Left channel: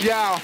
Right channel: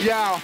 Yeah.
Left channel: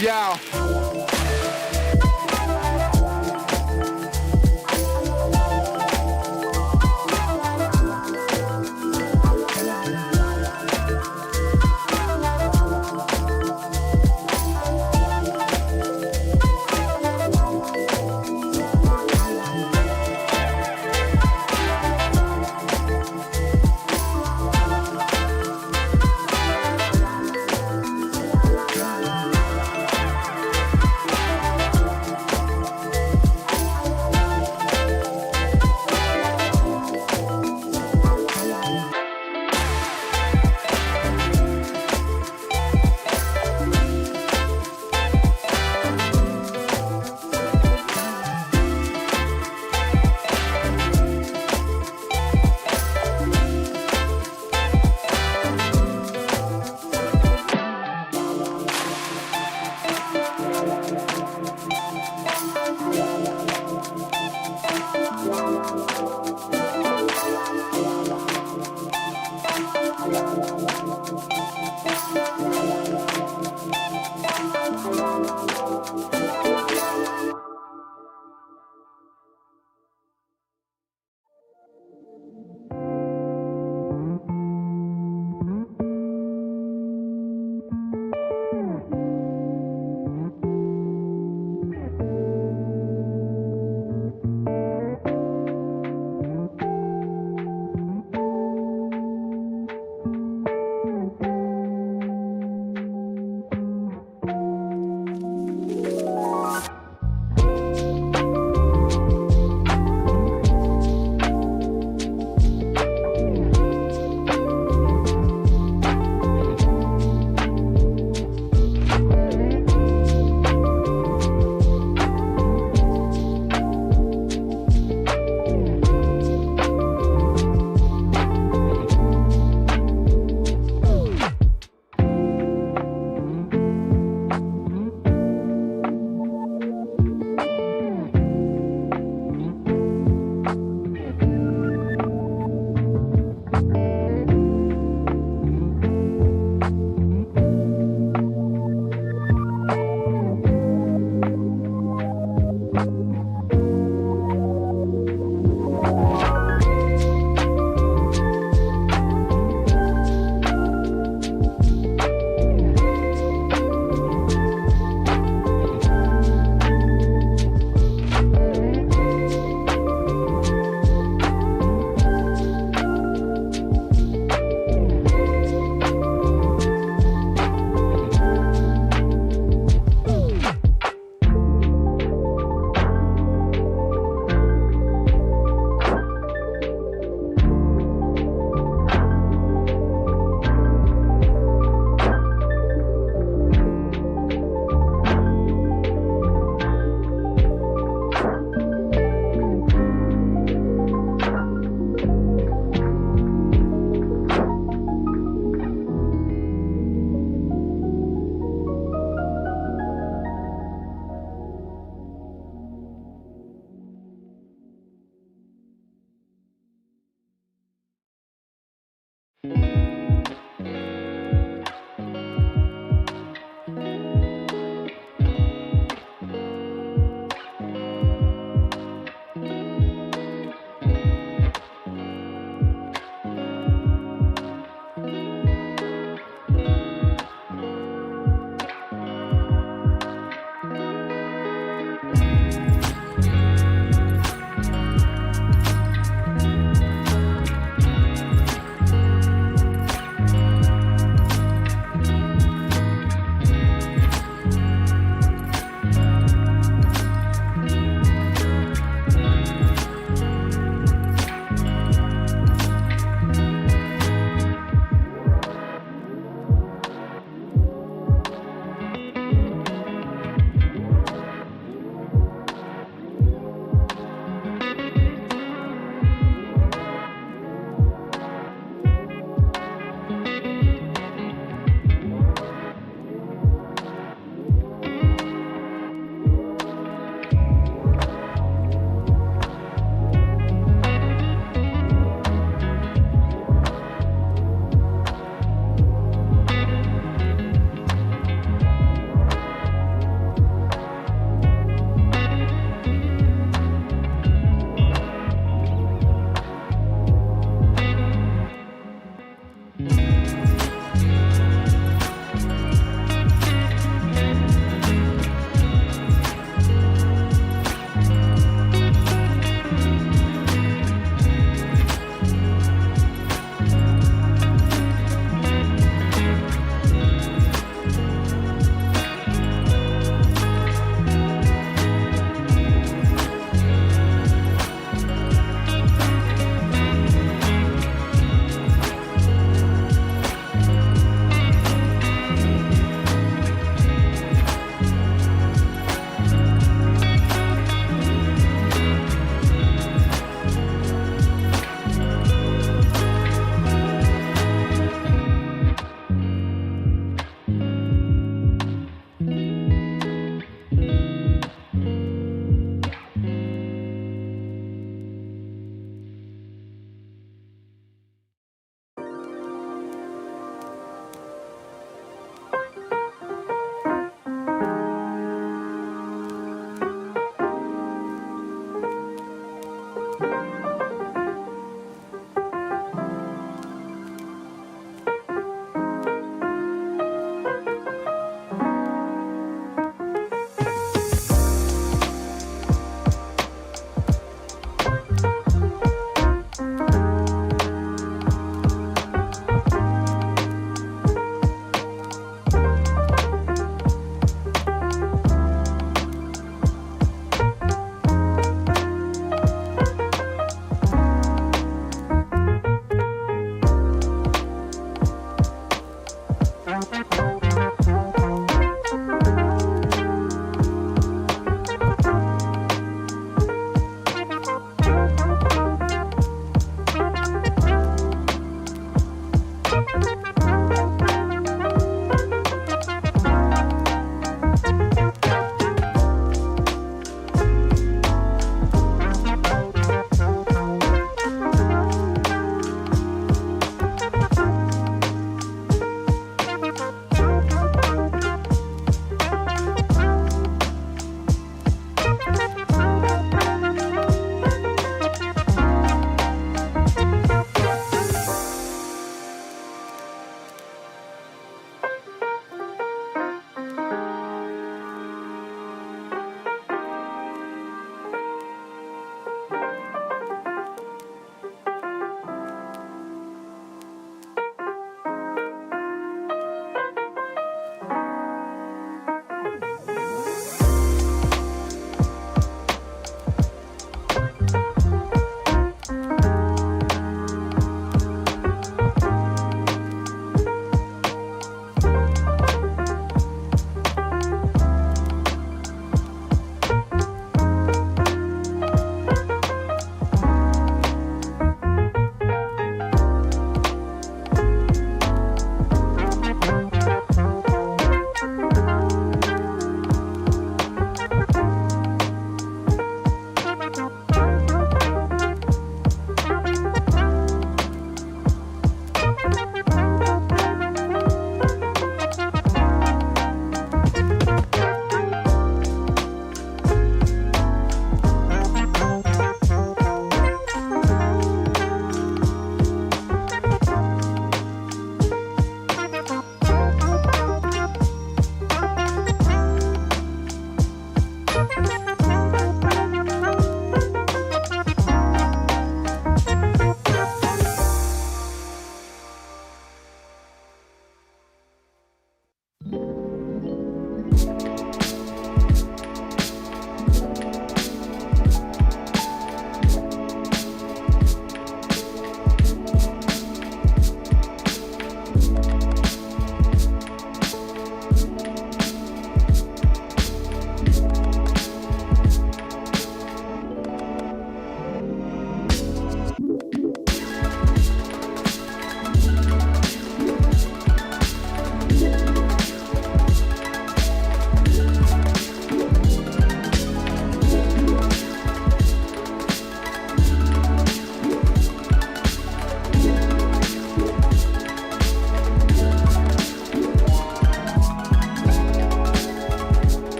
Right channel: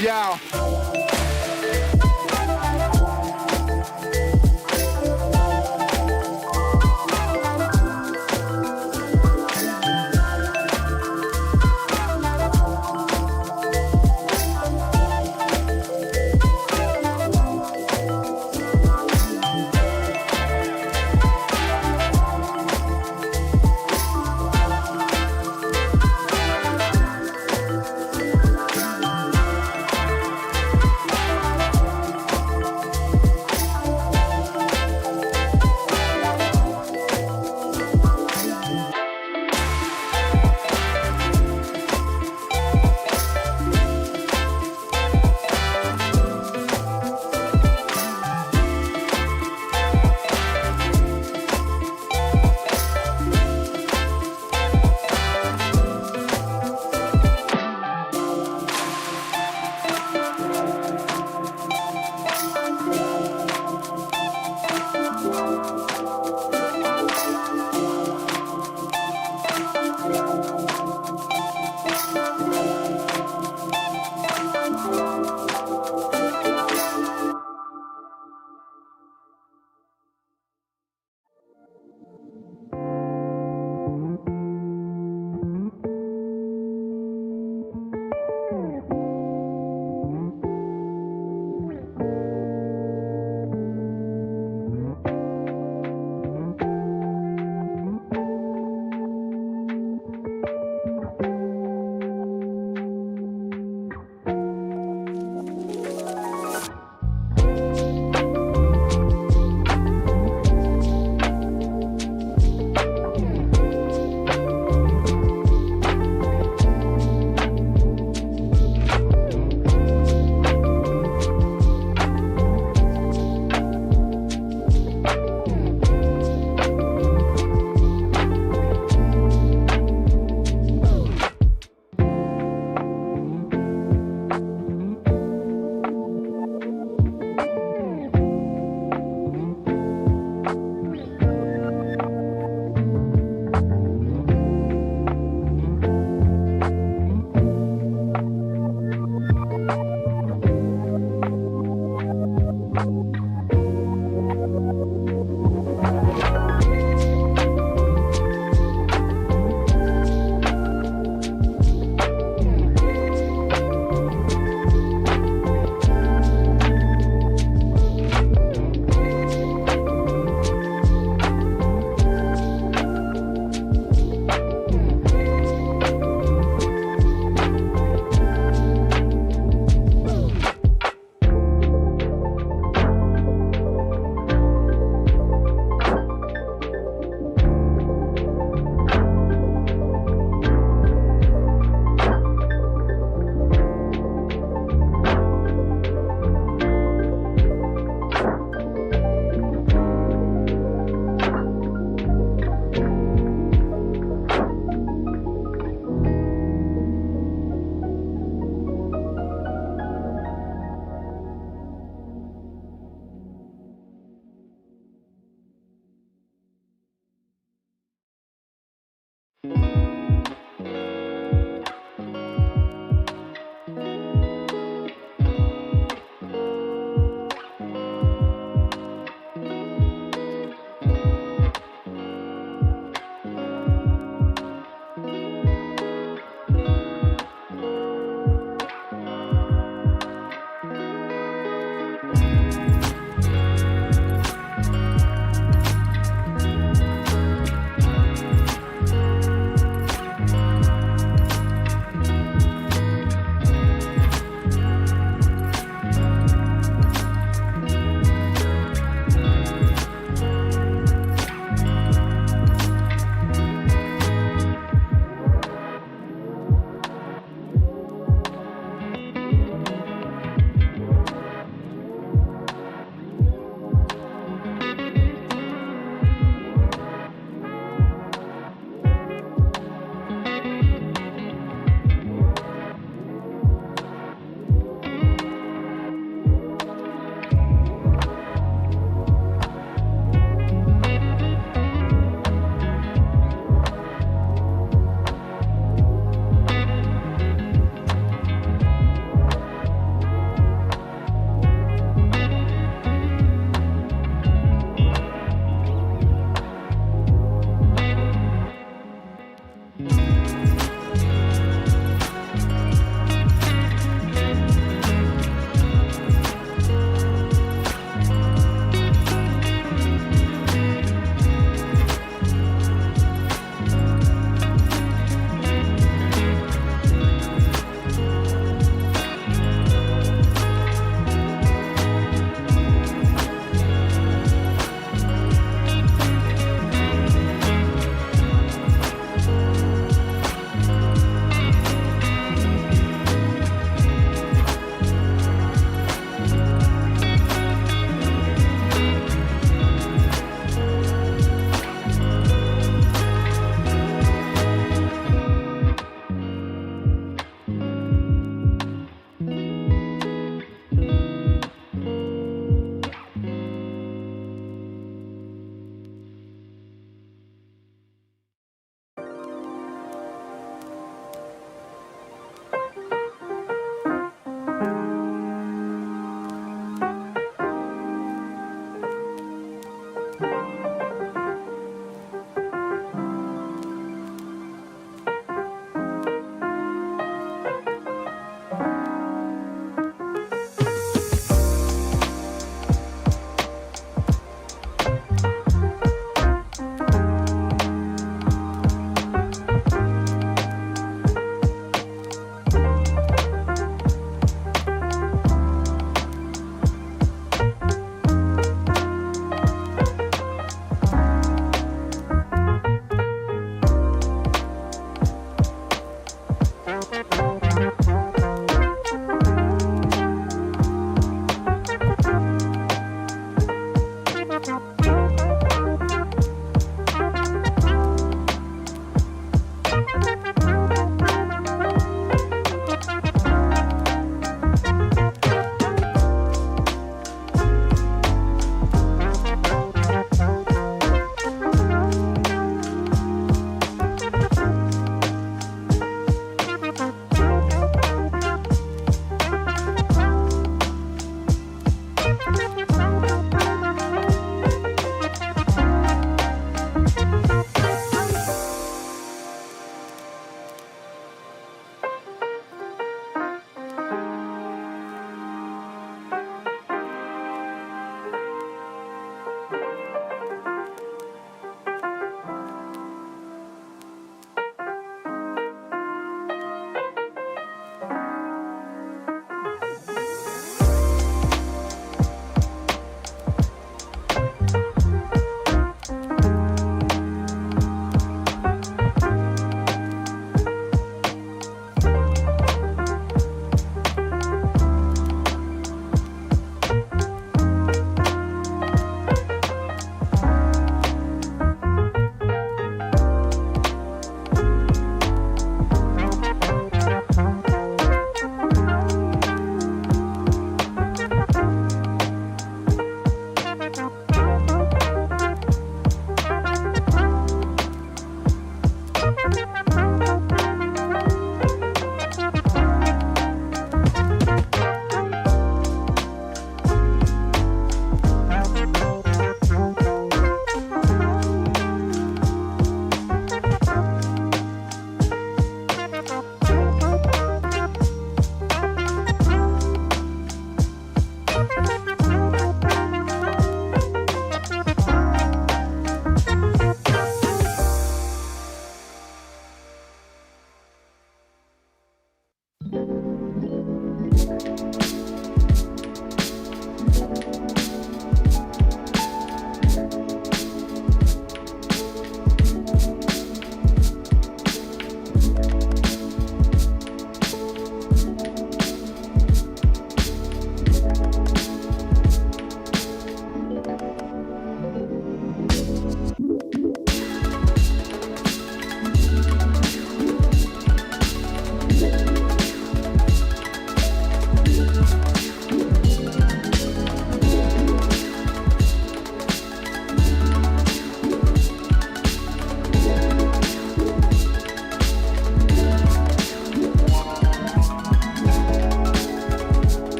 Yeah.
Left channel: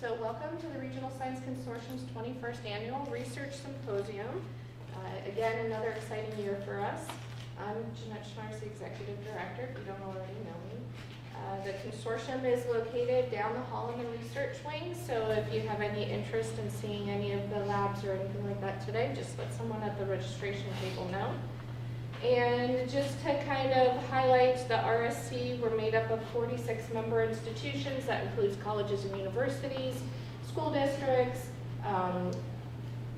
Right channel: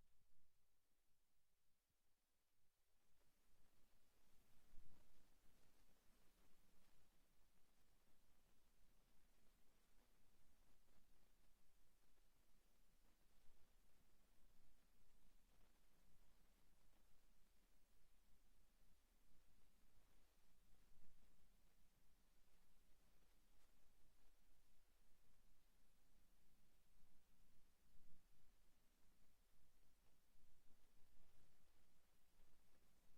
So welcome to the Regional Science Consortium's 21st Annual Research Symposium. Again, another exciting year for us. I'm Jeanette Schnars, the Executive Director, if you don't already know me. The consortium is located down the hall in the research wing, so if you have any interest in seeing any of the labs or anything like that today, just let someone at the registration table know. And just to kind of highlight the RSC, we're made up of 46 member institutions. That includes colleges and universities, school districts,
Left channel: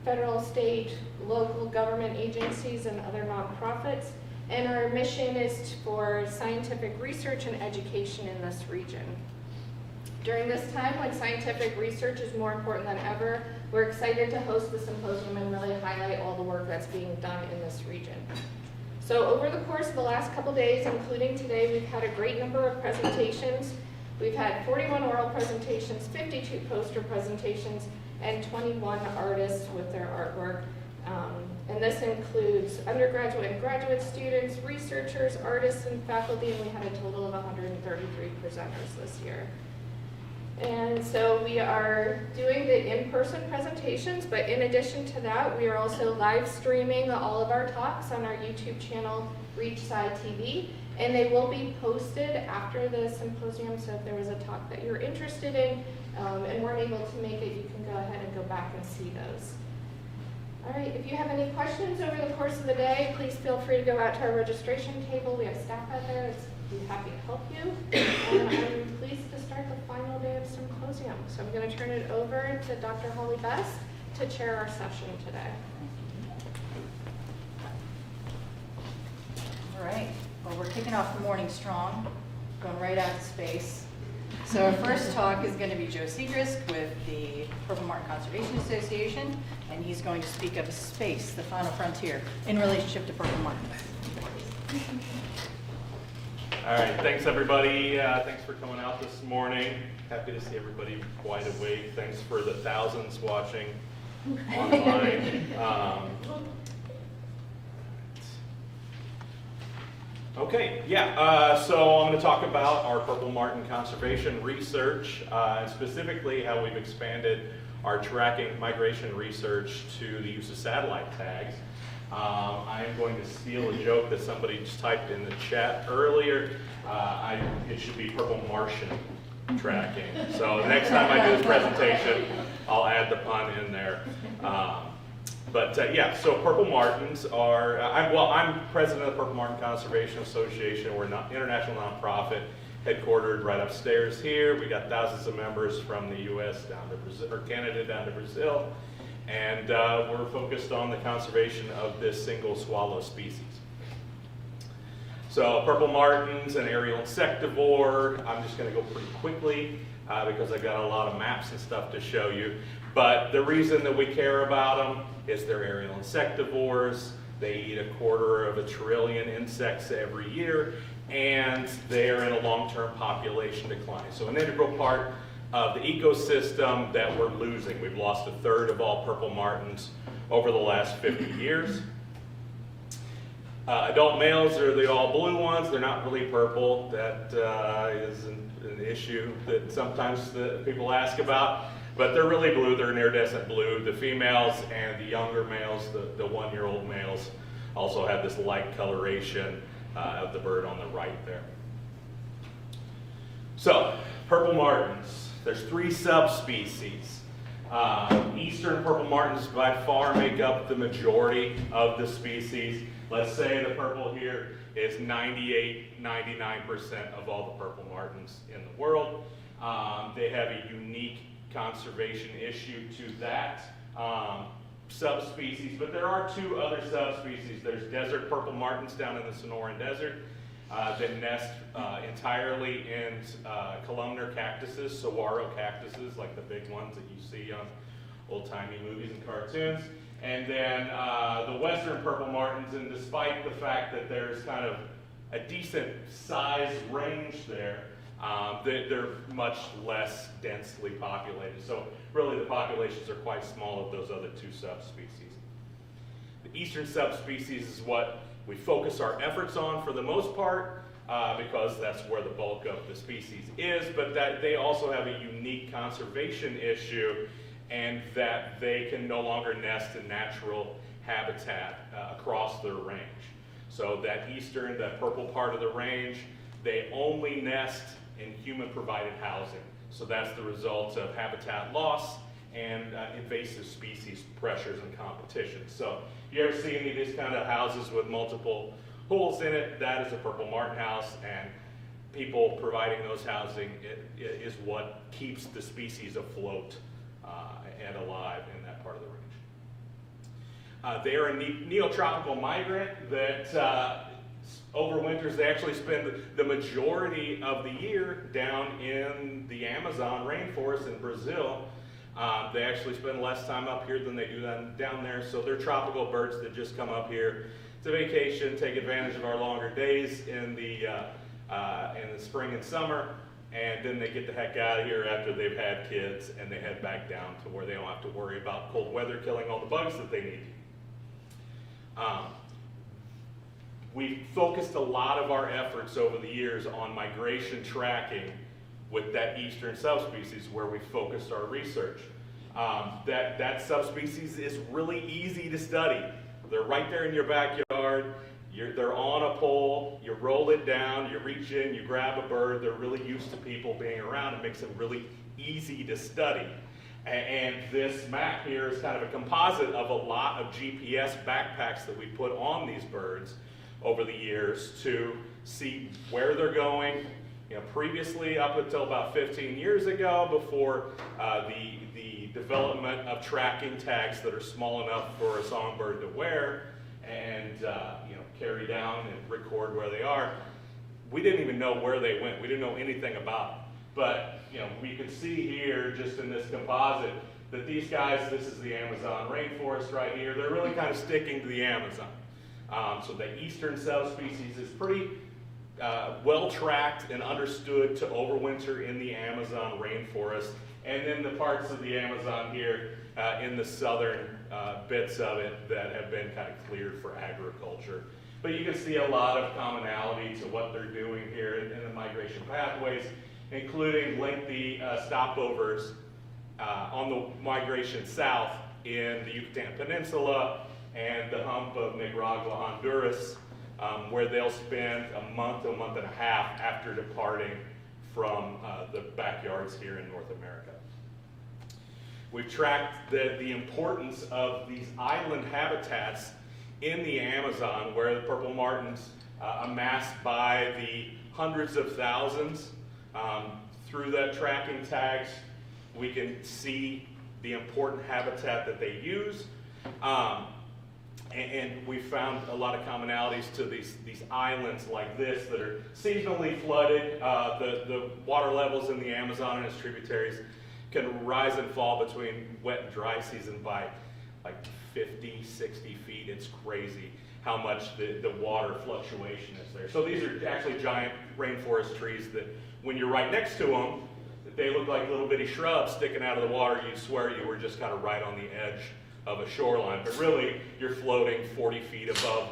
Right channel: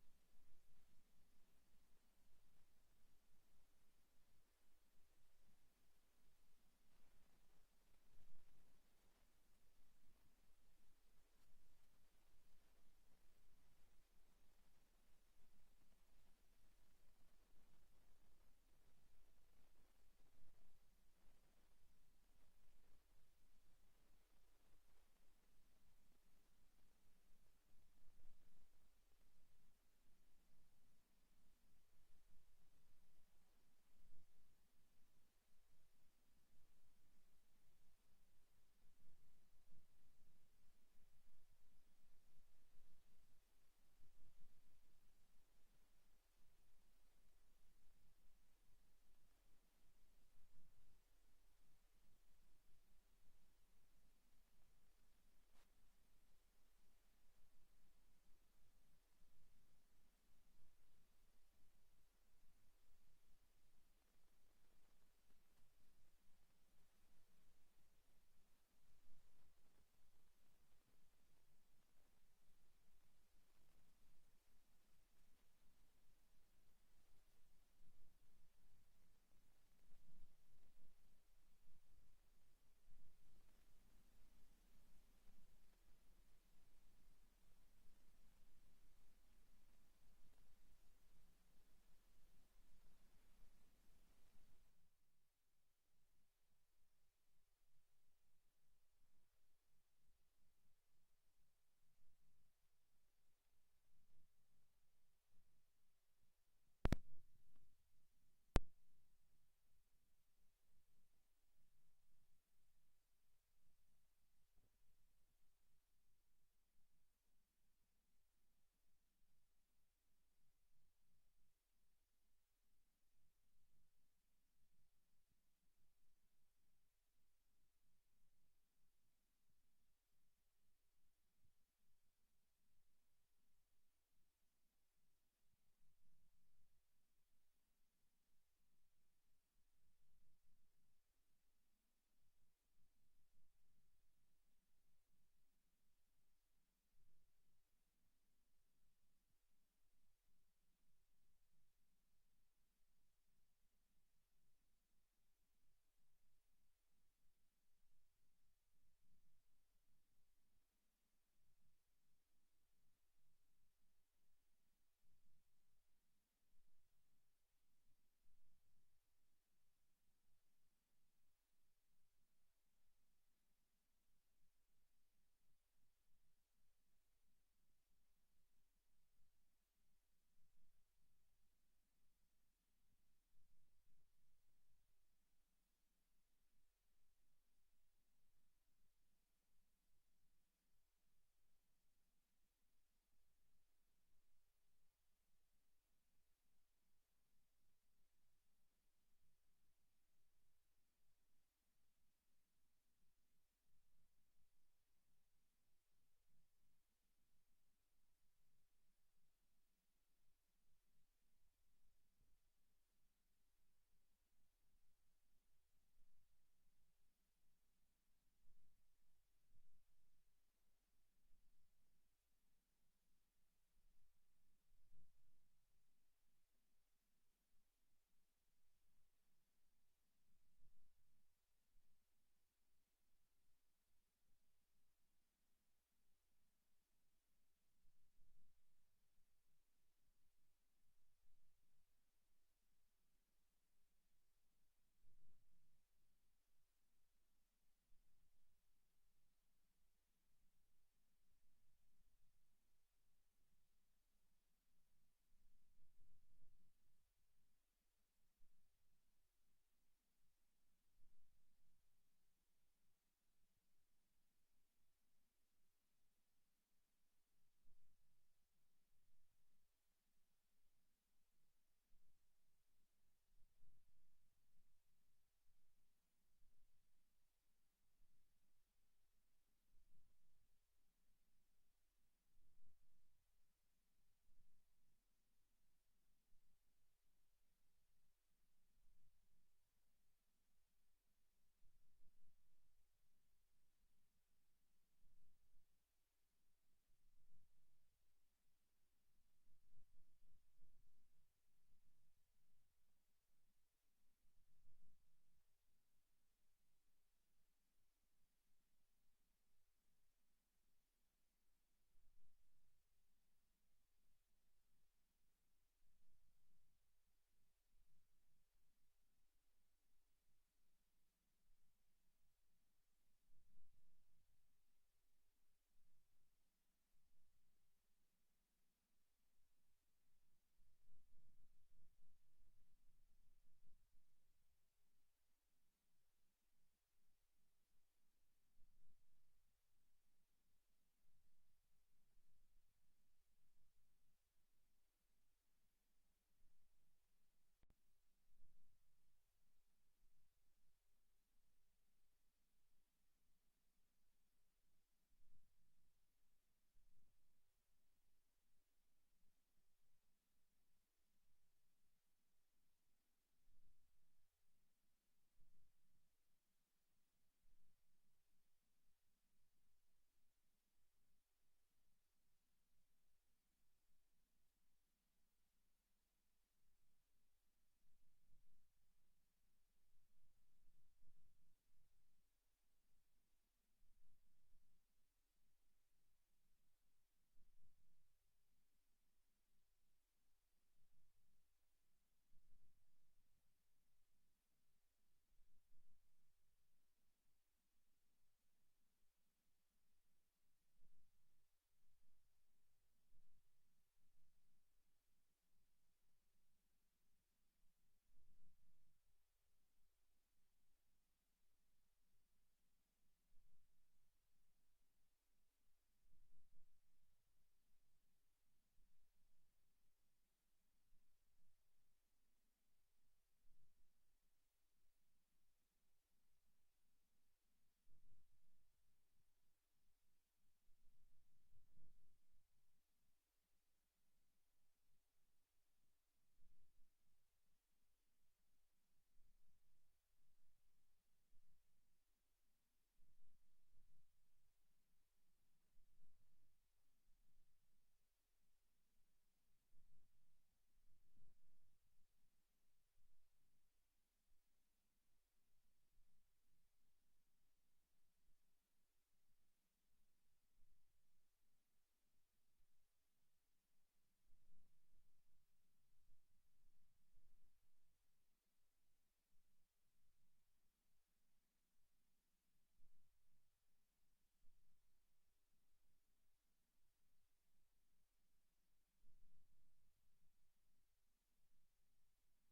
federal, state, local government agencies, and other nonprofits. And our mission is for scientific research and education in this region. During this time when scientific research is more important than ever, we're excited to host the symposium and really highlight all the work that's being done in this region. So over the course of the last couple days, including today, we've had a great number of presentations. We've had 41 oral presentations, 52 poster presentations, and 21 artists with their artwork. And this includes undergraduate and graduate students, researchers, artists, and faculty, and we had a total of 133 presenters this year. And so we are doing the in-person presentations, but in addition to that, we are also live streaming all of our talks on our YouTube channel, Reachside TV, and they will be posted after the symposium, so if there was a talk that you're interested in and weren't able to make it, you can go ahead and go back and see those. All right, if you have any questions over the course of the day, please feel free to go out to our registration table. We have staff out there. We'd be happy to help you. And I'm pleased to start the final day of symposium. So I'm going to turn it over to Dr. Holly Best to chair our session today. All right, well, we're kicking off the morning strong, going right out to space. So our first talk is going to be Joe Segrist with the Purple Martin Conservation Association, and he's going to speak of space, the final frontier, in relationship to Purple Martin. All right, thanks everybody. Thanks for coming out this morning. Happy to see everybody wide awake. Thanks for the thousands watching online. Okay, so I'm going to talk about our Purple Martin conservation research, and specifically how we've expanded our tracking migration research to the use of satellite tags. I am going to steal a joke that somebody just typed in the chat earlier. It should be Purple Martian tracking. So the next time I do this presentation, I'll add the pun in there. So Purple Martins are, I'm president of the Purple Martin Conservation Association. We're an international nonprofit headquartered right upstairs here. We got thousands of members from the US down to Brazil, or Canada down to Brazil. And we're focused on the conservation of this single swallow species. So Purple Martin's an aerial insectivore. I'm just going to go pretty quickly because I've got a lot of maps and stuff to show you. But the reason that we care about them is they're aerial insectivores. They eat 250 billion insects every year, and they are in a long-term population decline. So an integral part of the ecosystem that we're losing. We've lost 1/3 of all Purple Martins over the last 50 years. Adult males are the all blue ones. They're not really purple. That is an issue that sometimes people ask about. But they're really blue. They're an iridescent blue. The females and the younger males, the 1-year-old males, also have this light coloration of the bird on the right there. So, Purple Martins. There's 3 subspecies. Eastern Purple Martins by far make up the majority of the species. Let's say the purple here is 98–99% of all the Purple Martins in the world. They have a unique conservation issue to that subspecies, but there are 2 other subspecies. There's desert Purple Martins down in the Sonoran Desert that nest entirely in columnar cactuses, saguaro cactuses, like the big ones that you see on old-timey movies and cartoons. And then the western Purple Martins, and despite the fact that there's kind of a decent size range there, they're much less densely populated. So really the populations are quite small of those other 2 subspecies. The eastern subspecies is what we focus our efforts on for the most part. because that's where the bulk of the species is, but that they also have a unique conservation issue, and that they can no longer nest in natural habitat across their range. So that eastern, that purple part of the range, they only nest in human-provided housing. So that's the result of habitat loss and invasive species pressures and competition. So you ever see any of these kind of houses with multiple holes in it? That is a purple martin house, and people providing those housing is what keeps the species afloat and alive in that part of the range. They are a neotropical migrant that overwinters. They actually spend the majority of the year down in the Amazon rainforest in Brazil. They actually spend less time up here than they do down there, so they're tropical birds that just come up here to vacation, take advantage of our longer days in the spring and summer, and then they get the heck out of here after they've had kids, and they head back down to where they don't have to worry about cold weather killing all the bugs that they need. We focused a lot of our efforts over the years on migration tracking with that eastern subspecies, where we focused our research. That subspecies is really easy to study. They're right there in your backyard. They're on a pole. You roll it down, you reach in, you grab a bird. They're really used to people being around. It makes them really easy to study. And this map here is kind of a composite of a lot of GPS backpacks that we put on these birds over the years to see where they're going. You know, previously, up until about 15 years ago, before the development of tracking tags that are small enough for a songbird to wear and you know, carry down and record where they are, we didn't even know where they went. We didn't know anything about them. But you know, we could see here, just in this composite, that these guys, this is the Amazon rainforest right here, they're really kind of sticking to the Amazon. So the eastern subspecies is pretty well tracked and understood to overwinter in the Amazon rainforest, and then the parts of the Amazon here in the southern bits of it that have been kind of cleared for agriculture. But you can see a lot of commonality to what they're doing here in the migration pathways, including lengthy stopovers on the migration south in the Yucatan Peninsula and the hump of Nicaragua, Honduras, where they'll spend a month and a half after departing from the backyards here in North America. We've tracked the importance of these island habitats in the Amazon, where the purple martins amass by the hundreds of thousands. Through that tracking tags, we can see the important habitat that they use. And we found a lot of commonalities to these islands like this that are seasonally flooded. The water levels in the Amazon and its tributaries can rise and fall between wet and dry season by like 50, 60 feet. It's crazy how much the water fluctuation is there. So these are actually giant rainforest trees that when you're right next to them, they look like little bitty shrubs sticking out of the water. You'd swear you were just kind of right on the edge of a shoreline, but really you're floating 40 feet above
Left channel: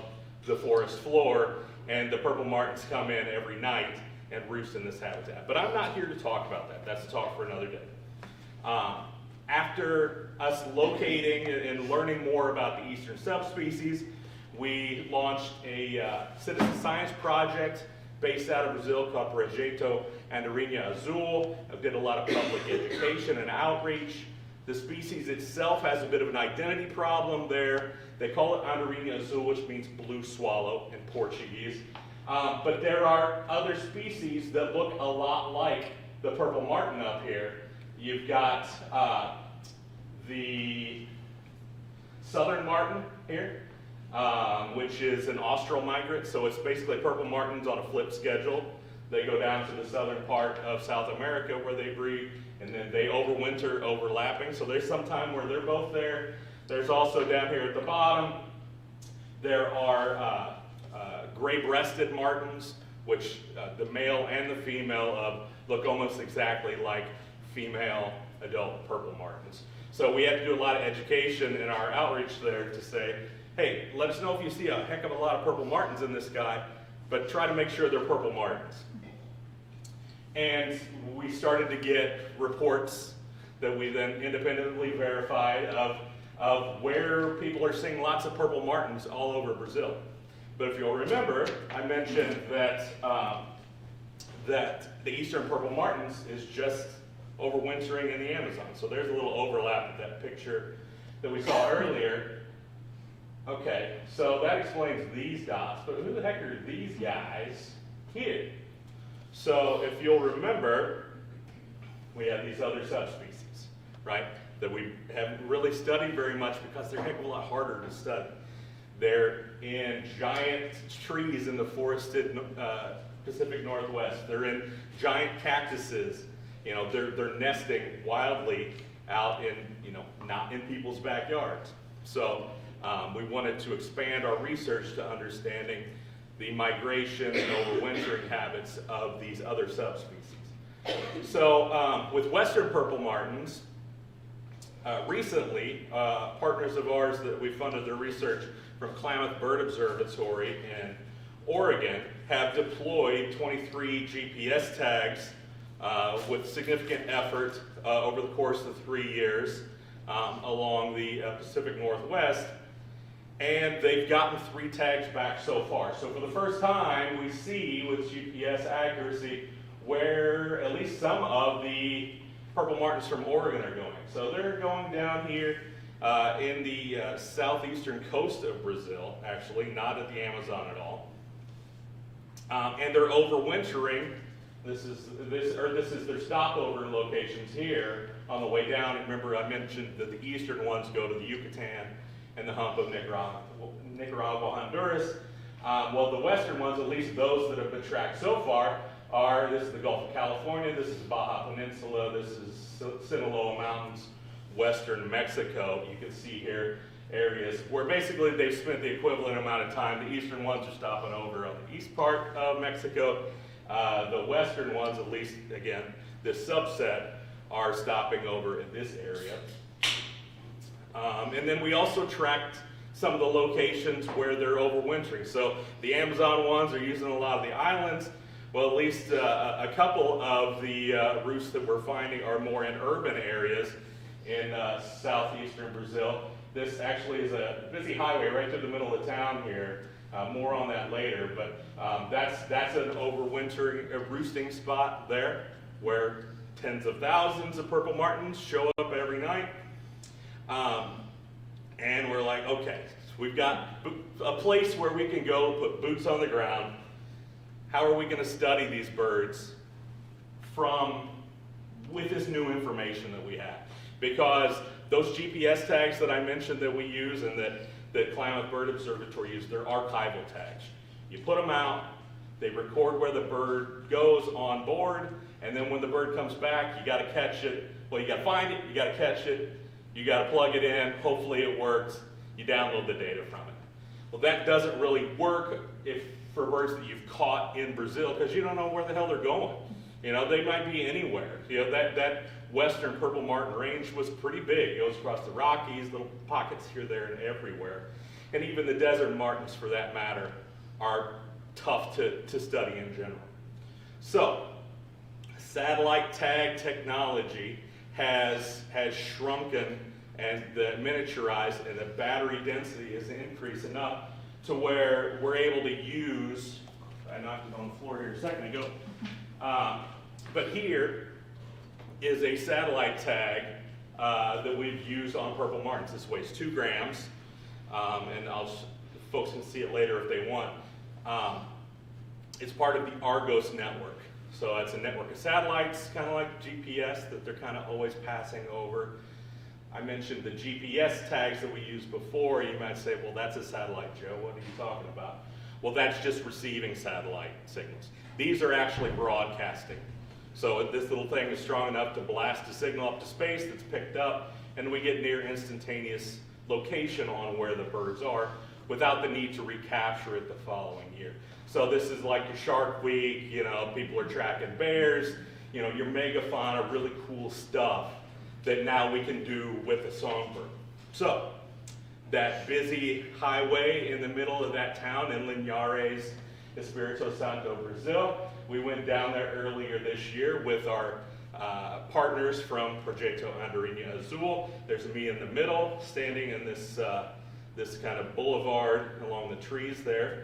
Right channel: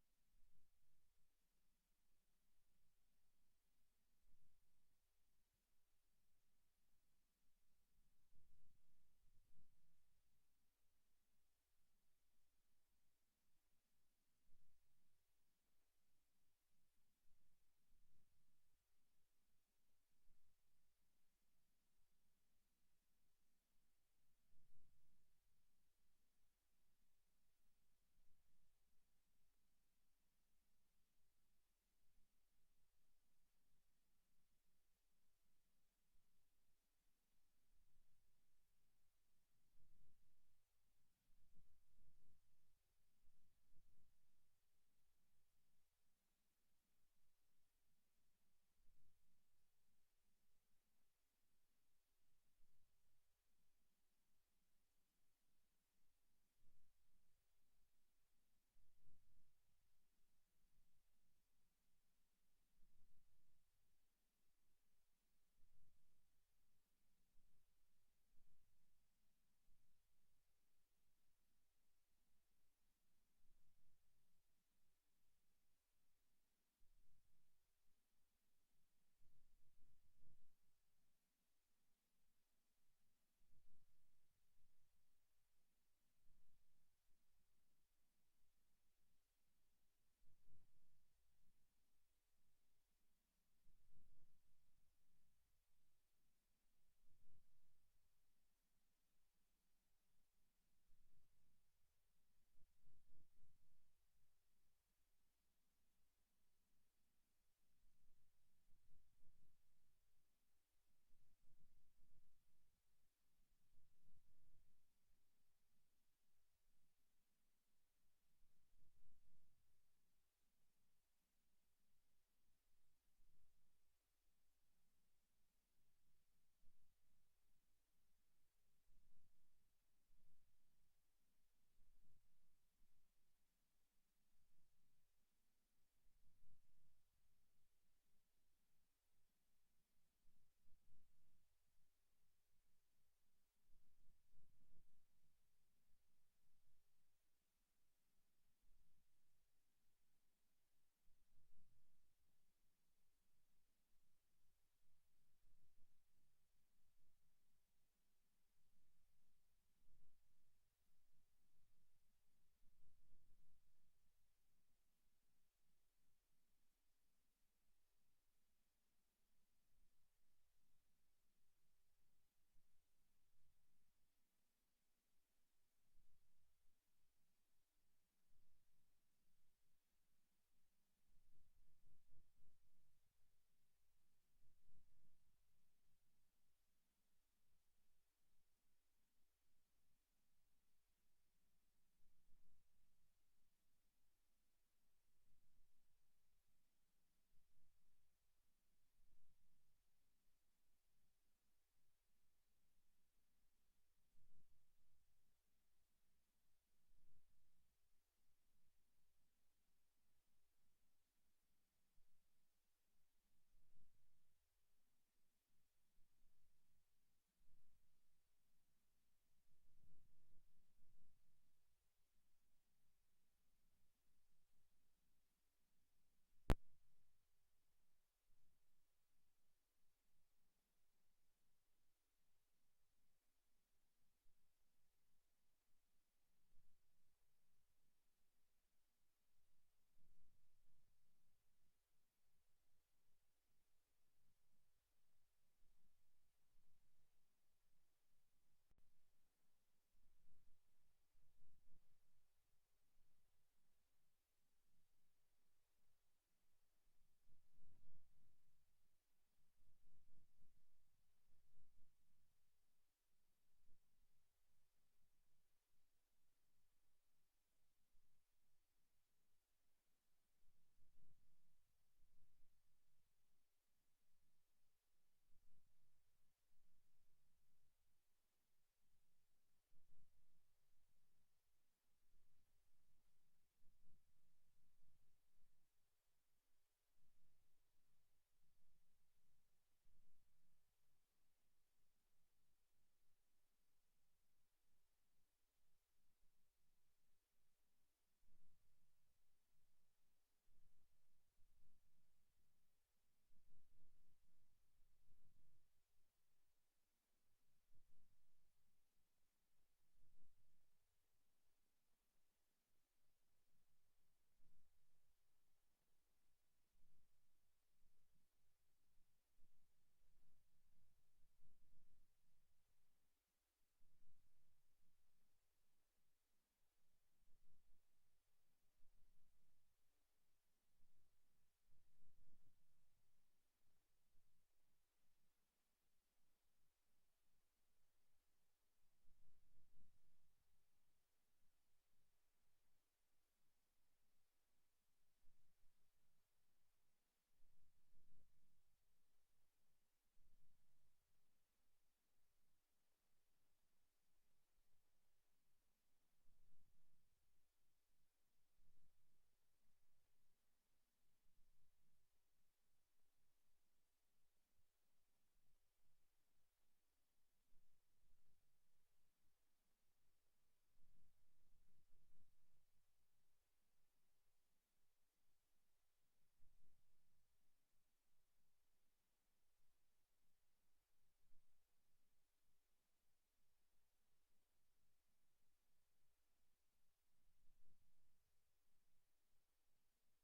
the forest floor, and the purple martins come in every night and roost in this habitat. But I'm not here to talk about that. That's a talk for another day. After us locating and learning more about the eastern subspecies, we launched a citizen science project based out of Brazil called Projeto Andorinha Azul. I did a lot of public education and outreach. The species itself has a bit of an identity problem there. They call it Andorinha Azul, which means blue swallow in Portuguese. But there are other species that look a lot like the purple martin up here. You've got the southern martin here, which is an austral migrant. So it's basically purple martins on a flip schedule. They go down to the southern part of South America where they breed, and then they overwinter overlapping. So there's some time where they're both there. There's also down here at the bottom, there are gray-breasted martins, which the male and the female look almost exactly like female adult purple martins. So we had to do a lot of education in our outreach there to say, hey, let us know if you see a heck of a lot of purple martins in this guy. but try to make sure they're purple martins. And we started to get reports that we then independently verified of where people are seeing lots of purple martins all over Brazil. But if you'll remember, I mentioned that, that the eastern purple martins is just overwintering in the Amazon. So there's a little overlap with that picture that we saw earlier. Okay, so that explains these dots, but who the heck are these guys here? So if you'll remember, we have these other subspecies, right, that we haven't really studied very much because they're a heck of a lot harder to study. They're in giant trees in the forested Pacific Northwest. They're in giant cactuses. You know, they're nesting wildly out in, you know, not in people's backyards. So we wanted to expand our research to understanding the migration and overwintering habits of these other subspecies. So with western purple martins, recently, partners of ours that we funded their research from Klamath Bird Observatory in Oregon have deployed 23 GPS tags with significant effort over the course of 3 years along the Pacific Northwest. And they've gotten 3 tags back so far. So for the first time, we see with GPS accuracy where at least some of the purple martins from Oregon are going. So they're going down here in the southeastern coast of Brazil, actually, not at the Amazon at all. And they're overwintering. This is their stopover locations here on the way down. Remember, I mentioned that the eastern ones go to the Yucatan and the hump of Nicaragua, Honduras. Well, the western ones, at least those that have been tracked so far, this is the Gulf of California, this is Baja Peninsula, this is Sinaloa Mountains, western Mexico. You can see here areas where basically they've spent the equivalent amount of time. The eastern ones are stopping over on the east part of Mexico. The western ones, at least, again, this subset, are stopping over in this area. And then we also tracked some of the locations where they're overwintering. So the Amazon ones are using a lot of the islands. Well, at least a couple of the roosts that we're finding are more in urban areas in southeastern Brazil. This actually is a busy highway right through the middle of town here. More on that later, but that's an overwintering roosting spot there where tens of thousands of purple martins show up every night. And we're like, okay, we've got a place where we can go put boots on the ground. How are we going to study these birds with this new information that we have? Because those GPS tags that I mentioned that we use and that Klamath Bird Observatory uses, they're archival tags. You put them out, they record where the bird goes on board, and then when the bird comes back, you got to catch it. Well, you got to find it, you got to catch it, you got to plug it in, hopefully it works, you download the data from it. Well, that doesn't really work for birds that you've caught in Brazil, because you don't know where the hell they're going. You know, they might be anywhere. You know, that western purple martin range was pretty big. It goes across the Rockies, little pockets here, there, and everywhere. And even the desert martins, for that matter, are tough to study in general. So, satellite tag technology has shrunken and miniaturized, and the battery density has increased enough to where we're able to use, I knocked it on the floor here a second ago, but here is a satellite tag that we've used on purple martins. This weighs 2 grams, and folks can see it later if they want. It's part of the Argos network. So it's a network of satellites, kind of like GPS, that they're kind of always passing over. I mentioned the GPS tags that we used before. You might say, well, that's a satellite, Joe. What are you talking about? Well, that's just receiving satellite signals. These are actually broadcasting. So this little thing is strong enough to blast a signal up to space that's picked up, and we get near instantaneous location on where the birds are without the need to recapture it the following year. So this is like a Shark Week, you know, people are tracking bears, you know, your megafauna, really cool stuff that now we can do with a songbird. So that busy highway in the middle of that town in Linhares, Espirito Santo, Brazil. We went down there earlier this year with our partners from Proyecto Andorinha Azul. There's me in the middle, standing in this, this kind of boulevard along the trees there.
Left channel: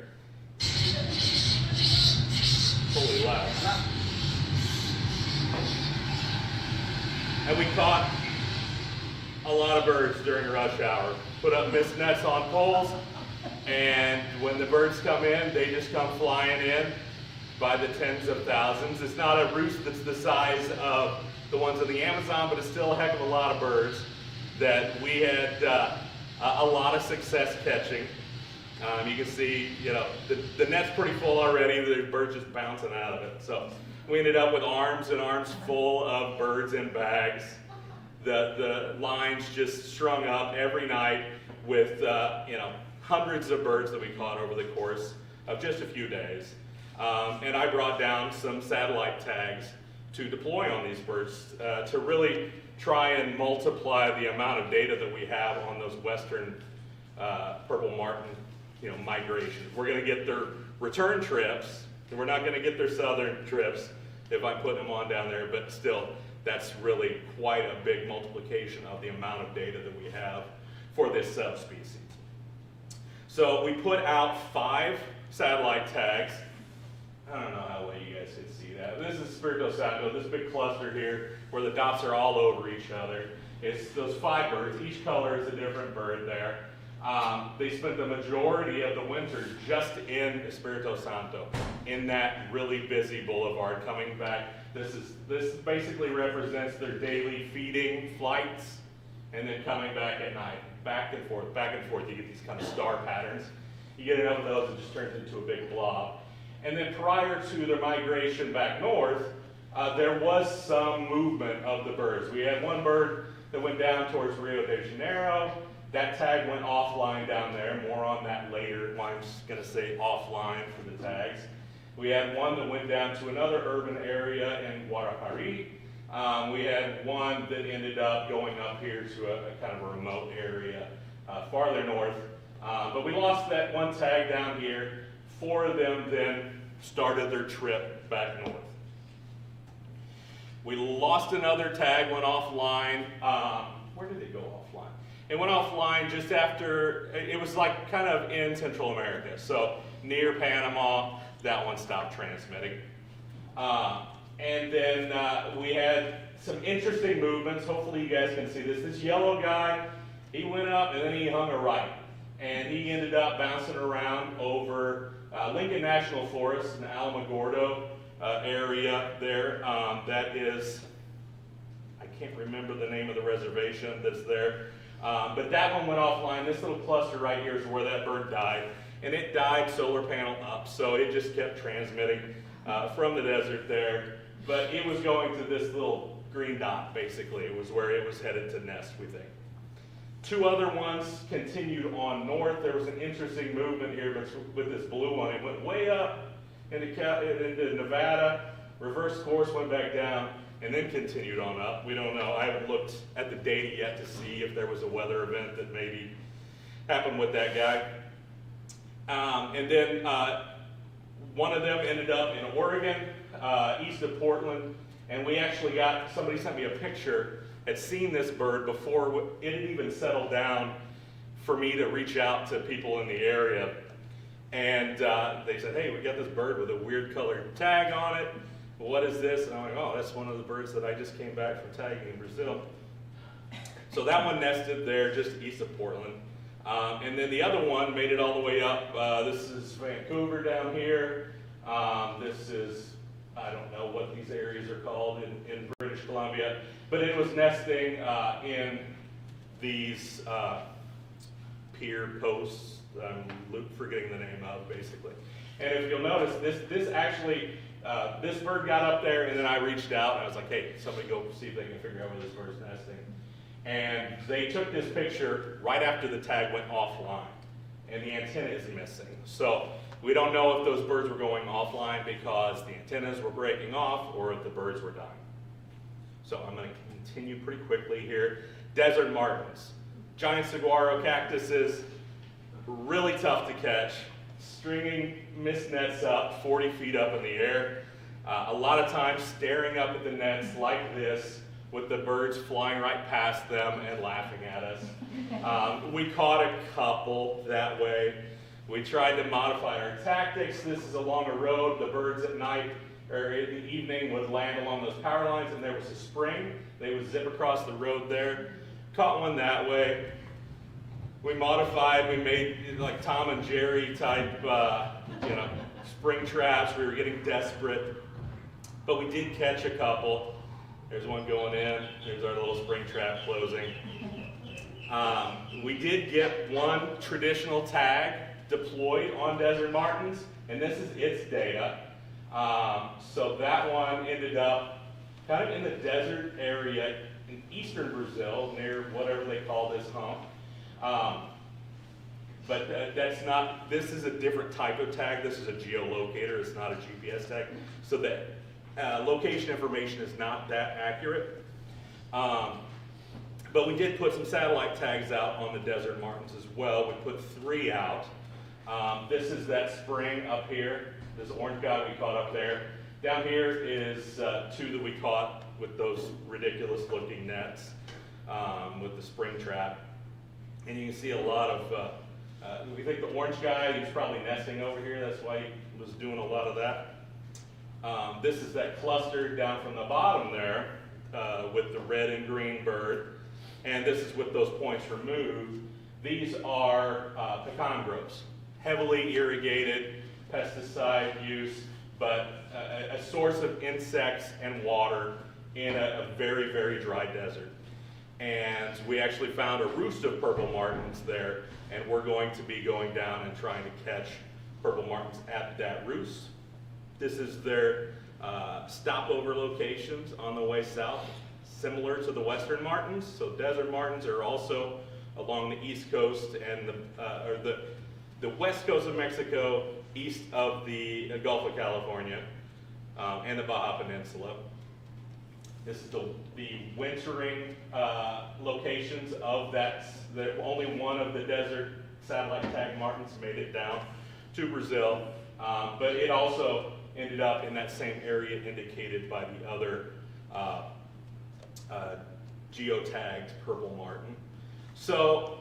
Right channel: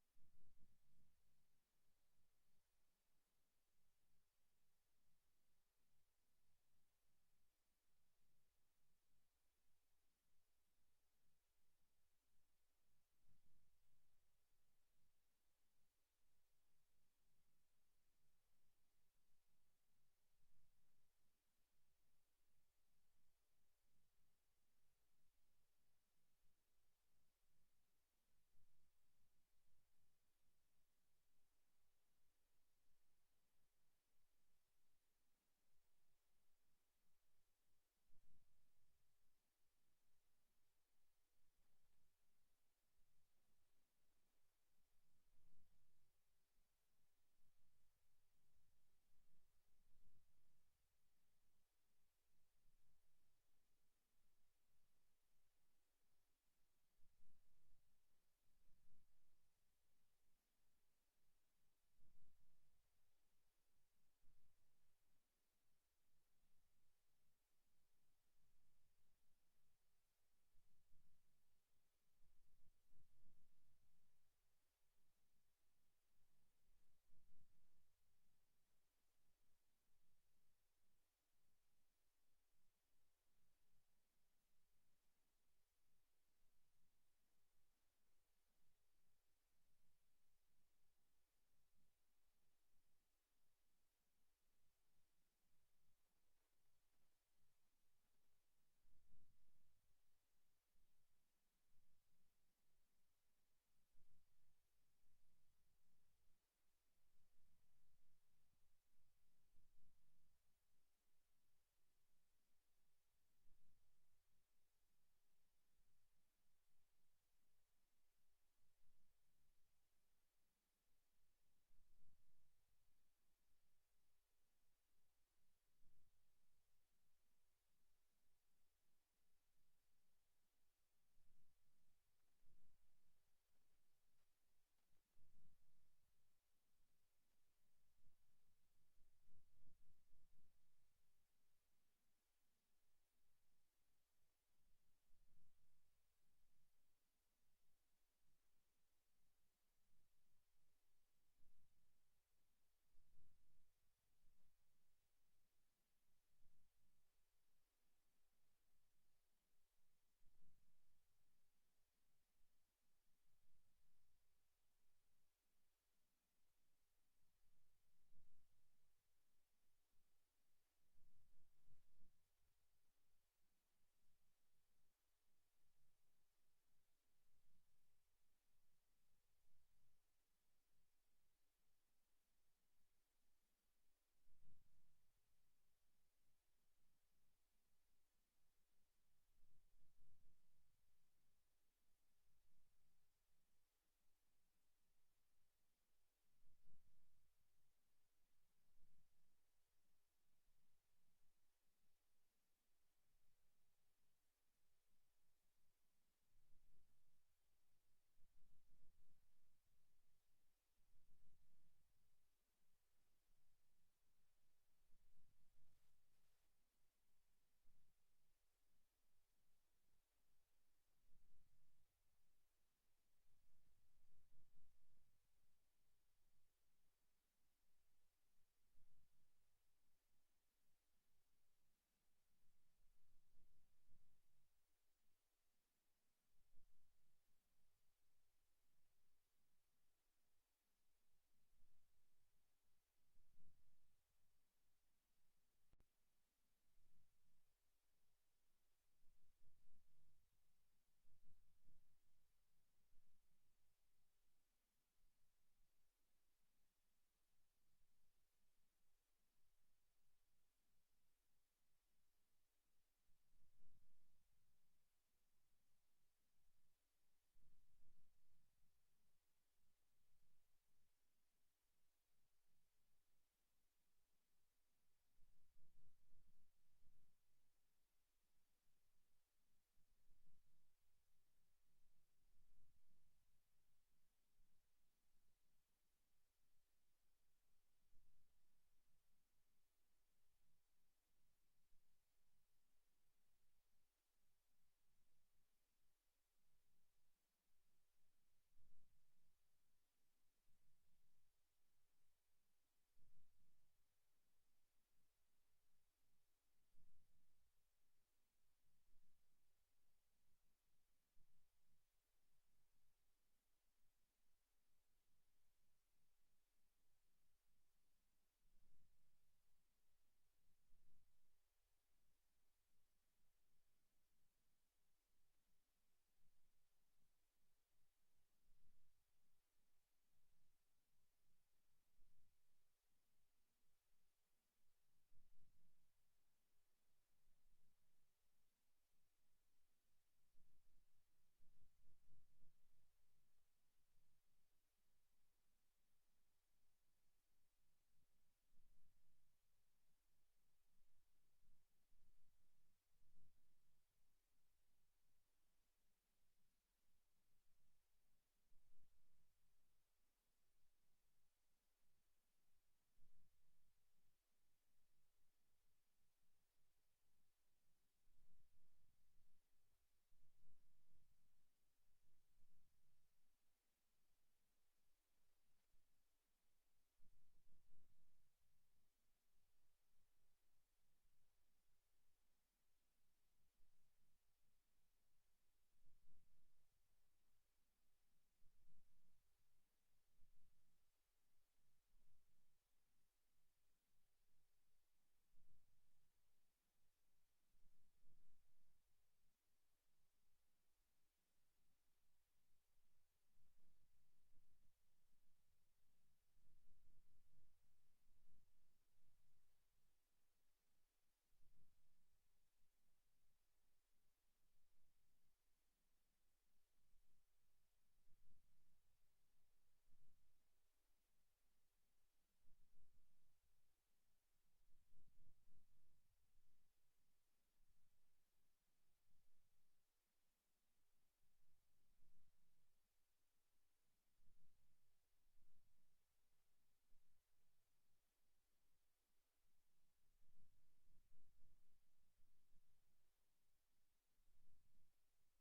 Holy loud. And we caught a lot of birds during rush hour. Put up mist nets on poles, and when the birds come in, they just come flying in by the tens of thousands. It's not a roost that's the size of the ones in the Amazon, but it's still a heck of a lot of birds that we had a lot of success catching. You can see, you know, the net's pretty full already. There's birds just bouncing out of it. So we ended up with arms and arms full of birds in bags. The lines just strung up every night with, you know, hundreds of birds that we caught over the course of just a few days. And I brought down some satellite tags to deploy on these birds to really try and multiply the amount of data that we have on those western purple martin, you know, migrations. We're going to get their return trips, and we're not going to get their southern trips if I put them on down there, but still, that's really quite a big multiplication of the amount of data that we have for this subspecies. So we put out 5 satellite tags. I don't know how well you guys can see that. This is Espirito Santo, this big cluster here, where the dots are all over each other. It's those 5 birds. Each color is a different bird there. They spent the majority of the winter just in Espirito Santo, in that really busy boulevard, coming back. This basically represents their daily feeding flights, and then coming back at night, back and forth, back and forth. You get these kind of star patterns. You get enough of those, it just turns into a big blob. And then prior to their migration back north, there was some movement of the birds. We had one bird that went down towards Rio de Janeiro. That tag went offline down there. More on that later. I'm just going to say offline for the tags. We had one that went down to another urban area in Guarapari. We had one that ended up going up here to a kind of a remote area farther north. But we lost that one tag down here. 4 of them then started their trip back north. We lost another tag, went offline. Where did it go offline? It went offline just after, it was like kind of in Central America. So near Panama, that one stopped transmitting. And then we had some interesting movements. Hopefully you guys can see this. This yellow guy, he went up and then he hung a right. And he ended up bouncing around over Lincoln National Forest in the Alamogordo area there. That is, I can't remember the name of the reservation that's there. But that one went offline. This little cluster right here is where that bird died. And it died solar panel up, so it just kept transmitting from the desert there. But it was going to this little green dot, basically. It was where it was headed to nest, we think. 2 other ones continued on north. There was an interesting movement here with this blue one. It went way up into Nevada, reversed course, went back down, and then continued on up. We don't know. I haven't looked at the data yet to see if there was a weather event that maybe happened with that guy. And then one of them ended up in Oregon, east of Portland, and we actually got, somebody sent me a picture, had seen this bird before it had even settled down for me to reach out to people in the area. And they said, hey, we got this bird with a weird colored tag on it. What is this? And I'm like, oh, that's one of the birds that I just came back from tagging in Brazil. So that one nested there just east of Portland. And then the other one made it all the way up. This is Vancouver down here. This is, I don't know what these areas are called in British Columbia, but it was nesting in these pier posts. I'm forgetting the name of, basically. And if you'll notice, this actually, this bird got up there, and then I reached out, and I was like, hey, somebody go see if they can figure out where this bird's nesting. And they took this picture right after the tag went offline, and the antenna is missing. So we don't know if those birds were going offline because the antennas were breaking off or if the birds were dying. So I'm going to continue pretty quickly here. Desert martins, giant saguaro cactuses, really tough to catch. stringing mist nets up 40 feet up in the air. A lot of times staring up at the nets like this with the birds flying right past them and laughing at us. We caught a couple that way. We tried to modify our tactics. This is along a road. The birds at night or in the evening would land along those power lines, and there was a spring. They would zip across the road there. Caught one that way. We modified, we made like Tom and Jerry type, spring traps. We were getting desperate, but we did catch a couple. There's one going in. There's our little spring trap closing. We did get one traditional tag deployed on desert martins, and this is its data. So that one ended up kind of in the desert area in eastern Brazil, near whatever they call this hump. But this is a different type of tag. This is a geolocator, it's not a GPS tag. So the location information is not that accurate. But we did put some satellite tags out on the desert martins as well. We put 3 out. This is that spring up here, this orange guy we caught up there. Down here is 2 that we caught with those ridiculous looking nets with the spring trap. And you can see a lot of, we think the orange guy, he's probably nesting over here, that's why he was doing a lot of that. This is that cluster down from the bottom there with the red and green bird. And this is with those points removed. These are pecan groves, heavily irrigated, pesticide use, but a source of insects and water in a very, very dry desert. And we actually found a roost of purple martins there, and we're going to be going down and trying to catch purple martins at that roost. This is their stopover locations on the way south, similar to the western martins. So desert martins are also along the east coast and the west coast of Mexico, east of the Gulf of California, and the Baja Peninsula. This is the wintering locations of that. Only one of the desert satellite tag martins made it down to Brazil, but it also ended up in that same area indicated by the other geotagged purple martin. So,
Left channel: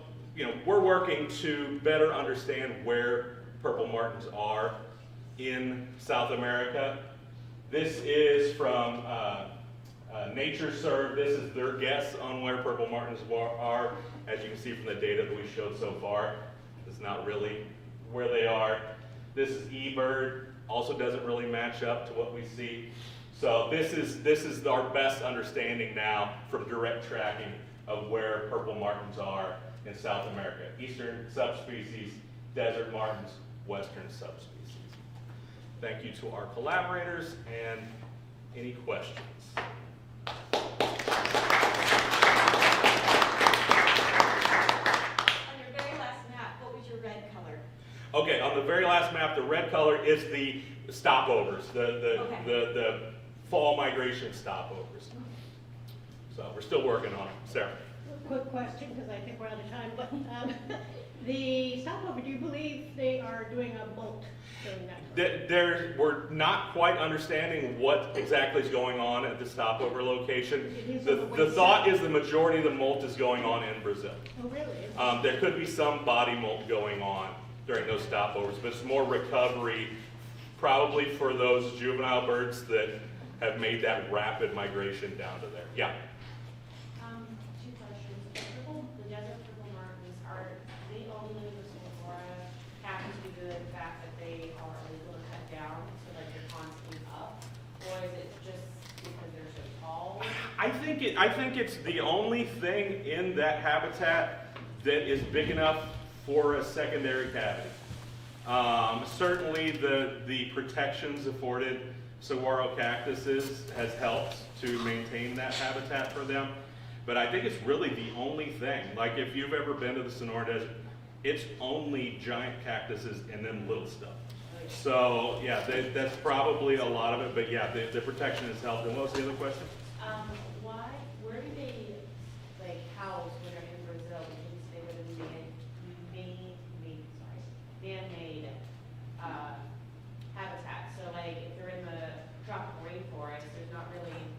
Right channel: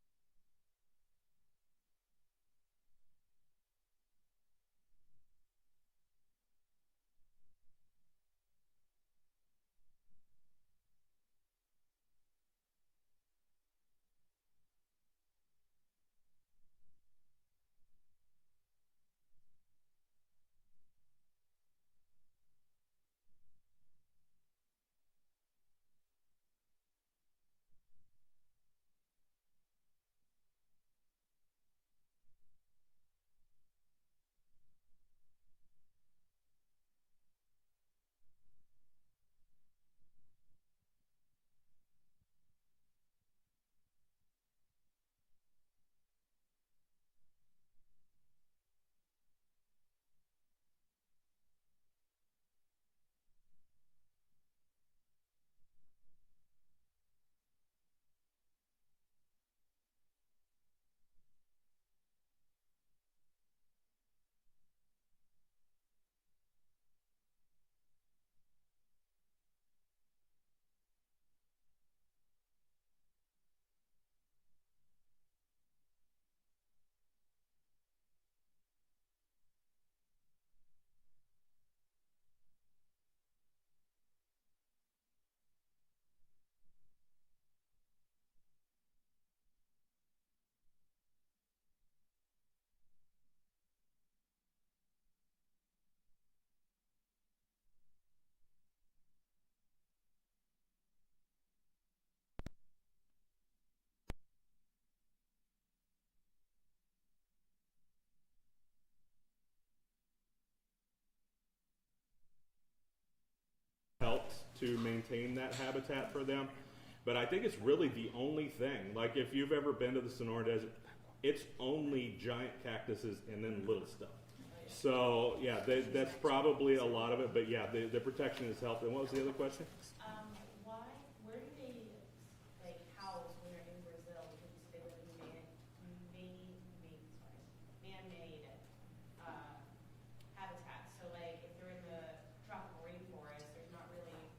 we're working to better understand where purple martins are in South America. This is from NatureServe. This is their guess on where purple martins are. As you can see from the data that we showed so far, it's not really where they are. This is eBird, also doesn't really match up to what we see. So this is our best understanding now from direct tracking of where purple martins are in South America. Eastern subspecies, desert martins, western subspecies. Thank you to our collaborators, and any questions? Okay, on the very last map, the red color is the stopovers, the fall migration stopovers. So we're still working on it. Sarah? Quick question, because I think we're out of time, but the stopover, do you believe they are doing a molt during that? We're not quite understanding what exactly is going on at the stopover location. The thought is the majority of the molt is going on in Brazil. Oh, really? There could be some body molt going on during those stopovers, but it's more recovery, probably for those juvenile birds that have made that rapid migration down to there. Yeah? Two questions. The desert purple martins, are they only the Sonora happens due to the fact that they are illegal to cut down, so like they're constantly up? Or is it just because they're so tall? I think it's the only thing in that habitat that is big enough for a secondary cavity. Certainly the protections afforded saguaro cactuses has helped to maintain that habitat for them, but I think it's really the only thing. Like if you've ever been to the Sonora Desert, it's only giant cactuses and then little stuff. So yeah, that's probably a lot of it, but yeah, the protection has helped. And what was the other question? Where do they like house when they're in Brazil? Because they live in man-made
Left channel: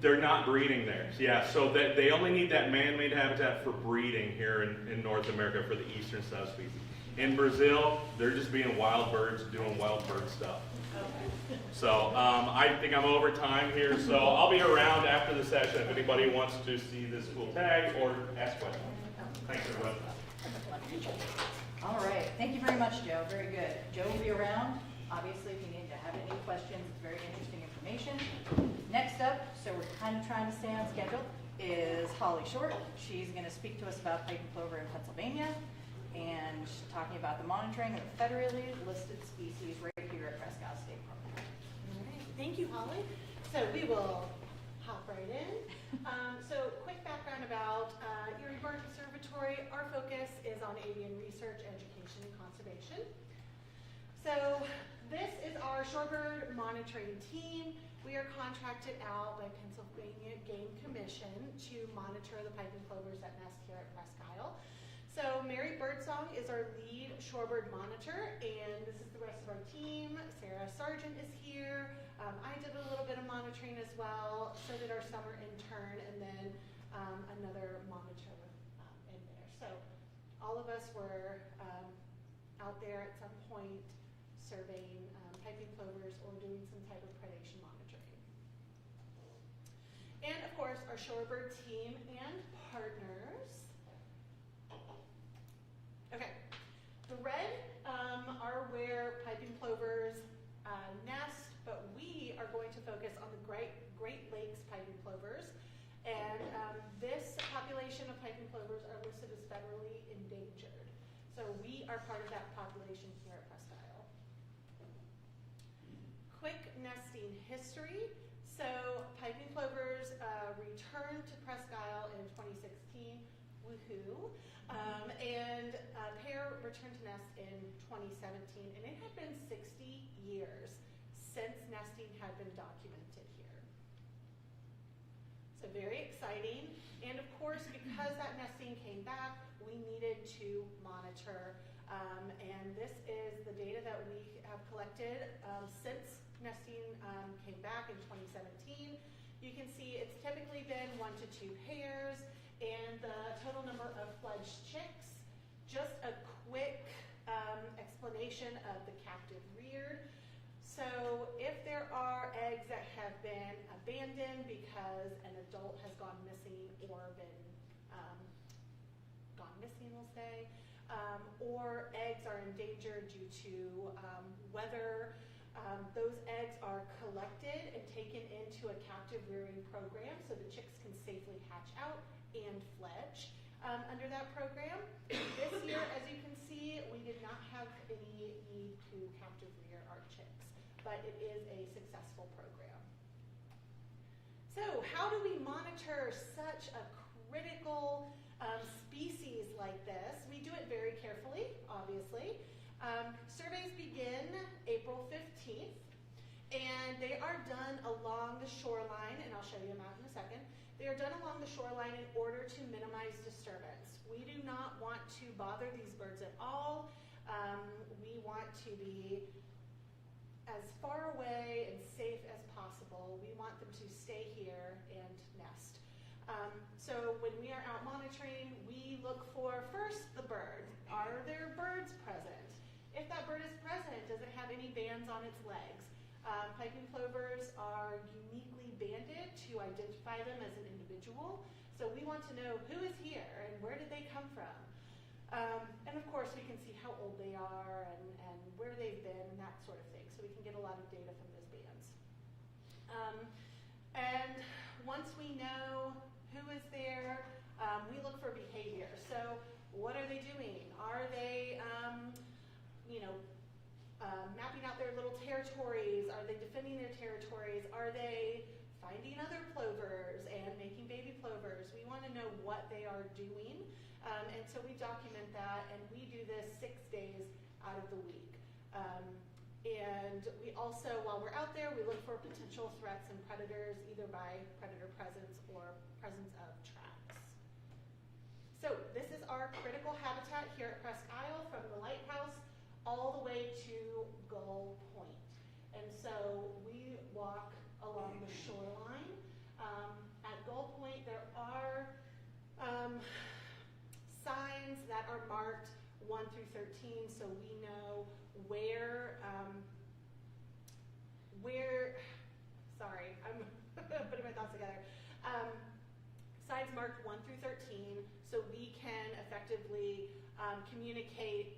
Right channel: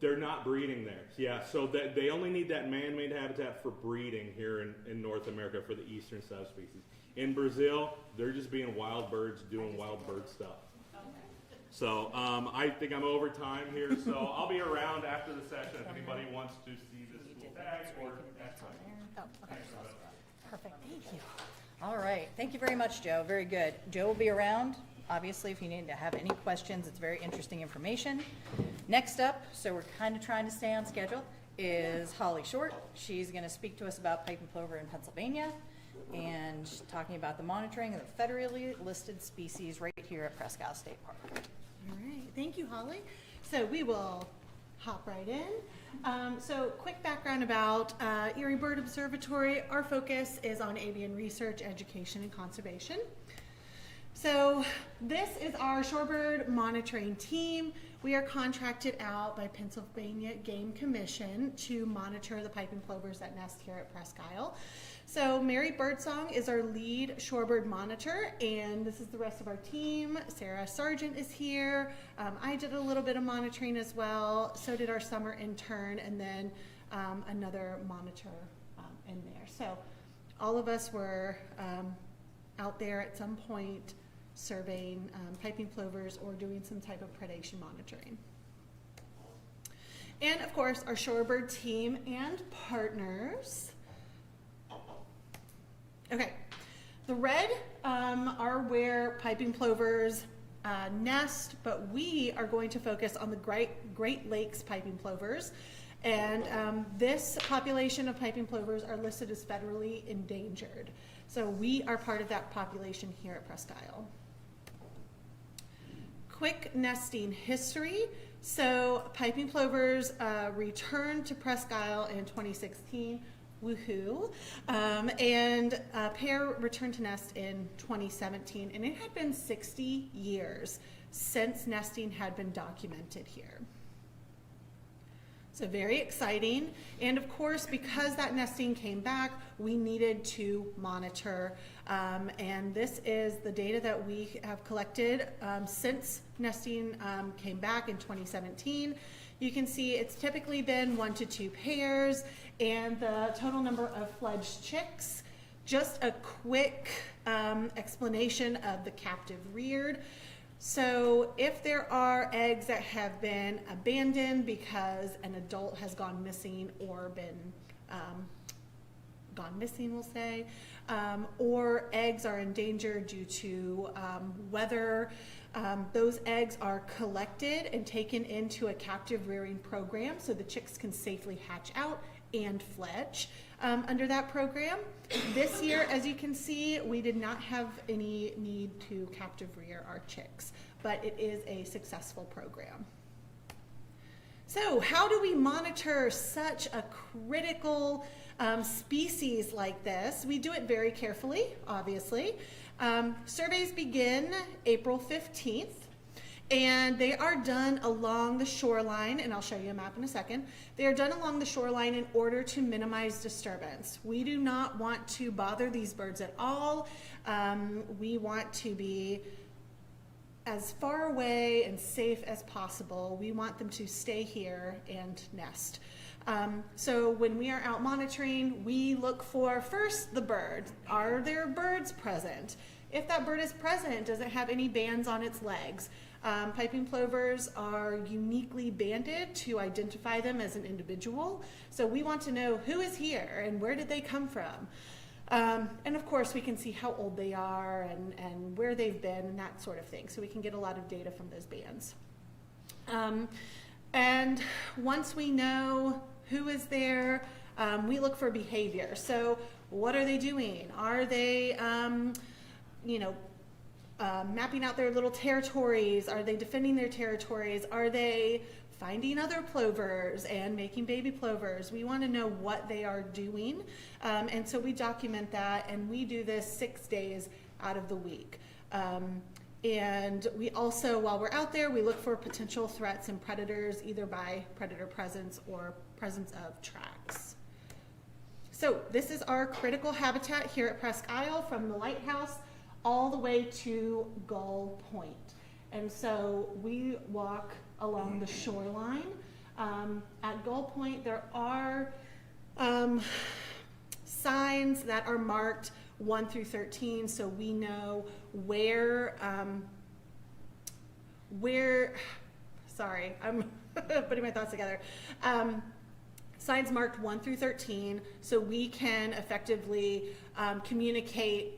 They're not breeding there. Yeah, so they only need that man-made habitat for breeding here in North America for the eastern subspecies. In Brazil, they're just being wild birds doing wild bird stuff. Okay. So I think I'm over time here, so I'll be around after the session if anybody wants to see this cool tag or ask questions. Thanks, everybody. All right, thank you very much, Joe, very good. Joe will be around, obviously, if you need to have any questions. It's very interesting information. Next up, so we're kind of trying to stay on schedule, is Holly Short. She's going to speak to us about pipe and plover in Pennsylvania, and she's talking about the monitoring of federally listed species right here at Presque State Park. All right, thank you, Holly. So we will hop right in. So quick background about Erie Bird Observatory. Our focus is on avian research, education, and conservation. So this is our shorebird monitoring team. We are contracted out by Pennsylvania Game Commission to monitor the piping plovers that nest here at Presque Isle. So Mary Birdsong is our lead shorebird monitor, and this is the rest of our team. Sarah Sargent is here. I did a little bit of monitoring as well. So did our summer intern, and then another monitor in there. So all of us were out there at some point surveying piping plovers or doing some type of predation monitoring. And of course, our shorebird team and partners. Okay, the red are where piping plovers nest, but we are going to focus on the Great Lakes piping plovers. And this population of piping plovers are listed as federally endangered. So we are part of that population here at Presque Isle. Quick nesting history. So piping plovers returned to Presque Isle in 2016. Woohoo. And a pair returned to nest in 2017, and it had been 60 years since nesting had been documented here. So very exciting. And of course, because that nesting came back, we needed to monitor. And this is the data that we have collected since nesting came back in 2017. You can see it's typically been 1 to 2 pairs, and the total number of fledged chicks. Just a quick explanation of the captive reared. So if there are eggs that have been abandoned because an adult has gone missing or been gone missing, we'll say, or eggs are endangered due to weather, those eggs are collected and taken into a captive rearing program so the chicks can safely hatch out and fledge under that program. This year, as you can see, we did not have any need to captive rear our chicks, but it is a successful program. So how do we monitor such a critical species like this? We do it very carefully, obviously. Surveys begin April 15th. And they are done along the shoreline, and I'll show you a map in a second. They are done along the shoreline in order to minimize disturbance. We do not want to bother these birds at all. We want to be as far away and safe as possible. We want them to stay here and nest. So when we are out monitoring, we look for first the bird. Are there birds present? If that bird is present, does it have any bands on its legs? Piping plovers are uniquely banded to identify them as an individual. So we want to know who is here and where did they come from. And of course we can see how old they are and where they've been and that sort of thing. So we can get a lot of data from those bands. And once we know who is there, we look for behavior. So what are they doing? Are they, mapping out their little territories? Are they defending their territories? Are they finding other plovers and making baby plovers? We want to know what they are doing, and so we document that, and we do this 6 days out of the week. And we also, while we're out there, we look for potential threats and predators, either by predator presence or presence of tracks. So this is our critical habitat here at Presque Isle, from the lighthouse all the way to Gull Point. And so we walk along the shoreline At Gull Point, there are signs that are marked 1 through 13, so we know where, sorry, I'm putting my thoughts together. Signs marked 1 through 13, so we can effectively communicate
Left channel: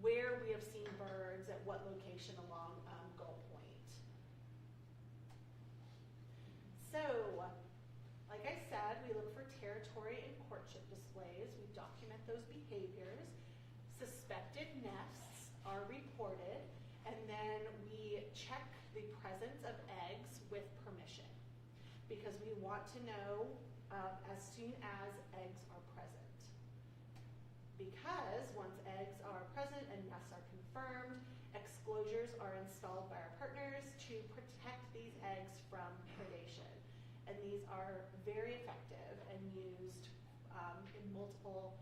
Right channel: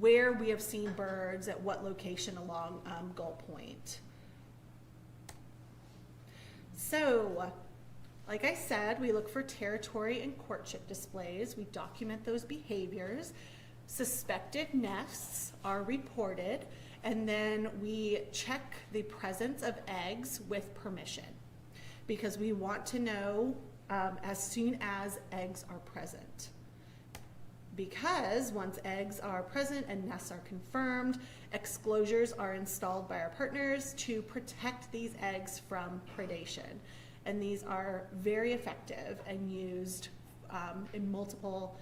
where we have seen birds at what location along Gull Point. So, like I said, we look for territory and courtship displays. We document those behaviors. Suspected nests are reported, and then we check the presence of eggs with permission, because we want to know as soon as eggs are present. Because once eggs are present and nests are confirmed, exclosures are installed by our partners to protect these eggs from predation. And these are very effective and used in multiple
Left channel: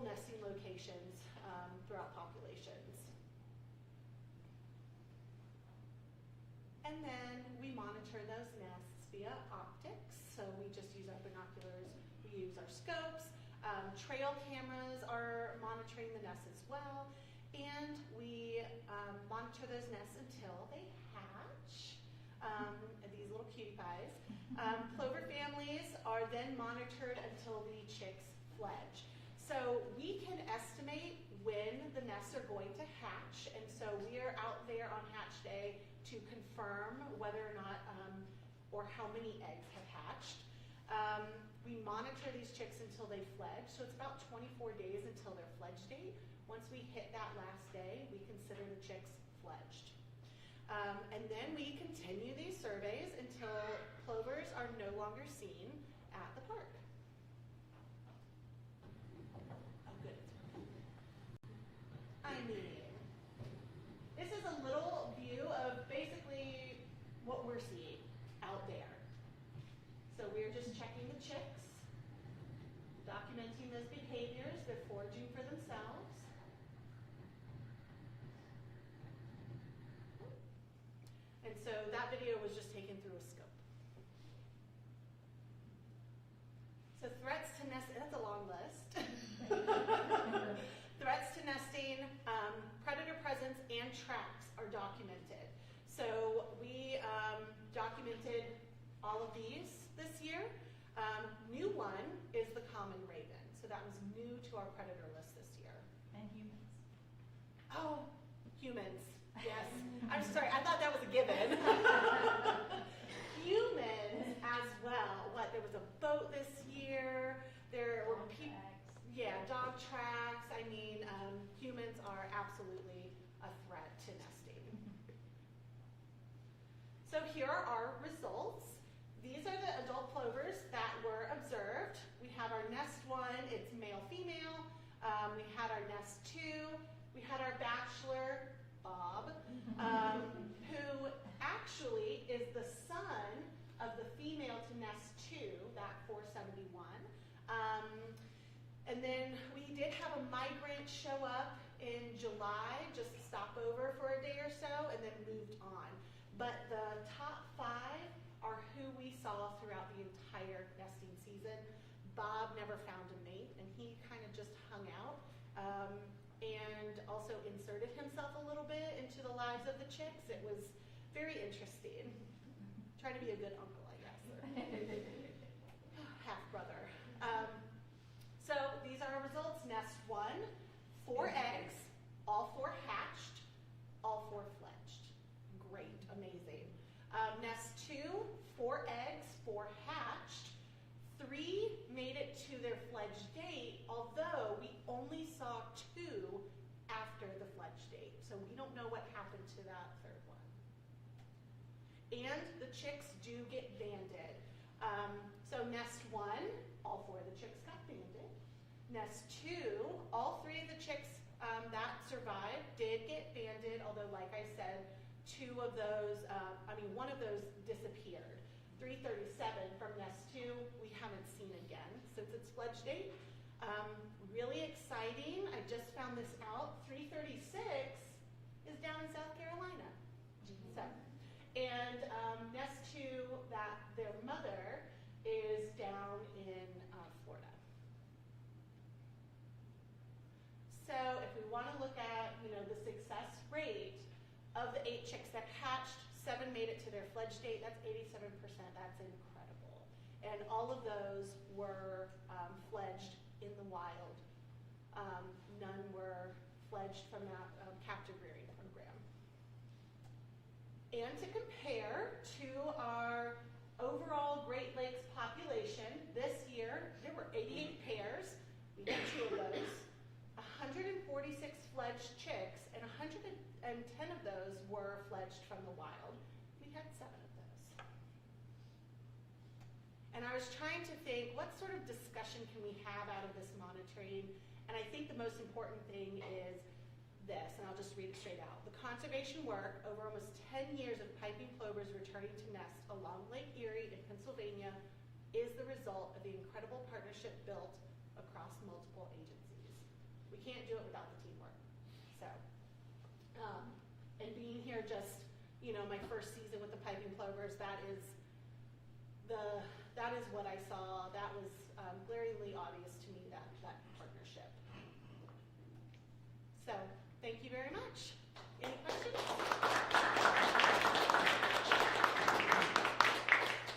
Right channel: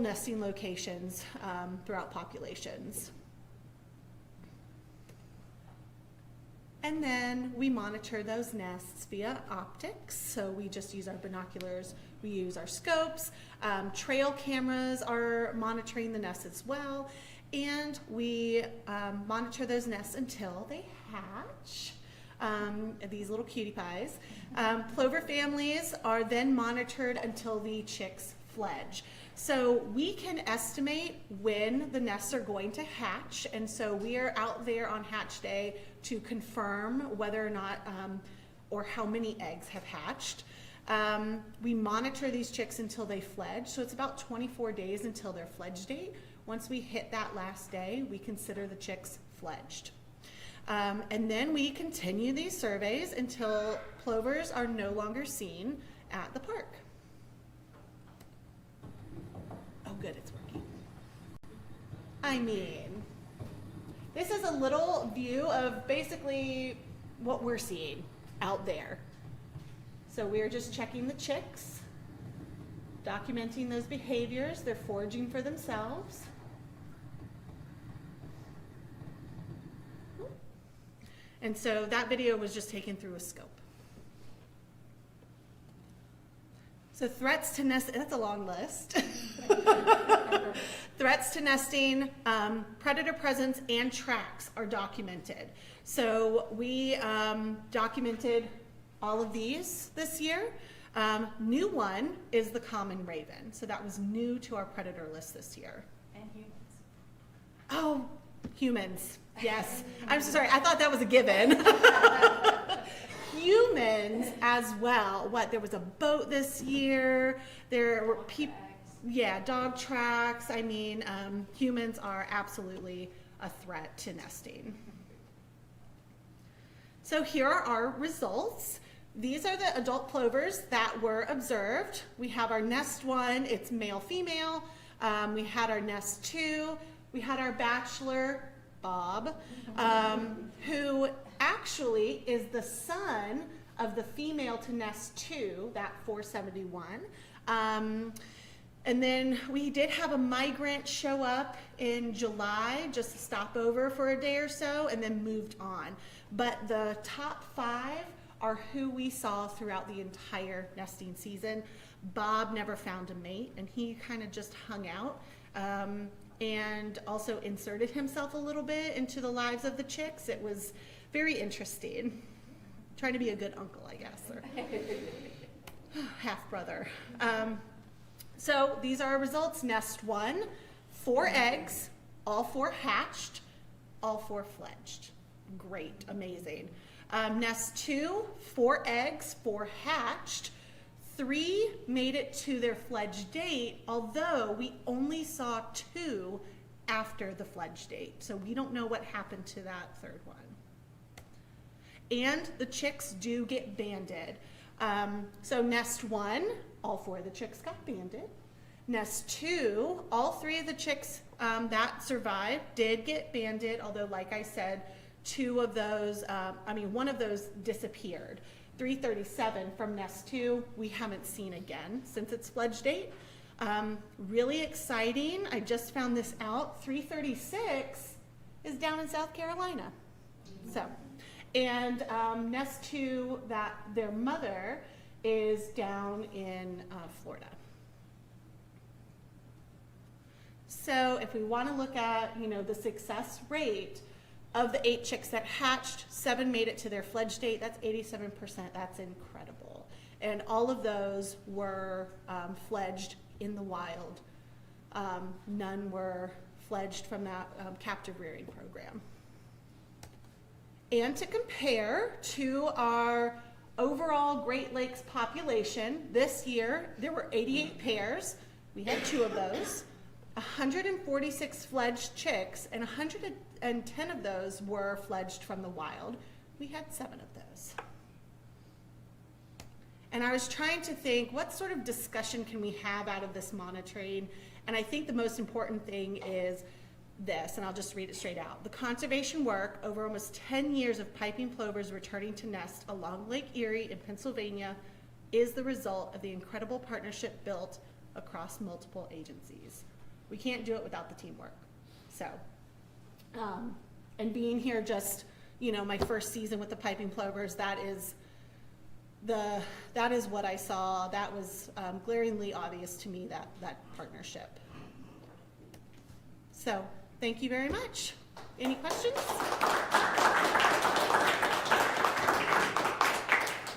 nesting locations throughout populations. And then we monitor those nests via optics. So we just use our binoculars, we use our scopes, trail cameras are monitoring the nests as well, and we monitor those nests until they hatch. These little cutie pies. Plover families are then monitored until the chicks fledge. So we can estimate when the nests are going to hatch, and so we are out there on hatch day to confirm whether or not or how many eggs have hatched. We monitor these chicks until they fledge, so it's about 24 days until their fledge date. Once we hit that last day, we consider the chicks fledged. And then we continue these surveys until plovers are no longer seen at the park. Oh good, it's working. I mean, this is a little view of basically what we're seeing out there. So we're just checking the chicks, documenting those behaviors. They're foraging for themselves. And so that video was just taken through a scope. So threats to nest, that's a long list. Threats to nesting, predator presence, and tracks are documented. So we documented all of these this year. New one is the common raven. So that was new to our predator list this year. And humans. Oh, humans. Yes. I'm so sorry. I thought that was a given. Humans as well. What? There was a boat this year. There were people. Yeah, dog tracks. I mean, humans are absolutely a threat to nesting. So here are our results. These are the adult plovers that were observed. We have our nest 1. It's male, female. We had our nest 2. We had our bachelor, Bob, who actually is the son of the female to nest 2, that 471. And then we did have a migrant show up in July, just to stop over for a day or so, and then moved on. But the top 5 are who we saw throughout the entire nesting season. Bob never found a mate, and he kind of just hung out. And also inserted himself a little bit into the lives of the chicks. It was very interesting. Trying to be a good uncle, I guess, or half brother. So these are our results. Nest 1, 4 eggs, all 4 hatched, all 4 fledged. Great, amazing. Nest 2, 4 eggs, 4 hatched. 3 made it to their fledge date, although we only saw 2 after the fledge date. So we don't know what happened to that third one. And the chicks do get banded. So nest 1, all 4 of the chicks got banded. Nest 2, all 3 of the chicks that survived did get banded, although like I said, 2 of those, one of those disappeared. 337 from nest 2, we haven't seen again since its fledge date. Really exciting, I just found this out, 336 is down in South Carolina. So, And nest 2, that their mother is down in Florida. So if we want to look at, the success rate of the 8 chicks that hatched, 7 made it to their fledge date. That's 87%. That's incredible. And all of those were fledged in the wild. None were fledged from that captive rearing program. And to compare to our overall Great Lakes population, this year there were 88 pairs. We had 2 of those. 146 fledged chicks, and 110 of those were fledged from the wild. We had 7 of those. And I was trying to think, what sort of discussion can we have out of this monitoring? And I think the most important thing is this, and I'll just read it straight out. The conservation work over almost 10 years of piping plovers returning to nest along Lake Erie in Pennsylvania is the result of the incredible partnership built across multiple agencies. We can't do it without the teamwork. So, and being here just, my first season with the piping plovers, that is what I saw. That was glaringly obvious to me, that partnership. So, thank you very much. Any questions?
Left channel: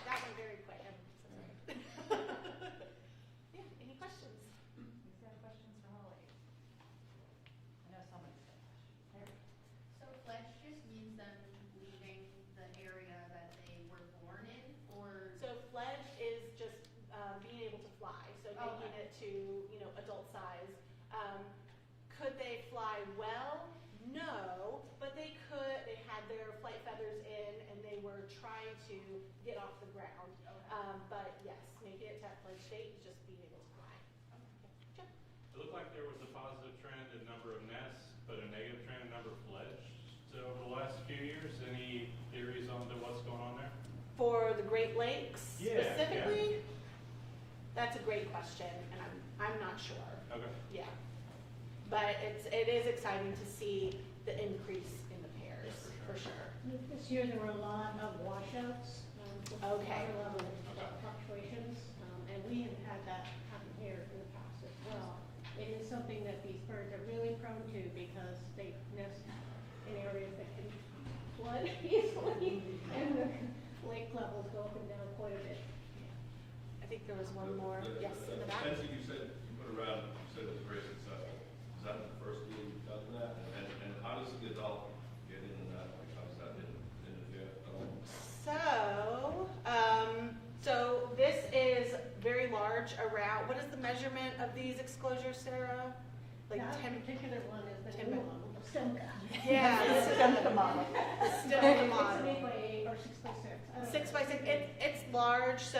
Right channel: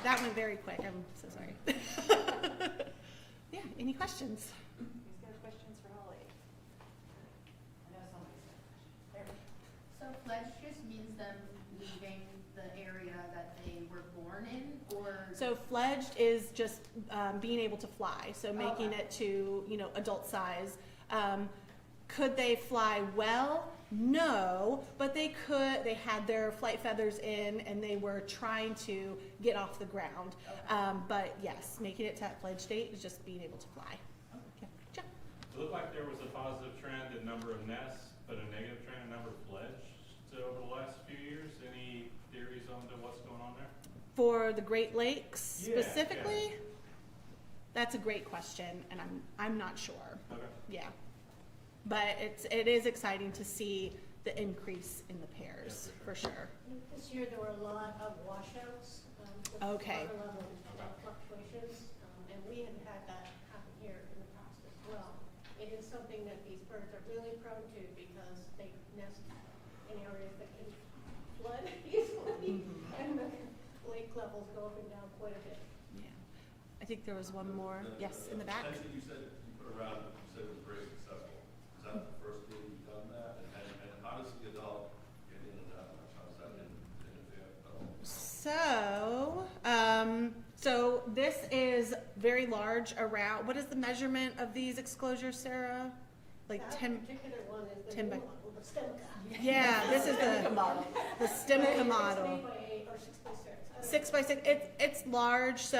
That went very quick. I'm so sorry. Yeah, any questions? Who's got questions for Holly? I know somebody's got a question. There. So fledge just means them leaving the area that they were born in, or? So fledged is just being able to fly, so making it to, adult size. Could they fly well? No, but they could. They had their flight feathers in, and they were trying to get off the ground. But yes, making it to that fledged state is just being able to fly. Yeah. Jeff? It looked like there was a positive trend in number of nests, but a negative trend in number of fledged over the last few years. Any theories on what's going on there? For the Great Lakes Yeah, specifically? That's a great question, and I'm not sure. Okay. Yeah. But it is exciting to see the increase in the pairs, for sure. This year there were a lot of washouts, with Okay. water level fluctuations, and we have had that happen here in the past as well. It is something that these birds are really prone to because they nest in areas that can flood easily, and the lake levels go up and down quite a bit. Yeah. I think there was one more. Yes, in the back. Spencer, you said you put around, you said it was very successful. Is that the first year you've done that? And how does the adult get into that? Like, how does that interfere at all? So this is very large around, what is the measurement of these exclosures, Sarah? Like That 10, particular one is the 10 new by- one, the stem cut. yeah, this is the model. The stem of the model. It's an 8x8 or 6x6. I don't 6 know. by 6, it's large, so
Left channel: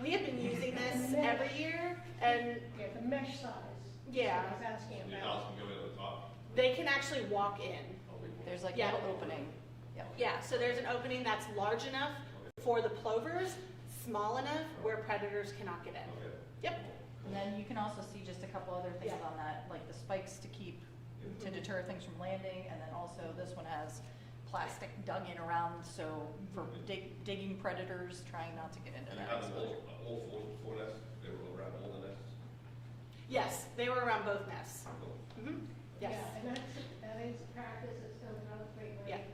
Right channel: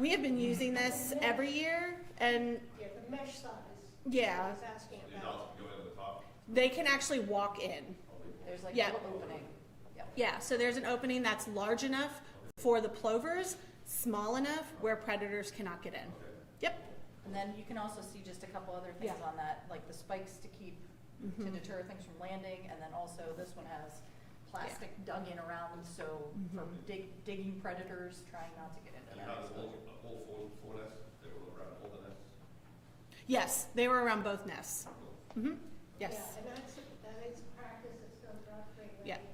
we have been using this every year, and Yeah, the mesh size. yeah, I was asking The about. adults can go into the top? they can actually walk in. There's like Yeah. a little opening. Yep. Yeah, so there's an opening that's large enough for the plovers, small enough where predators cannot get in. Yep. And then you can also see just a couple other things Yeah. on that, like the spikes to keep, to deter things from landing, and then also this one has plastic dug in around, so for digging predators, trying not to get into And you that have exposure. all four nests? They were around all the nests? Yes, they were around both nests. Mm-hmm. Yes. Yeah, and that is a practice that's done throughout the Great Yeah. Lakes.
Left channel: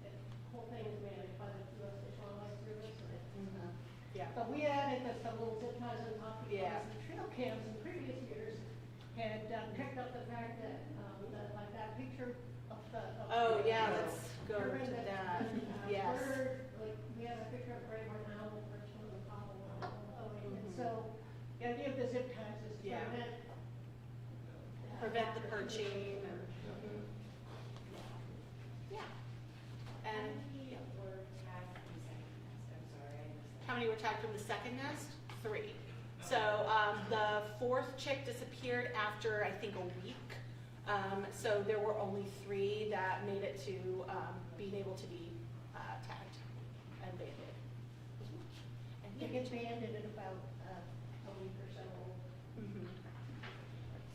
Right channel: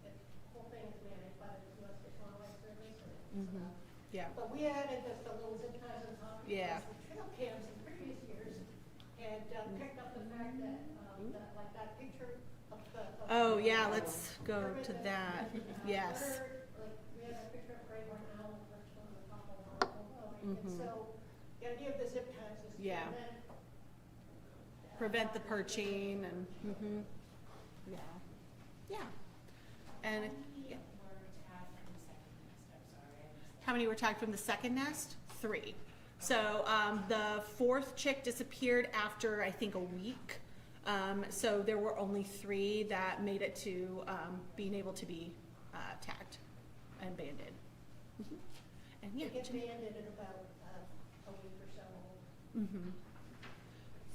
The whole thing is managed by the U.S. Fish and Wildlife Service, and it's, Yeah. but we added the little zip ties on top because Yeah. the trail cams in previous years had picked up the fact that, like that picture of the. Oh, yeah, let's go to that. Yes. Like, we had a picture of a gray horn owl perched on the top of one floating, and Mhm. so the idea of the zip ties is to Yeah. Prevent the perching and, yeah. And, yeah. How many were tagged from the second nest? 3. So the 4th chick disappeared after, I think, a week. So there were only 3 that made it to being able to be tagged and banded. And It yeah. gets banded in about a week or so. Mhm.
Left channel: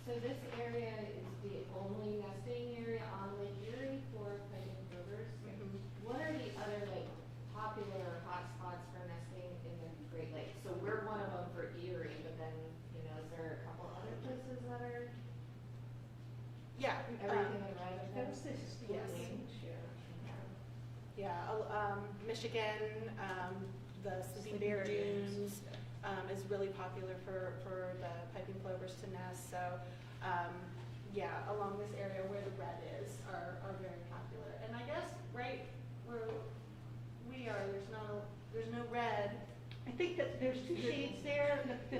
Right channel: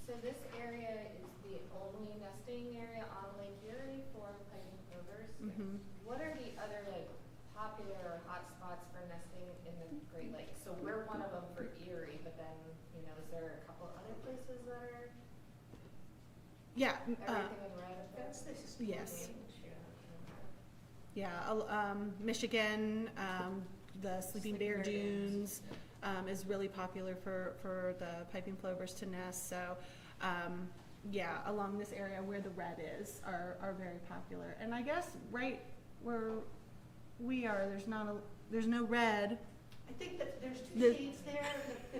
So this area is the only nesting area on Lake Erie for piping Yeah. Everything in red. That's this. Yes. Yeah, Michigan, the Sleeping Bear Dunes is really popular for the piping plovers to nest. So, yeah, along this area where the red is are very popular. And I guess right where we are, there's no red. I think that there's two There- shades there.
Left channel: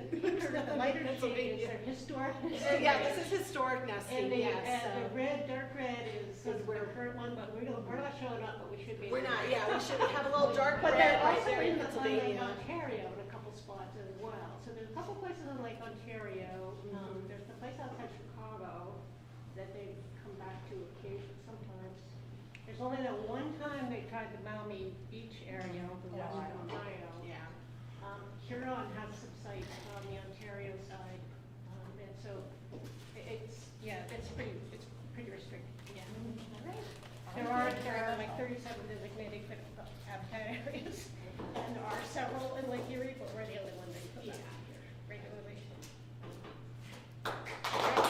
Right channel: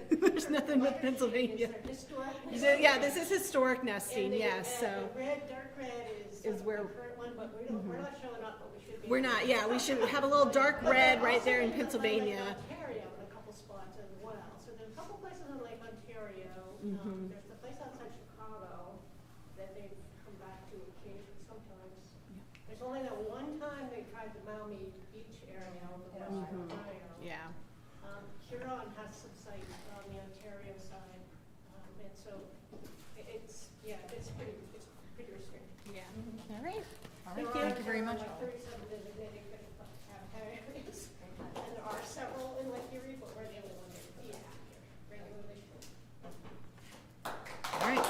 There's nothing like Pennsylvania. They're historic. Yeah, this is historic nesting, yes. And So the red, dark red is where- the current one, but we're not showing up, but we should be. we're not. Yeah, we should have a little dark But red they're right there in also Lake Pennsylvania. Ontario in a couple spots as well. So there's a couple places in Lake Ontario. Mhm. There's the place outside Chicago that they've come back to occasionally sometimes. There's only that one time they tried the Maumee Beach area over in Western Ohio. Yeah. Huron has some sites on the Ontario side, and so it's pretty restricted. Yeah. All right. There Thank you very much. like 37 designated habitat areas, and there are several in Lake Erie, but we're the only one they put back here regularly. All right.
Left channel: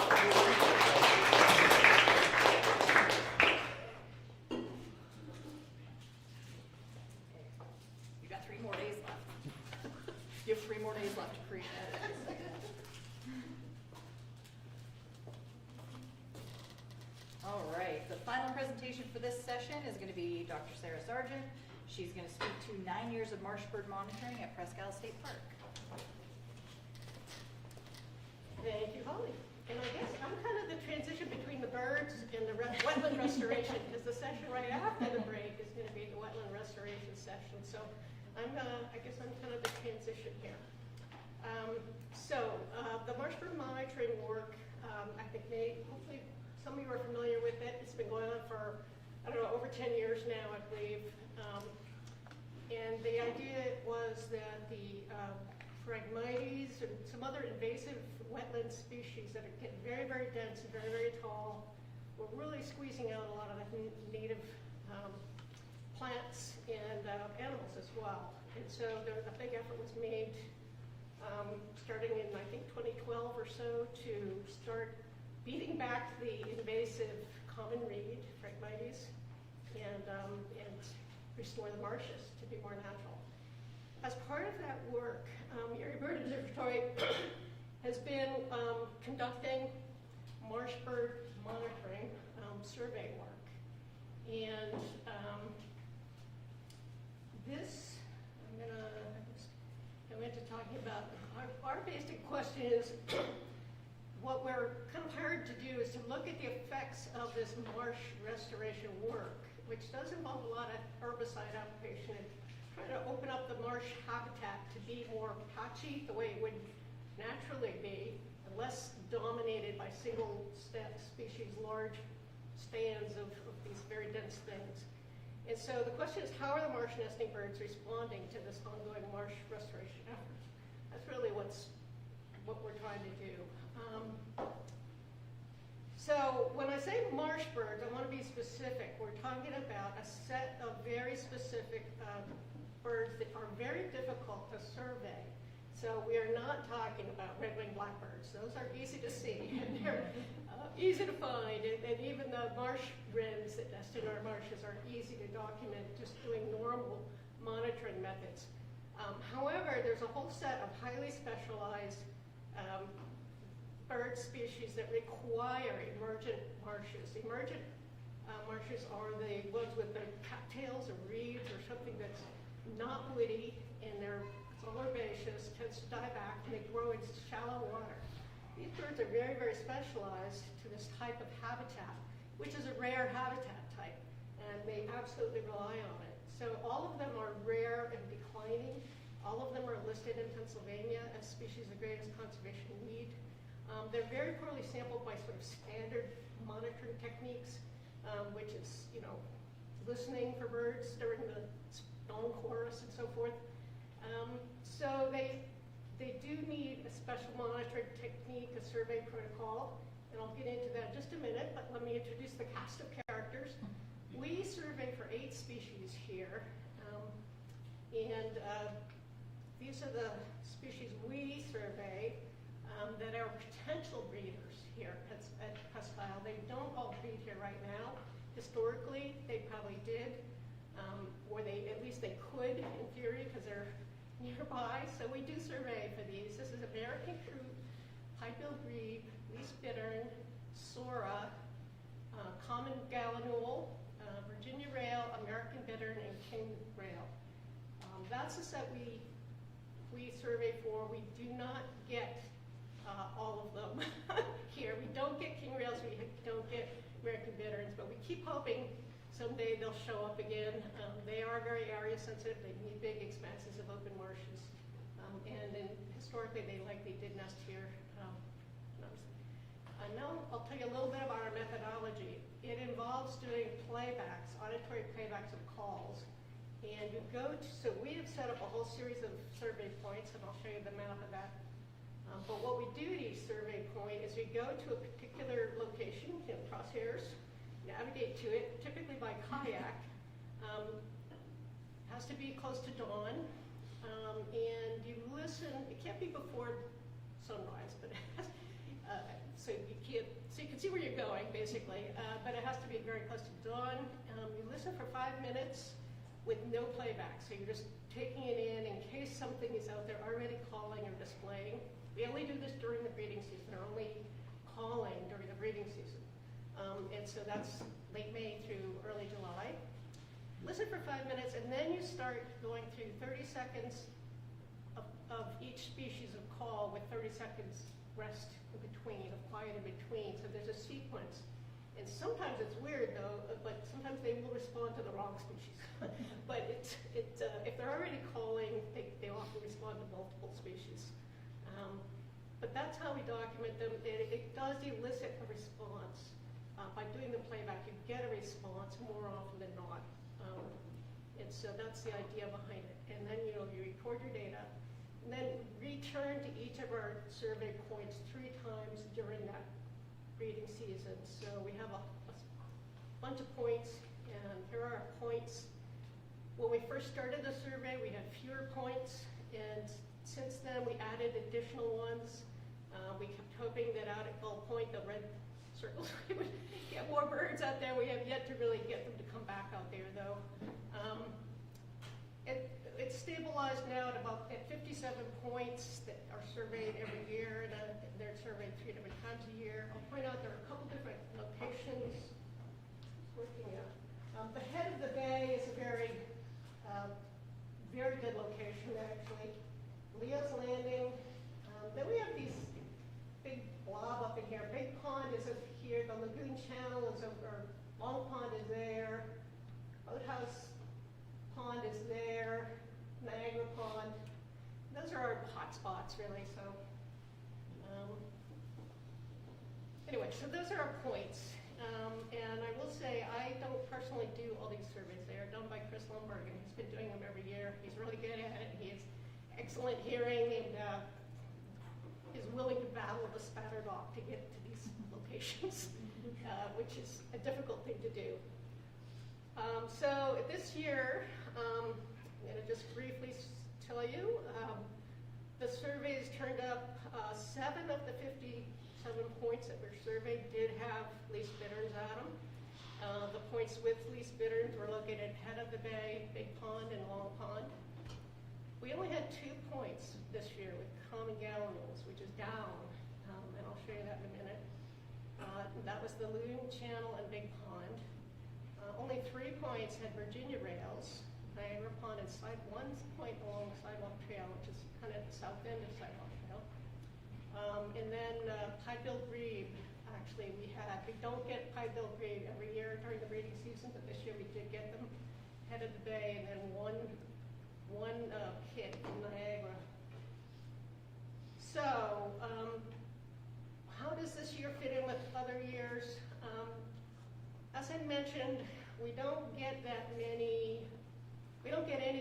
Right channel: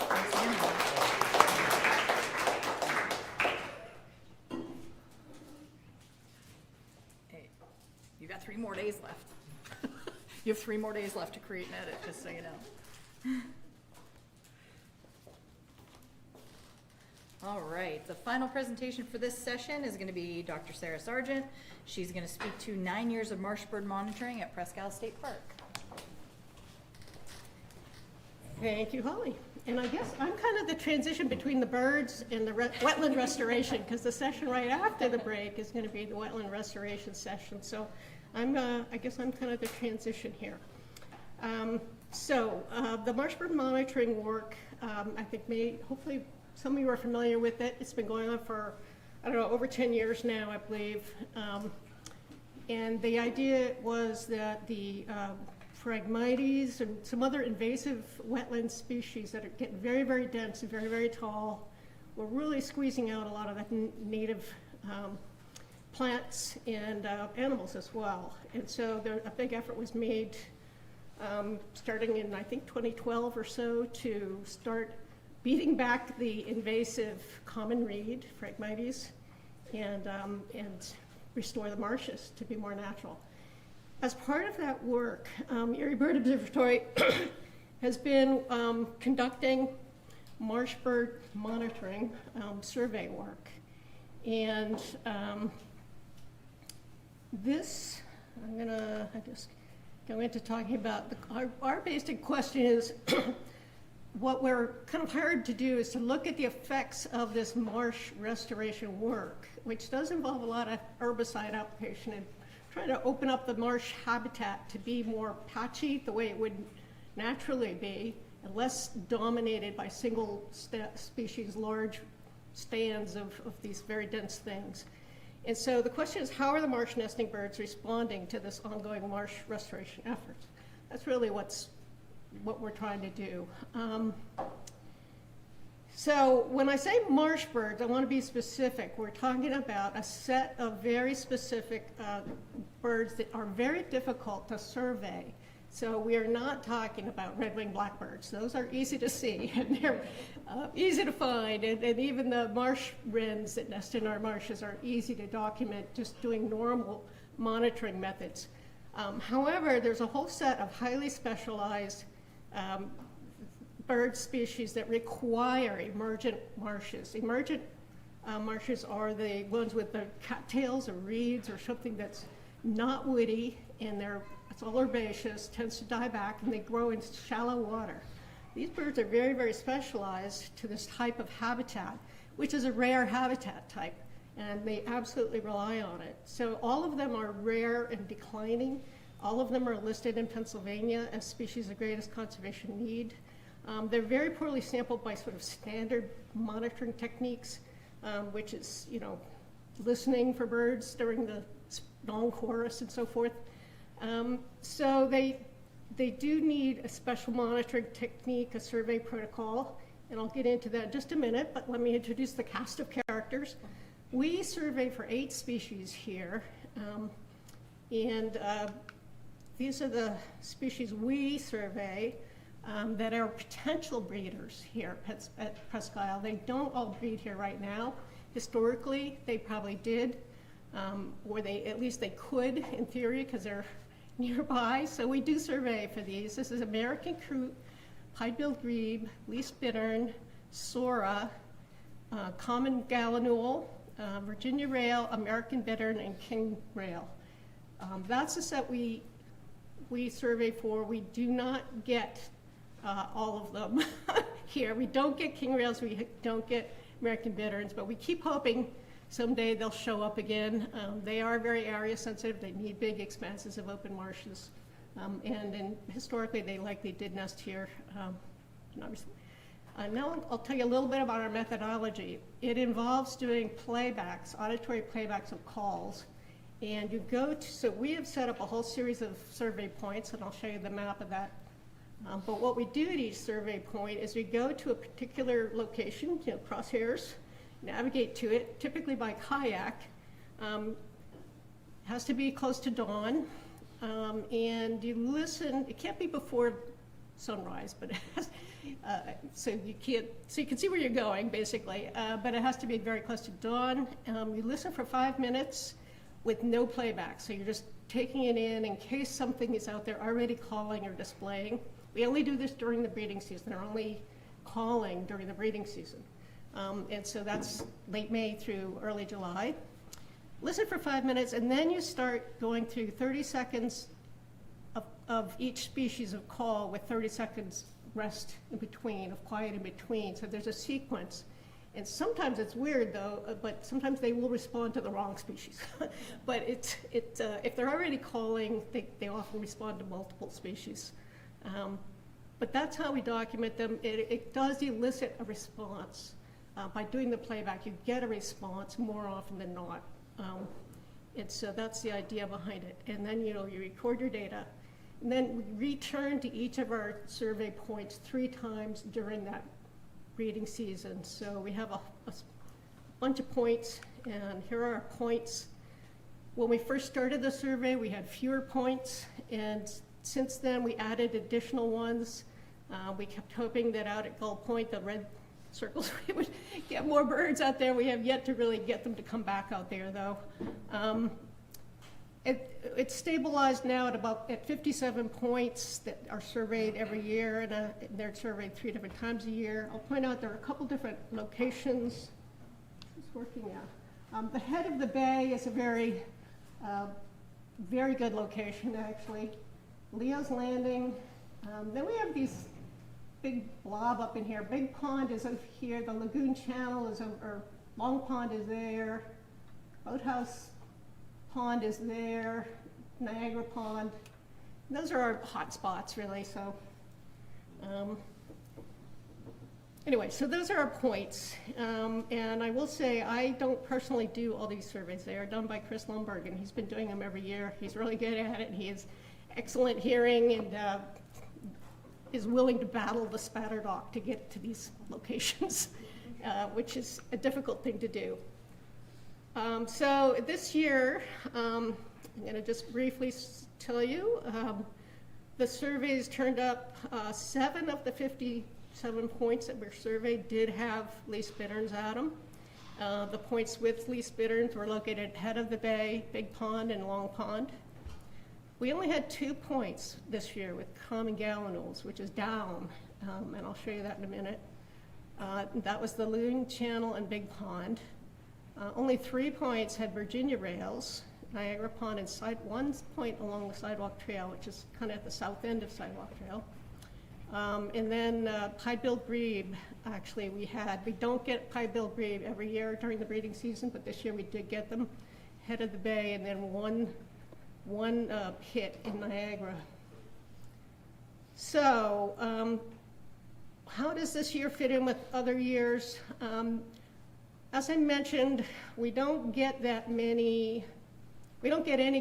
Hey, you got 3 more days left. You have 3 more days left to create an edit, just so you know. All right, the final presentation for this session is going to be Dr. Sarah Sargent. She's going to speak to 9 years of marsh bird monitoring at Presque State Park. Thank you, Holly. And I guess I'm kind of the transition between the birds and the wetland restoration, because the session right after the break is going to be the wetland restoration session. So I guess I'm kind of the transition here. The marsh bird monitoring work, I think hopefully some of you are familiar with it. It's been going on for, I don't know, over 10 years now, I believe. And the idea was that the Phragmites and some other invasive wetland species that are getting very, very dense and very, very tall were really squeezing out a lot of the native plants and animals as well. And so a big effort was made starting in, I think, 2012 or so to start beating back the invasive common reed, Phragmites, and restore the marshes to be more natural. As part of that work, Erie Bird Observatory has been conducting marsh bird monitoring survey work. And this, I'm gonna just go into talking about, our basic question is, what we're kind of hired to do is to look at the effects of this marsh restoration work, which does involve a lot of herbicide application and trying to open up the marsh habitat to be more patchy the way it would naturally be, and less dominated by single species, large stands of these very dense things. And so the question is, how are the marsh nesting birds responding to this ongoing marsh restoration efforts? That's really what we're trying to do. So when I say marsh birds, I want to be specific. We're talking about a set of very specific birds that are very difficult to survey. So we are not talking about red-winged blackbirds. Those are easy to see and they're easy to find. And even the marsh wrens that nest in our marshes are easy to document just doing normal monitoring methods. However, there's a whole set of highly specialized bird species that require emergent marshes. Emergent marshes are the ones with the cattails or reeds or something that's not woody and it's all herbaceous, tends to die back, and they grow in shallow water. These birds are very, very specialized to this type of habitat, which is a rare habitat type, and they absolutely rely on it. So all of them are rare and declining. All of them are listed in Pennsylvania as species of greatest conservation need. They're very poorly sampled by sort of standard monitoring techniques, which is, listening for birds during the long chorus and so forth. So they do need a special monitoring technique, a survey protocol, and I'll get into that in just a minute, but let me introduce the cast of characters. We survey for 8 species here, and these are the species we survey. that are potential breeders here at Presque Isle. They don't all breed here right now. Historically, they probably did, or at least they could in theory because they're nearby. So we do survey for these. This is American Coot, Pied-billed Grebe, Least Bittern, Sora, Common Gallinule, Virginia Rail, American Bittern, and King Rail. That's the set we survey for. We do not get all of them here. We don't get King Rails, we don't get American Bitterns, but we keep hoping someday they'll show up again. They are very area sensitive. They need big expanses of open marshes. And historically, they likely did nest here. Now I'll tell you a little bit about our methodology. It involves doing playbacks, auditory playbacks of calls. And you go to, so we have set up a whole series of survey points, and I'll show you the map of that. But what we do at each survey point is we go to a particular location, crosshairs, navigate to it, typically by kayak. Has to be close to dawn, and you listen. It can't be before sunrise, but it has, so you can see where you're going basically. But it has to be very close to dawn. You listen for 5 minutes with no playback, so you're just taking it in case something is out there already calling or displaying. We only do this during the breeding season. They're only calling during the breeding season. And so that's late May through early July. Listen for 5 minutes, and then you start going through 30 seconds of each species of call with 30 seconds rest in between, of quiet in between. So there's a sequence. And sometimes it's weird though, but sometimes they will respond to the wrong species. But if they're already calling, they often respond to multiple species. But that's how we document them. It does elicit a response. By doing the playback, you get a response more often than not. And so that's the idea behind it. And then you record your data. And then we return to each of our survey points 3 times during that breeding season. So we have a bunch of points, and here are our points. When we first started the survey, we had fewer points, and since then we added additional ones. We kept hoping that out at Gull Point, the red circles, we would get more birds out there. We have yet to really get them to come back out there though. It's stabilized now at 57 points that are surveyed every year, and they're surveyed 3 different times a year. I'll point out there are a couple different locations. It's working out. The head of the bay is a very, very good location actually. Leo's Landing. Then we have these big blob up in here. Big Pond is over here. The Lagoon Channel is over. Long Pond is there. Boathouse Pond is there. Niagara Pond. And those are our hot spots, really. So, anyway, so those are our points. And I will say I don't personally do all these surveys. They are done by Chris Lundberg, and he's been doing them every year. He's really good at it. He has excellent hearing and is willing to battle the spatterdock to get to these locations, which is a difficult thing to do. So this year, I'm going to just briefly tell you, the surveys turned up 7 of the 57 points that were surveyed did have least bitterns at them. The points with least bitterns were located head of the bay, Big Pond, and Long Pond. We only had 2 points this year with common gallinules, which is down, and I'll show you that in a minute. That was the Lagoon Channel and Big Pond. Only 3 points had Virginia rails, Niagara Pond, and 1 point along the Sidewalk Trail, which is kind of at the south end of Sidewalk Trail. And then Pied-billed Grebe, actually we don't get Pied-billed Grebe every year during the breeding season, but this year we did get them head of the bay, and then one pit in Niagara. So, how does this year fit in with other years? As I mentioned, we don't get any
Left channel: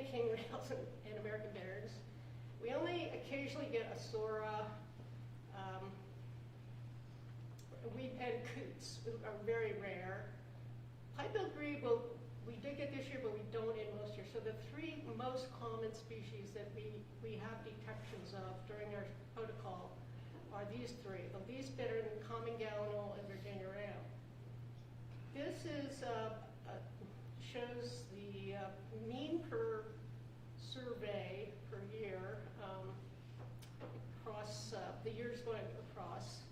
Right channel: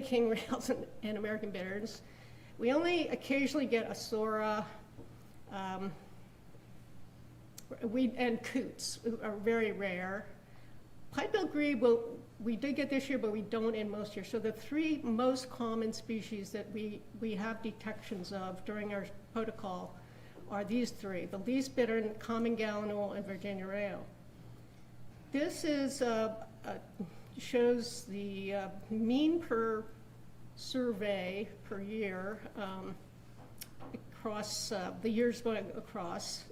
king rails and American bitterns. We only occasionally get a Sora, and coots are very rare. Pied-billed Grebe we did get this year, but we don't in most years. So the 3 most common species that we have detections of during our protocol are these three, the least bittern, common gallinule, and Virginia rail. This is, shows the mean per survey per year across the years going across.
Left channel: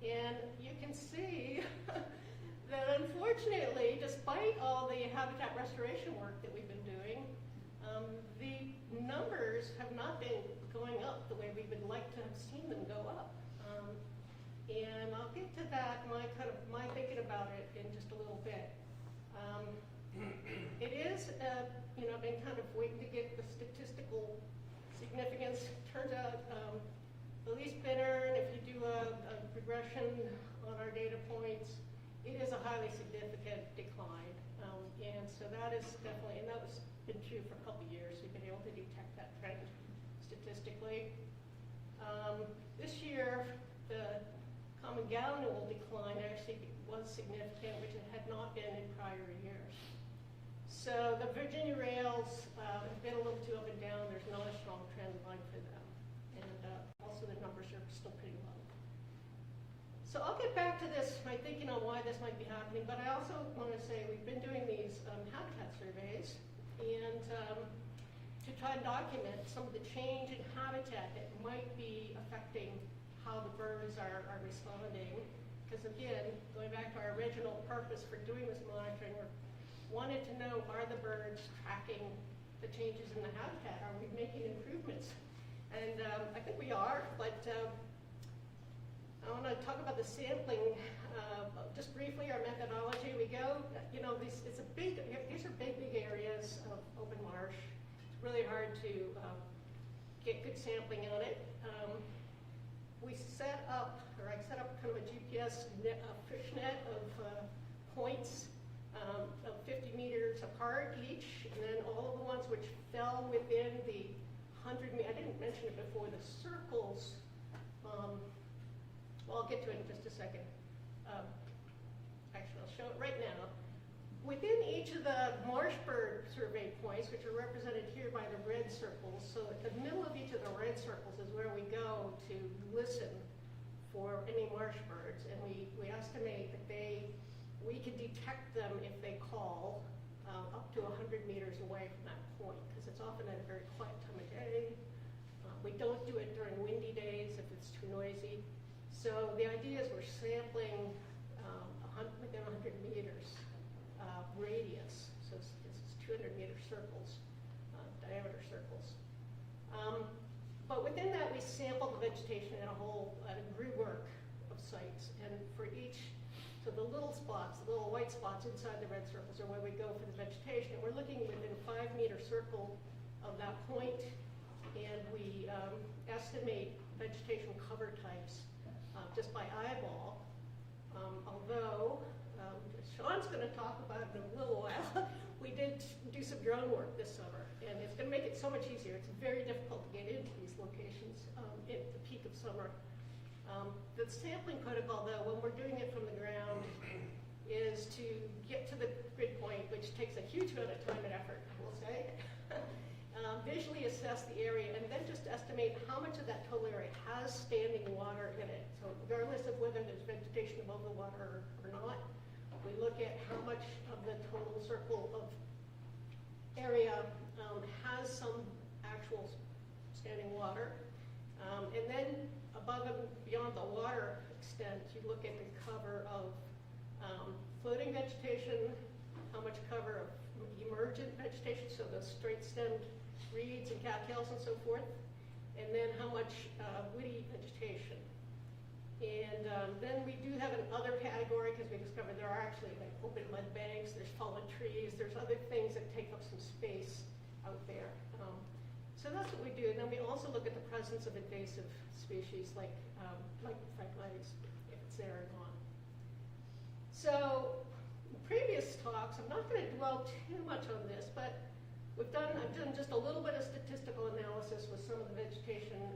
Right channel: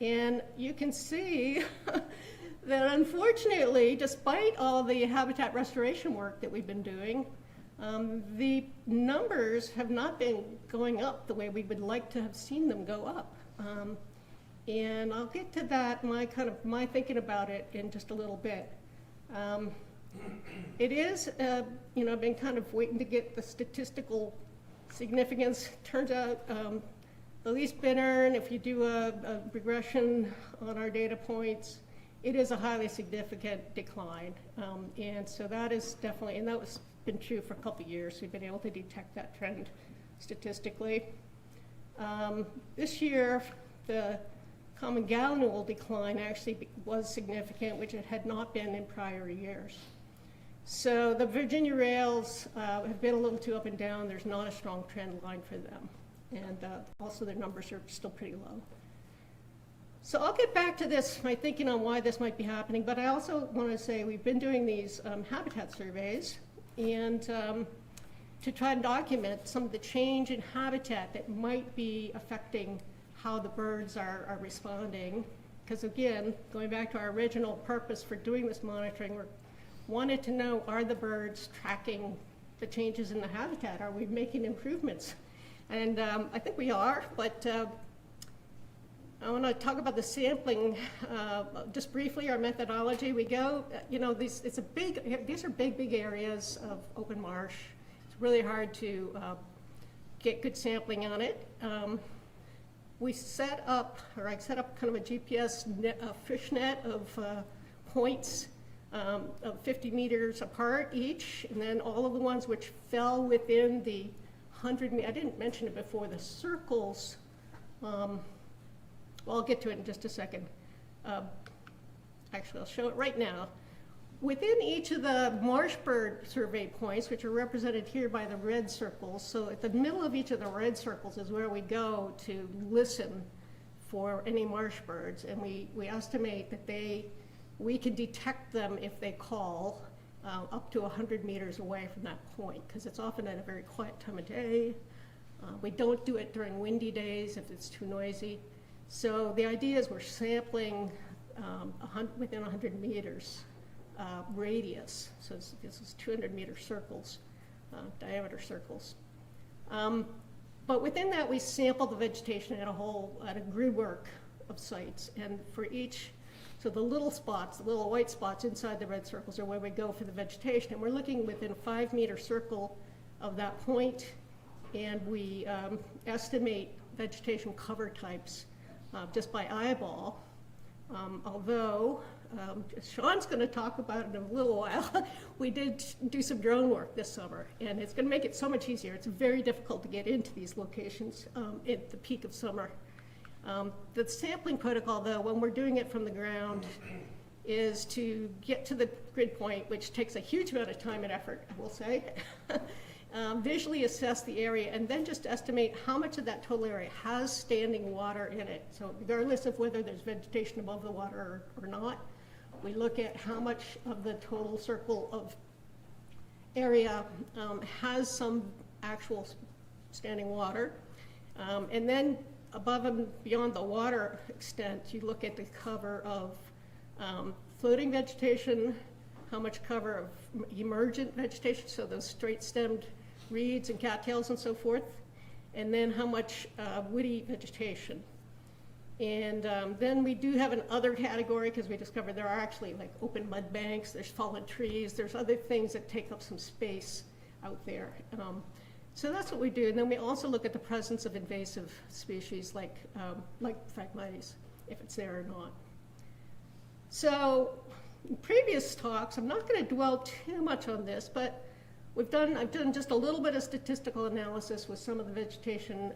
And you can see that unfortunately, despite all the habitat restoration work that we've been doing, the numbers have not been going up the way we would like to have seen them go up. And I'll get to that, my thinking about it in just a little bit. It is, I've been kind of waiting to get the statistical significance. Turns out the least bittern, if you do a regression on our data points, it is a highly significant decline. And so that is definitely, and that was been true for a couple of years. We've been able to detect that trend statistically. This year, the common gallinule decline actually was significant, which it had not been in prior years. So the Virginia rails have been a little too up and down. There's not a strong trend line for them. And also their numbers are still pretty low. So I'll get back to this, my thinking on why this might be happening, but I also want to say we've been doing these habitat surveys and to try and document some of the change in habitat that might be affecting how the birds are responding. Because again, going back to our original purpose for doing this monitoring, we wanted to know, are the birds tracking the changes in the habitat? Are we making improvements? And I think we are, but I want to talk about the sampling just briefly. Our methodology, we go, these are big kind of open marsh. It's really hard to get good sampling on it. I set up kind of a GPS fish net of points of 50 meters apart each, and then all of the ones which fell within the 100 meters. I didn't mention it before, the circles. Well, I'll get to it in just a second. Actually, I'll show it right now. Within each of the marsh bird survey points, which are represented here by the red circles, so at the middle of each of the red circles is where we go to listen for any marsh birds, and we estimate that we can detect them if they call up to 100 meters away from that point, because it's often at a very quiet time of day. We don't do it during windy days if it's too noisy. So the idea is we're sampling within 100 meters radius. So this is 200-meter circles, diameter circles. But within that, we sample the vegetation at a grid-work of sites. And for each, so the little spots, the little white spots inside the red circles are where we go for the vegetation. And we're looking within a 5-meter circle of that point, and we estimate vegetation cover types just by eyeball. Although, Sean's going to talk about it in a little while, we did do some drone work this summer, and it's going to make it so much easier. It's very difficult to get into these locations at the peak of summer. The sampling protocol, though, when we're doing it from the ground, is to get to the grid point, which takes a huge amount of time and effort, I will say, visually assess the area, and then just estimate how much of that total area has standing water in it. So regardless of whether there's vegetation above the water or not, we look at how much of the total circle of area has some actual standing water. And then above and beyond the water extent, you look at the cover of floating vegetation, how much cover of emergent vegetation, so those straight-stemmed reeds and cattails and so forth, and then how much woody vegetation. And then we do have an other category, because we discovered there are actually like open mud banks, there's fallen trees, there's other things that take up some space out there. So that's what we do. And then we also look at the presence of invasive species like Phragmites, if it's there or not. So in previous talks, I'm not going to dwell too much on this, but I've done just a little bit of statistical analysis with some of the vegetation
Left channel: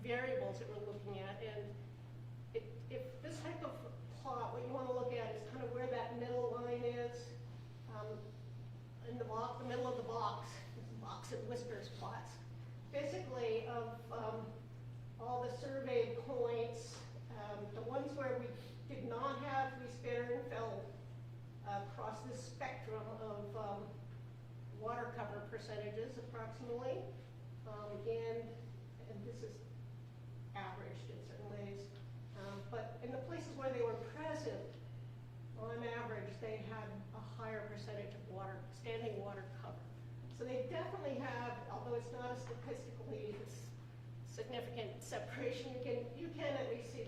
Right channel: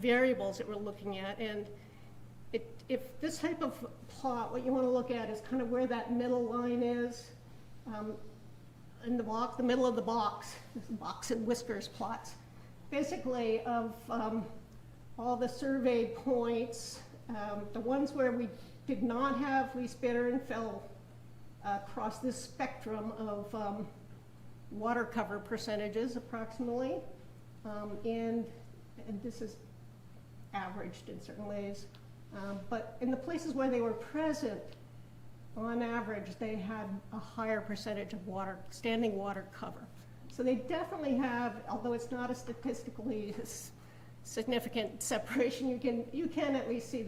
variables that we're looking at. And if this type of plot, what you want to look at is kind of where that middle line is in the box, the middle of the box and whiskers plots, basically of all the surveyed points. The ones where we did not have least bittern fell across this spectrum of water cover percentages approximately. And this is averaged in certain ways. But in the places where they were present, on average, they had a higher percentage of water, standing water cover. So they definitely have, although it's not a statistically significant separation, you can at least see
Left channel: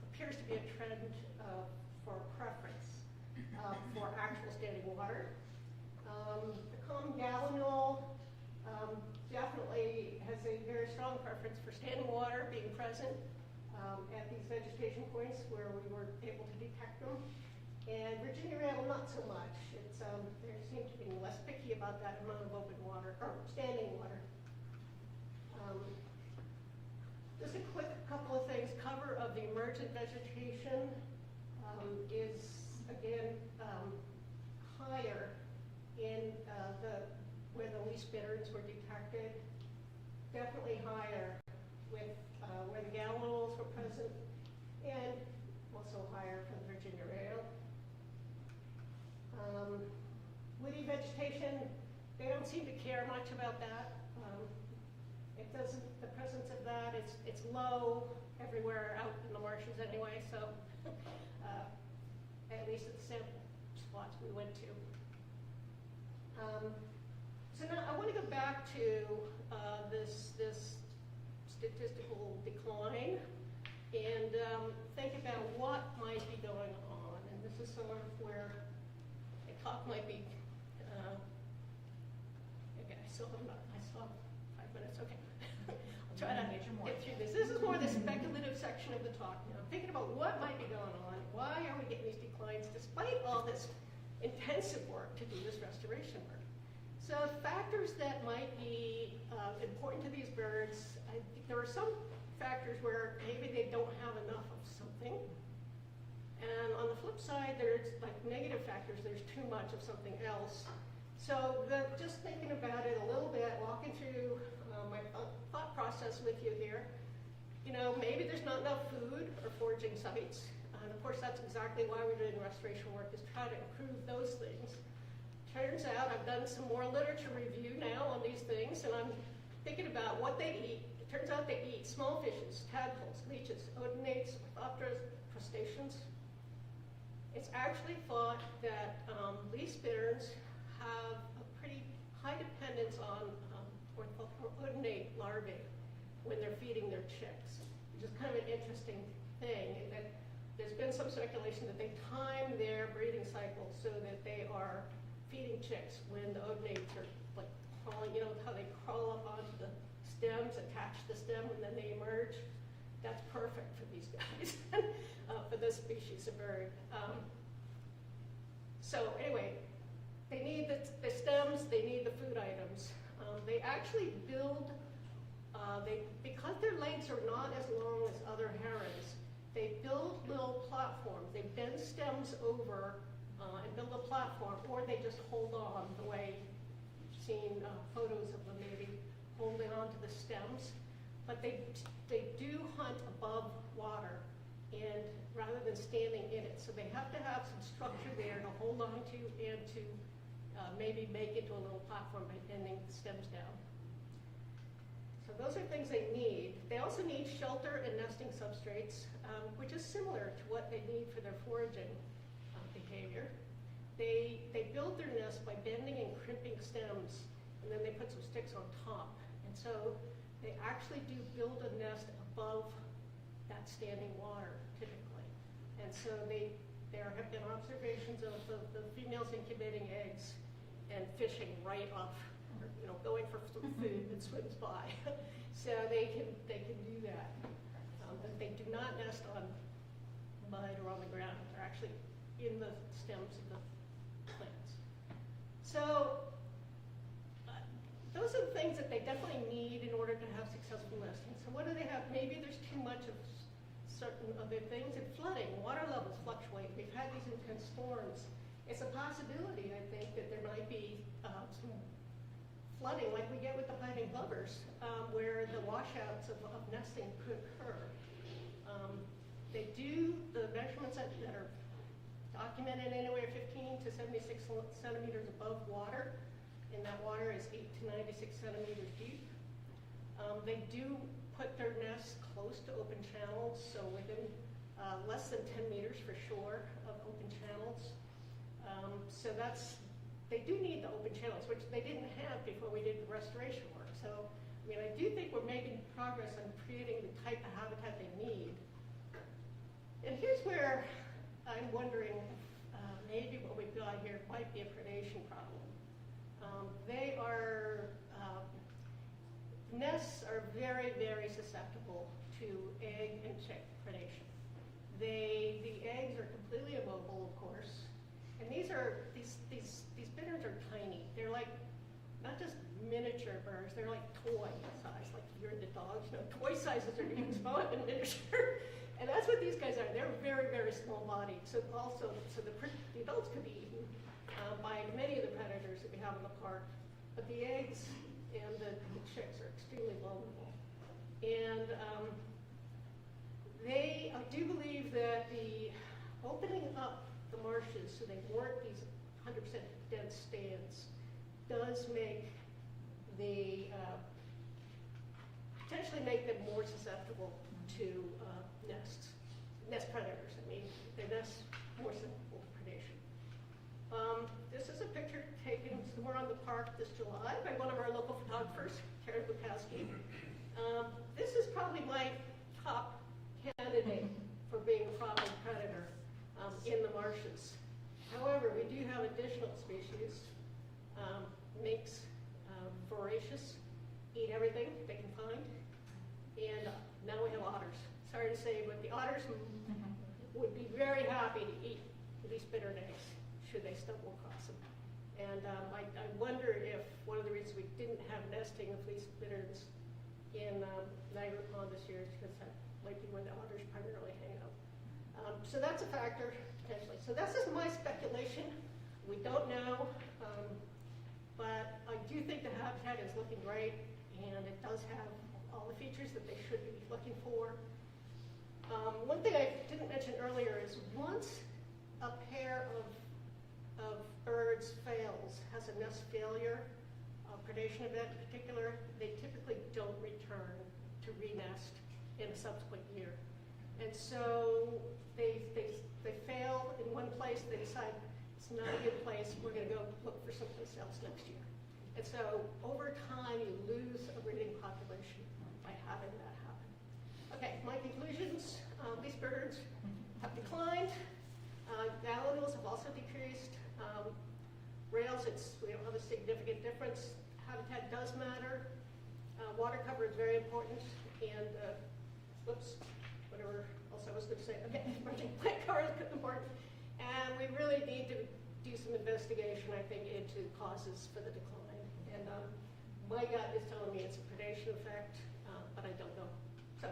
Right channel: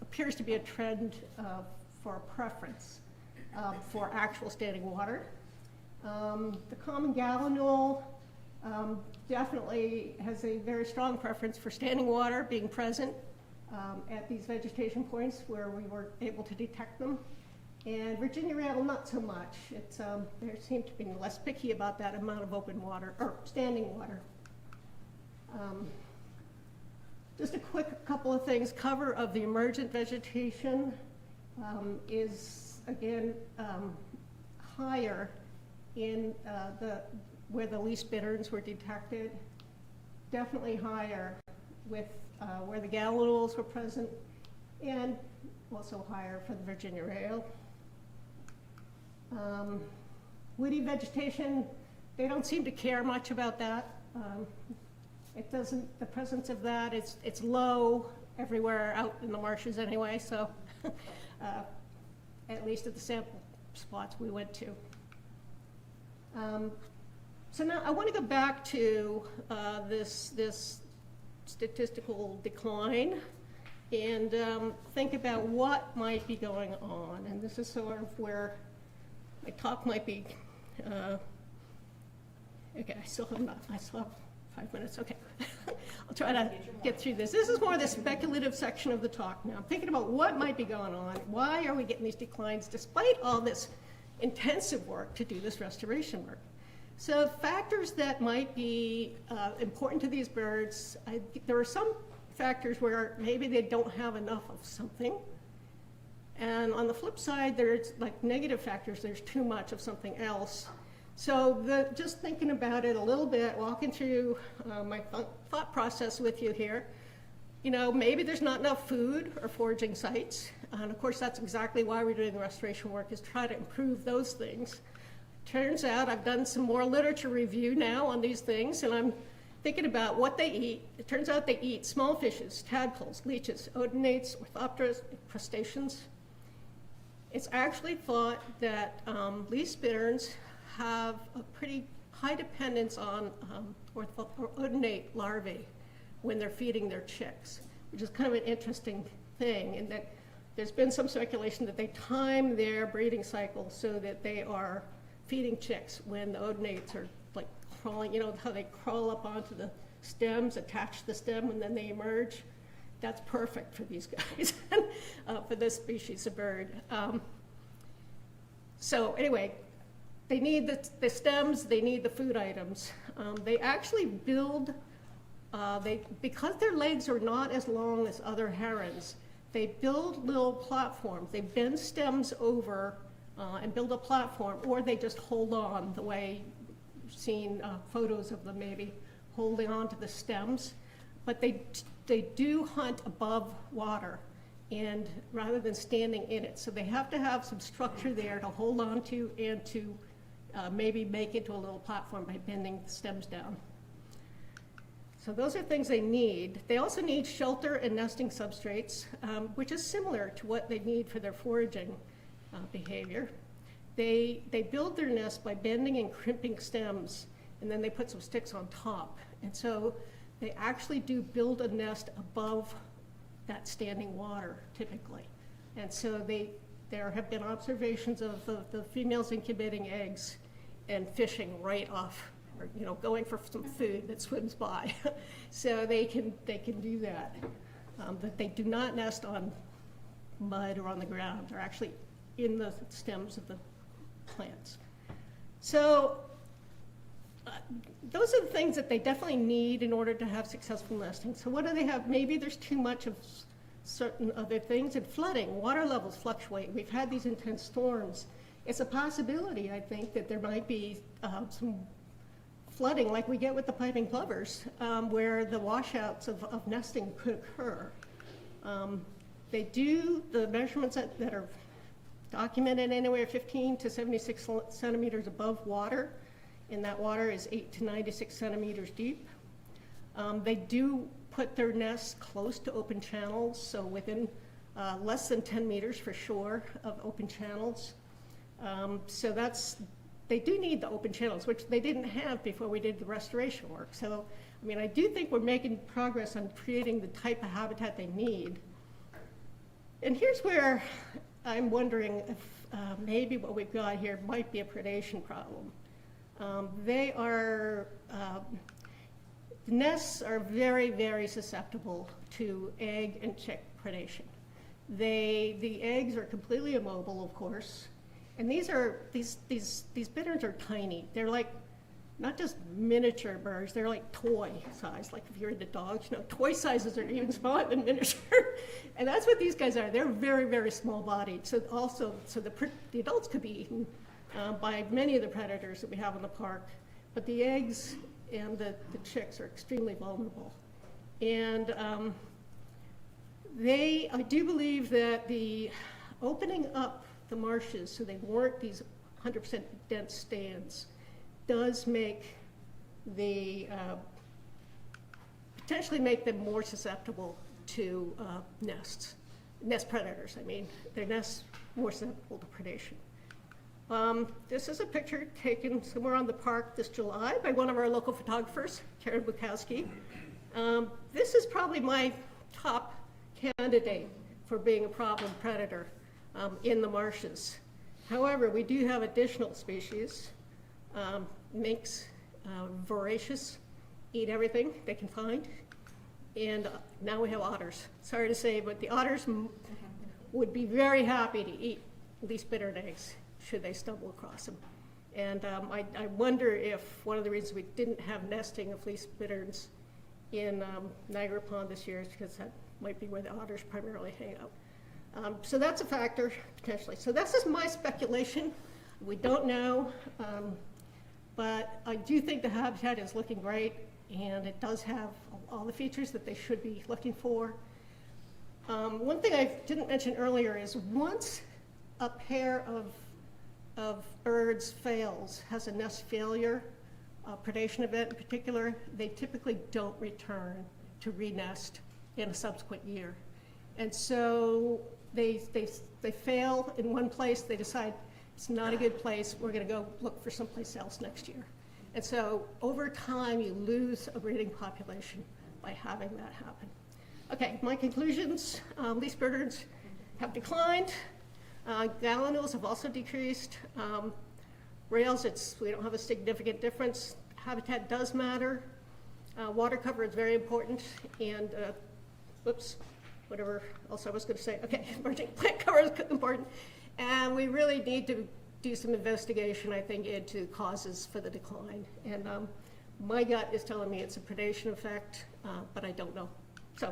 appears to be a trend for a preference for actual standing water. The common gallinule definitely has a very strong preference for standing water being present at these vegetation points where we were able to detect them. And Virginia rattle, not so much. They seem to be less picky about that amount of open water, or standing water. Just a quick couple of things. Cover of the emergent vegetation is, again, higher in where the least bitterns were detected. Definitely higher with where the gallinules were present, and also higher for the Virginia rail. Woody vegetation, they don't seem to care much about that. It doesn't, the presence of that, it's low everywhere out in the marshes anyway, so at least at the sample spots we went to. So now I want to go back to this statistical decline and think about what might be going on. And this is sort of where my talk might be. Okay, I still have 5 minutes, okay. I'll try to get through this. This is more the speculative section of the talk now. I'm thinking about what might be going on. Why are we getting these declines despite all this intensive work to do this restoration work? So factors that might be important to these birds, there are some factors where maybe they don't have enough of something. And on the flip side, there's like negative factors, there's too much of something else. So just thinking about it a little bit, walking through my thought process with you here, you know, maybe there's not enough food or foraging sites. And of course, that's exactly why we're doing the restoration work, is try to improve those things. Turns out I've done some more literature review now on these things, and I'm thinking about what they eat. It turns out they eat small fishes, tadpoles, leeches, odonates, orthopteras, crustaceans. It's actually thought that least bitterns have a pretty high dependence on odonate larvae when they're feeding their chicks, which is kind of an interesting thing, in that there's been some speculation that they time their breeding cycle so that they are feeding chicks when the odonates are like crawling, you know how they crawl up onto the stems, attach the stem, and then they emerge? That's perfect for these guys, for this species of bird. So anyway, they need the stems, they need the food items. They actually build, because their legs are not as long as other herons, they build little platforms. They bend stems over and build a platform, or they just hold on the way you've seen photos of them maybe holding on to the stems. But they do hunt above water, and rather than standing in it. So they have to have some structure there to hold on to and to maybe make into a little platform by bending the stems down. So those are things they need. They also need shelter and nesting substrates, which is similar to what they need for their foraging behavior. They build their nest by bending and crimping stems, and then they put some sticks on top. And so they actually do build a nest above that standing water, typically. And so there have been observations of the females incubating eggs and fishing right off, or, you know, going for some food that swims by. So they can do that. But they do not nest on mud or on the ground. They're actually in the stems of the plants. So those are the things that they definitely need in order to have successful nesting. So what do they have? Maybe there's too much of certain other things, and flooding. Water levels fluctuate. We've had these intense storms. It's a possibility, I think, that there might be some flooding like we get with the piping plovers, where the washouts of nesting could occur. The measurements that are documented anywhere 15 to 76 centimeters above water, and that water is 8 to 96 centimeters deep. They do put their nests close to open channels, so within less than 10 meters for sure of open channels. So they do need the open channels, which they didn't have before we did the restoration work. So, I mean, I do think we're making progress on creating the type of habitat they need. And here's where I'm wondering if maybe what we've got here might be a predation problem. The nests are very, very susceptible to egg and chick predation. The eggs are completely immobile, of course, and these bitterns are tiny. They're like not just miniature birds; they're like toy size. Like if you're into dogs, you know, toy sizes are even smaller than miniature, and that's what these guys are. They're very, very small bodied. So the adults could be eaten by many of the predators that we have in the park, but the eggs and the chicks are extremely vulnerable. And I do believe that the opening up the marshes so they weren't these 100% dense stands does make potentially make them more susceptible to nest predators. I mean, their nests more susceptible to predation. This is a picture taken somewhere on the park this July by one of our local photographers, Karen Bukowski. This is probably my top candidate for being a problem predator in the marshes. However, we do have additional species. Minks, voracious, eat everything they can find. And now we have otters. Sorry to say, but the otters would be very happy to eat least bittern eggs should they stumble across them. And I wonder if one of the reasons we didn't have nesting of least bitterns in Niagara Pond this year is because that might be where the otters primarily hang out. So that's a factor, potentially. So this is my speculation. We don't know, but I do think the habitat is looking great, and it does have all the features that they should be looking for. One thing I didn't mention earlier is once a pair of birds fails, has a nest failure, a predation event in particular, they typically don't return to re-nest in a subsequent year. And so they fail in one place, they decide it's not a good place, we're gonna go look for someplace else next year. And so over time, you lose a breeding population by having that happen. Okay, my conclusions, least birds have declined. Gallinules have also decreased. Rails, we don't have a significant difference. Habitat does matter. Water cover is very important. And, whatever else I was going to say. Okay, emerging plant cover is important. And we really need to do some investigation, I think, into causes for the decline. And my gut is telling me it's a predation effect, but I don't know. So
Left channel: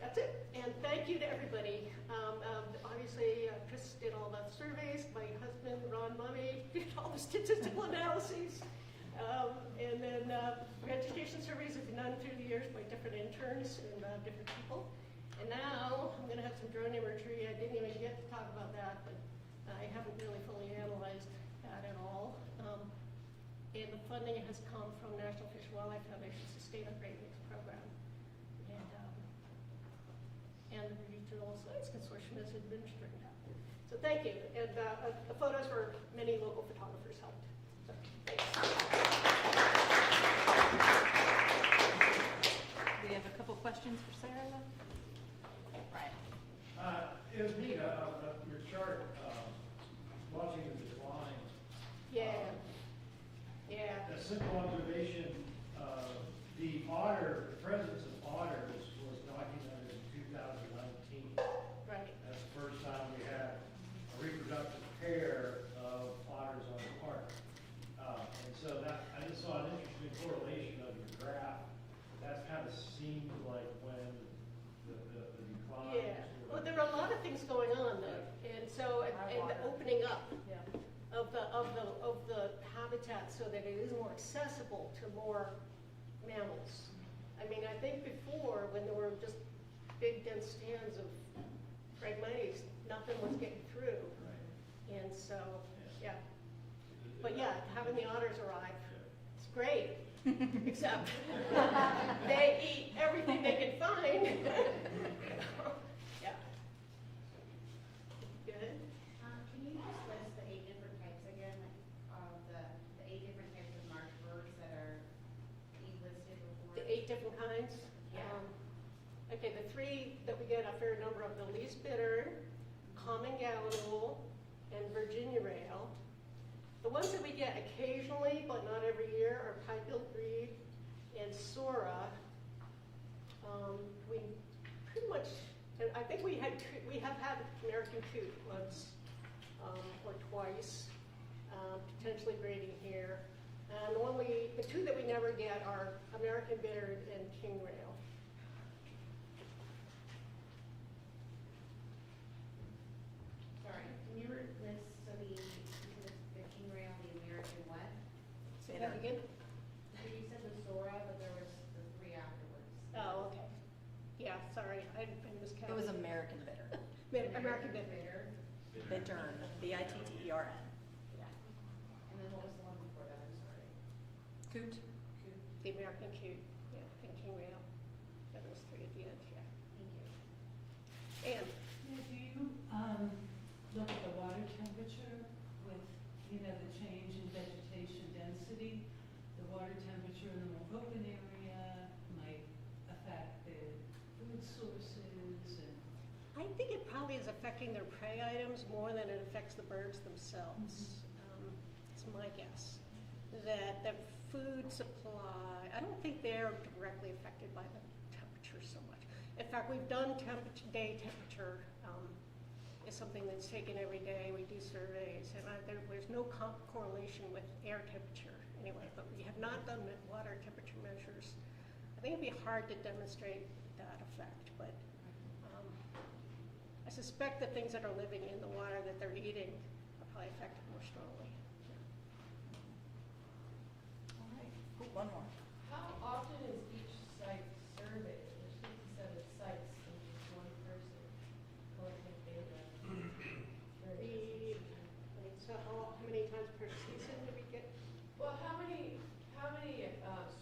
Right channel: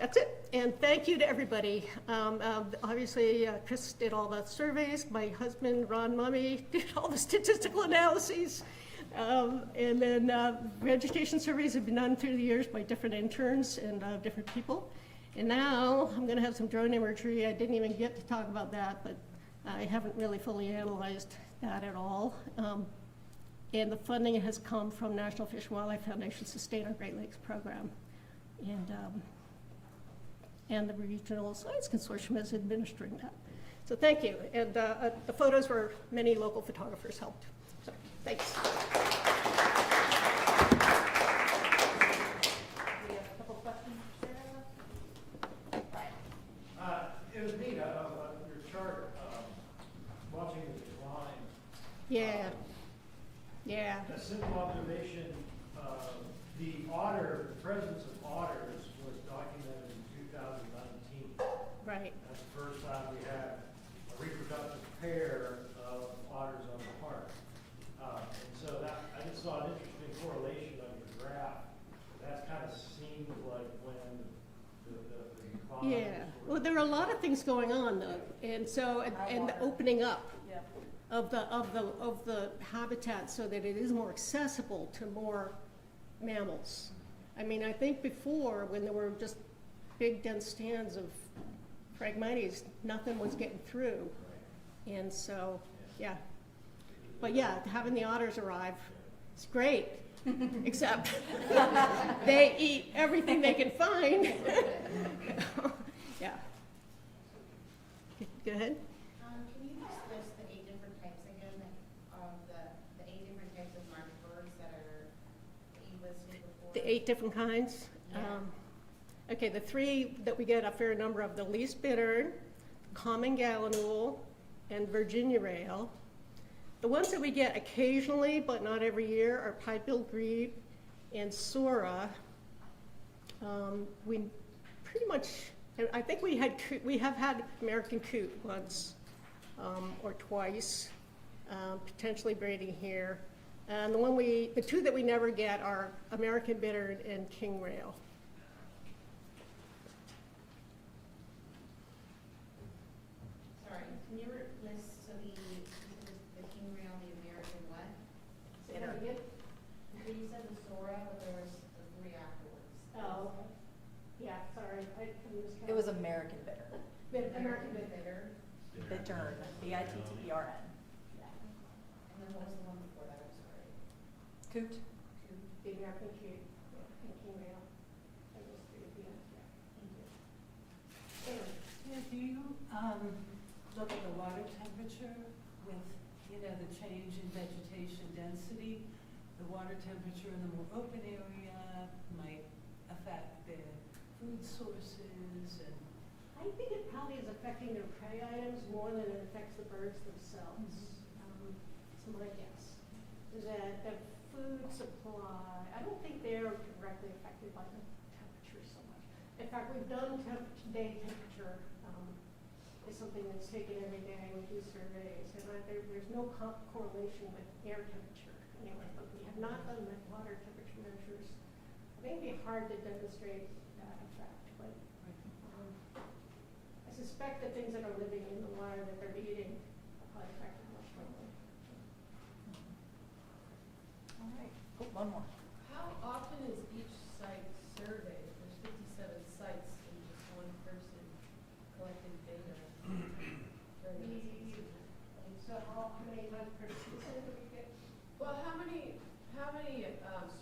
that's it. And thank you to everybody. Obviously, Chris did all the surveys. My husband, Ron Mummy, did all the statistical analyses. And then vegetation surveys have been done through the years by different interns and different people. And now I'm going to have some drone imagery. I didn't even get to talk about that, but I haven't really fully analyzed that at all. And the funding has come from National Fish and Wildlife Foundation Sustain Our Great Lakes program. And the Regional Science Consortium is administering that. So thank you. And the photos were many local photographers helped. So thanks. We have a couple questions for Sarah. Brian. It was neat, your chart, watching the decline. Yeah. Yeah. A simple observation, the presence of otters was documented in 2019. Right. That's the first time we had a reproductive pair of otters on the park. And so I just saw an interesting correlation on your graph. That kind of seemed like when the decline. Yeah. Well, there are a lot of things going on, though. And so, and the opening up of the habitat so that it is more accessible to more mammals. I mean, I think before, when there were just big dense stands of Phragmites, nothing was getting through. And so, yeah. But yeah, having the otters arrive, it's great, except they eat everything they can find. Yeah. Go ahead. Can you just list the 8 different types again, of the 8 different types of marsh birds that are being listed before? The 8 different kinds. Yeah. Okay, the 3 that we get a fair number of, the least bittern, common gallinule, and Virginia rail. The ones that we get occasionally, but not every year, are pipe-billed grebe and sora. We pretty much, and I think we have had American coot once or twice, potentially breeding here. And the 2 that we never get are American bittern and king rail. Sorry, can you list, so the king rail, the American what? Say that again? You said the Sora, but there was the 3 afterwards. Oh, okay. Yeah, sorry, I miscounted. It was American bitter. American bittern. Bittern, B-I-T-T-E-R-N. And then what was the one before that, I'm sorry? Coot. The American coot, yeah, and king rail. And those 3 at the end, yeah. Thank you. And Yeah, do you, look at the water temperature with, the change in vegetation density? The water temperature in the more open area might affect their food sources and. I think it probably is affecting their prey items more than it affects the birds themselves. It's my guess. That the food supply, I don't think they're directly affected by the temperature so much. In fact, we've done day temperature, is something that's taken every day. We do surveys, and there's no correlation with air temperature anyway, but we have not done the water temperature measures. I think it'd be hard to demonstrate that effect, but I suspect the things that are living in the water that they're eating are probably affected more strongly. All right. Oh, one more. How often is each site surveyed? There's 57 sites and just one person collecting data. So how many times per season do we get? Well, how many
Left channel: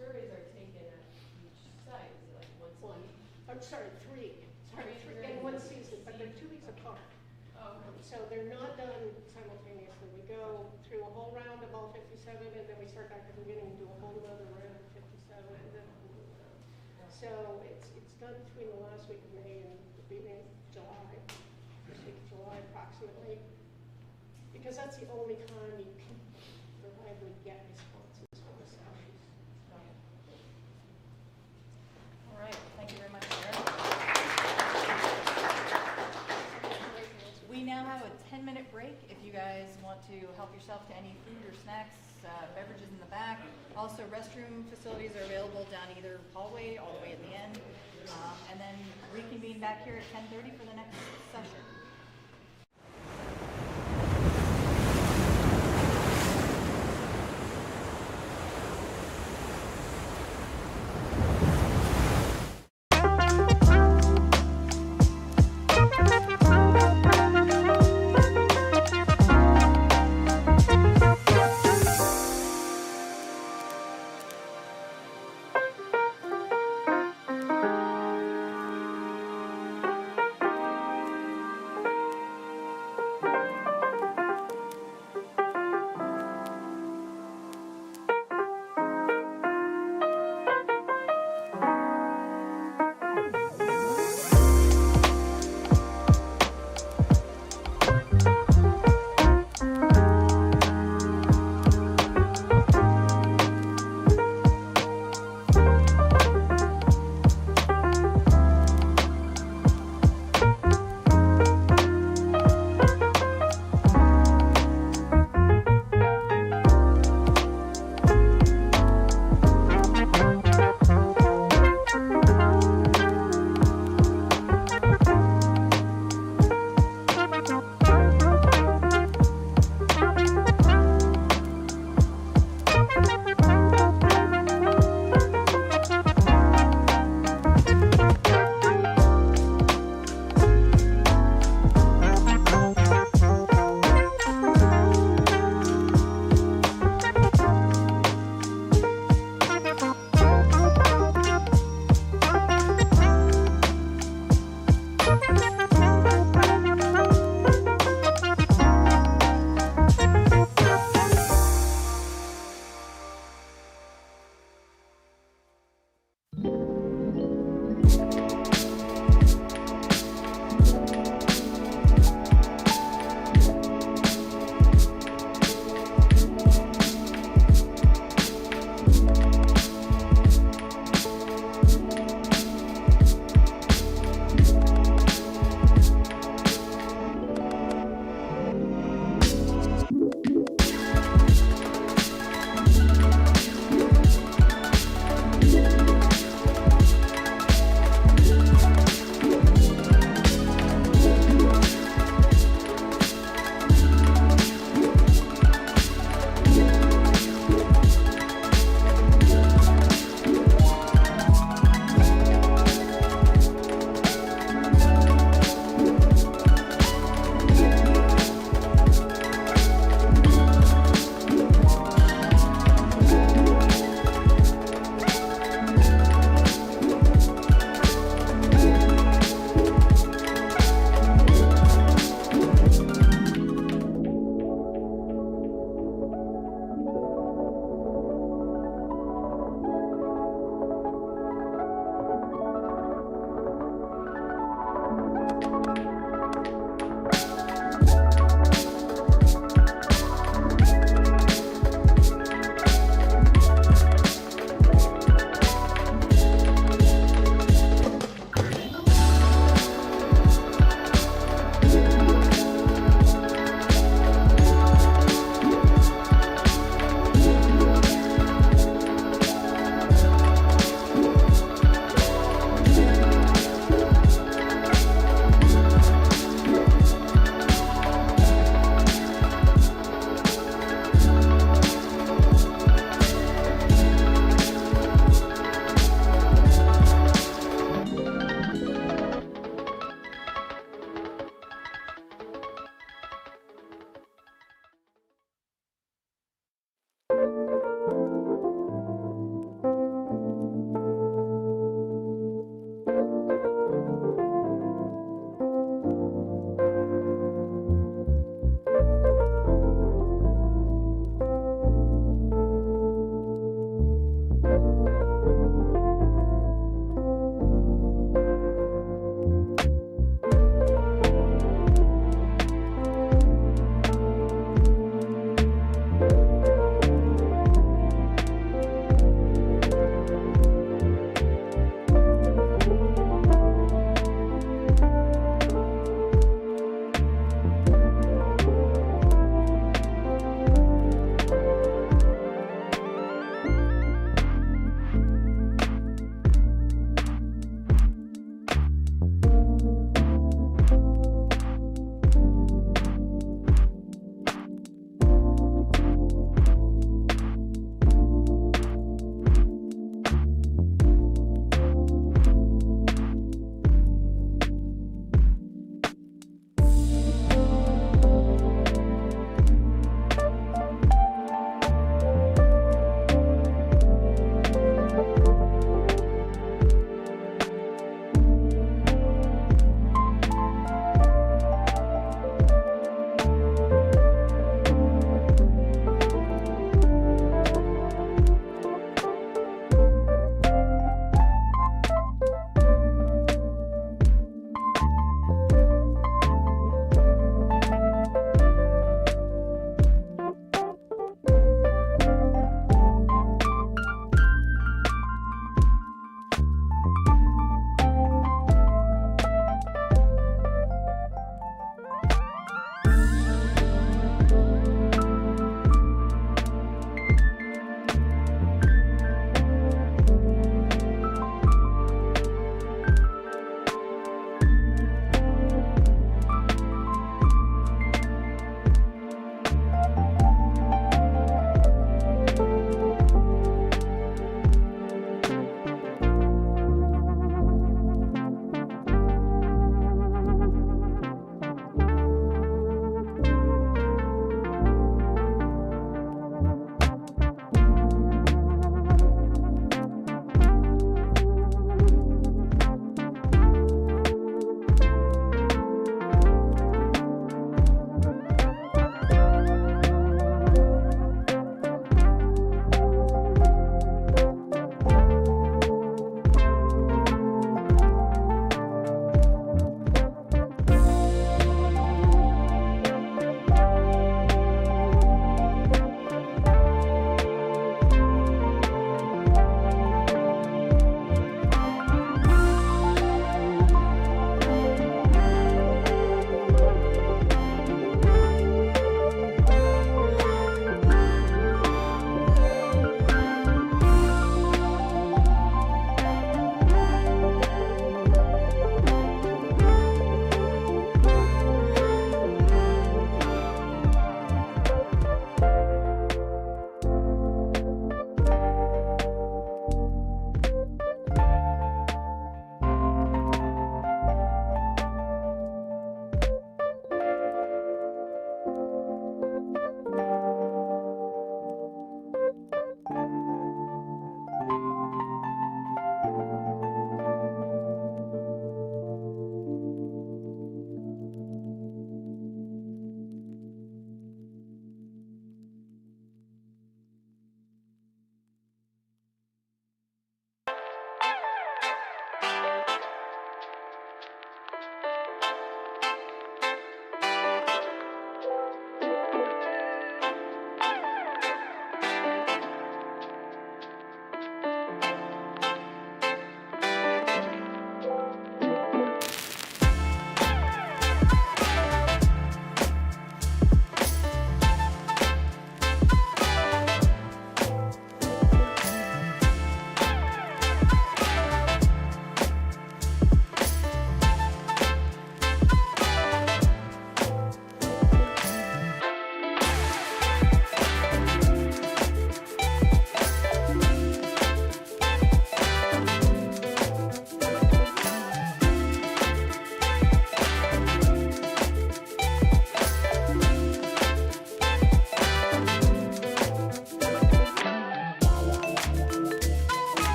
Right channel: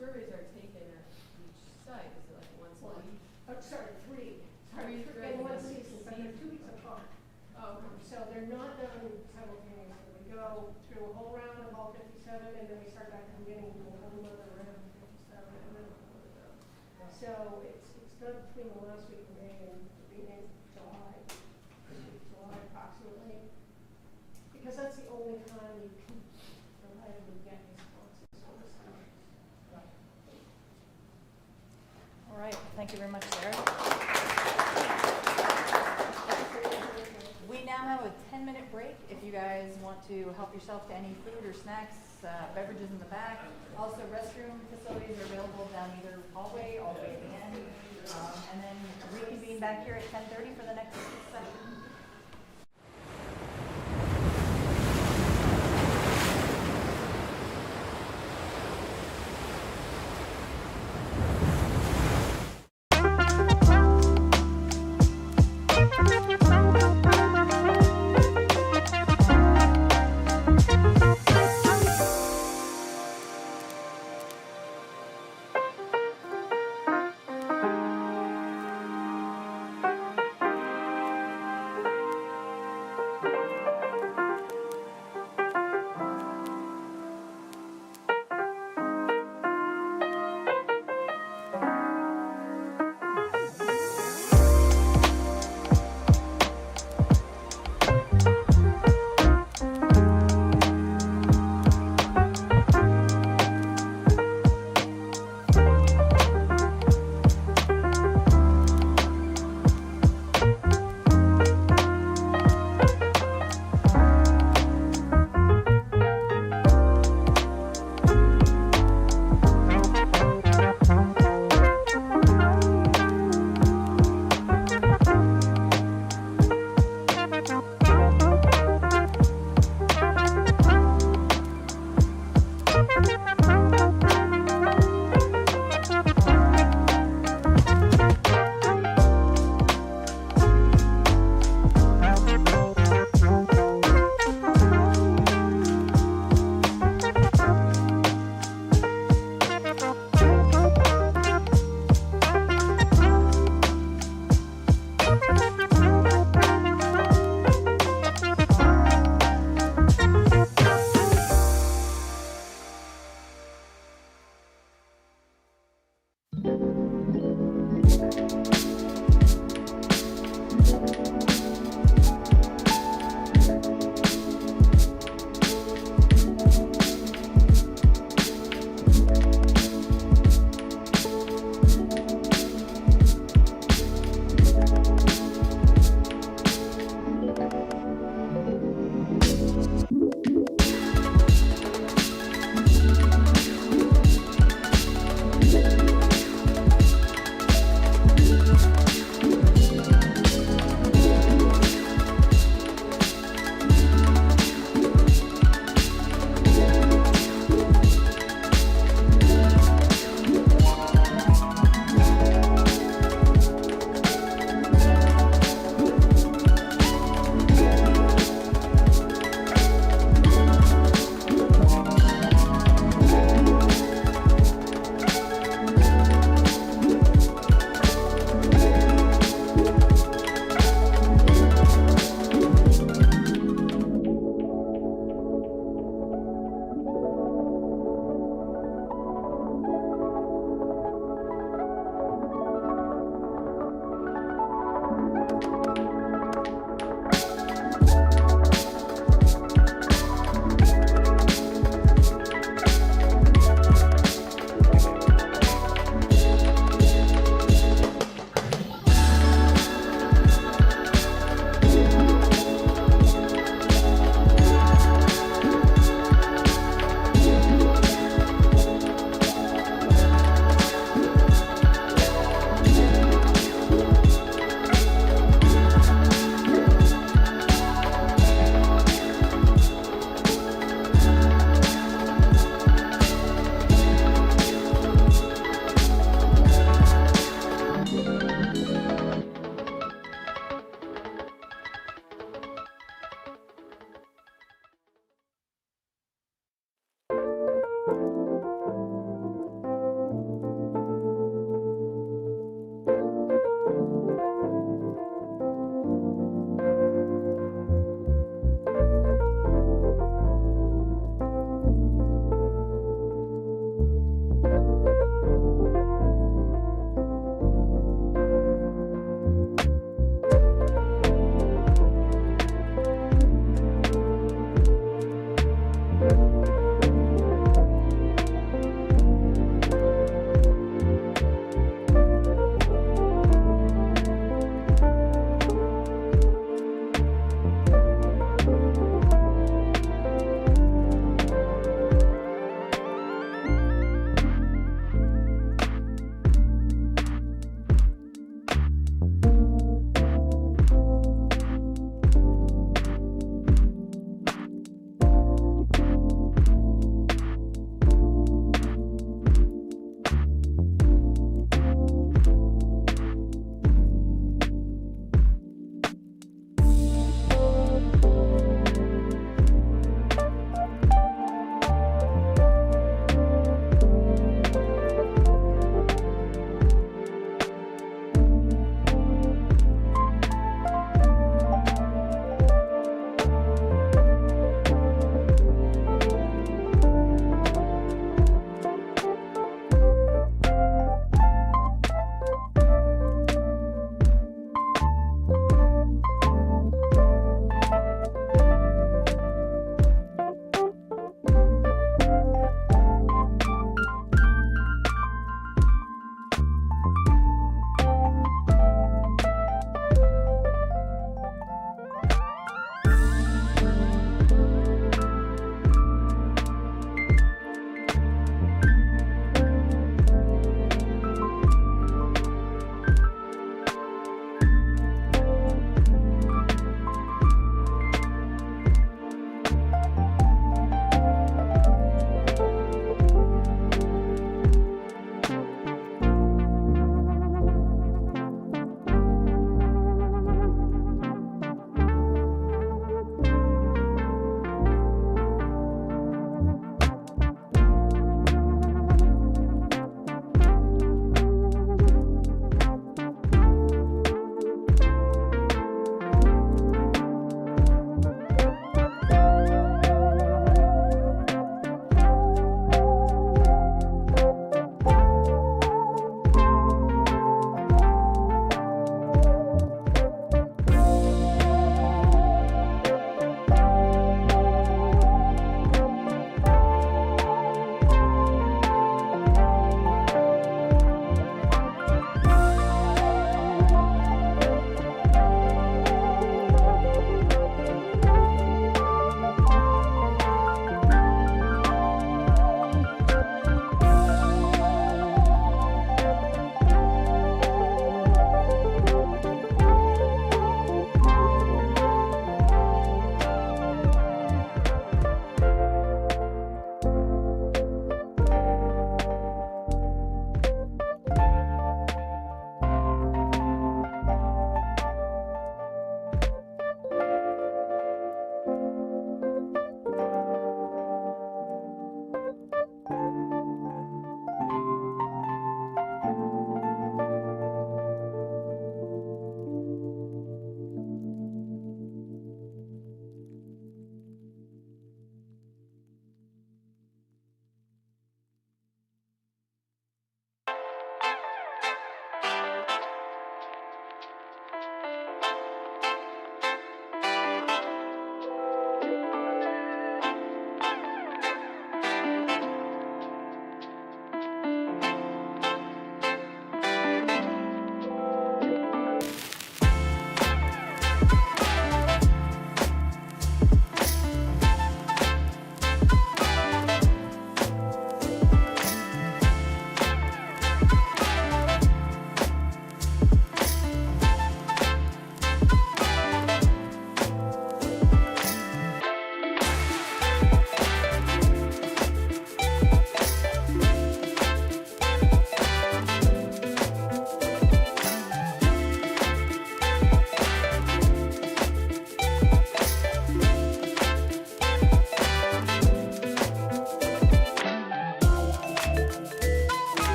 surveys are taken at each site? Is it like once a One. week? I'm sorry, 3. Sorry, Three 3 in one surveys. season, but they're 2 weeks apart. Oh, So they're not done simultaneously. We go through a whole round of all 57, and then we start back at the beginning and do a whole other round of 57, and then a whole other round. So it's done between the last week of May and the beginning of July, first week of July approximately, because that's the only time you can reliably get responses from the species. All right, thank you very much, Sarah. We now have a 10-minute break if you guys want to help yourself to any food or snacks, beverages in the back. Also, restroom facilities are available down either hallway all the way at the end. And then reconvene back here at 10:30 for the next session.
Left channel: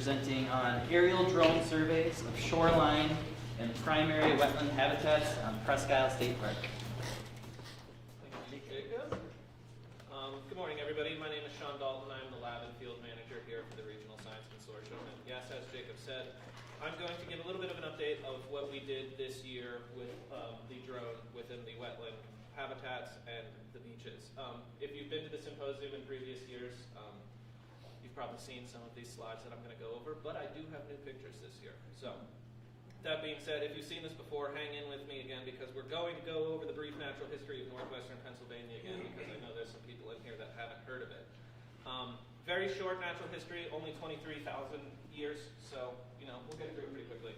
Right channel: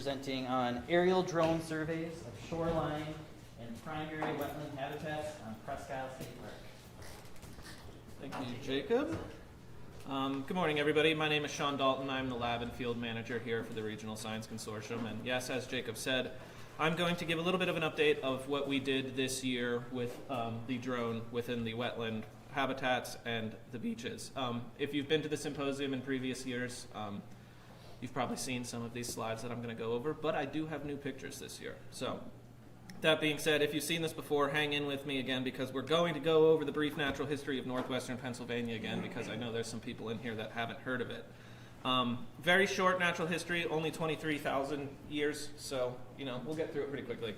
presenting on aerial drone surveys of shoreline and primary wetland habitats on Presque State Park. Thank you, Jacob. Good morning, everybody. My name is Sean Dalton. I'm the lab and field manager here for the Regional Science Consortium. And yes, as Jacob said, I'm going to give a little bit of an update of what we did this year with the drone within the wetland habitats and the beaches. If you've been to the symposium in previous years, you've probably seen some of these slides that I'm going to go over, but I do have new pictures this year. So that being said, if you've seen this before, hang in with me again because we're going to go over the brief natural history of northwestern Pennsylvania again because I know there's some people in here that haven't heard of it. Very short natural history, only 23,000 years, so we'll get through it pretty quickly.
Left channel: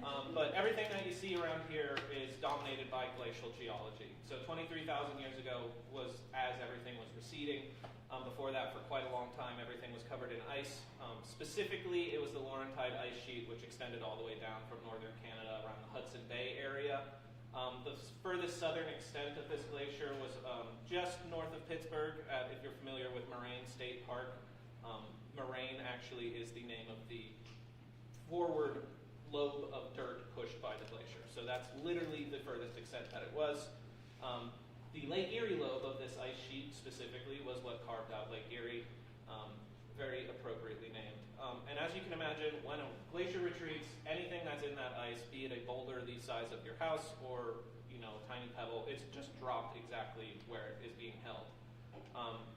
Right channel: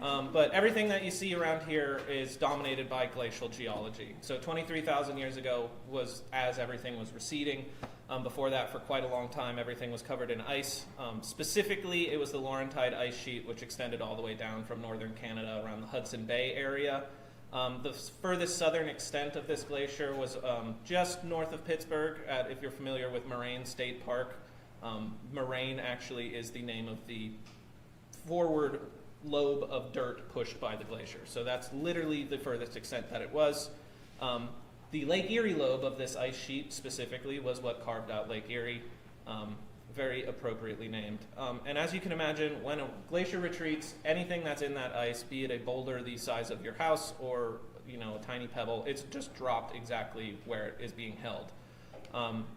But everything that you see around here is dominated by glacial geology. So 23,000 years ago was as everything was receding. Before that, for quite a long time, everything was covered in ice. Specifically, it was the Laurentide ice sheet, which extended all the way down from northern Canada around the Hudson Bay area. The furthest southern extent of this glacier was just north of Pittsburgh, if you're familiar with Moraine State Park. Moraine actually is the name of the forward lobe of dirt pushed by the glacier. So that's literally the furthest extent that it was. The Lake Erie lobe of this ice sheet specifically was what carved out Lake Erie, very appropriately named. And as you can imagine, when a glacier retreats, anything that's in that ice, be it a boulder the size of your house or a tiny pebble, it's just dropped exactly where it is being held.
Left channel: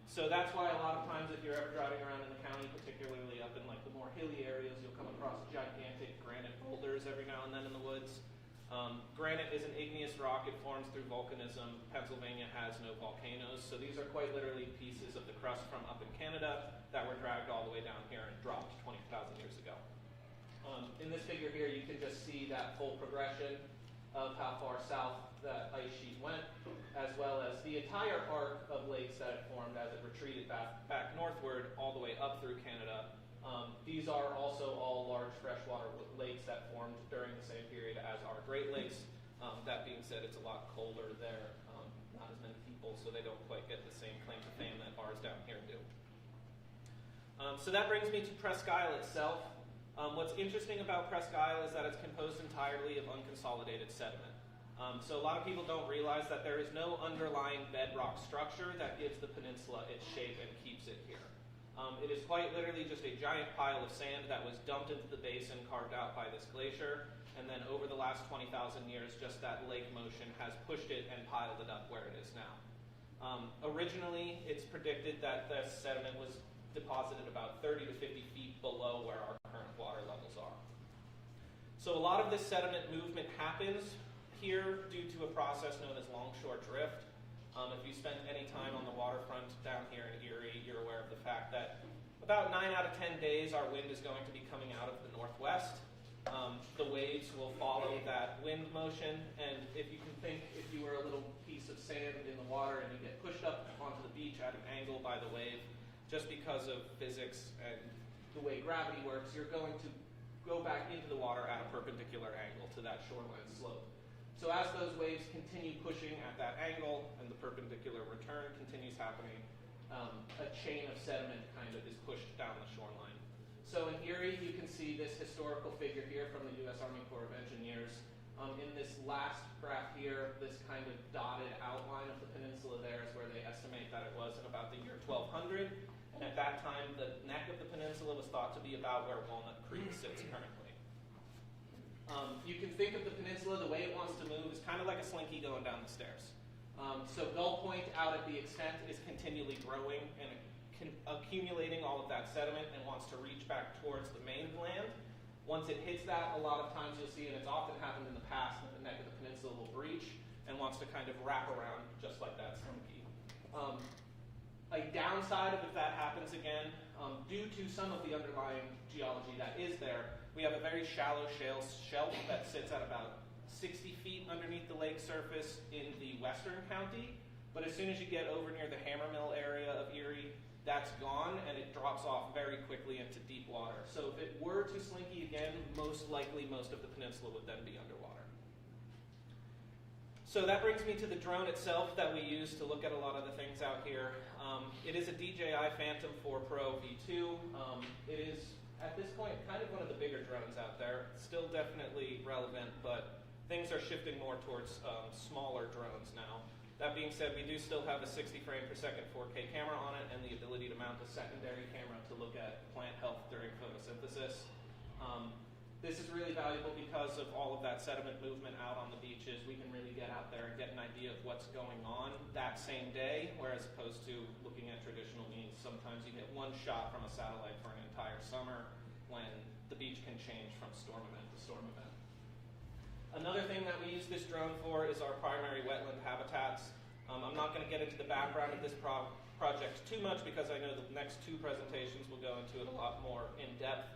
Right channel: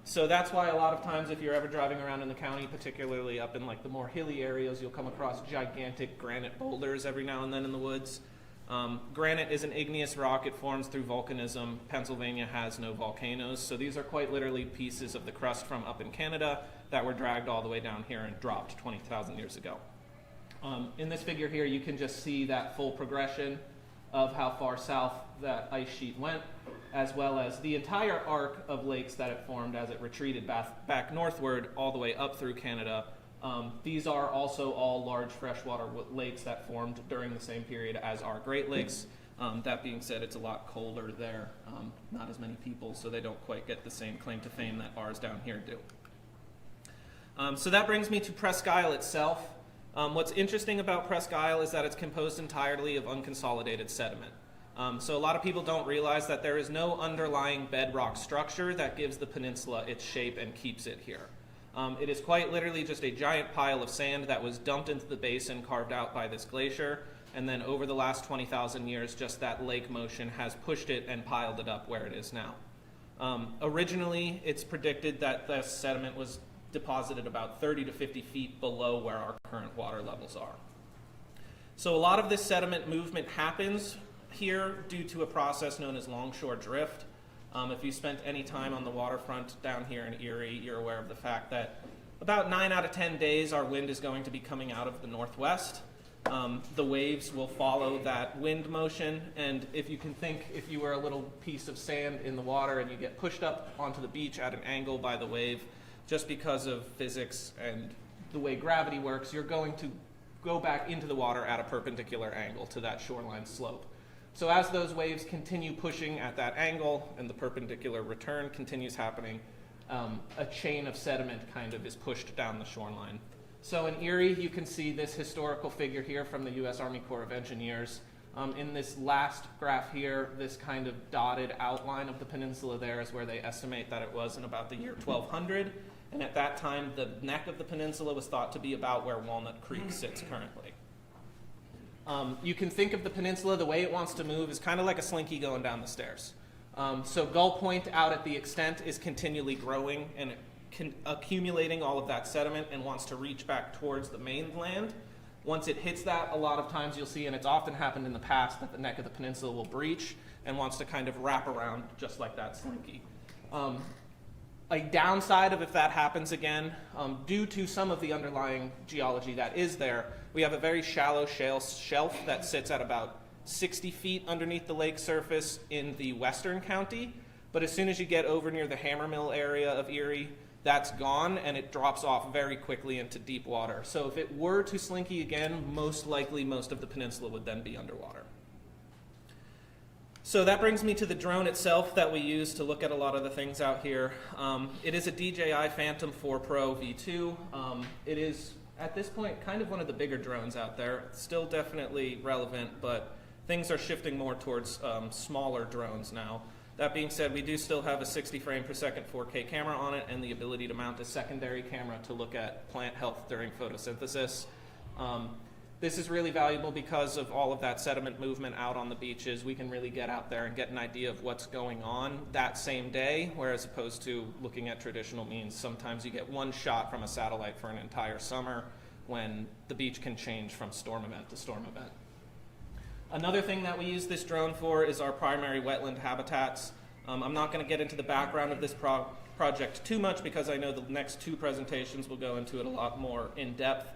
So that's why a lot of times if you're ever driving around in the county, particularly up in like the more hilly areas, you'll come across gigantic granite boulders every now and then in the woods. Granite is an igneous rock. It forms through volcanism. Pennsylvania has no volcanoes, so these are quite literally pieces of the crust from up in Canada that were dragged all the way down here and dropped 20,000 years ago. In this figure here, you can just see that full progression of how far south that ice sheet went, as well as the entire arc of lakes that it formed as it retreated back northward all the way up through Canada. These are also all large freshwater lakes that formed during the same period as our Great Lakes. That being said, it's a lot colder there. Not as many people, so they don't quite get the same claim to fame that ours down here do. So that brings me to Presque Isle itself. What's interesting about Presque Isle is that it's composed entirely of unconsolidated sediment. So a lot of people don't realize that there is no underlying bedrock structure that gives the peninsula its shape and keeps it here. It is quite literally just a giant pile of sand that was dumped into the basin carved out by this glacier, and then over the last 20,000 years, just that lake motion has pushed it and piled it up where it is now. Originally, it's predicted that the sediment was deposited about 30 to 50 feet below where our current water levels are. So a lot of this sediment movement happens here due to a process known as longshore drift. If you spent any time on the waterfront down here in Erie, you're aware of the fact that about 9 out of 10 days our wind is going to be coming out of the northwest. The waves will follow that wind motion, and if you can think, if you were a little piece of sand in the water and you get pushed up onto the beach at an angle by the wave, just because of physics and the way gravity works, you're going to go back into the water at a perpendicular angle to that shoreline slope. So as those waves continue pushing at that angle and the perpendicular return continues happening, a chain of sediment kind of is pushed down the shoreline. So in Erie, you can see this historical figure here from the U.S. Army Corps of Engineers. In this last graph here, this kind of dotted outline of the peninsula there is where they estimate that it was in about the year 1200. And at that time, the neck of the peninsula was thought to be about where Walnut Creek sits currently. You can think of the peninsula, the way it wants to move is kind of like a slinky going down the stairs. So Gull Point out at the extent is continually growing and accumulating all of that sediment and wants to reach back towards the mainland. Once it hits that, a lot of times you'll see, and it's often happened in the past, that the neck of the peninsula will breach and wants to kind of wrap around just like that slinky. A downside of if that happens again, due to some of the underlying geology that is there, we have a very shallow shelf that sits at about 60 feet underneath the lake surface in the western county. But as soon as you get over near the Hammermill area of Erie, that's gone and it drops off very quickly into deep water. So if it were to slinky again, most likely most of the peninsula would then be underwater. So that brings me to the drone itself that we use to look at a lot of the things out here. It is a DJI Phantom 4 Pro V2. It is, at this point, kind of one of the bigger drones out there. Still definitely relevant, but things are shifting more towards smaller drones now. That being said, we do still have a 60 frame per second 4K camera on it and the ability to mount a secondary camera to look at plant health during photosynthesis. This is really valuable because of all of that sediment movement out on the beaches. We can really get out there and get an idea of what's going on that same day, whereas opposed to looking at traditional means. Sometimes you get one shot from a satellite for an entire summer when the beach can change from storm event to storm event. Another thing that we use this drone for is our primary wetland habitats. I'm not going to get into the background of this project too much because I know the next two presentations will go into it a lot more in depth.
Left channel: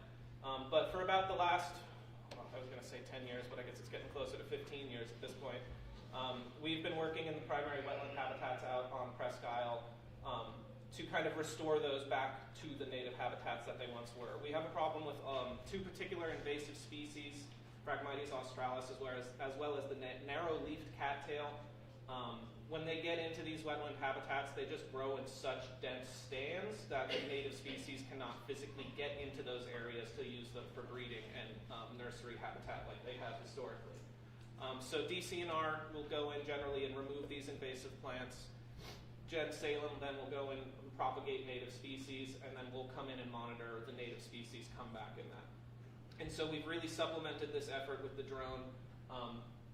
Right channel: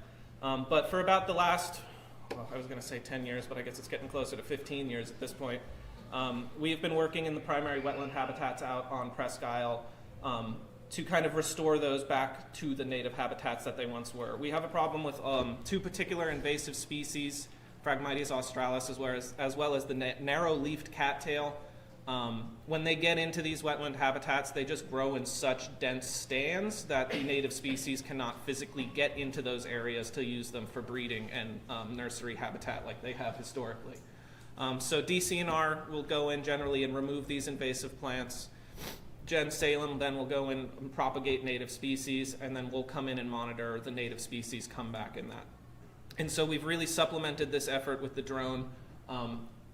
But for about the last, well, I was going to say 10 years, but I guess it's getting closer to 15 years at this point, we've been working in the primary wetland habitats out on Presque to kind of restore those back to the native habitats that they once were. We have a problem with two particular invasive species, Phragmites australis as well as the narrow-leafed cattail. When they get into these wetland habitats, they just grow in such dense stands that the native species cannot physically get into those areas to use them for breeding and nursery habitat like they have historically. So DCNR will go in generally and remove these invasive plants. Jen Salem then will go in and propagate native species, and then we'll come in and monitor the native species come back in that. And so we've really supplemented this effort with the drone,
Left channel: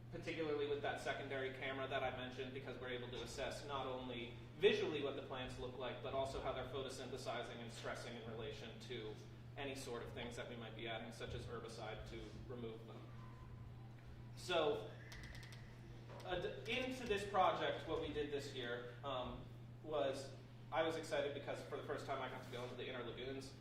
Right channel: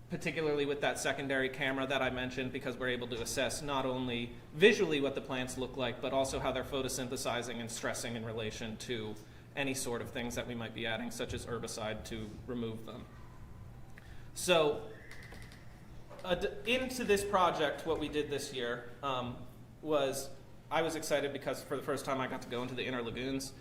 particularly with that secondary camera that I mentioned, because we're able to assess not only visually what the plants look like, but also how they're photosynthesizing and stressing in relation to any sort of things that we might be adding, such as herbicide, to remove them. So into this project, what we did this year was, I was excited because for the first time I got to go into the inner lagoons.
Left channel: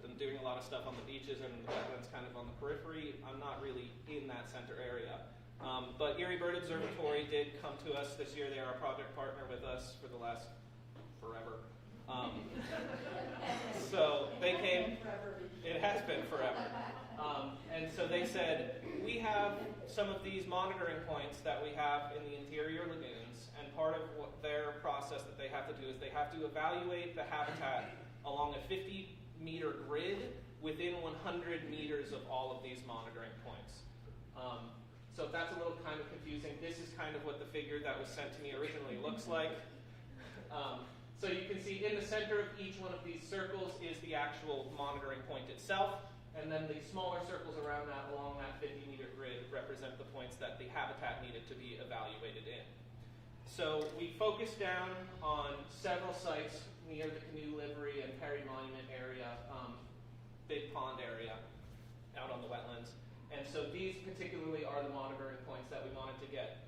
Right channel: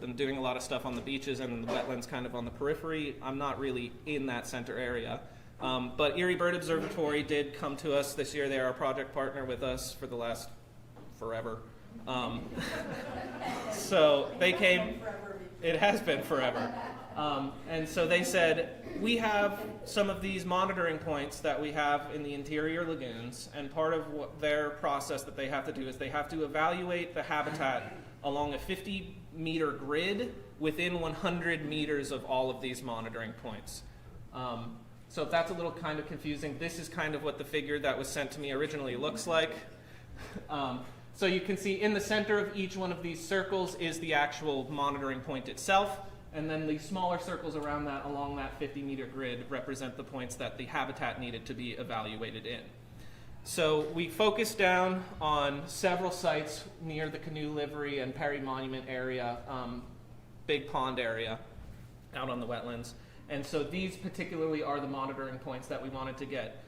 I'm doing a lot of stuff on the beaches and the wetlands kind of on the periphery. I'm not really in that center area. But Erie Bird Observatory did come to us this year. They're our project partner with us for the last forever. So they came, it has been forever. And so they said, we have some of these monitoring points that we have in the interior lagoons, and part of what their process that they have to do is they have to evaluate the habitat along a 50-meter grid within 100 meters of all of these monitoring points. So if that's a little kind of confusing, this is kind of what the figure that was sent to me originally looks like. So you can see in the center of each one of these circles is the actual monitoring point itself, and then the smaller circles around that along that 50-meter grid represent the points that the habitat needed to be evaluated in. So we focused down on several sites near the Canoe Livery and Perry Monument area, Big Pond area, out on the wetlands. And so these particularly are the monitoring points that we wanted to get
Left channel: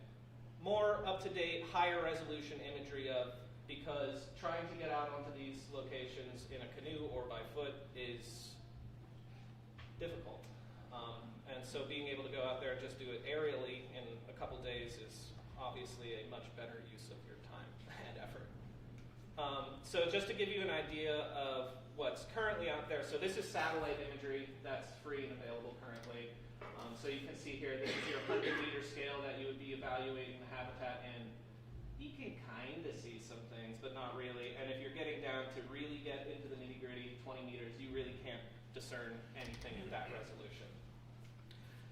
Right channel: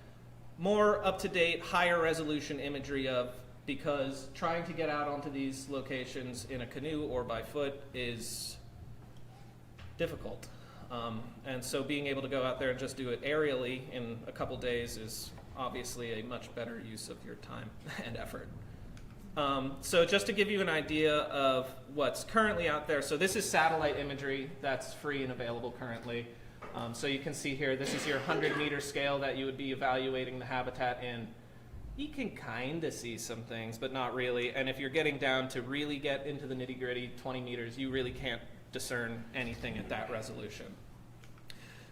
more up-to-date, higher resolution imagery of, because trying to get out onto these locations in a canoe or by foot is difficult. And so being able to go out there and just do it aerially in a couple days is obviously a much better use of your time and effort. So just to give you an idea of what's currently out there, so this is satellite imagery that's free and available currently. So you can see here, this is your 100-meter scale that you would be evaluating the habitat in. You can kind of see some things, but not really. And if you're getting down to really get into the nitty-gritty, 20 meters, you really can't discern anything at that resolution.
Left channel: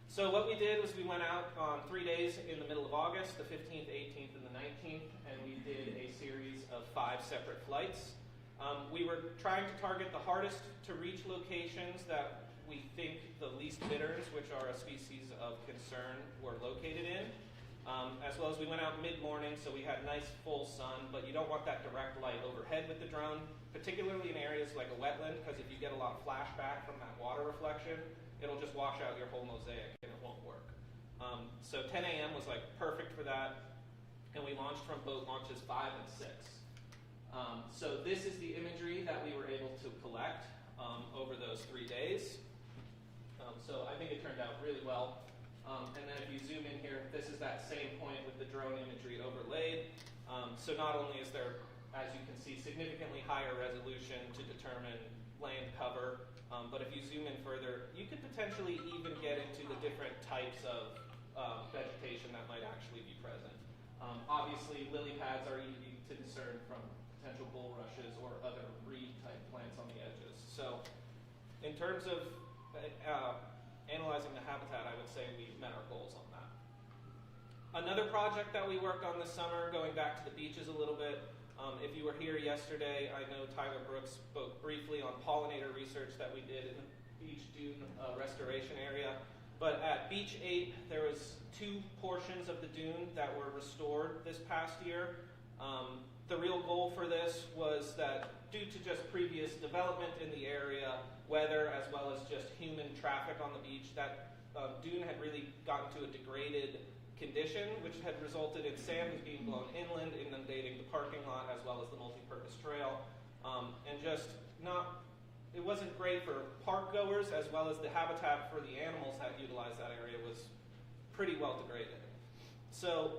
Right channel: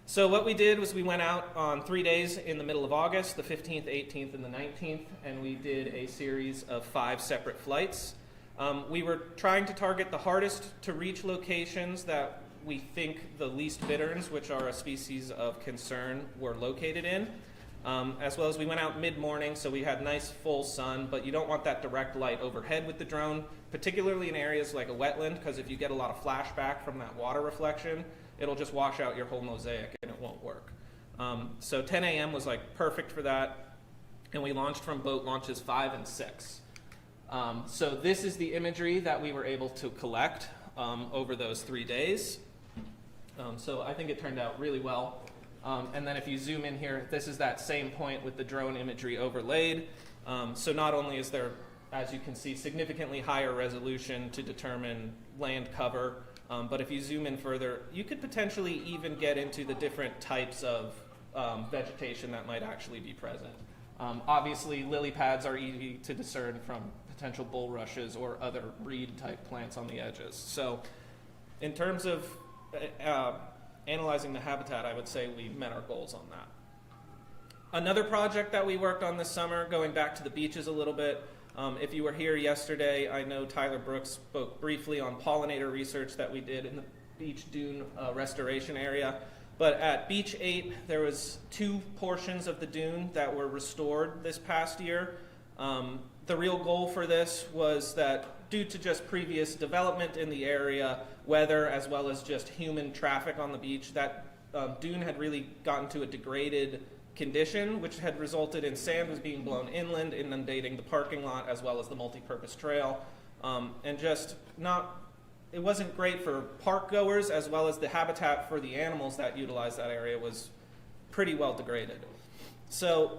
So what we did was we went out on 3 days in the middle of August, the 15th, 18th, and the 19th, and we did a series of 5 separate flights. We were trying to target the hardest to reach locations that we think the least bitterns, which are a species of concern, were located in. As well as we went out mid-morning, so we had nice full sun, but you don't want that direct light overhead with the drone, particularly in areas like a wetland, because if you get a lot of flashback from that water reflection, it'll just wash out your whole mosaic and it won't work. So 10 a.m. was like perfect for that, and we launched from boat launches 5 and 6. So this is the imagery that we were able to collect over those 3 days. So I think it turned out really well. And then if you zoom in here, this is that same point with the drone imagery overlaid. So not only is there, as you can see, significantly higher resolution to determine land cover, but if you zoom in further, you could potentially even get into the different types of vegetation that might actually be present. Obviously, lily pads are easy to discern from potential bulrushes or other reed type plants on the edges. So in terms of analyzing the habitat, I would say we met our goals on that. Another project that we worked on this summer, going back to the beaches a little bit, if you were here yesterday, I know Tyler Brooks spoke briefly on pollinator research that we did in the beach dune restoration area. But at Beach 8, there was 2 portions of the dune that were restored this past year. The real goal for this was that due to just previous development in the area, weather as well as just human traffic on the beach, that dune had really gotten to a degraded condition, which had resulted in sand was being blown inland, inundating the parking lot as well as the multi-purpose trail, and just it wasn't great for park goers as well as the habitat for the animals that utilize that area was pretty well degraded. So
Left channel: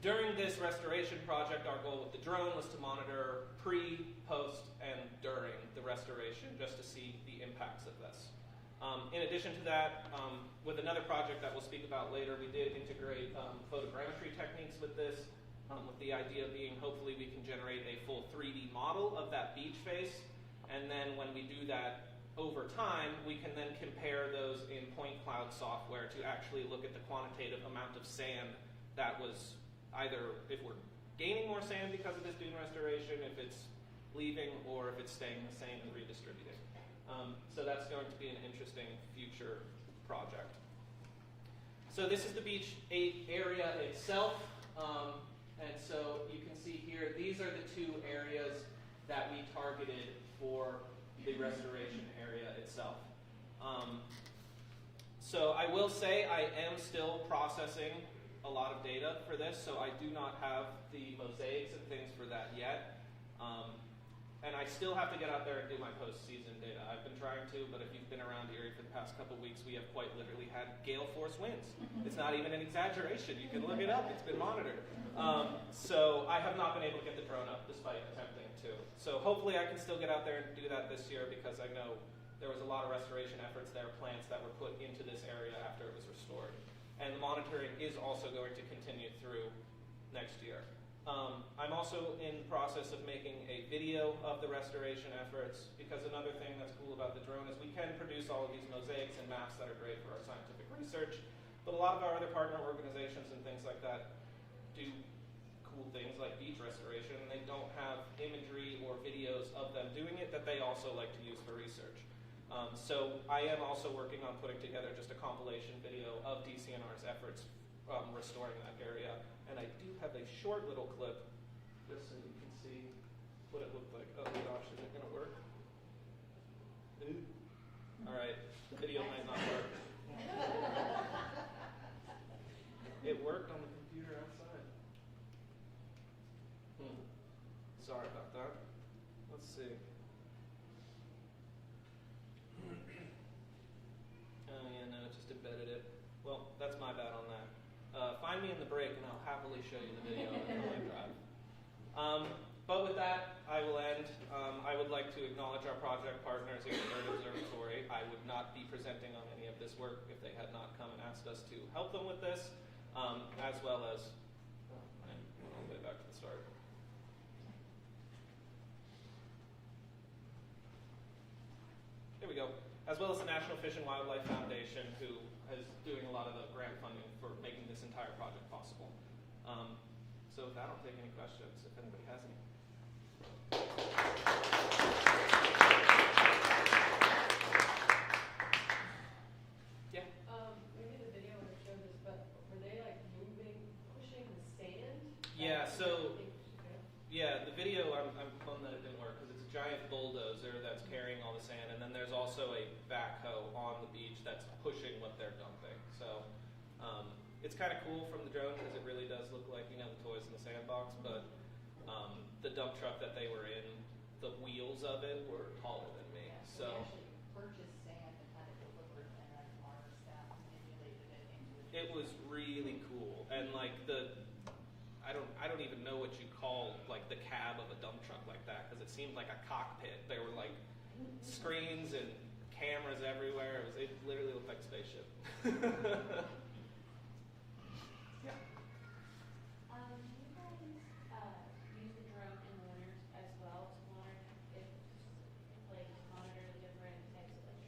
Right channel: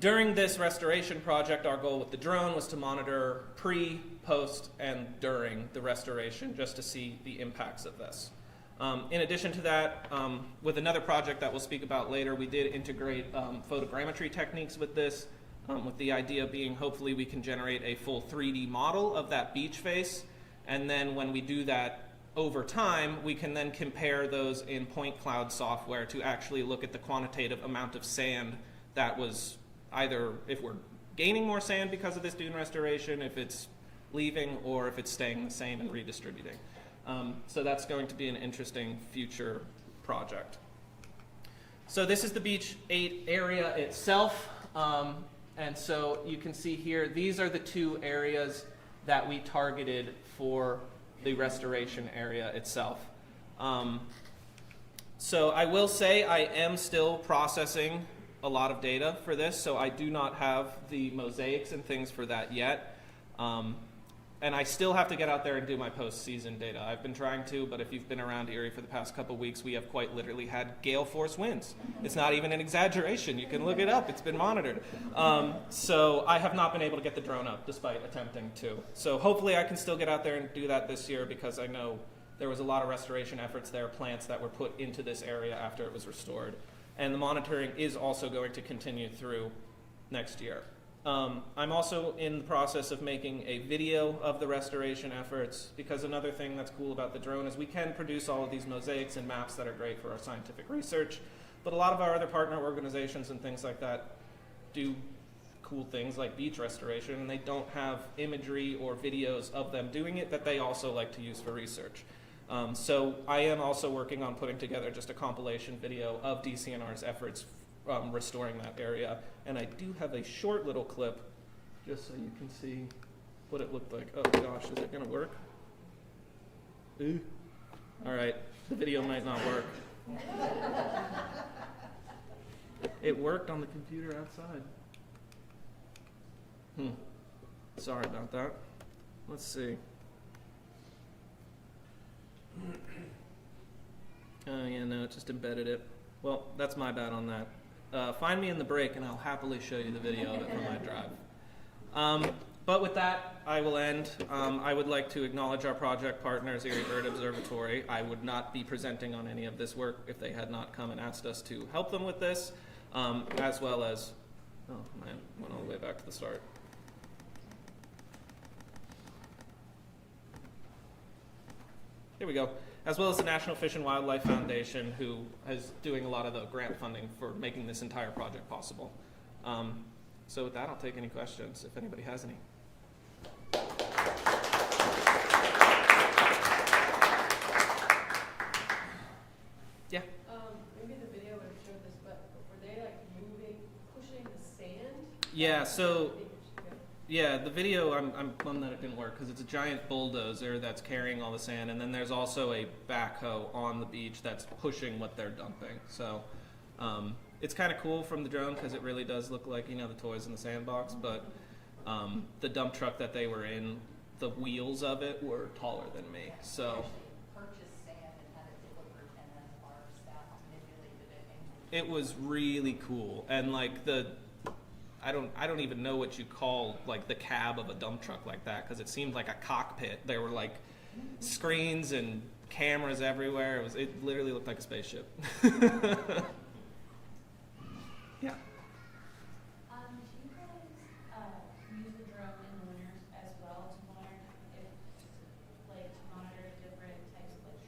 during this restoration project, our goal with the drone was to monitor pre, post, and during the restoration just to see the impacts of this. In addition to that, with another project that we'll speak about later, we did integrate photogrammetry techniques with this, with the idea being hopefully we can generate a full 3D model of that beach face, and then when we do that over time, we can then compare those in point cloud software to actually look at the quantitative amount of sand that was either if we're gaining more sand because of this dune restoration, if it's leaving, or if it's staying the same and redistributing. So that's going to be an interesting future project. So this is the Beach 8 area itself. And so you can see here, these are the 2 areas that we targeted for the restoration area itself. So I will say I am still processing a lot of data for this, so I do not have the mosaics and things for that yet. And I still have to get out there and do my post-season data. I've been trying to, but if you've been around Erie for the past couple weeks, we have quite literally had gale force winds. It's not even an exaggeration. You can look it up. It's been monitored. So I have not been able to get the drone up despite attempting to. So hopefully I can still get out there and do that this year, because I know there was a lot of restoration efforts there, plants that were put into this area after it was restored. And the monitoring is also going to continue through next year. I'm also in the process of making a video of the restoration efforts, because another thing that's cool about the drone is we can produce all of these mosaics and maps that are great for our scientific research, but a lot of our other partner organizations and things like that do cool things like beach restoration, and they don't have imagery or videos of them doing it that they also like to use for research. So I am also working on putting together just a compilation video of DCNR's efforts restoring that area. And I do have a short little clip just so you can see what it looked like. Oh gosh, is it gonna work? Ooh. All right, the video might not work. It worked on the computer outside. Sorry about that. Let's see. Oh yeah, no, it just embedded it. Well, that's my bad on that. Find me in the break and I'll happily show you the video of it from my drive. But with that, I will end. I would like to acknowledge our project partners, Erie Bird Observatory. I would not be presenting on any of this work if they had not come and asked us to help them with this, as well as, oh, I went all the way back to the start. Here we go. As well as the National Fish and Wildlife Foundation, who is doing a lot of the grant funding for making this entire project possible. So with that, I'll take any questions if anybody has any. Yeah? Maybe the video would have showed this, but were they like pushing the sand? Yeah, so yeah, the video, I'm bummed that it didn't work because it's a giant bulldozer that's carrying all the sand, and then there's also a backhoe on the beach that's pushing what they're dumping. So it's kind of cool from the drone because it really does look like, you know, the toys in the sandbox, but the dump truck that they were in, the wheels of it were taller than me. So Purchased sand and had it delivered, and then our staff manipulated it into it was really cool, and like I don't even know what you call like the cab of a dump truck like that, because it seemed like a cockpit. There were like screens and cameras everywhere. It literally looked like a spaceship. Yeah. Do you guys use the drone in the winter as well to monitor the different types of like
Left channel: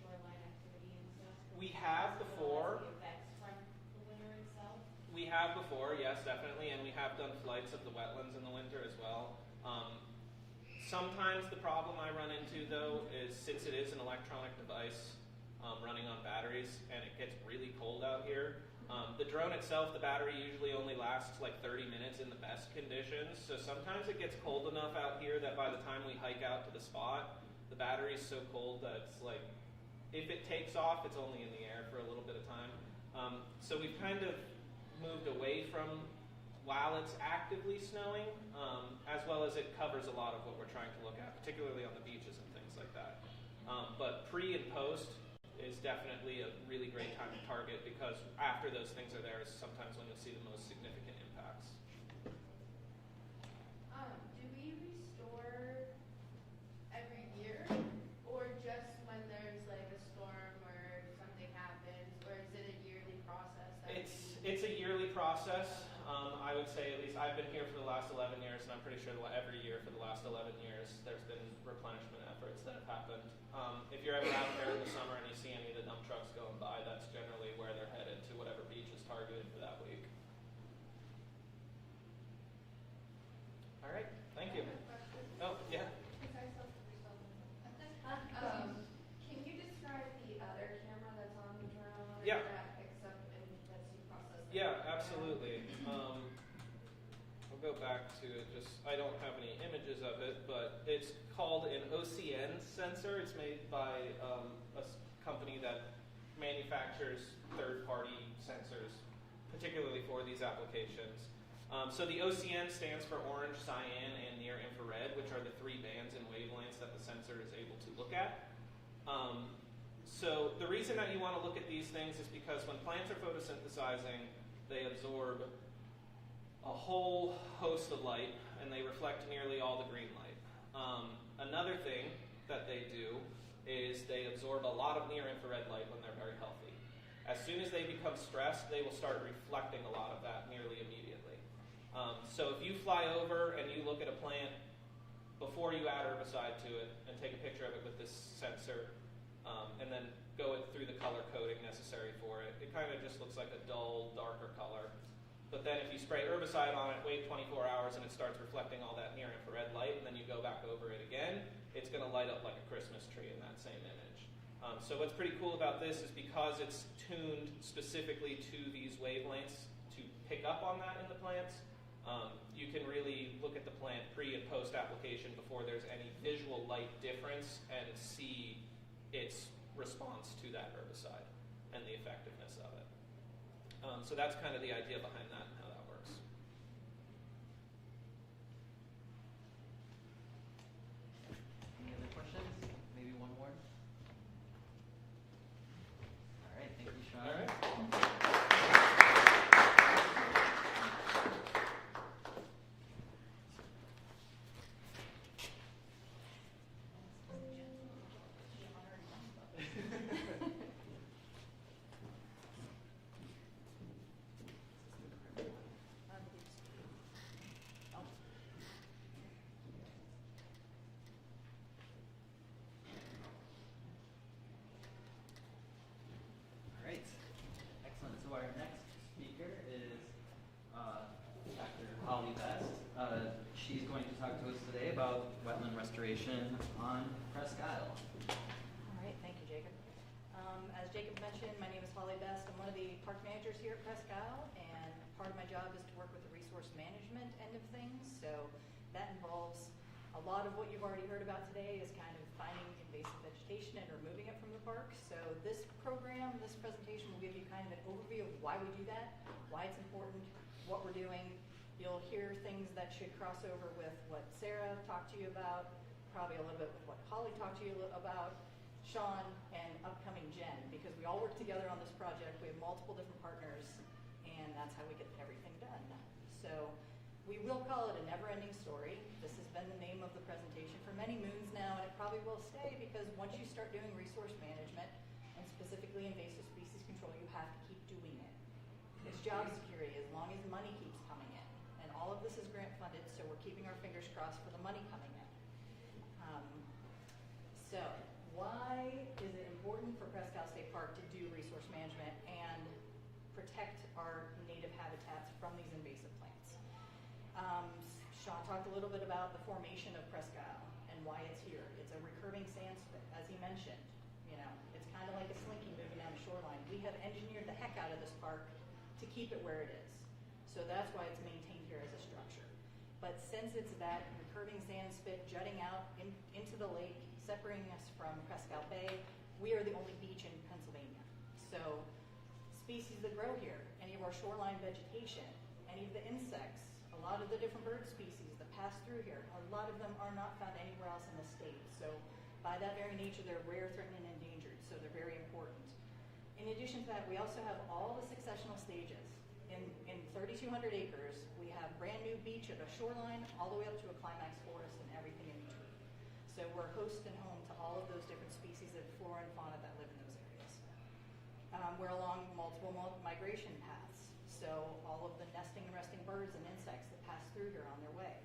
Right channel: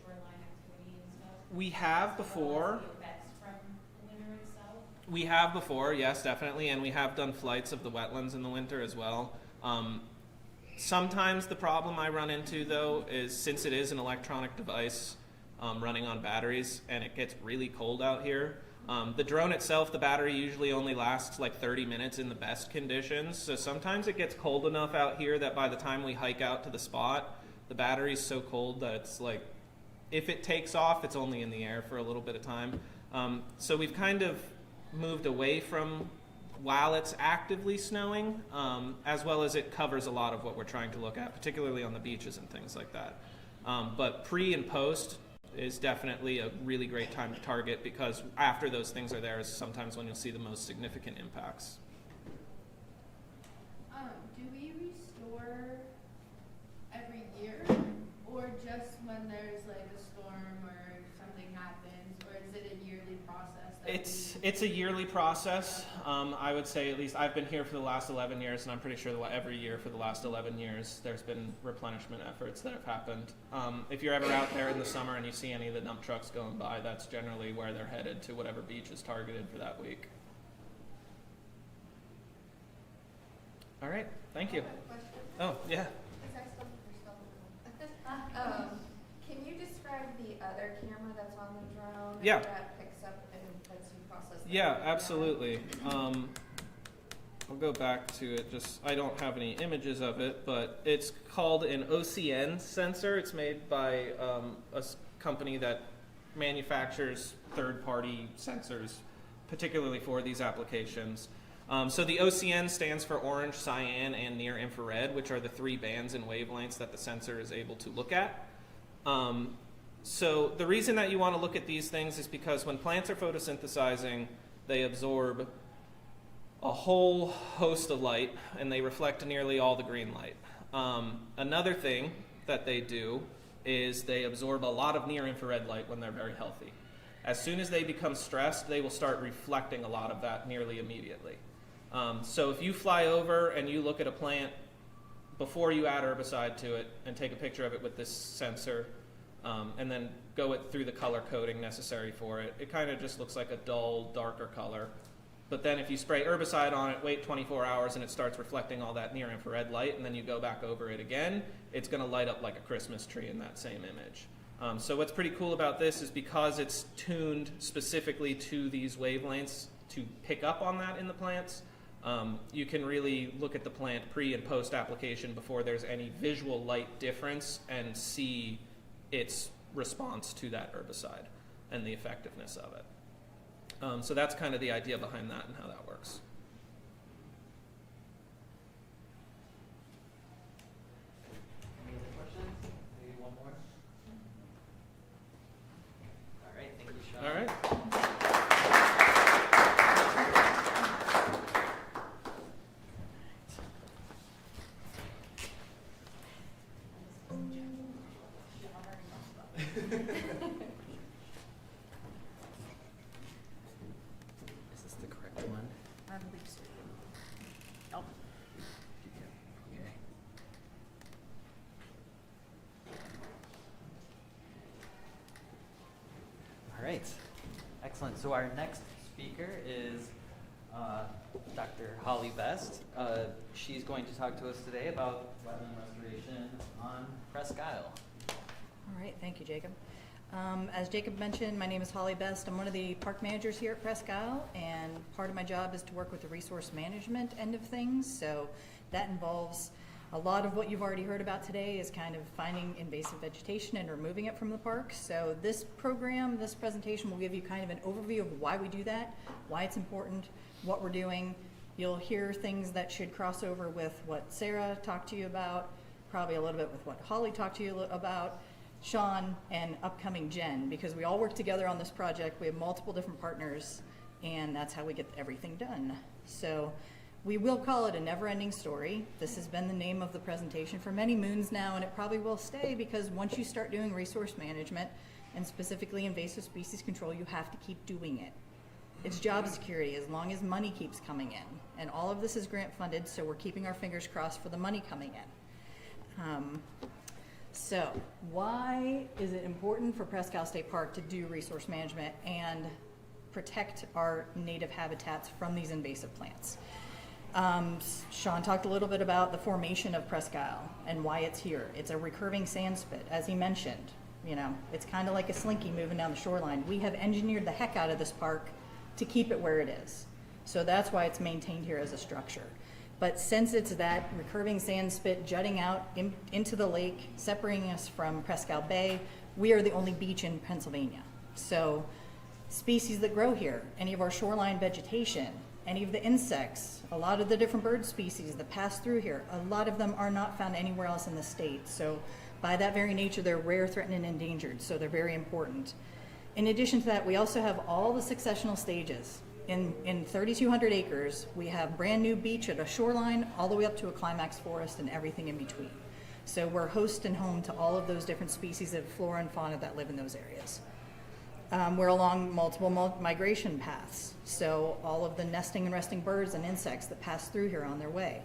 We have before. The effects from the winter itself? We have before, yes, definitely, and we have done flights of the wetlands in the winter as well. Sometimes the problem I run into, though, is since it is an electronic device running on batteries and it gets really cold out here, the drone itself, the battery usually only lasts like 30 minutes in the best conditions, so sometimes it gets cold enough out here that by the time we hike out to the spot, the battery's so cold that it's like, if it takes off, it's only in the air for a little bit of time. So we've kind of moved away from while it's actively snowing, as well as it covers a lot of what we're trying to look at, particularly on the beaches and things like that. But pre and post is definitely a really great time to target, because after those things are there is sometimes when you'll see the most significant impacts. Do we restore every year, or just when there's like a storm or something happens, or is it a yearly process? It's a yearly process. I would say, at least I've been here for the last 11 years, and I'm pretty sure that every year for the last 11 years there's been replenishment efforts that have happened. If you're ever out there in the summer and you see any of the dump trucks going by, that's generally where they're headed, to whatever beach is targeted for that week. All right, thank you. Oh, yeah. Can you describe the other camera that's on the drone? Yeah. That picks up and lets you process the Yeah, data? absolutely. I'll go back to it. I don't have any images of it, but it's called an OCN sensor. It's made by a company that manufactures third-party sensors, particularly for these applications. So the OCN stands for orange, cyan, and near infrared, which are the 3 bands and wavelengths that the sensor is able to look at. So the reason that you want to look at these things is because when plants are photosynthesizing, they absorb a whole host of light, and they reflect nearly all the green light. Another thing that they do is they absorb a lot of near-infrared light when they're very healthy. As soon as they become stressed, they will start reflecting a lot of that nearly immediately. So if you fly over and you look at a plant before you add herbicide to it and take a picture of it with this sensor, and then go it through the color coding necessary for it, it kind of just looks like a dull, darker color. But then if you spray herbicide on it, wait 24 hours, and it starts reflecting all that near-infrared light, and then you go back over it again, it's going to light up like a Christmas tree in that same image. So what's pretty cool about this is because it's tuned specifically to these wavelengths to pick up on that in the plants, you can really look at the plant pre and post application before there's any visual light difference and see its response to that herbicide and the effectiveness of it. So that's kind of the idea behind that and how that works. Any other questions? Maybe one more? All right, thank you, Sean. All right. Is this the correct one? Nope. Okay. All right, excellent. So our next speaker is Dr. Holly Best. She's going to talk to us today about wetland restoration on Presque Isle. All right, thank you, Jacob. As Jacob mentioned, my name is Holly Best. I'm one of the park managers here at Presque Isle, and part of my job is to work with the resource management end of things. So that involves a lot of what you've already heard about today is kind of finding invasive vegetation and removing it from the park. So this program, this presentation will give you kind of an overview of why we do that, why it's important, what we're doing. You'll hear things that should cross over with what Sarah talked to you about, probably a little bit with what Holly talked to you about, Sean, and upcoming Jen, because we all work together on this project. We have multiple different partners, and that's how we get everything done. So we will call it a never-ending story. This has been the name of the presentation for many moons now, and it probably will stay, because once you start doing resource management, and specifically invasive species control, you have to keep doing it. It's job security as long as money keeps coming in. And all of this is grant funded, so we're keeping our fingers crossed for the money coming in. So, why is it important for Presque State Park to do resource management and protect our native habitats from these invasive plants? Sean talked a little bit about the formation of Presque and why it's here. It's a recurving sand spit, as he mentioned. You know, it's kind of like a slinky moving down the shoreline. We have engineered the heck out of this park to keep it where it is. So that's why it's maintained here as a structure. But since it's that recurving sand spit jutting out into the lake, separating us from Presque Bay, we are the only beach in Pennsylvania. So species that grow here, any of our shoreline vegetation, any of the insects, a lot of the different bird species that pass through here, a lot of them are not found anywhere else in the state. So by that very nature, they're rare, threatened, and endangered, so they're very important. In addition to that, we also have all the successional stages. In 3,200 acres, we have brand new beach at a shoreline all the way up to a climax forest and everything in between. So we're host and home to all of those different species of flora and fauna that live in those areas. We're along multiple migration paths, so all of the nesting and resting birds and insects that pass through here on their way.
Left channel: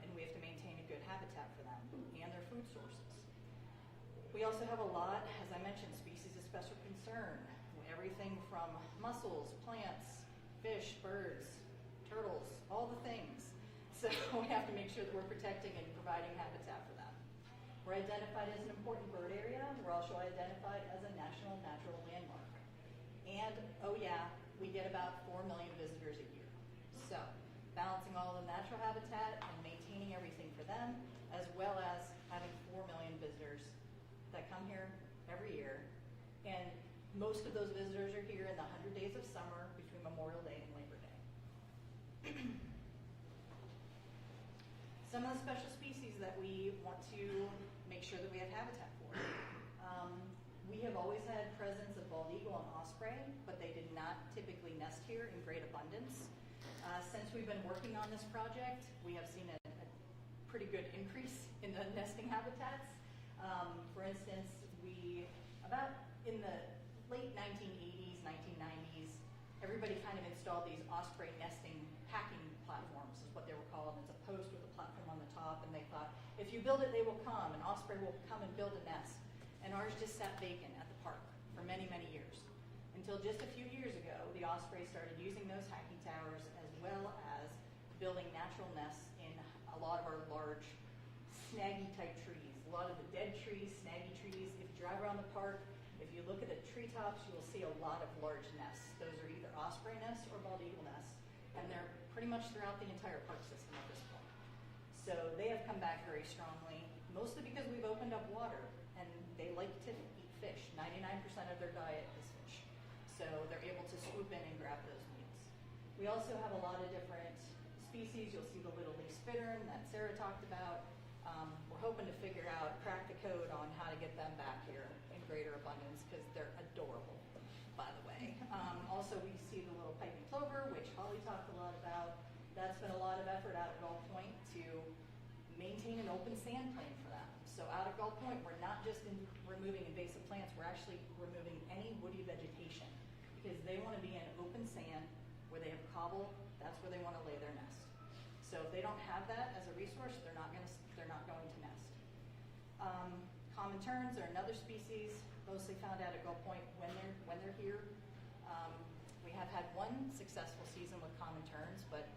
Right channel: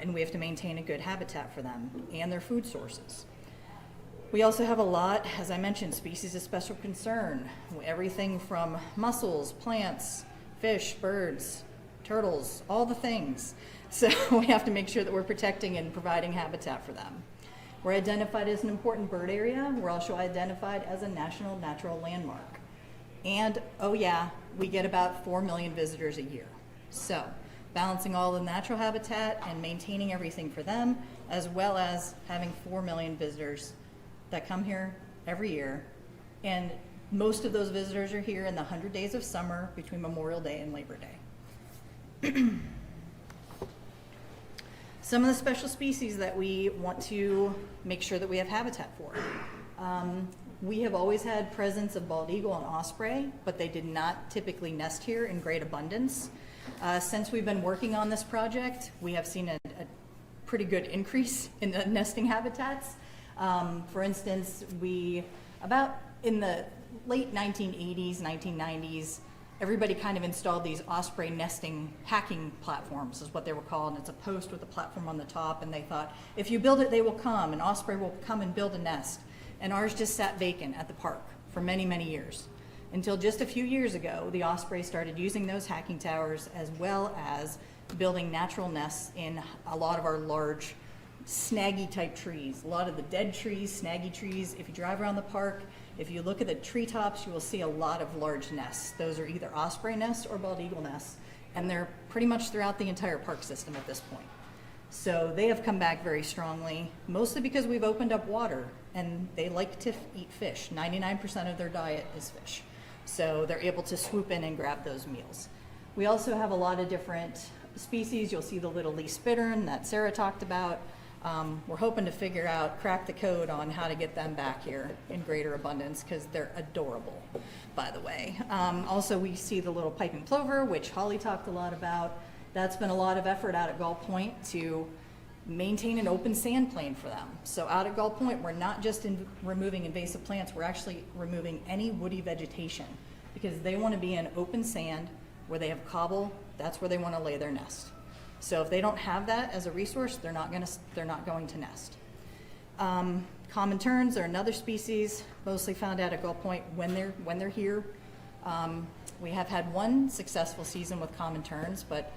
And we have to maintain a good habitat for them and their food sources. We also have a lot, as I mentioned, species of special concern. Everything from mussels, plants, fish, birds, turtles, all the things. So we have to make sure that we're protecting and providing habitat for them. We're identified as an important bird area. We're also identified as a national natural landmark. And, oh yeah, we get about 4 million visitors a year. So balancing all the natural habitat and maintaining everything for them, as well as having 4 million visitors that come here every year. And most of those visitors are here in the 100 days of summer between Memorial Day and Labor Day. Some of the special species that we want to make sure that we have habitat for. We have always had presence of bald eagle and osprey, but they did not typically nest here in great abundance. Since we've been working on this project, we have seen a pretty good increase in the nesting habitats. For instance, about in the late 1980s, 1990s, everybody kind of installed these osprey nesting hacking platforms, is what they were called. It's a post with a platform on the top, and they thought, if you build it, they will come, and osprey will come and build a nest. And ours just sat vacant at the park for many, many years. Until just a few years ago, the osprey started using those hacking towers as well as building natural nests in a lot of our large snaggy type trees. A lot of the dead trees, snaggy trees. If you drive around the park, if you look at the treetops, you will see a lot of large nests. Those are either osprey nests or bald eagle nests, and they're pretty much throughout the entire park system at this point. So they have come back very strongly, mostly because we've opened up water, and they like to eat fish. 99% of their diet is fish. So they're able to swoop in and grab those meals. We also have a lot of different species. You'll see the little least bittern that Sarah talked about. We're hoping to crack the code on how to get them back here in greater abundance, because they're adorable, by the way. Also, we see the little piping plover, which Holly talked a lot about. That's been a lot of effort out at Gull Point to maintain an open sand plain for them. So out at Gull Point, we're not just removing invasive plants, we're actually removing any woody vegetation, because they want to be in open sand where they have cobble. That's where they want to lay their nest. So if they don't have that as a resource, they're not going to nest. Common terns are another species, mostly found out at Gull Point when they're here. We have had one successful season with common terns, but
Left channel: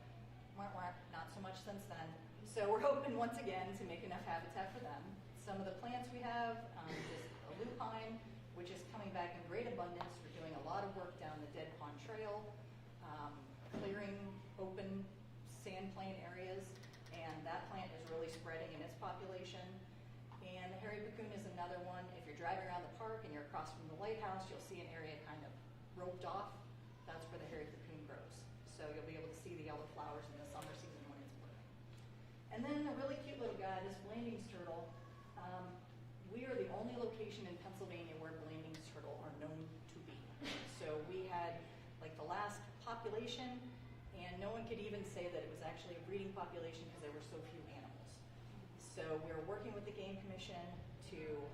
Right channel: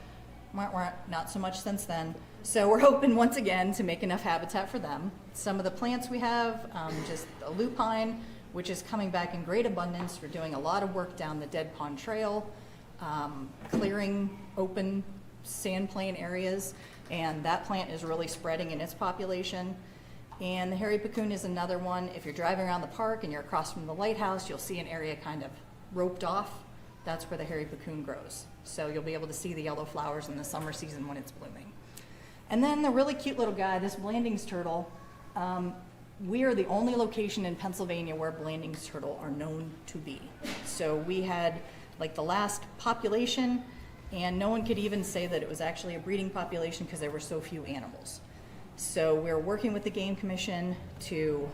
not so much since then. So we're hoping once again to make enough habitat for them. Some of the plants we have, just the lupine, which is coming back in great abundance. We're doing a lot of work down the Dead Pond Trail, clearing open sand plain areas, and that plant is really spreading in its population. And the hairy puccoon is another one. If you're driving around the park and you're across from the lighthouse, you'll see an area kind of roped off. That's where the hairy puccoon grows. So you'll be able to see the yellow flowers in the summer season when it's blooming. And then the really cute little guy, this Blanding's turtle. We are the only location in Pennsylvania where Blanding's turtle are known to be. So we had like the last population, and no one could even say that it was actually a breeding population because there were so few animals. So we're working with the Game Commission to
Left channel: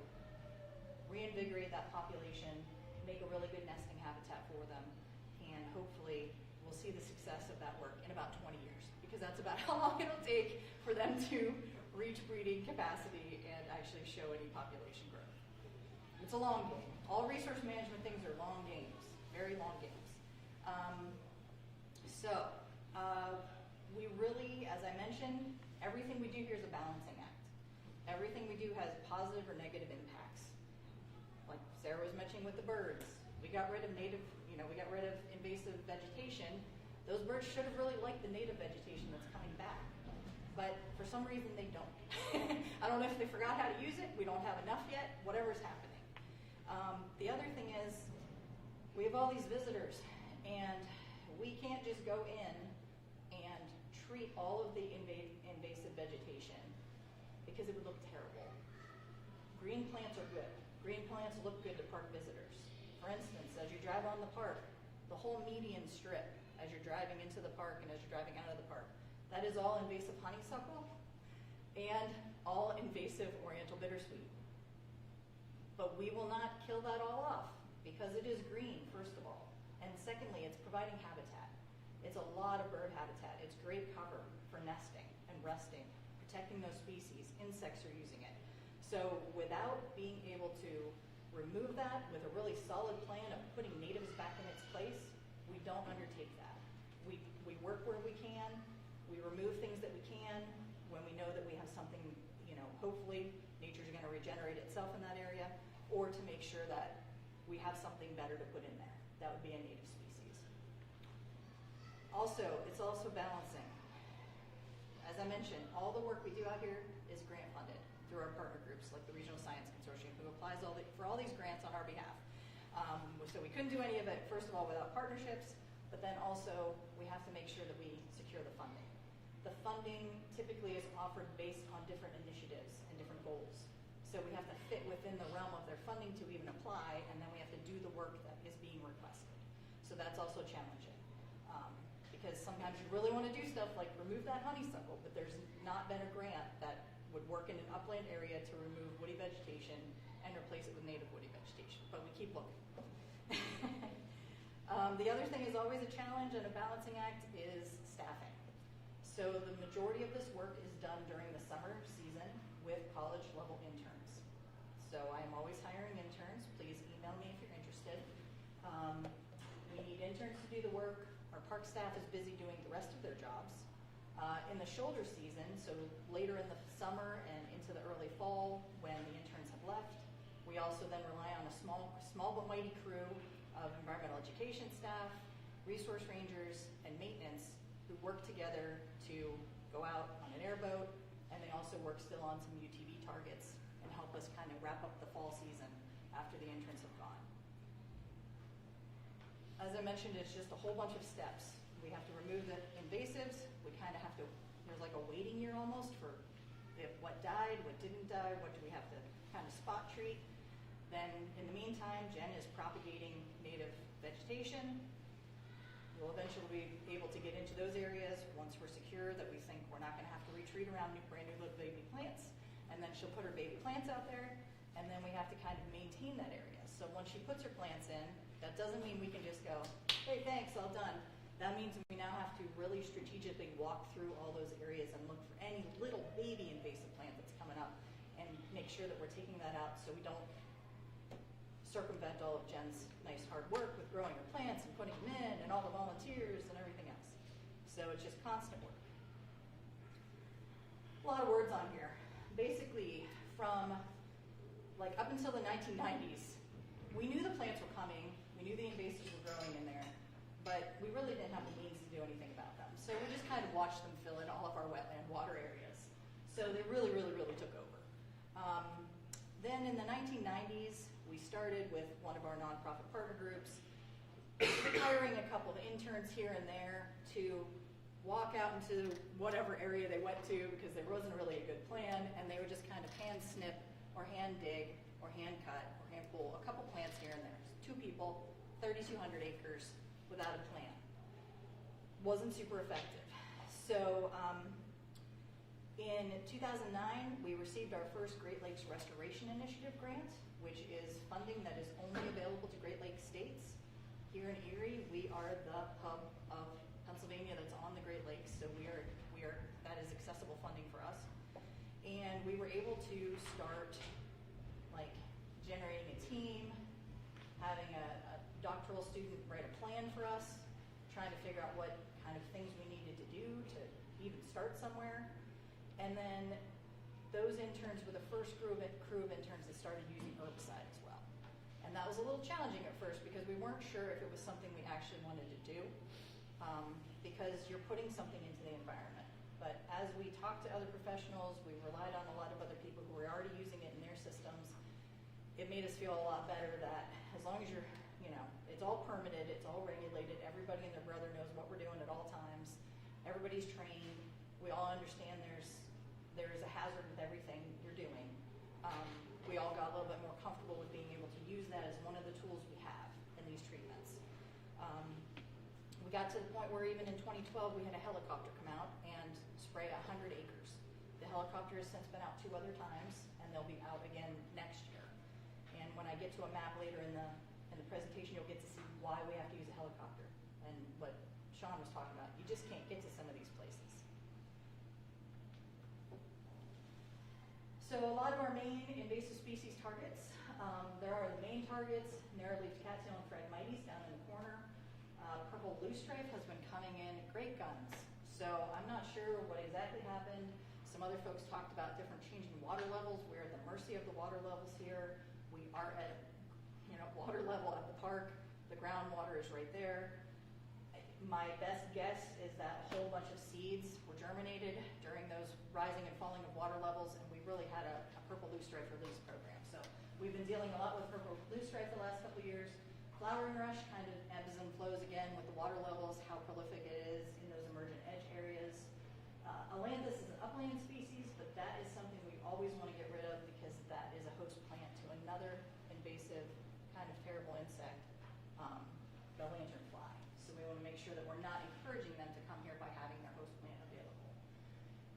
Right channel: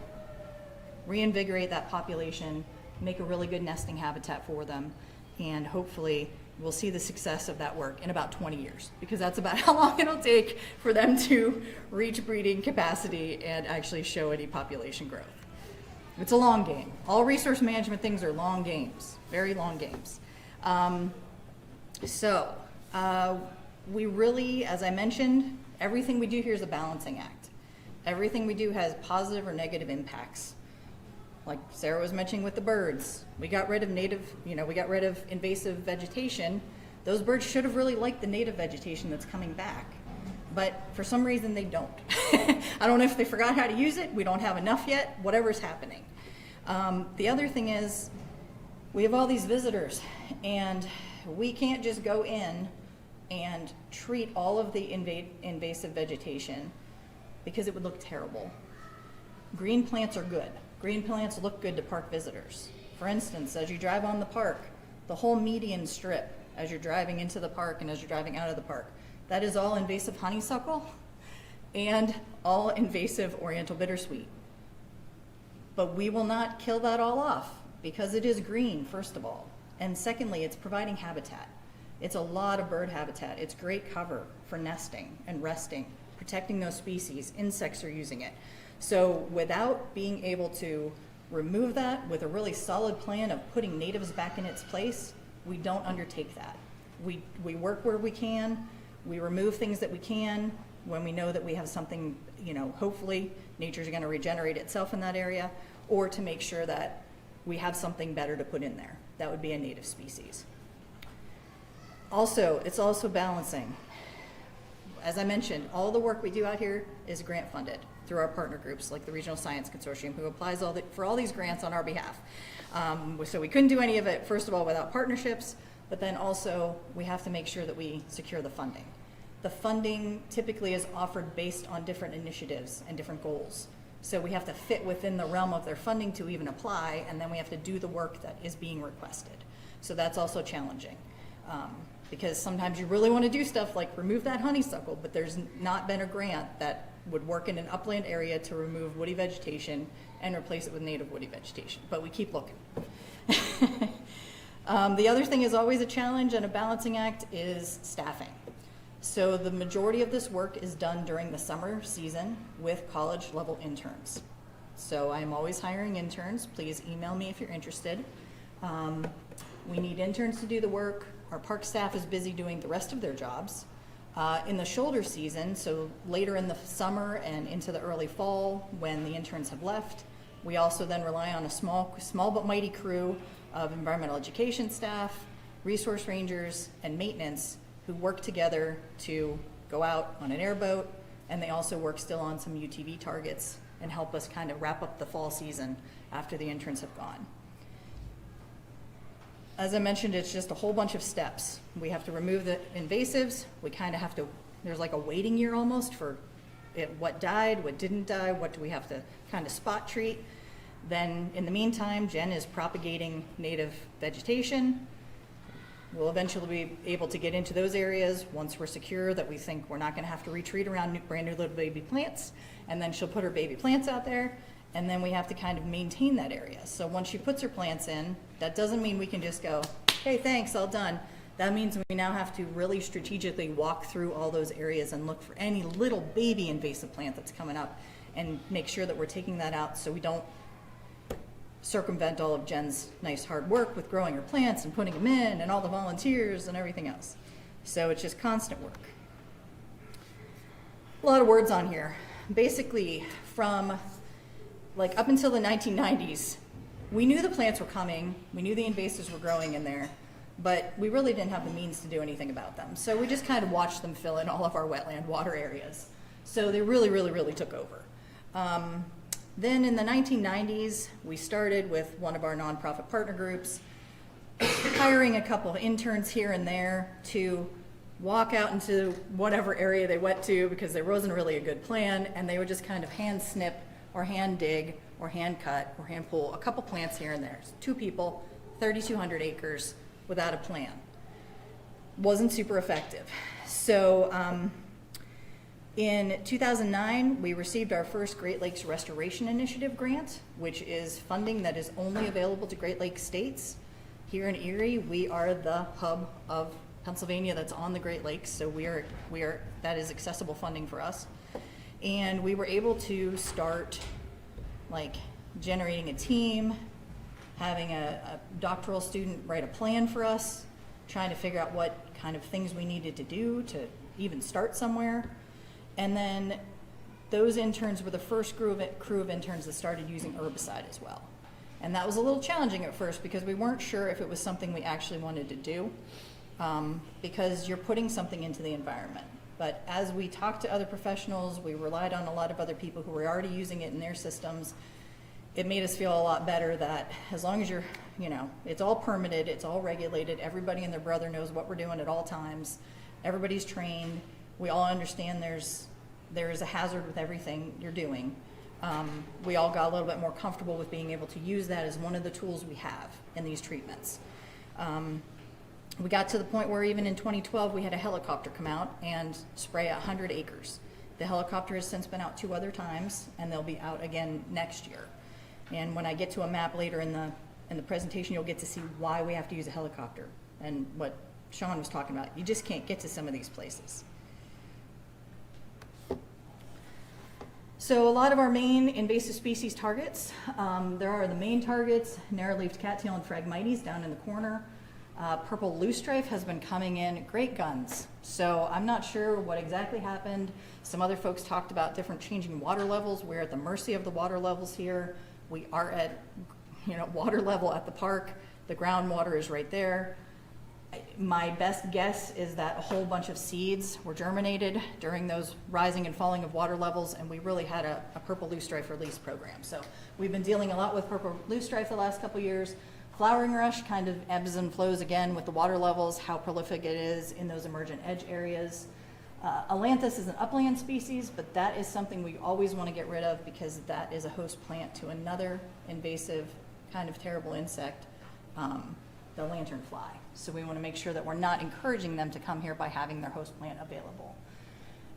reinvigorate that population, make a really good nesting habitat for them, and hopefully will see the success of that work in about 20 years, because that's about how long it'll take for them to reach breeding capacity and actually show any population growth. It's a long game. All resource management things are long games, very long games. We really, as I mentioned, everything we do here is a balancing act. Everything we do has positive or negative impacts. Like Sarah was mentioning with the birds, we got rid of invasive vegetation. Those birds should have really liked the native vegetation that's coming back, but for some reason they don't. I don't know if they forgot how to use it, we don't have enough yet, whatever's happening. The other thing is, we have all these visitors, and we can't just go in and treat all of the invasive vegetation, because it would look terrible. Green plants are good. Green plants look good to park visitors. For instance, as you drive on the park, the whole median strip, as you're driving into the park and as you're driving out of the park, that is all invasive honeysuckle and all invasive oriental bittersweet. But we will not kill that all off, because it is green, first of all. And secondly, it's providing habitat. It's a lot of bird habitat. It's great cover for nesting and resting, protecting those species. Insects are using it. So without being able to remove that with a really solid plan of putting natives back in its place, we don't undertake that. We work where we can, we remove things that we can when we know that we have something, hopefully nature's gonna regenerate itself in that area, or to make sure that we have something better to put in there. That would be a native species. Also, it's also balancing. As I mentioned, all the work we do out here is grant funded through our partner groups like the Regional Science Consortium, who applies for all these grants on our behalf. So we couldn't do any of it, first of all, without partnerships, but then also we have to make sure that we secure the funding. The funding typically is offered based on different initiatives and different goals. So we have to fit within the realm of their funding to even apply, and then we have to do the work that is being requested. So that's also challenging. Because sometimes you really want to do stuff like remove that honeysuckle, but there's not been a grant that would work in an upland area to remove woody vegetation and replace it with native woody vegetation, but we keep looking. The other thing is always a challenge and a balancing act is staffing. So the majority of this work is done during the summer season with college level interns. So I'm always hiring interns. Please email me if you're interested. We need interns to do the work. Our park staff is busy doing the rest of their jobs. In the shoulder season, so later in the summer and into the early fall when the interns have left, we also then rely on a small but mighty crew of environmental education staff, resource rangers, and maintenance who work together to go out on an airboat, and they also work still on some UTV targets and help us kind of wrap up the fall season after the interns have gone. As I mentioned, it's just a whole bunch of steps. We have to remove the invasives. We kind of have to, there's like a waiting year almost for what died, what didn't die, what do we have to kind of spot treat. Then in the meantime, Jen is propagating native vegetation. We'll eventually be able to get into those areas once we're secure that we think we're not gonna have to retreat around brand new little baby plants. And then she'll put her baby plants out there, and then we have to kind of maintain that area. So once she puts her plants in, that doesn't mean we can just go, hey, thanks, all done. That means we now have to really strategically walk through all those areas and look for any little baby invasive plant that's coming up and make sure that we're taking that out so we don't circumvent all of Jen's nice hard work with growing her plants and putting them in and all the volunteers and everything else. So it's just constant work. A lot of words on here. Basically, from like up until the 1990s, we knew the plants were coming, we knew the invasives were growing in there, but we really didn't have the means to do anything about them. So we just kind of watched them fill in all of our wetland water areas. So they really, really, really took over. Then in the 1990s, we started with one of our nonprofit partner groups, hiring a couple of interns here and there to walk out into whatever area they went to because there wasn't really a good plan, and they would just kind of hand snip or hand dig or hand cut or hand pull a couple plants here and there. So 2 people, 3,200 acres without a plan. Wasn't super effective. So in 2009, we received our first Great Lakes Restoration Initiative grant, which is funding that is only available to Great Lakes states Here in Erie, we are the hub of Pennsylvania that's on the Great Lakes, so that is accessible funding for us. And we were able to start like generating a team, having a doctoral student write a plan for us, trying to figure out what kind of things we needed to do to even start somewhere. And then those interns were the first crew of interns that started using herbicide as well. And that was a little challenging at first because we weren't sure if it was something we actually wanted to do, because you're putting something into the environment. But as we talked to other professionals, we relied on a lot of other people who were already using it in their systems. It made us feel a lot better that as long as you're, it's all permitted, it's all regulated, everybody and their brother knows what we're doing at all times, everybody's trained, we all understand there is a hazard with everything you're doing. We all got a little bit more comfortable with being able to use that as one of the tools we have in these treatments. We got to the point where even in 2012 we had a helicopter come out and spray 100 acres. The helicopter has since been out 2 other times, and they'll be out again next year. And when I get to a map later in the presentation, you'll get to see why we have to use a helicopter and what Sean was talking about. You just can't get to some of these places. So a lot of our main invasive species targets, there are the main targets, narrow-leaved cattail and Phragmites down in the corner. Purple loosestrife has been coming in great guns. So I'm not sure what exactly happened. Some other folks talked about different changing water levels. We're at the mercy of the water levels here. We are at water level at the park. The groundwater is right there. My best guess is that a whole bunch of seeds were germinated during those rising and falling of water levels, and we really had a purple loosestrife release program. So we've been dealing a lot with purple loosestrife the last couple years. Flowering rush kind of ebbs and flows again with the water levels, how prolific it is in those emergent edge areas. Ailanthus is an upland species, but that is something we always want to get rid of because that is a host plant to another invasive kind of terrible insect, the lanternfly. So we want to make sure that we're not encouraging them to come here by having their host plant available.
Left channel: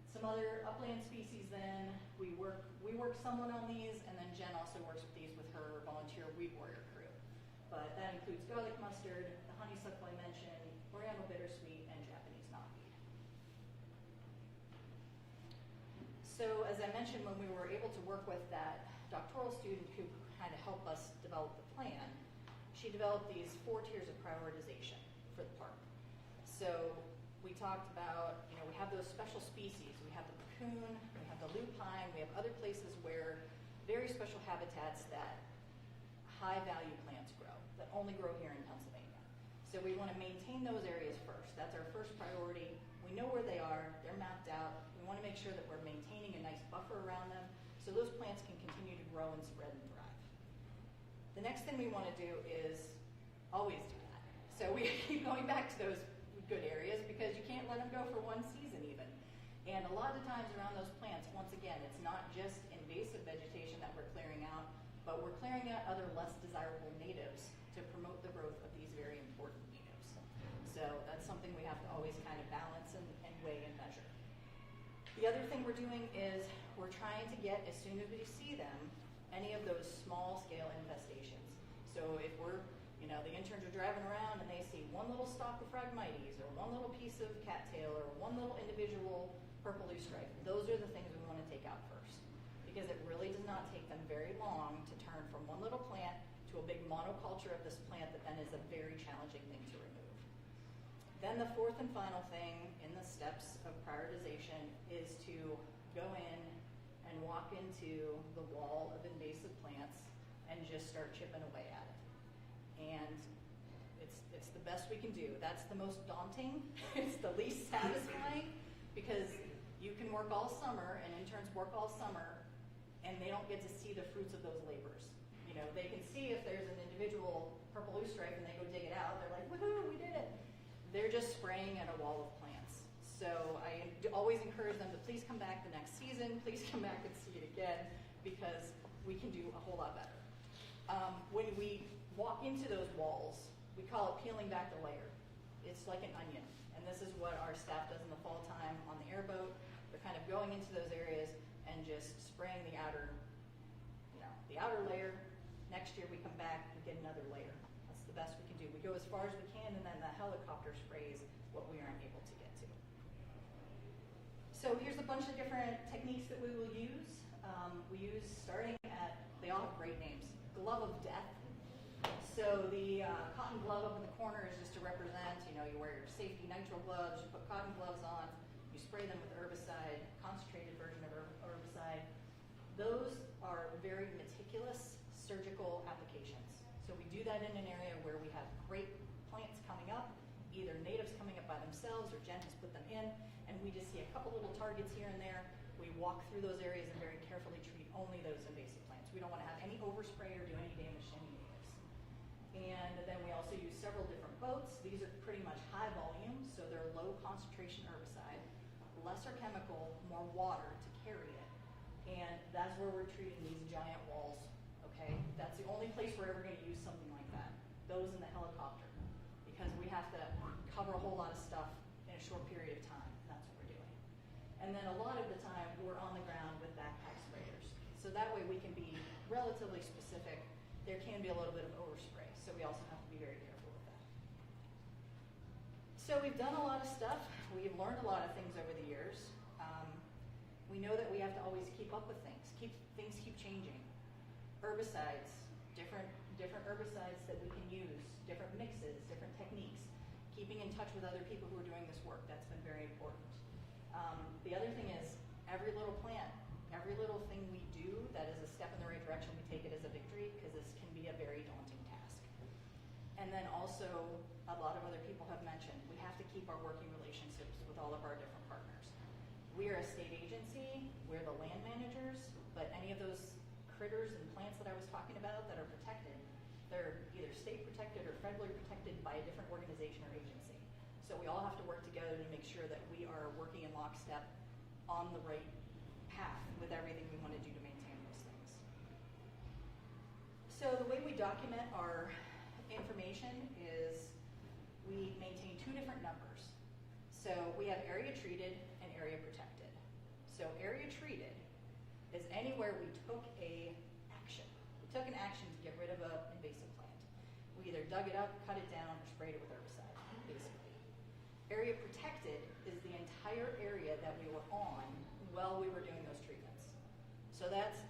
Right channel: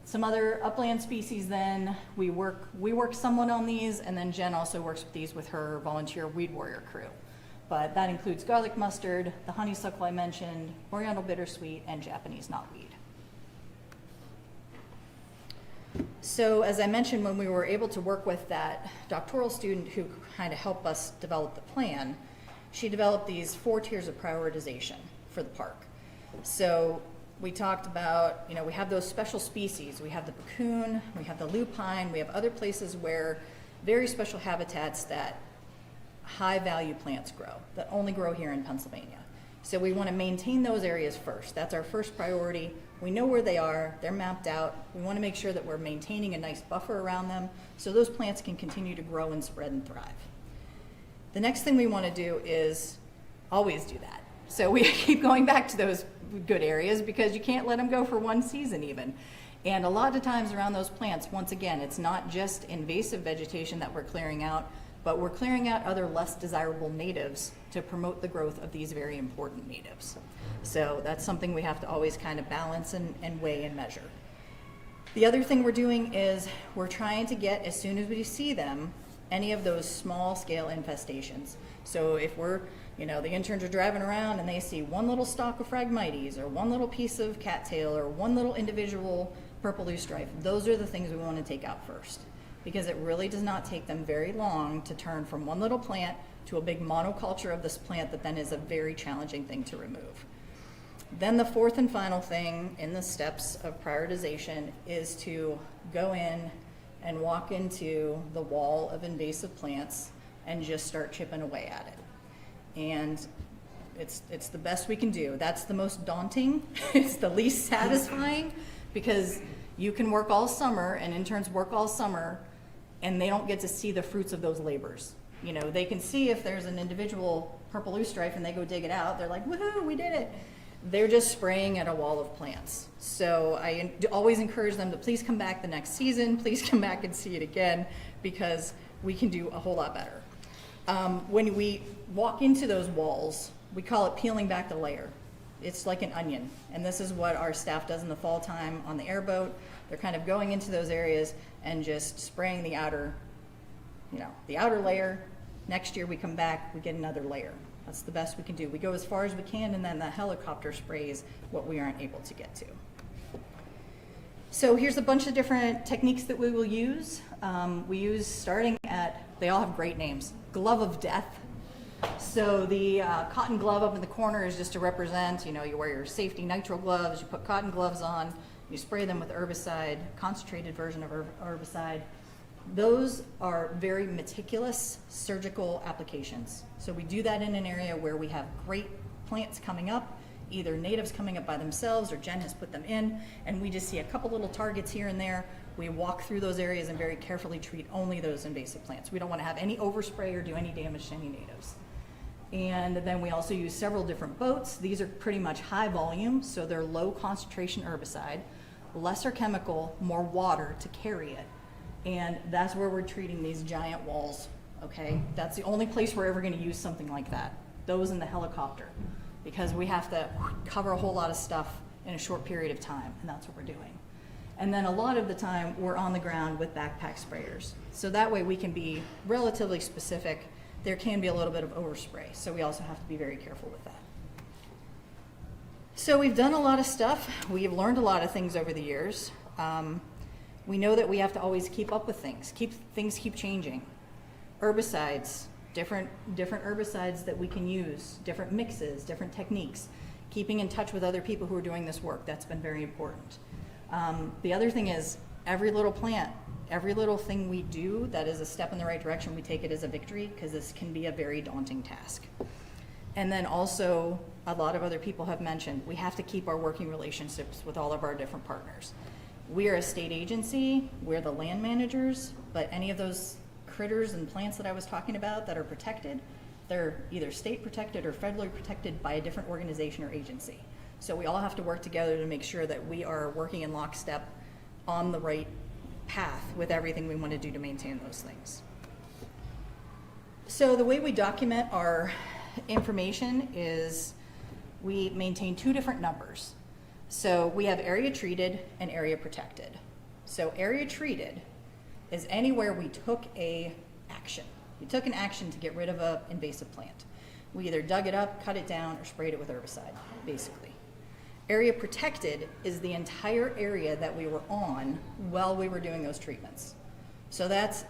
Some other upland species then, we work somewhat on these, and then Jen also works with these with her volunteer weed warrior crew. But that includes garlic mustard, the honeysuckle I mentioned, oriental bittersweet, and Japanese knotweed. So as I mentioned, when we were able to work with that doctoral student who kind of helped us develop the plan, she developed these 4 tiers of prioritization for the park. So we talked about, we have those special species. We have the puccoon, we have the lupine, we have other places where very special habitats that high value plants grow, that only grow here in Pennsylvania. So we want to maintain those areas first. That's our first priority. We know where they are, they're mapped out. We want to make sure that we're maintaining a nice buffer around them so those plants can continue to grow and spread and thrive. The next thing we want to do is always do that. So we keep going back to those good areas because you can't let them go for one season even. And a lot of times around those plants, once again, it's not just invasive vegetation that we're clearing out, but we're clearing out other less desirable natives to promote the growth of these very important natives. So that's something we have to always kind of balance and weigh and measure. The other thing we're doing is we're trying to get, as soon as we see them, any of those small scale infestations. So if the interns are driving around and they see one little stalk of Phragmites or one little piece of cattail or one little individual purple loosestrife, those are the things we want to take out first, because it really does not take them very long to turn from one little plant to a big monoculture of this plant that then is a very challenging thing to remove. Then the fourth and final thing in the steps of prioritization is to go in and walk into the wall of invasive plants and just start chipping away at it. And it's the best we can do. That's the most daunting. It's the least satisfying because you can work all summer and interns work all summer and they don't get to see the fruits of those labors. They can see if there's an individual purple loosestrife and they go dig it out. They're like, woohoo, we did it. They're just spraying at a wall of plants. So I always encourage them to please come back the next season. Please come back and see it again because we can do a whole lot better. When we walk into those walls, we call it peeling back the layer. It's like an onion. And this is what our staff does in the fall time on the airboat. They're kind of going into those areas and just spraying the outer layer. Next year we come back, we get another layer. That's the best we can do. We go as far as we can, and then the helicopter sprays what we aren't able to get to. So here's a bunch of different techniques that we will use. We use starting at, they all have great names, glove of death. So the cotton glove up in the corner is just to represent, you know, you wear your safety nitrile gloves, you put cotton gloves on, you spray them with herbicide, concentrated version of herbicide. Those are very meticulous surgical applications. So we do that in an area where we have great plants coming up, either natives coming up by themselves or Jen has put them in, and we just see a couple little targets here and there. We walk through those areas and very carefully treat only those invasive plants. We don't want to have any overspray or do any damage to any natives. And then we also use several different boats. These are pretty much high volume, so they're low concentration herbicide, lesser chemical, more water to carry it. And that's where we're treating these giant walls, okay? That's the only place we're ever gonna use something like that, those in the helicopter, because we have to cover a whole lot of stuff in a short period of time, and that's what we're doing. And then a lot of the time, we're on the ground with backpack sprayers. So that way we can be relatively specific. There can be a little bit of overspray, so we also have to be very careful with that. So we've done a lot of stuff. We've learned a lot of things over the years. We know that we have to always keep up with things. Things keep changing. Herbicides, different herbicides that we can use, different mixes, different techniques. Keeping in touch with other people who are doing this work, that's been very important. The other thing is every little plant, every little thing we do that is a step in the right direction, we take it as a victory, because this can be a very daunting task. And then also, a lot of other people have mentioned, we have to keep our working relationships with all of our different partners. We are a state agency, we're the land managers, but any of those critters and plants that I was talking about that are protected, they're either state protected or federally protected by a different organization or agency. So we all have to work together to make sure that we are working in lockstep on the right path with everything we want to do to maintain those things. So the way we document our information is we maintain two different numbers. So we have area treated and area protected. So area treated is anywhere we took a action. We took an action to get rid of an invasive plant. We either dug it up, cut it down, or sprayed it with herbicide, basically. Area protected is the entire area that we were on while we were doing those treatments. So that's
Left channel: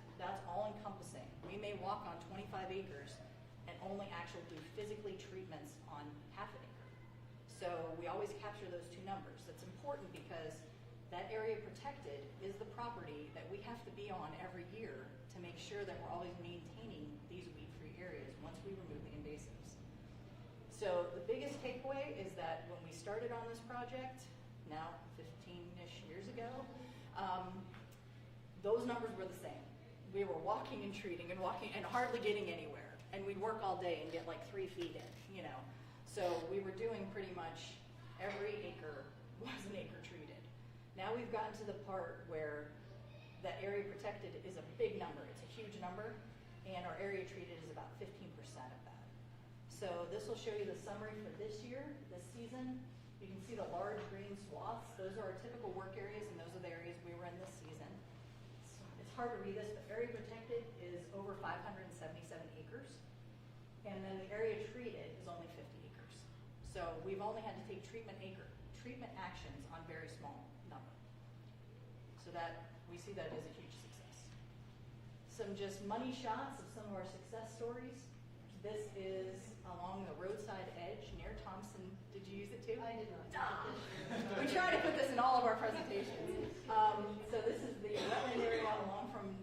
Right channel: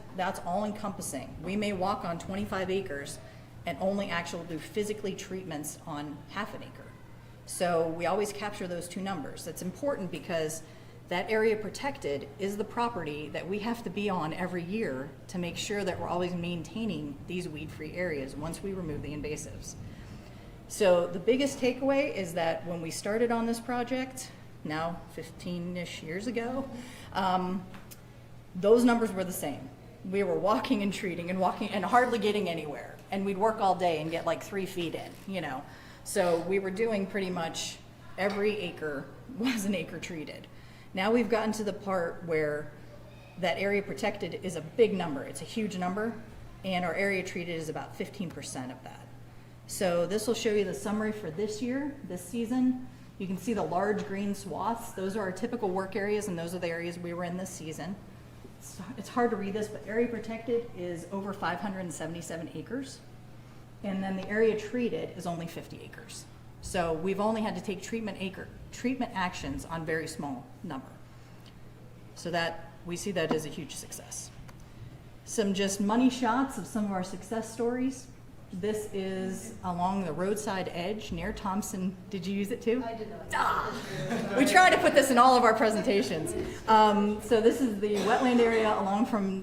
all encompassing. We may walk on 25 acres and only actually do physically treatments on half an acre. So we always capture those two numbers. That's important because that area protected is the property that we have to be on every year to make sure that we're always maintaining these weed-free areas once we remove the invasives. So the biggest takeaway is that when we started on this project, now 15-ish years ago, those numbers were the same. We were walking and treating and walking and hardly getting anywhere. And we'd work all day and get like 3 feet in, you know. So we were doing pretty much every acre was an acre treated. Now we've gotten to the part where that area protected is a big number. It's a huge number, and our area treated is about 15% of that. So this will show you the summary for this year, this season. You can see the large green swaths. Those are our typical work areas, and those are the areas we were in this season. It's hard to read this, but area protected is over 577 acres. And then the area treated is only 50 acres. So we've only had to take treatment actions on very small number. So that, we see that as a huge success. Some just money shots of some of our success stories. This is along the roadside edge near Thompson. Did you use it too? I did not. Ah! We try to put this in all of our presentations. So this is the wetland area along from,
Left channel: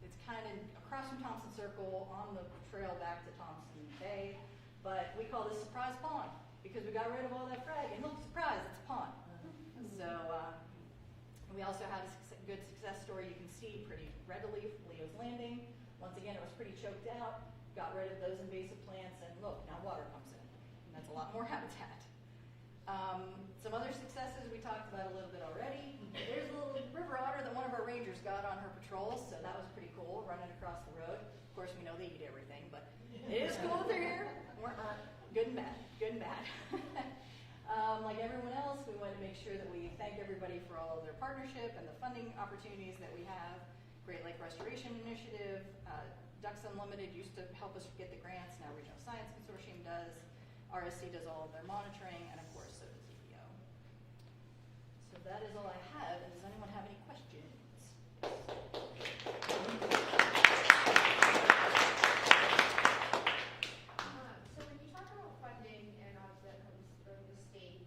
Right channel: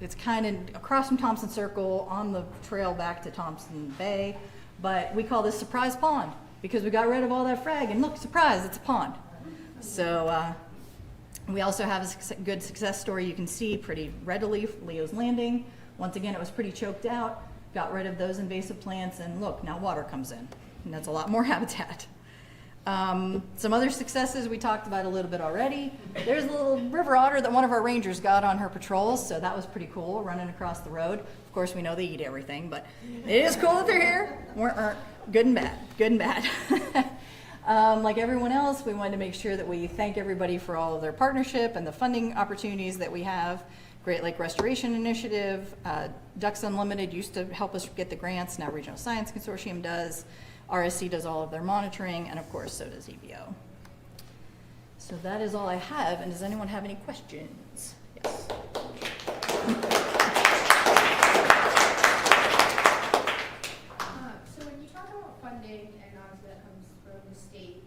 it's kind of across from Thompson Circle on the trail back to Thompson Bay, but we call this Surprise Pond because we got rid of all that frag and look, surprise, it's a pond. So we also have a good success story you can see pretty readily, Leo's Landing. Once again, it was pretty choked out, got rid of those invasive plants, and look, now water comes in, and that's a lot more habitat. Some other successes we talked about a little bit already. There's a little river otter that one of our rangers got on her patrols, so that was pretty cool, running across the road. Of course, we know they eat everything, but it is cool that they're here. Good and bad, good and bad. Like everyone else, we wanted to make sure that we thank everybody for all of their partnership and the funding opportunities that we have. Great Lake Restoration Initiative, Ducks Unlimited used to help us get the grants, now Regional Science Consortium does. RSC does all of their monitoring, and of course, so does EBO. So that is all I have, and does anyone have any questions? Yes. So when you talk about funding, and obviously that comes from the state,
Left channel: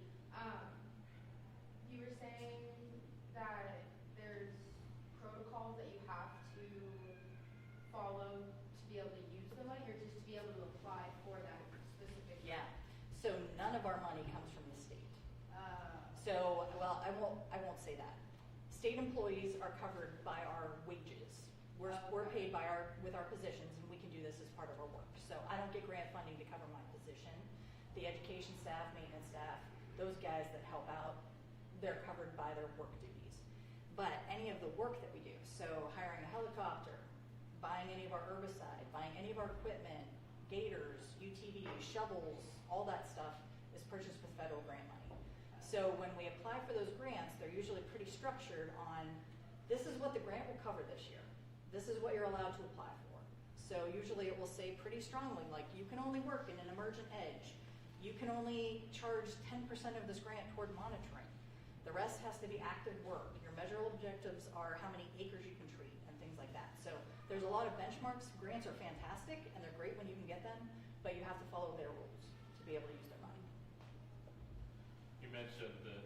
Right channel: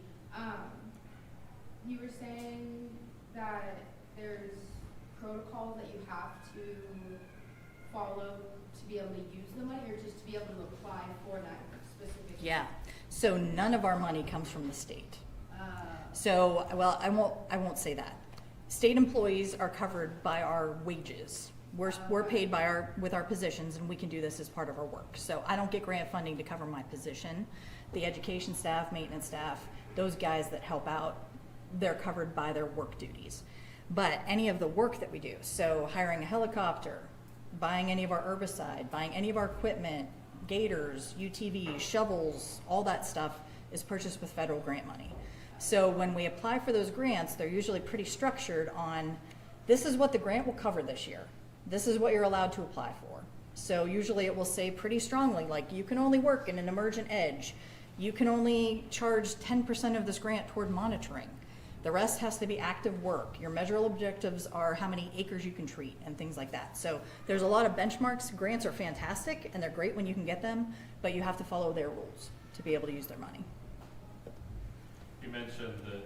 you were saying that there's protocols that you have to follow to be able to use the money, or just to be able to apply for that specific? Yeah, so none of our money comes from the state. So, well, I won't say that. State employees are covered by our wages. We're paid by with our positions, and we can do this as part of our work. So I don't get grant funding to cover my position. The education staff, maintenance staff, those guys that help out, they're covered by their work duties. But any of the work that we do, so hiring a helicopter, buying any of our herbicide, buying any of our equipment, gators, UTVs, shovels, all that stuff is purchased with federal grant money. So when we apply for those grants, they're usually pretty structured on, this is what the grant will cover this year. This is what you're allowed to apply for. So usually it will say pretty strongly, like, you can only work in an emergent edge. You can only charge 10% of this grant toward monitoring. The rest has to be active work. Your measurable objectives are how many acres you can treat and things like that. So there's a lot of benchmarks. Grants are fantastic and they're great when you can get them, but you have to follow their rules to be able to use their money. You mentioned that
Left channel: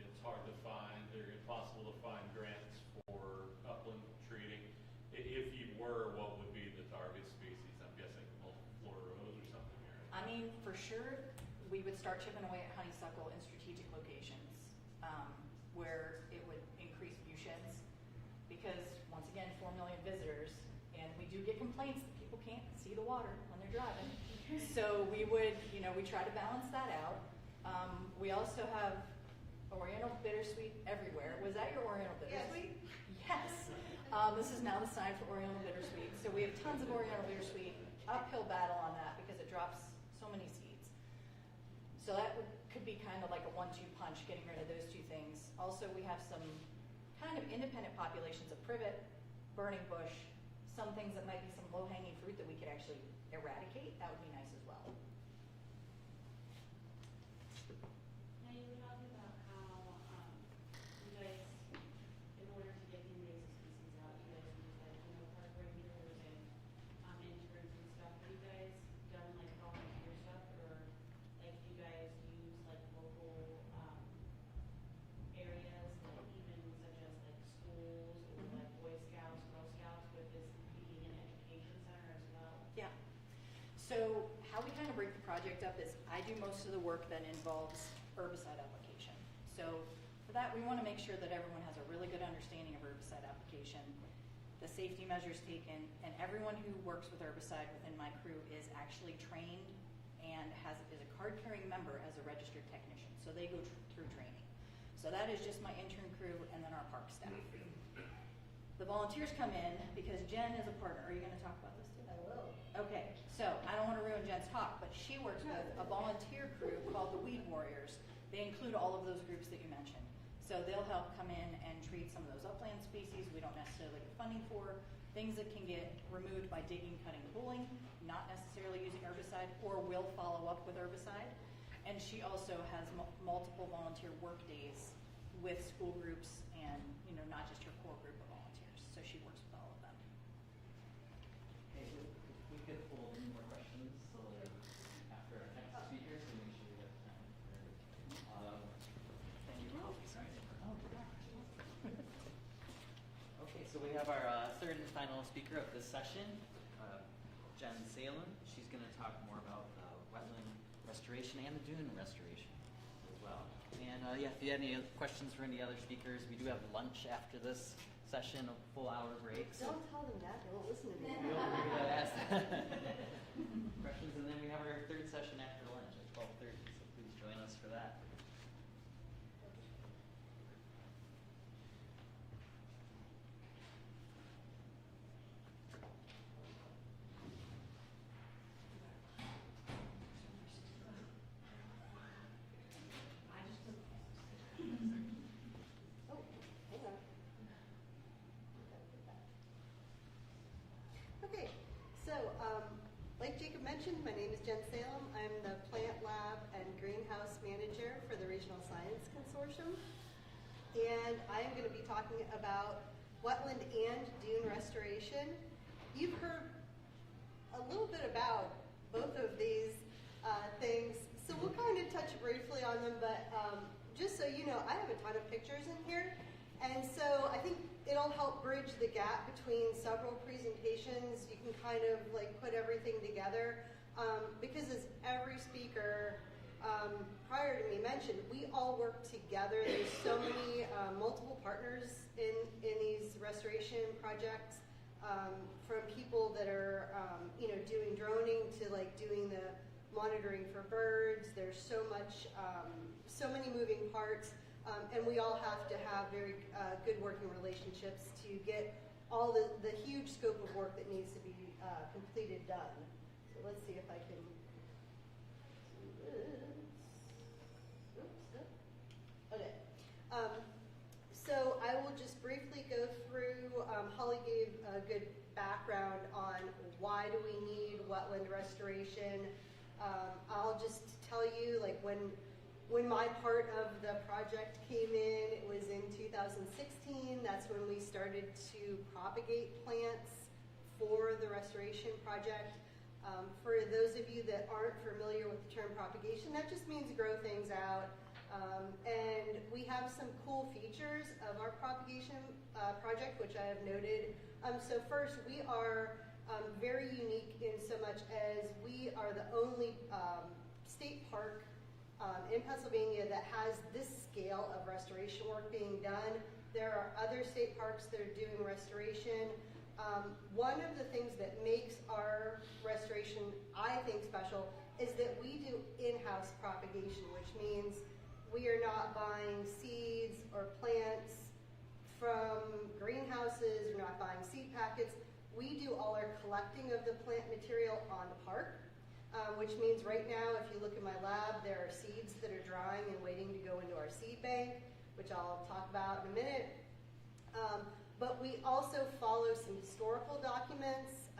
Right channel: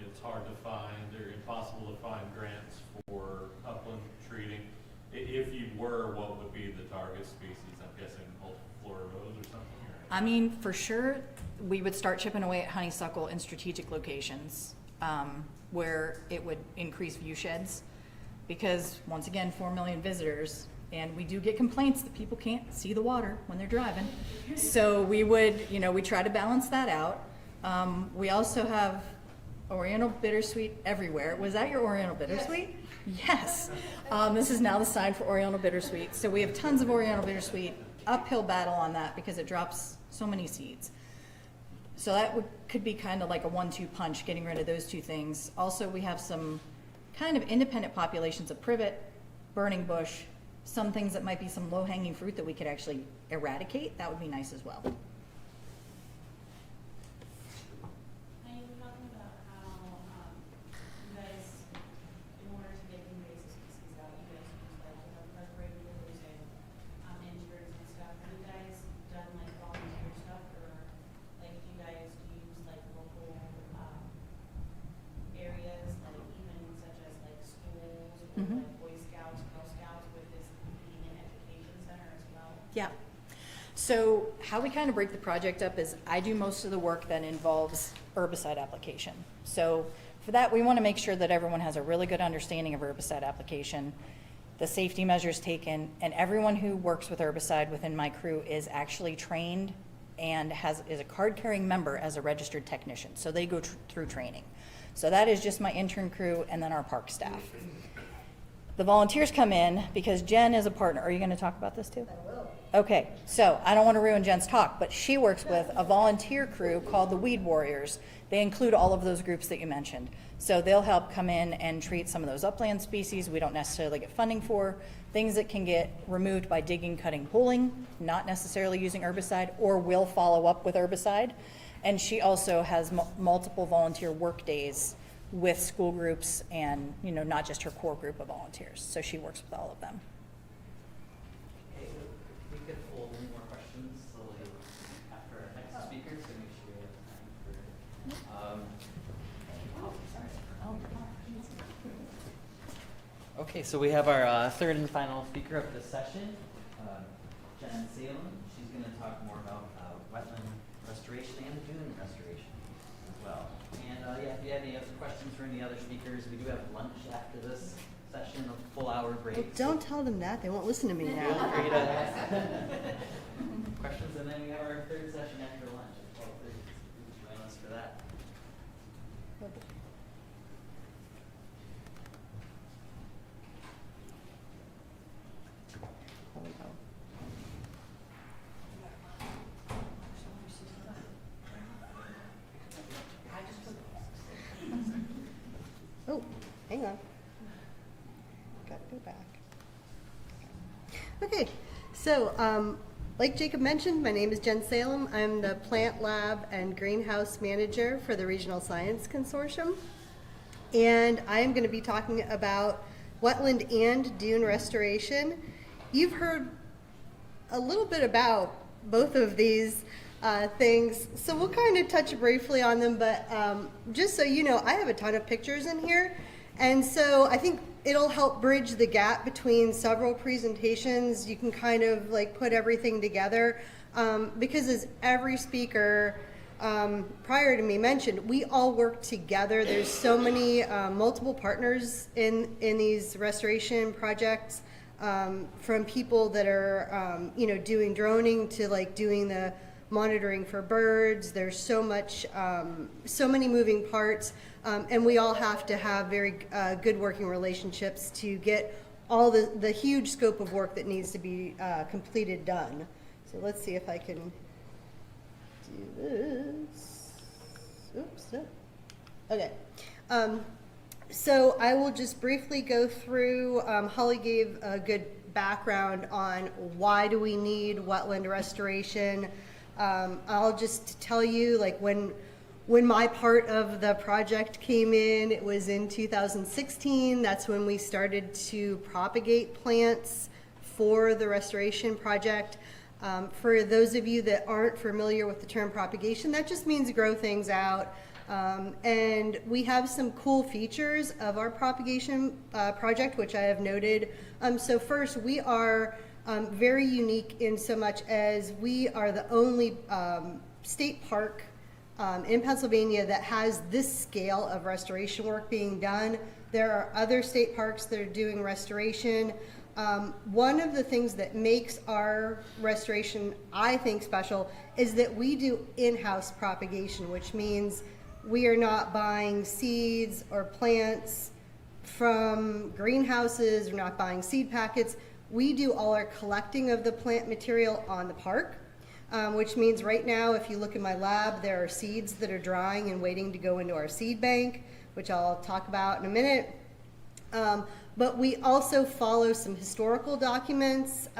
it's hard to find or impossible to find grants for upland treating. If you were, what would be the target species? I'm guessing multiflora rose or something? Or? I mean, for sure, we would start chipping away at honeysuckle in strategic locations where it would increase view sheds. Because once again, 4 million visitors, and we do get complaints that people can't see the water when they're driving. So we would, we try to balance that out. We also have Oriental bittersweet everywhere. Was that your Oriental bittersweet? Yes. This is now the sign for Oriental bittersweet. So we have tons of Oriental bittersweet, uphill battle on that because it drops so many seeds. So that could be kind of like a 1-2 punch, getting rid of those two things. Also, we have some kind of independent populations of privet, burning bush, some things that might be some low-hanging fruit that we could actually eradicate. That would be nice as well. And you were talking about how you guys, in order to get invasive species out, you guys use like, regulators and insurers and stuff. Have you guys done like volunteer stuff, or like you guys use like local areas, like even such as like schools or like Boy Scouts, Girl Scouts, with this being an education center as well? Yeah. So how we kind of break the project up is I do most of the work that involves herbicide application. So for that, we want to make sure that everyone has a really good understanding of herbicide application, the safety measures taken, and everyone who works with herbicide within my crew is actually trained and is a card-carrying member as a registered technician. So they go through training. So that is just my intern crew and then our park staff. The volunteers come in because Jen is a partner. Are you going to talk about this too? I will. Okay, so I don't want to ruin Jen's talk, but she works with a volunteer crew called the Weed Warriors. They include all of those groups that you mentioned. So they'll help come in and treat some of those upland species we don't necessarily get funding for, things that can get removed by digging, cutting, pulling, not necessarily using herbicide, or will follow up with herbicide. And she also has multiple volunteer work days with school groups and, not just her core group of volunteers. So she works with all of them. Okay, we could hold any more questions till after our next speaker, so make sure we have time for. Okay, so we have our third and final speaker of this session, Jen Salem. She's going to talk more about wetland restoration and dune restoration as well. And if you have any other questions for any other speakers, we do have lunch after this session, a full hour break. Well, don't tell them that. They won't listen to me now. Feel free to ask questions, and then we have our third session after lunch at 12:30. Please join us for that. Oh, hang on. Got to go back. So, like Jacob mentioned, my name is Jen Salem. I'm the Plant Lab and Greenhouse Manager for the Regional Science Consortium. And I am going to be talking about wetland and dune restoration. You've heard a little bit about both of these things, so we'll kind of touch briefly on them, but just so you know, I have a ton of pictures in here, and so I think it'll help bridge the gap between several presentations. You can kind of like put everything together, because as every speaker prior to me mentioned, we all work together. There's so many multiple partners in these restoration projects, from people that are doing droning to like doing the monitoring for birds. There's so much, so many moving parts, and we all have to have very good working relationships to get all the huge scope of work that needs to be completed done. So let's see if I can do this. Oops. No. Okay. So I will just briefly go through, Holly gave a good background on why do we need wetland restoration. I'll just tell you, like when my part of the project came in, it was in 2016. That's when we started to propagate plants for the restoration project. For those of you that aren't familiar with the term propagation, that just means grow things out. And we have some cool features of our propagation project, which I have noted. So first, we are very unique in so much as we are the only state park in Pennsylvania that has this scale of restoration work being done. There are other state parks that are doing restoration. One of the things that makes our restoration, I think, special is that we do in-house propagation, which means we are not buying seeds or plants from greenhouses. We're not buying seed packets. We do all our collecting of the plant material on the park, which means right now, if you look in my lab, there are seeds that are drying and waiting to go into our seed bank, which I'll talk about in a minute. But we also follow some historical documents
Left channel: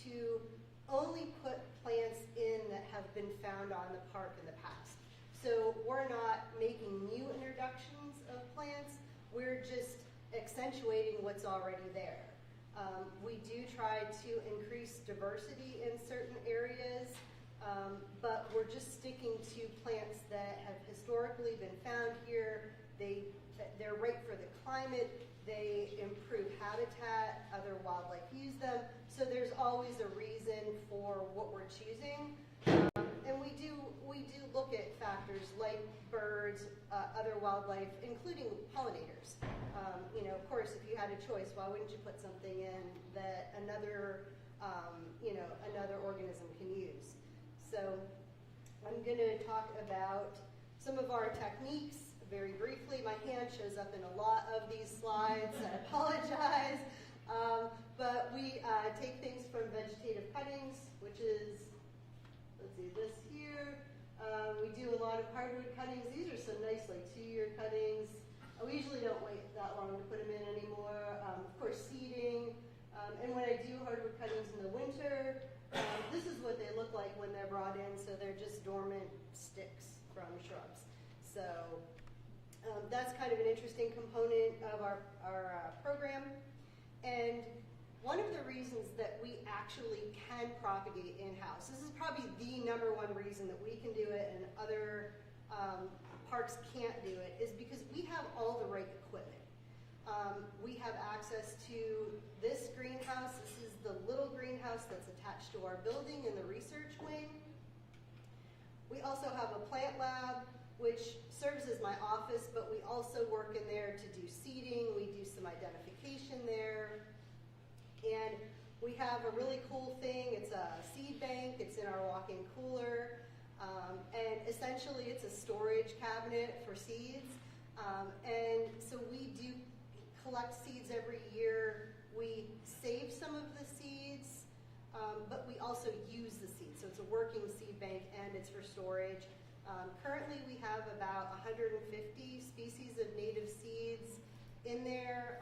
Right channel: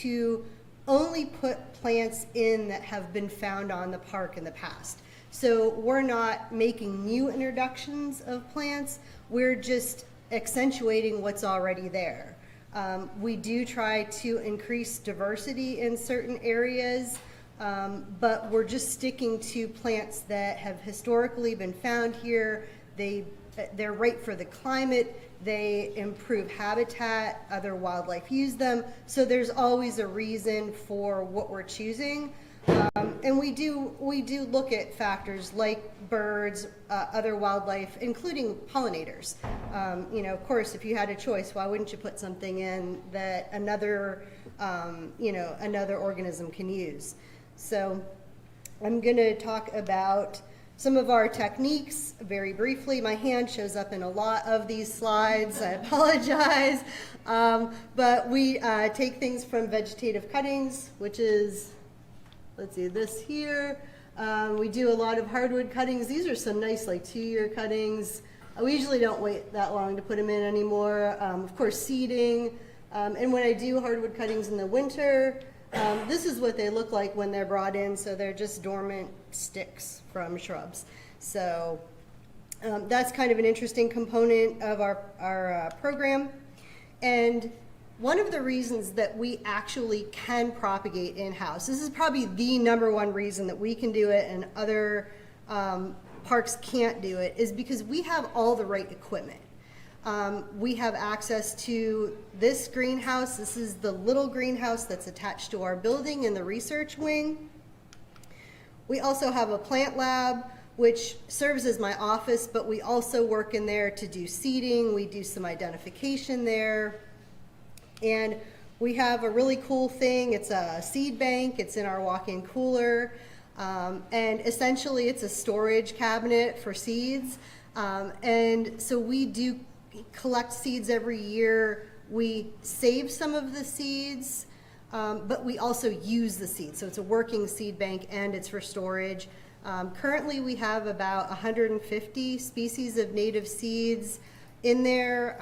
to only put plants in that have been found on the park in the past. So we're not making new introductions of plants, we're just accentuating what's already there. We do try to increase diversity in certain areas, but we're just sticking to plants that have historically been found here. They're right for the climate, they improve habitat, other wildlife use them, so there's always a reason for what we're choosing. And we do look at factors like birds, other wildlife, including pollinators. Of course, if you had a choice, why wouldn't you put something in that another organism can use? So I'm going to talk about some of our techniques very briefly. My hand shows up in a lot of these slides. I apologize. But we take things from vegetative cuttings, which is, let's see, this here. We do a lot of hardwood cuttings. These are some nice, like 2-year cuttings. We usually don't wait that long to put them in anymore. Of course, seeding. And when I do hardwood cuttings in the winter, this is what they look like when they're brought in. So they're just dormant sticks from shrubs. So that's kind of an interesting component of our program. And one of the reasons that we actually can propagate in-house, this is probably the #1 reason that we can do it and other parks can't do it, is because we have all the right equipment. We have access to this greenhouse. This is the little greenhouse that's attached to our building in the research wing. We also have a plant lab, which serves as my office, but we also work in there to do seeding. We do some identification there. And we have a really cool thing. It's a seed bank. It's in our walk-in cooler. And essentially it's a storage cabinet for seeds. And so we do collect seeds every year. We save some of the seeds, but we also use the seeds. So it's a working seed bank and it's for storage. Currently we have about 150 species of native seeds in there.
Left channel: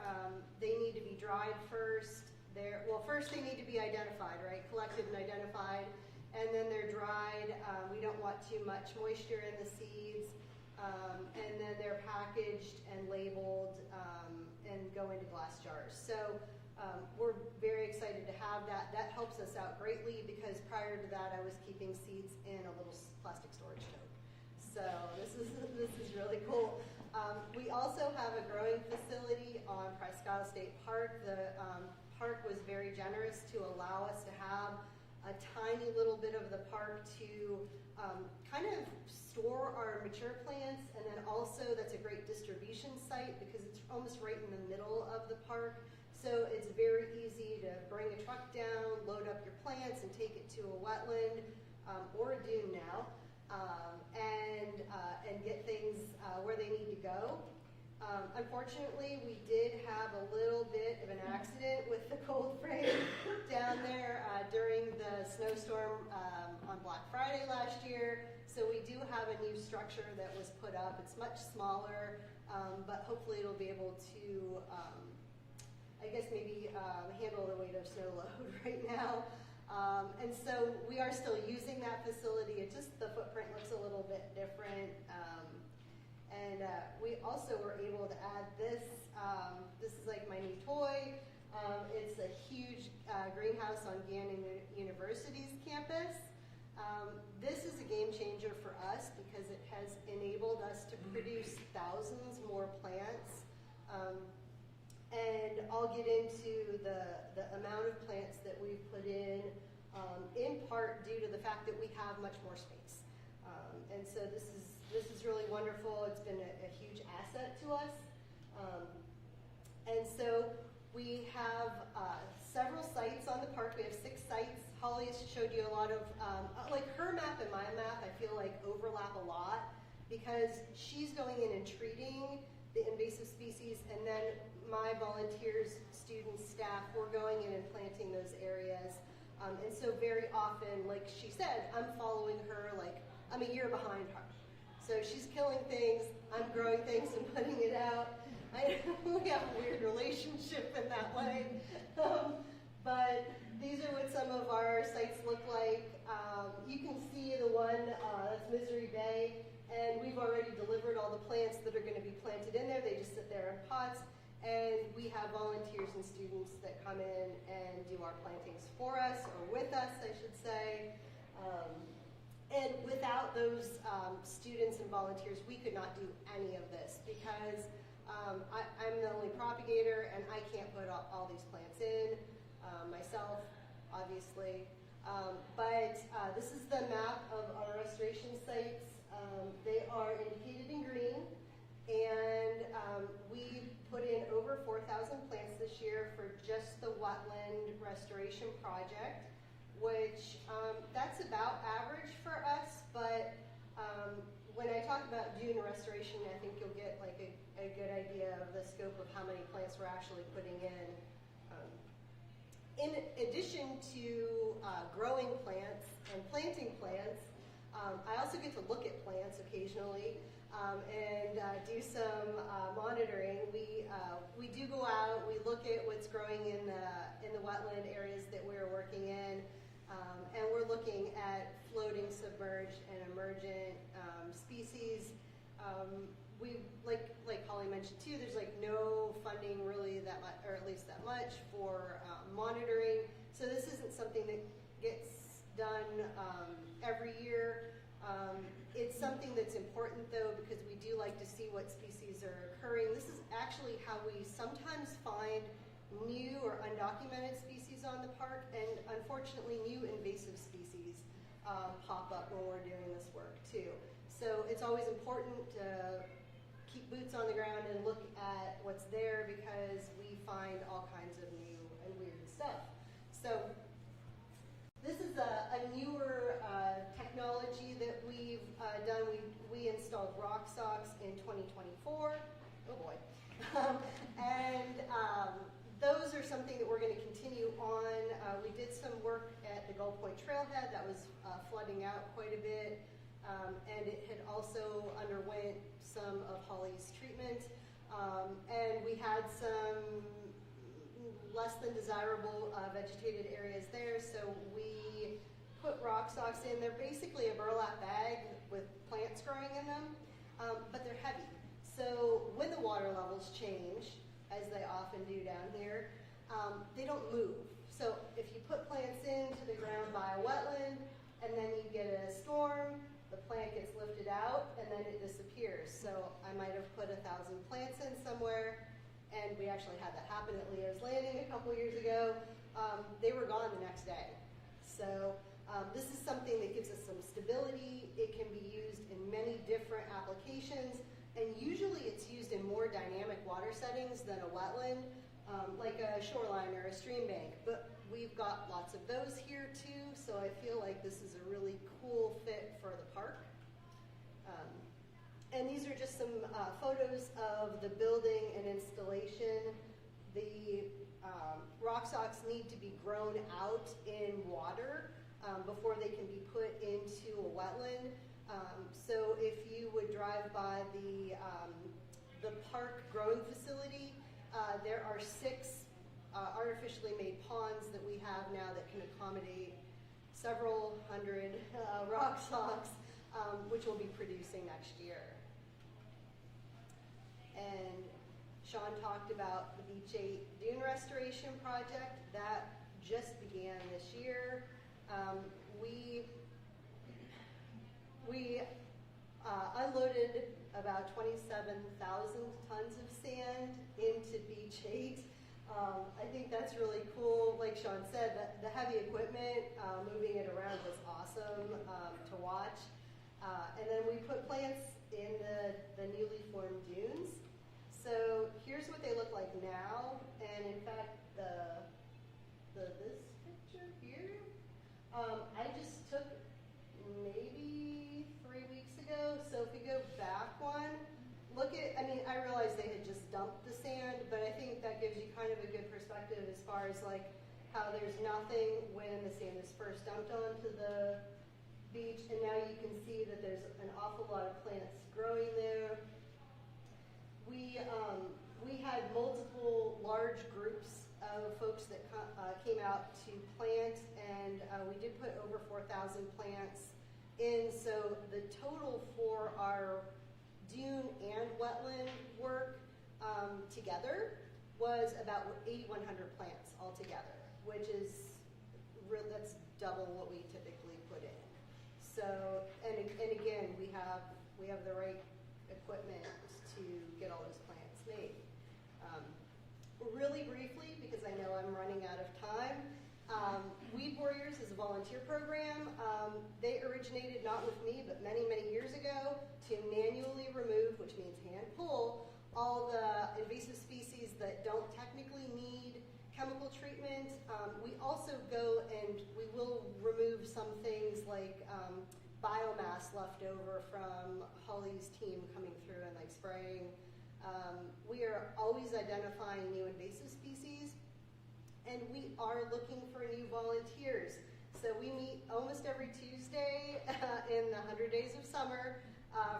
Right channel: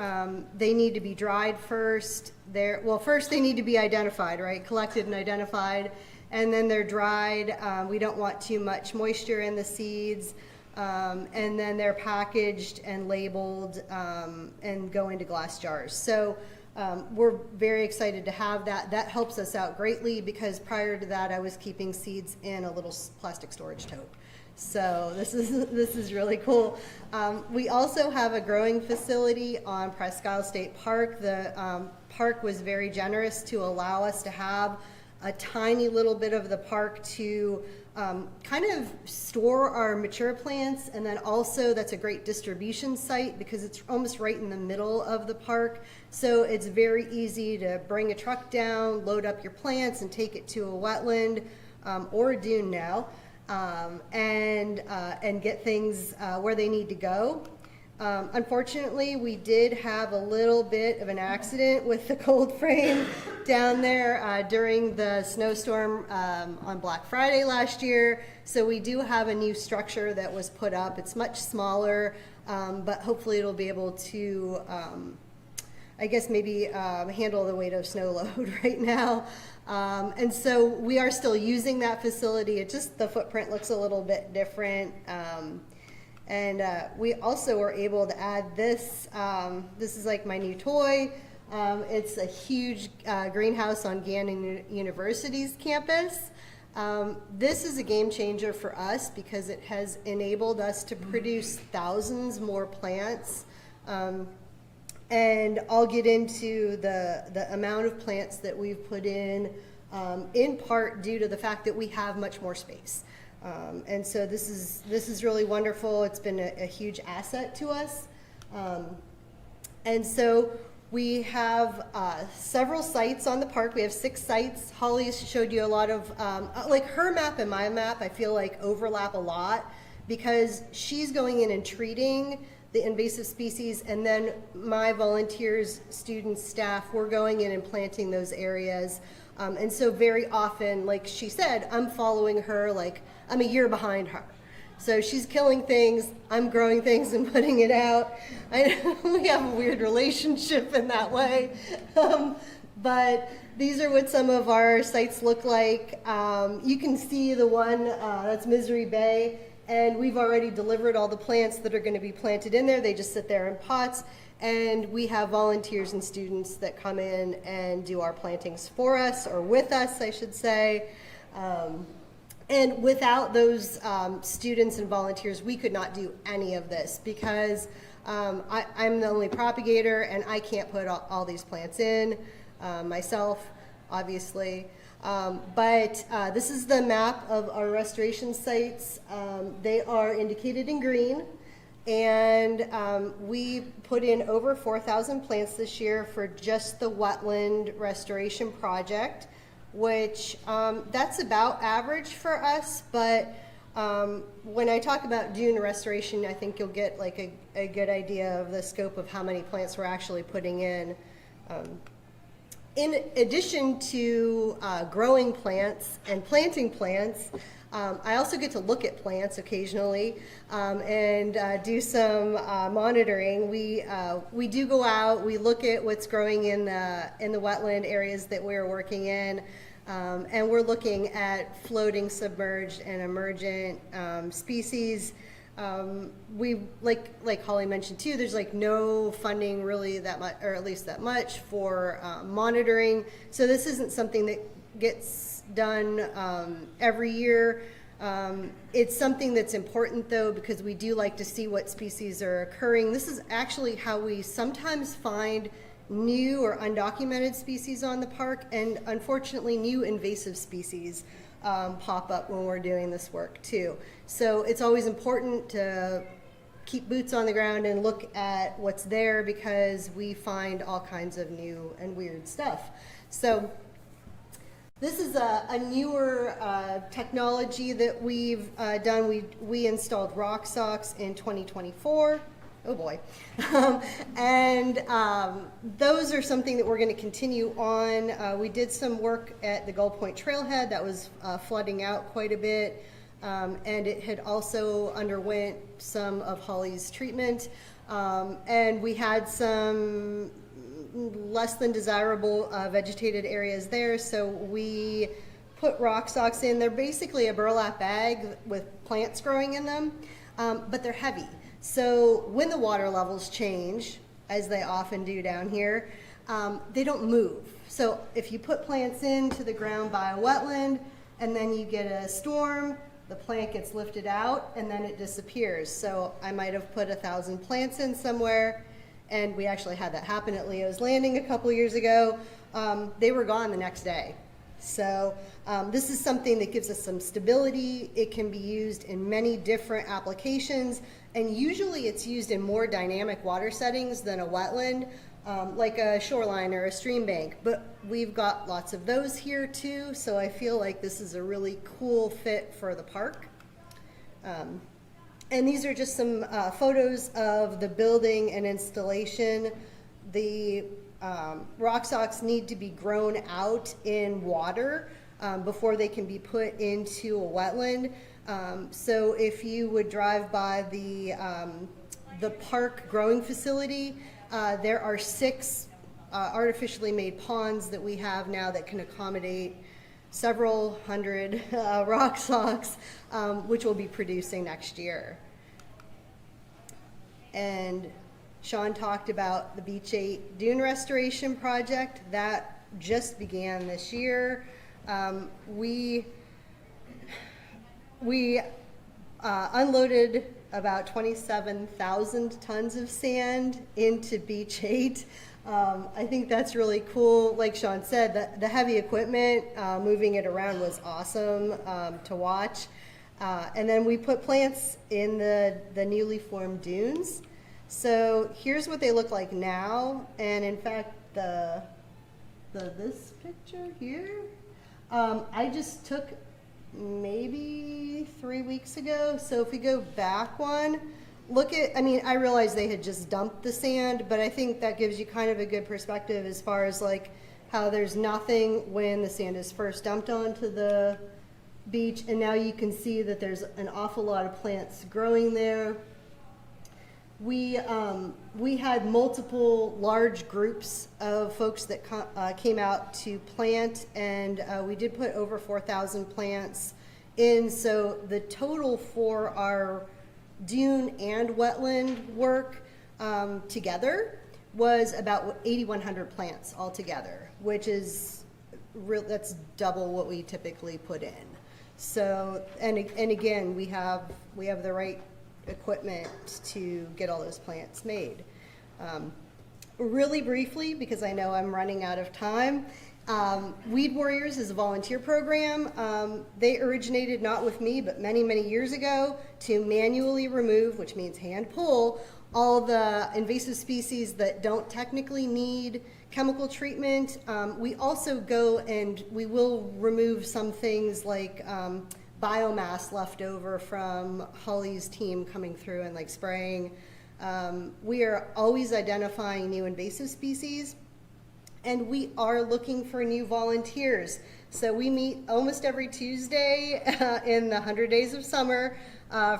They need to be dried first. well, first they need to be identified, right? Collected and identified, and then they're dried. We don't want too much moisture in the seeds. And then they're packaged and labeled and go into glass jars. So we're very excited to have that. That helps us out greatly because prior to that I was keeping seeds in a little plastic storage tote. So this is really cool. We also have a growing facility on Presque State Park. The park was very generous to allow us to have a tiny little bit of the park to kind of store our mature plants, and then also that's a great distribution site because it's almost right in the middle of the park. So it's very easy to bring a truck down, load up your plants, and take it to a wetland or a dune now, and get things where they need to go. Unfortunately, we did have a little bit of an accident with the cold frame down there during the snowstorm on Black Friday last year. So we do have a new structure that was put up. It's much smaller, but hopefully it'll be able to, I guess maybe handle the weight of snow load right now. And so we are still using that facility. It just, the footprint looks a little bit different. And we also were able to add this. This is like my new toy. It's a huge greenhouse on Gannon University's campus. This is a game changer for us because it has enabled us to produce thousands more plants. And I'll get into the amount of plants that we've put in part due to the fact that we have much more space. And so this is really wonderful. It's been a huge asset to us. And so we have several sites on the park. We have 6 sites. Holly showed you a lot of, like her map and my map, I feel like overlap a lot because she's going in and treating the invasive species, and then my volunteers, students, staff, we're going in and planting those areas. And so very often, like she said, I'm following her, like I'm a year behind her. So she's killing things, I'm growing things and putting it out. We have a weird relationship in that way. But these are what some of our sites look like. You can see the one, that's Misery Bay, and we've already delivered all the plants that are going to be planted in there. They just sit there in pots, and we have volunteers and students that come in and do our plantings for us, or with us, I should say. And without those students and volunteers, we could not do any of this because I'm the only propagator and I can't put all these plants in myself, obviously. But this is the map of our restoration sites. They are indicated in green, and we put in over 4,000 plants this year for just the wetland restoration project, which that's about average for us, but when I talk about dune restoration, I think you'll get like a good idea of the scope of how many plants we're actually putting in. In addition to growing plants and planting plants, I also get to look at plants occasionally and do some monitoring. We do go out, we look at what's growing in the wetland areas that we're working in, and we're looking at floating, submerged, and emergent species. We like Holly mentioned too, there's like no funding really that much, or at least that much, for monitoring. So this isn't something that gets done every year. It's something that's important though, because we do like to see what species are occurring. This is actually how we sometimes find new or undocumented species on the park, and unfortunately new invasive species pop up when we're doing this work too. So it's always important to keep boots on the ground and look at what's there, because we find all kinds of new and weird stuff. So this is a newer technology that we've done. We installed rock socks in 2024. Oh boy. And those are something that we're going to continue on. We did some work at the Gull Point Trailhead that was flooding out quite a bit, and it had also underwent some of Holly's treatment. And we had some less than desirable vegetated areas there, so we put rock socks in. They're basically a burlap bag with plants growing in them, but they're heavy. So when the water levels change, as they often do down here, they don't move. So if you put plants into the ground by a wetland and then you get a storm, the plant gets lifted out and then it disappears. So I might have put 1,000 plants in somewhere, and we actually had that happen at Leo's Landing a couple years ago. They were gone the next day. So this is something that gives us some stability. It can be used in many different applications, and usually it's used in more dynamic water settings than a wetland, like a shoreline or a stream bank. But we've got lots of those here too, so I feel like this is a really cool fit for the park. And these are just some photos of the building and installation. The rock socks need to be grown out in water before they can be put into a wetland. So if you would drive by the park growing facility, there are 6 artificially made ponds that we have now that can accommodate several hundred rock socks, which we'll be producing next year. And Sean talked about the Beach 8 dune restoration project that just began this year. We unloaded about 27,000 tons of sand into Beach 8. I think that's really cool. Like Sean said, the heavy equipment, moving it around was awesome to watch. And then we put plants in the newly formed dunes. So here's what they look like now. And in fact, this picture here, I just took maybe 3 weeks ago. So if we go back one, look at, I mean, I realized they had just dumped the sand, but I think that gives you kind of a good perspective as far as like how there's nothing when the sand is first dumped onto the beach, and now you can see that there's an awful lot of plants growing there. We had multiple large groups of folks that came out to plant, and we did put over 4,000 plants in. So the total for our dune and wetland work together was about 8,100 plants altogether, which is that's double what we typically put in. So, and again, we have the right equipment to get all those plants made. Really briefly, because I know I'm running out of time, Weed Warriors is a volunteer program. They originated not with me, but many, many years ago to manually remove, which means hand pull, all the invasive species that don't technically need chemical treatment. We also go and we will remove some things like biomass left over from Holly's team coming through and like spraying. We are always identifying new invasive species, and we are looking for new volunteers. So we meet almost every Tuesday in the 100 days of summer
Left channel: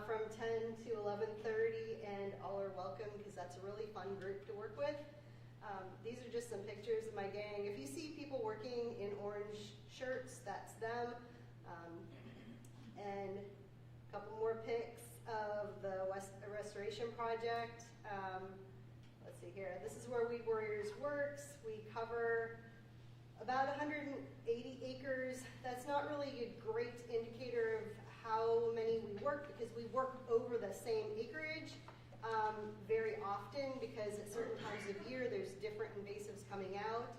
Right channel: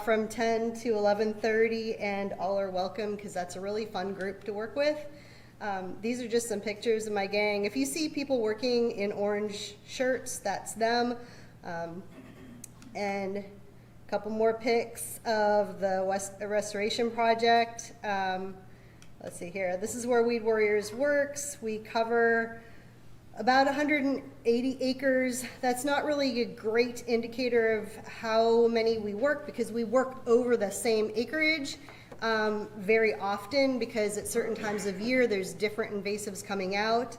from 10 to 11:30, and all are welcome because that's a really fun group to work with. These are just some pictures of my gang. If you see people working in orange shirts, that's them. And a couple more pics of the restoration project. Let's see here. This is where Weed Warriors works. We cover about 180 acres. That's not really a great indicator of how many we work because we work over the same acreage very often because at certain times of year there's different invasives coming out.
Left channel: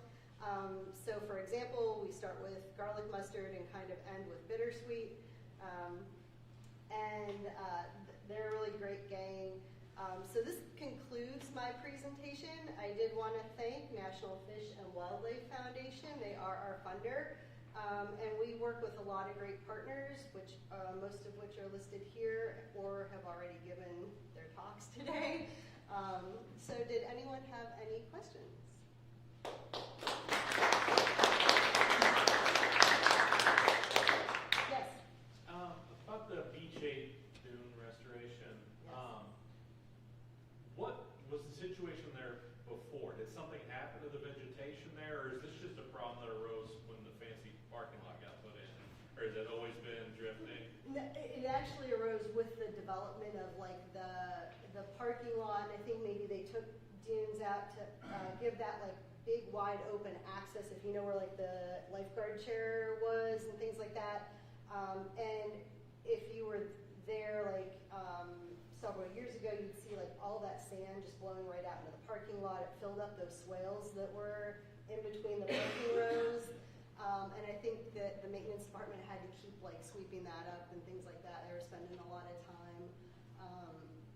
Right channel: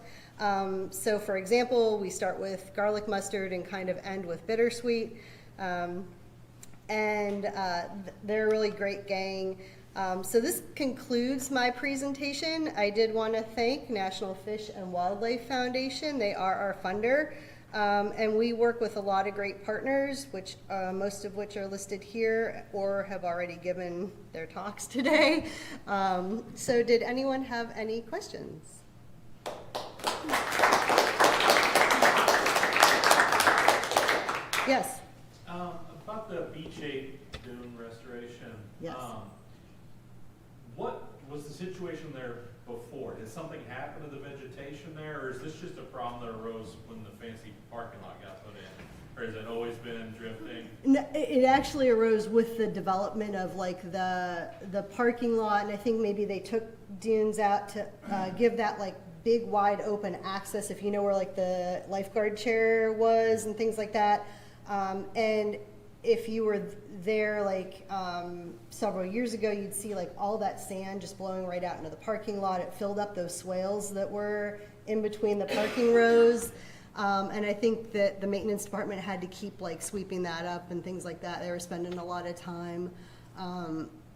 So for example, we start with garlic mustard and kind of end with bittersweet. They're a really great gang. So this concludes my presentation. I did want to thank National Fish and Wildlife Foundation. They are our funder. And we work with a lot of great partners, which most of which are listed here or have already given their talks today. So did anyone have any questions? Yes. About the Beach 8 dune restoration. Yes. What was the situation there before? Did something happen to the vegetation It actually arose with the development of like the parking lot, and I think maybe they took dunes out to give that like big wide open access, if you know where like the lifeguard chair was and things like that. And if you were there like several years ago, you'd see like all that sand just blowing right out into the parking lot. It filled up those swales that were in between the parking rows. And I think that the maintenance department had to keep like sweeping that up and things like that. They were spending a lot of time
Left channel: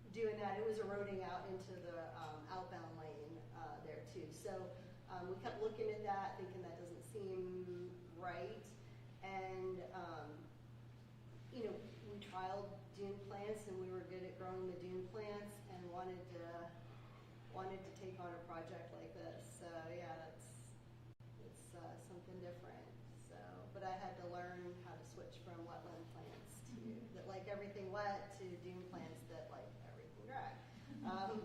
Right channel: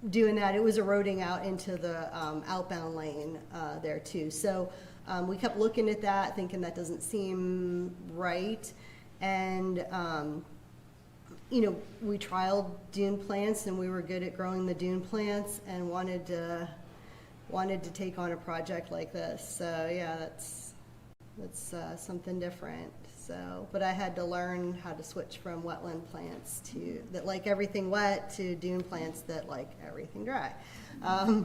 doing that. It was eroding out into the outbound lane there too. So we kept looking at that, thinking that doesn't seem right. And you know, we trialed dune plants, and we were good at growing the dune plants, and wanted to take on a project like this. So yeah, that's something different. So, but I had to learn how to switch from wetland plants to that like everything wet to dune plants that like everything dry.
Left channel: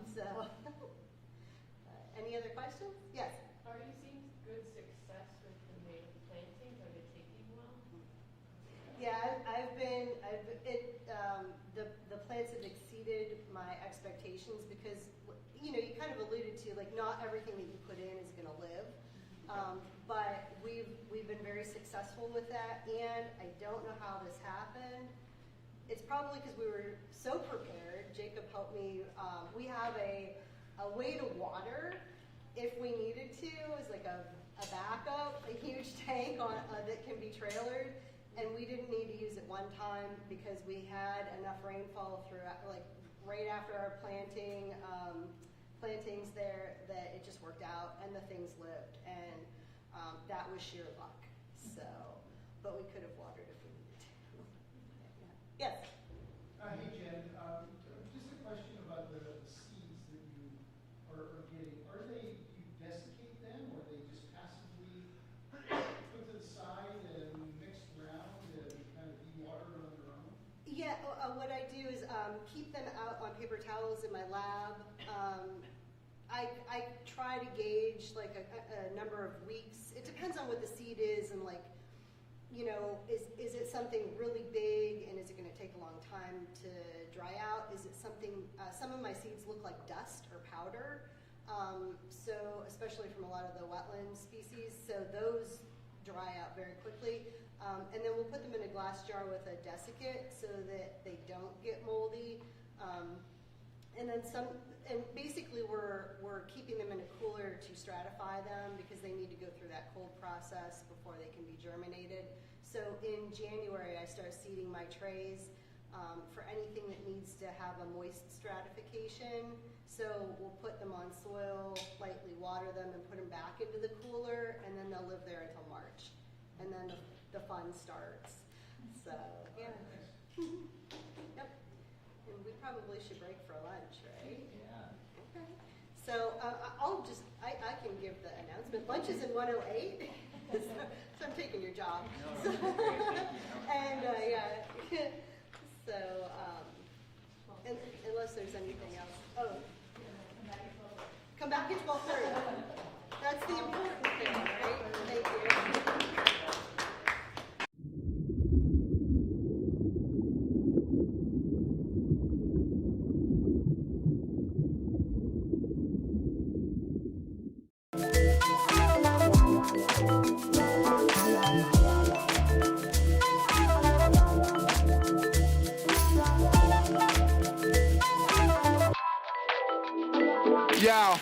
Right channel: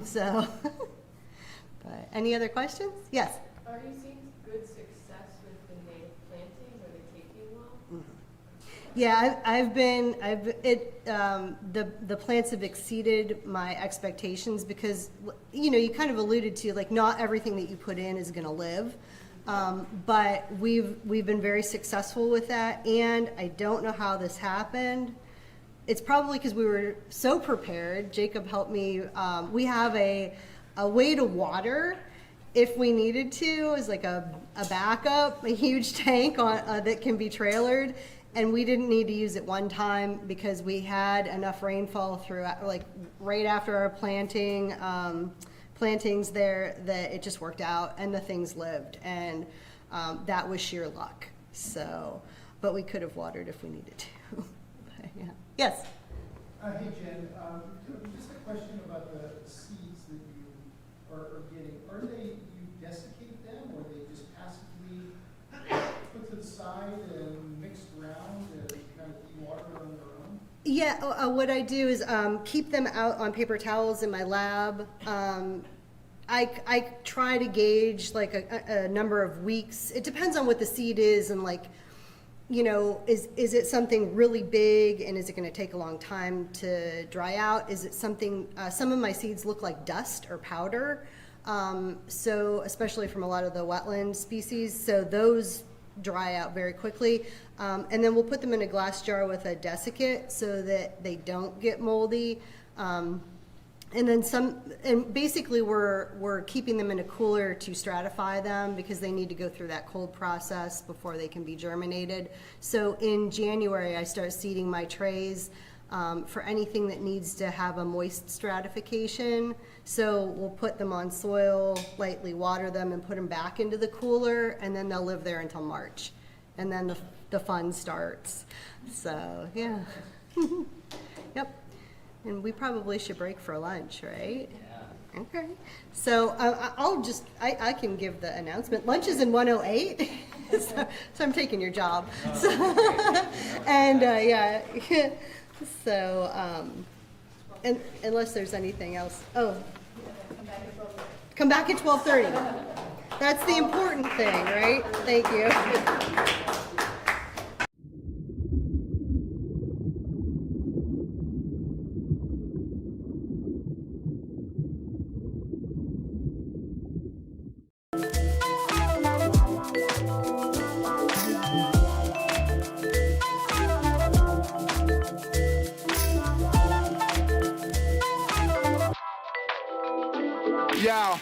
So, but any other questions? Yes. Are you seeing good success with the native plantings? Are they taking well? Yeah, the plants have exceeded my expectations because, you know, you kind of alluded to like not everything that you put in is going to live. But we've been very successful with that, and I don't know how this happened. It's probably because we were so prepared. Jacob helped me. We have a way to water if we needed to, as like a backup, a huge tank on that can be trailered, and we didn't need to use it one time because we had enough rainfall throughout, like right after our plantings there, that it just worked out and the things lived, and that was sheer luck. So, but we could have watered if we needed to. But, yeah. Yes. Hey Jen, just a question about the seeds that you are getting. Are they, you desiccate them, or are they just passively put to the side and mixed around and kind of de-water on their own? Yeah, what I do is keep them out on paper towels in my lab. I try to gauge like a number of weeks. It depends on what the seed is, and like, you know, is it something really big, and is it going to take a long time to dry out? Is it something, some of my seeds look like dust or powder, so especially from a lot of the wetland species, so those dry out very quickly. And then we'll put them in a glass jar with a desiccant so that they don't get moldy. And then and basically we're keeping them in a cooler to stratify them because they need to go through that cold process before they can be germinated. So in January, I start seeding my trays for anything that needs to have a moist stratification. So we'll put them on soil, lightly water them, and put them back into the cooler, and then they'll live there until March. And then the fun starts. So, yeah. Yep. And we probably should break for lunch, right? Yeah. Okay. So I can give the announcement. Lunch is in 108, so I'm taking your job. So, and yeah, so and unless there's anything else. Oh, come back at 12:30. That's the important thing, right? Thank you. Yeah.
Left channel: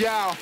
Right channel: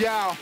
Yeah.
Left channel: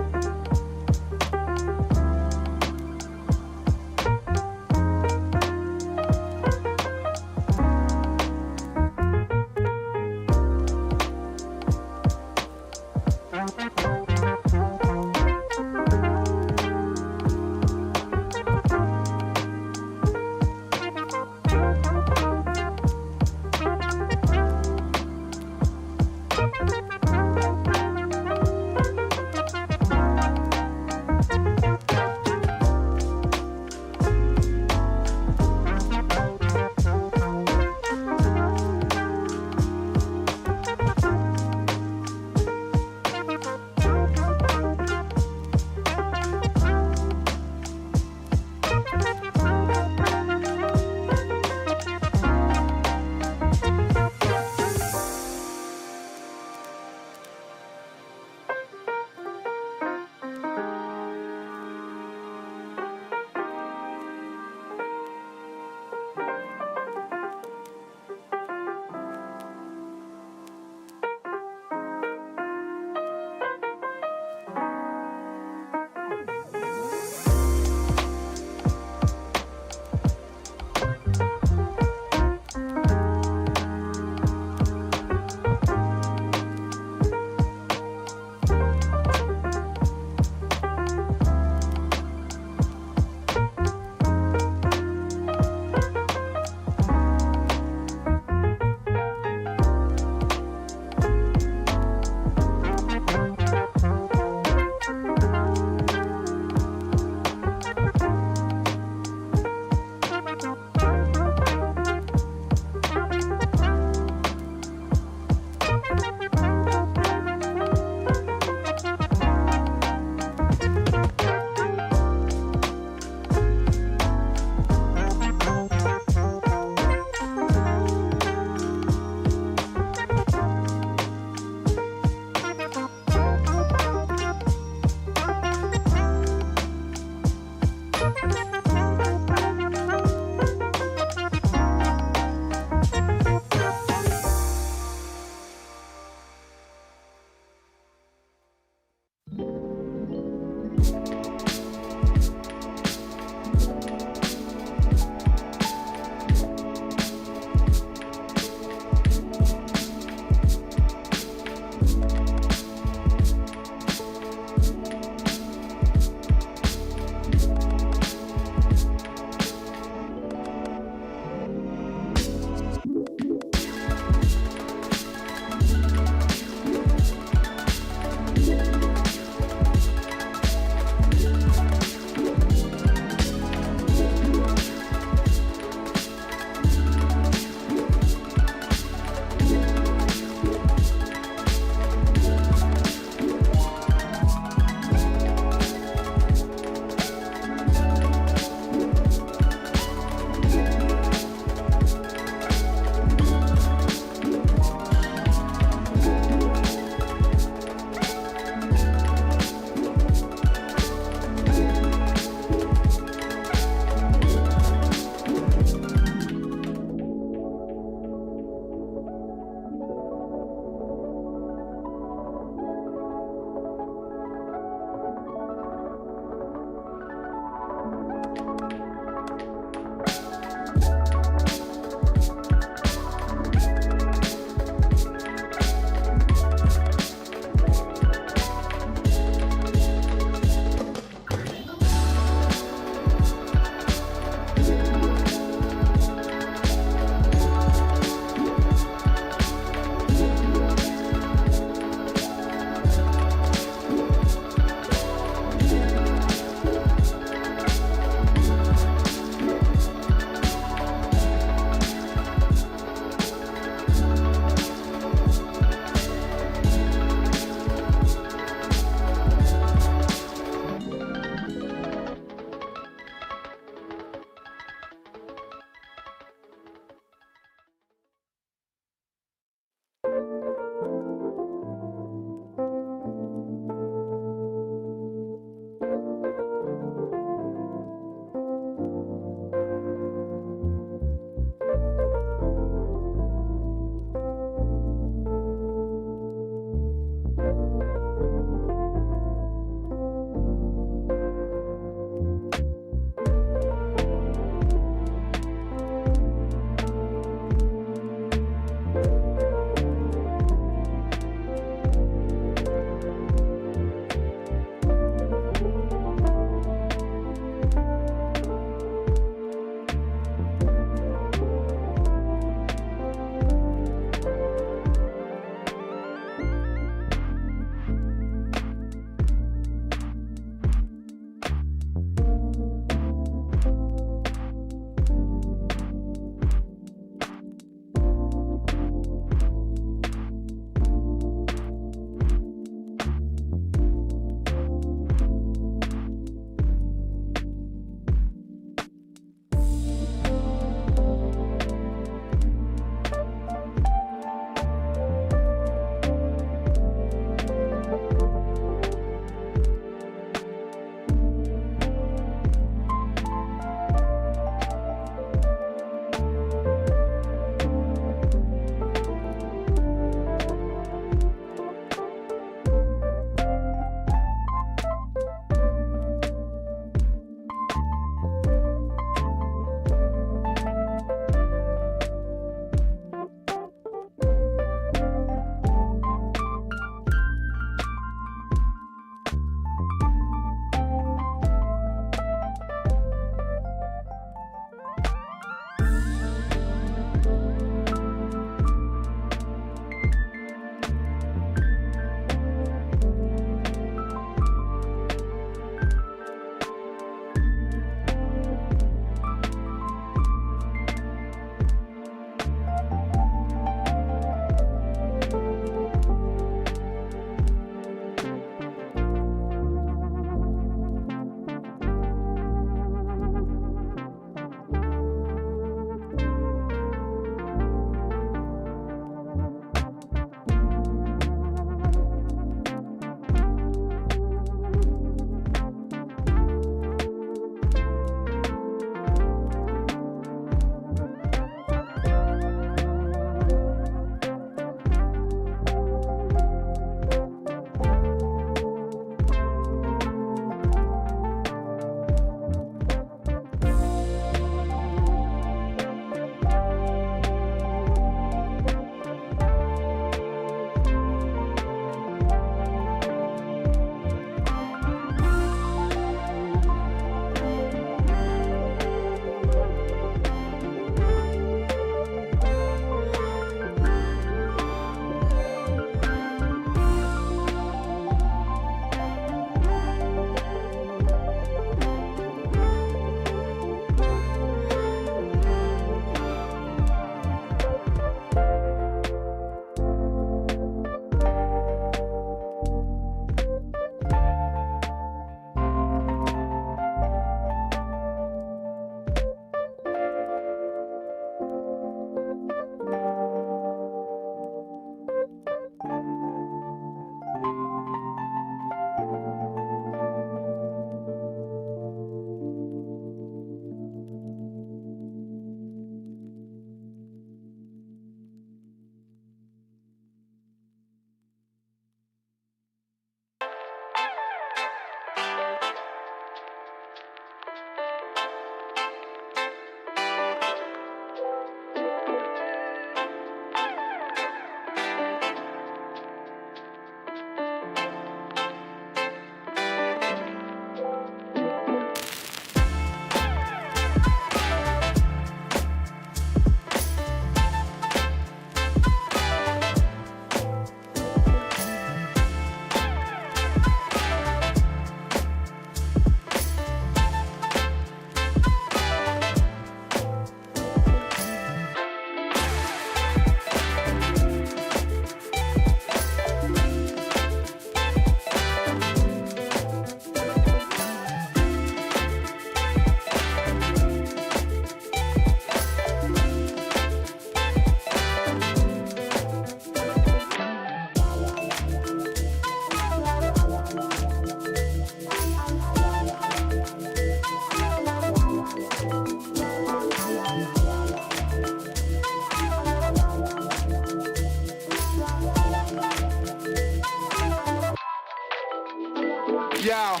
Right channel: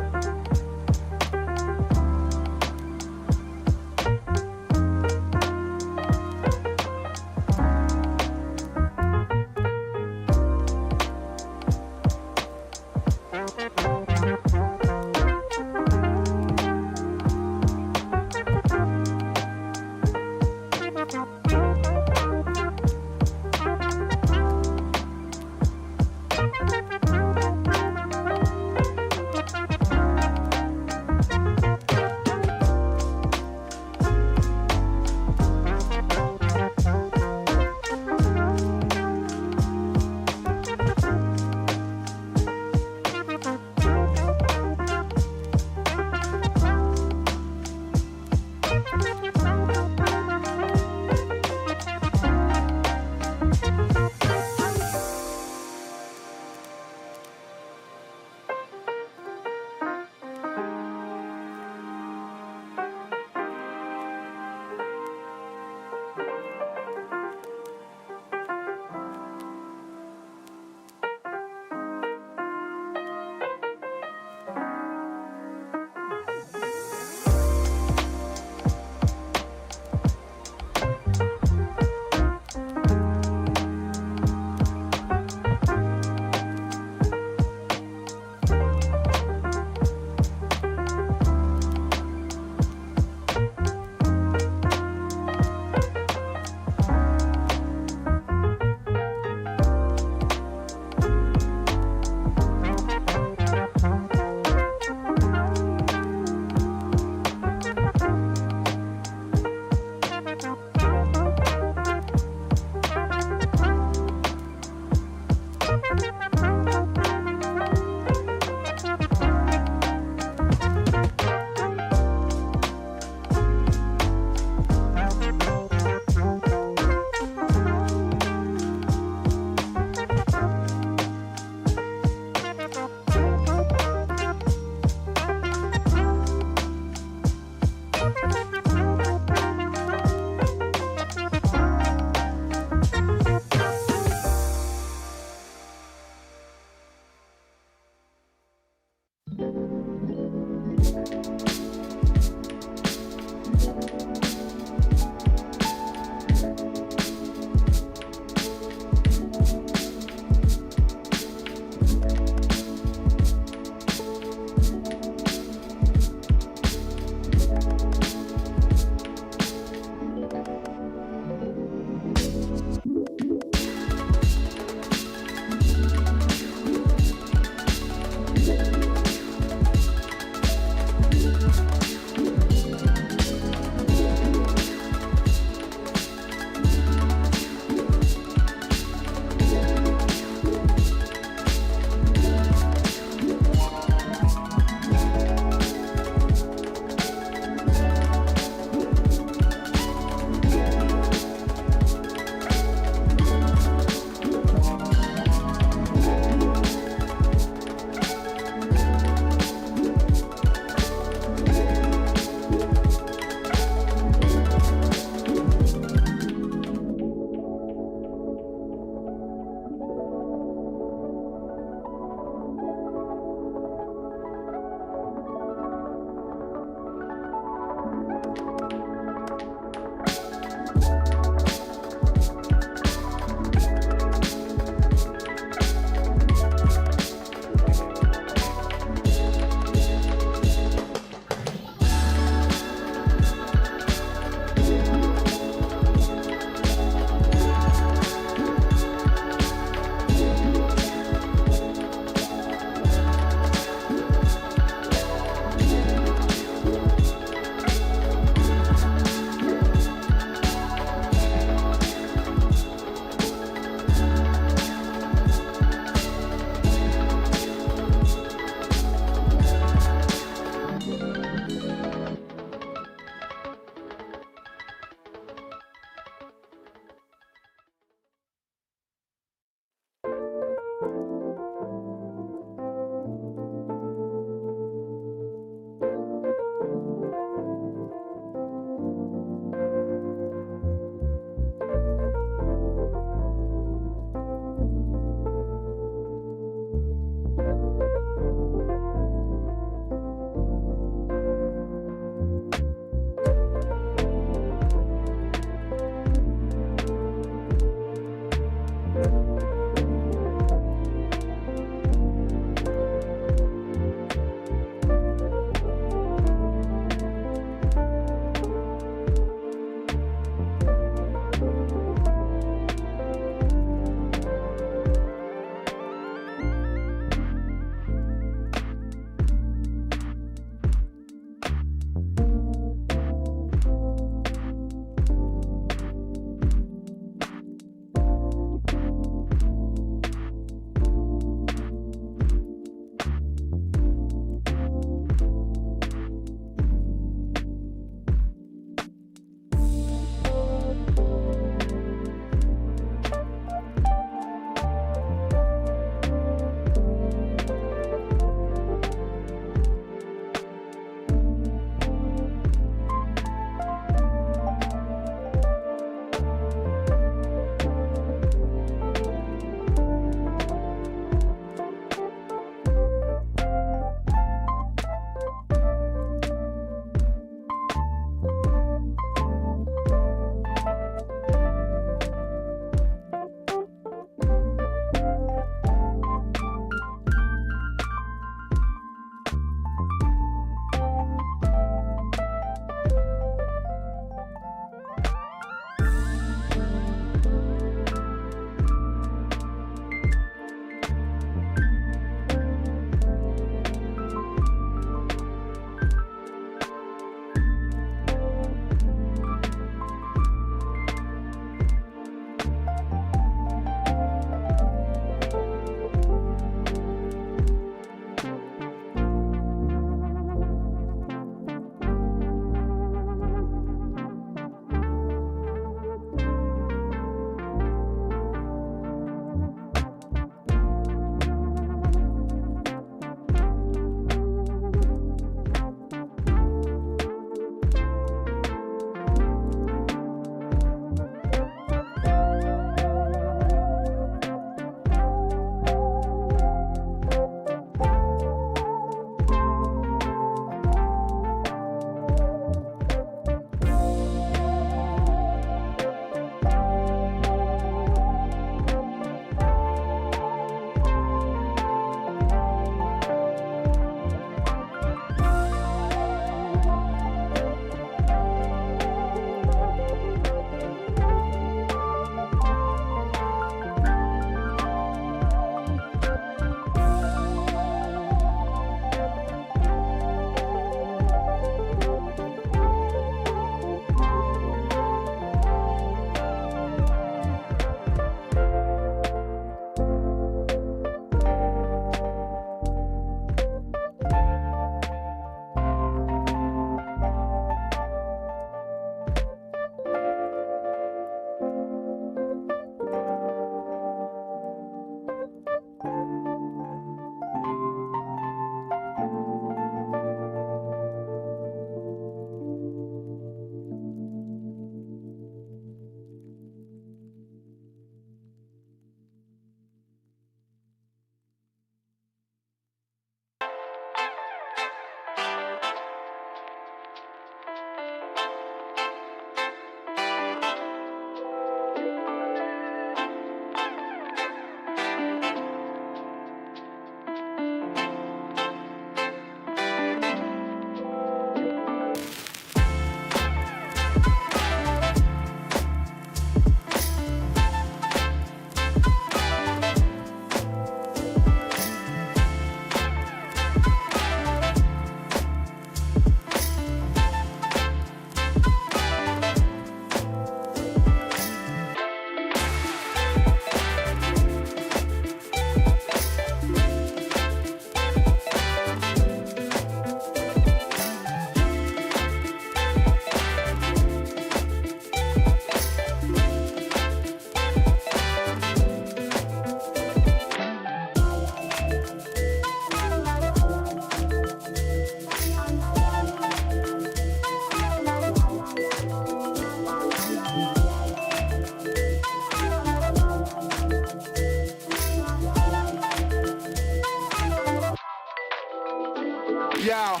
Yeah.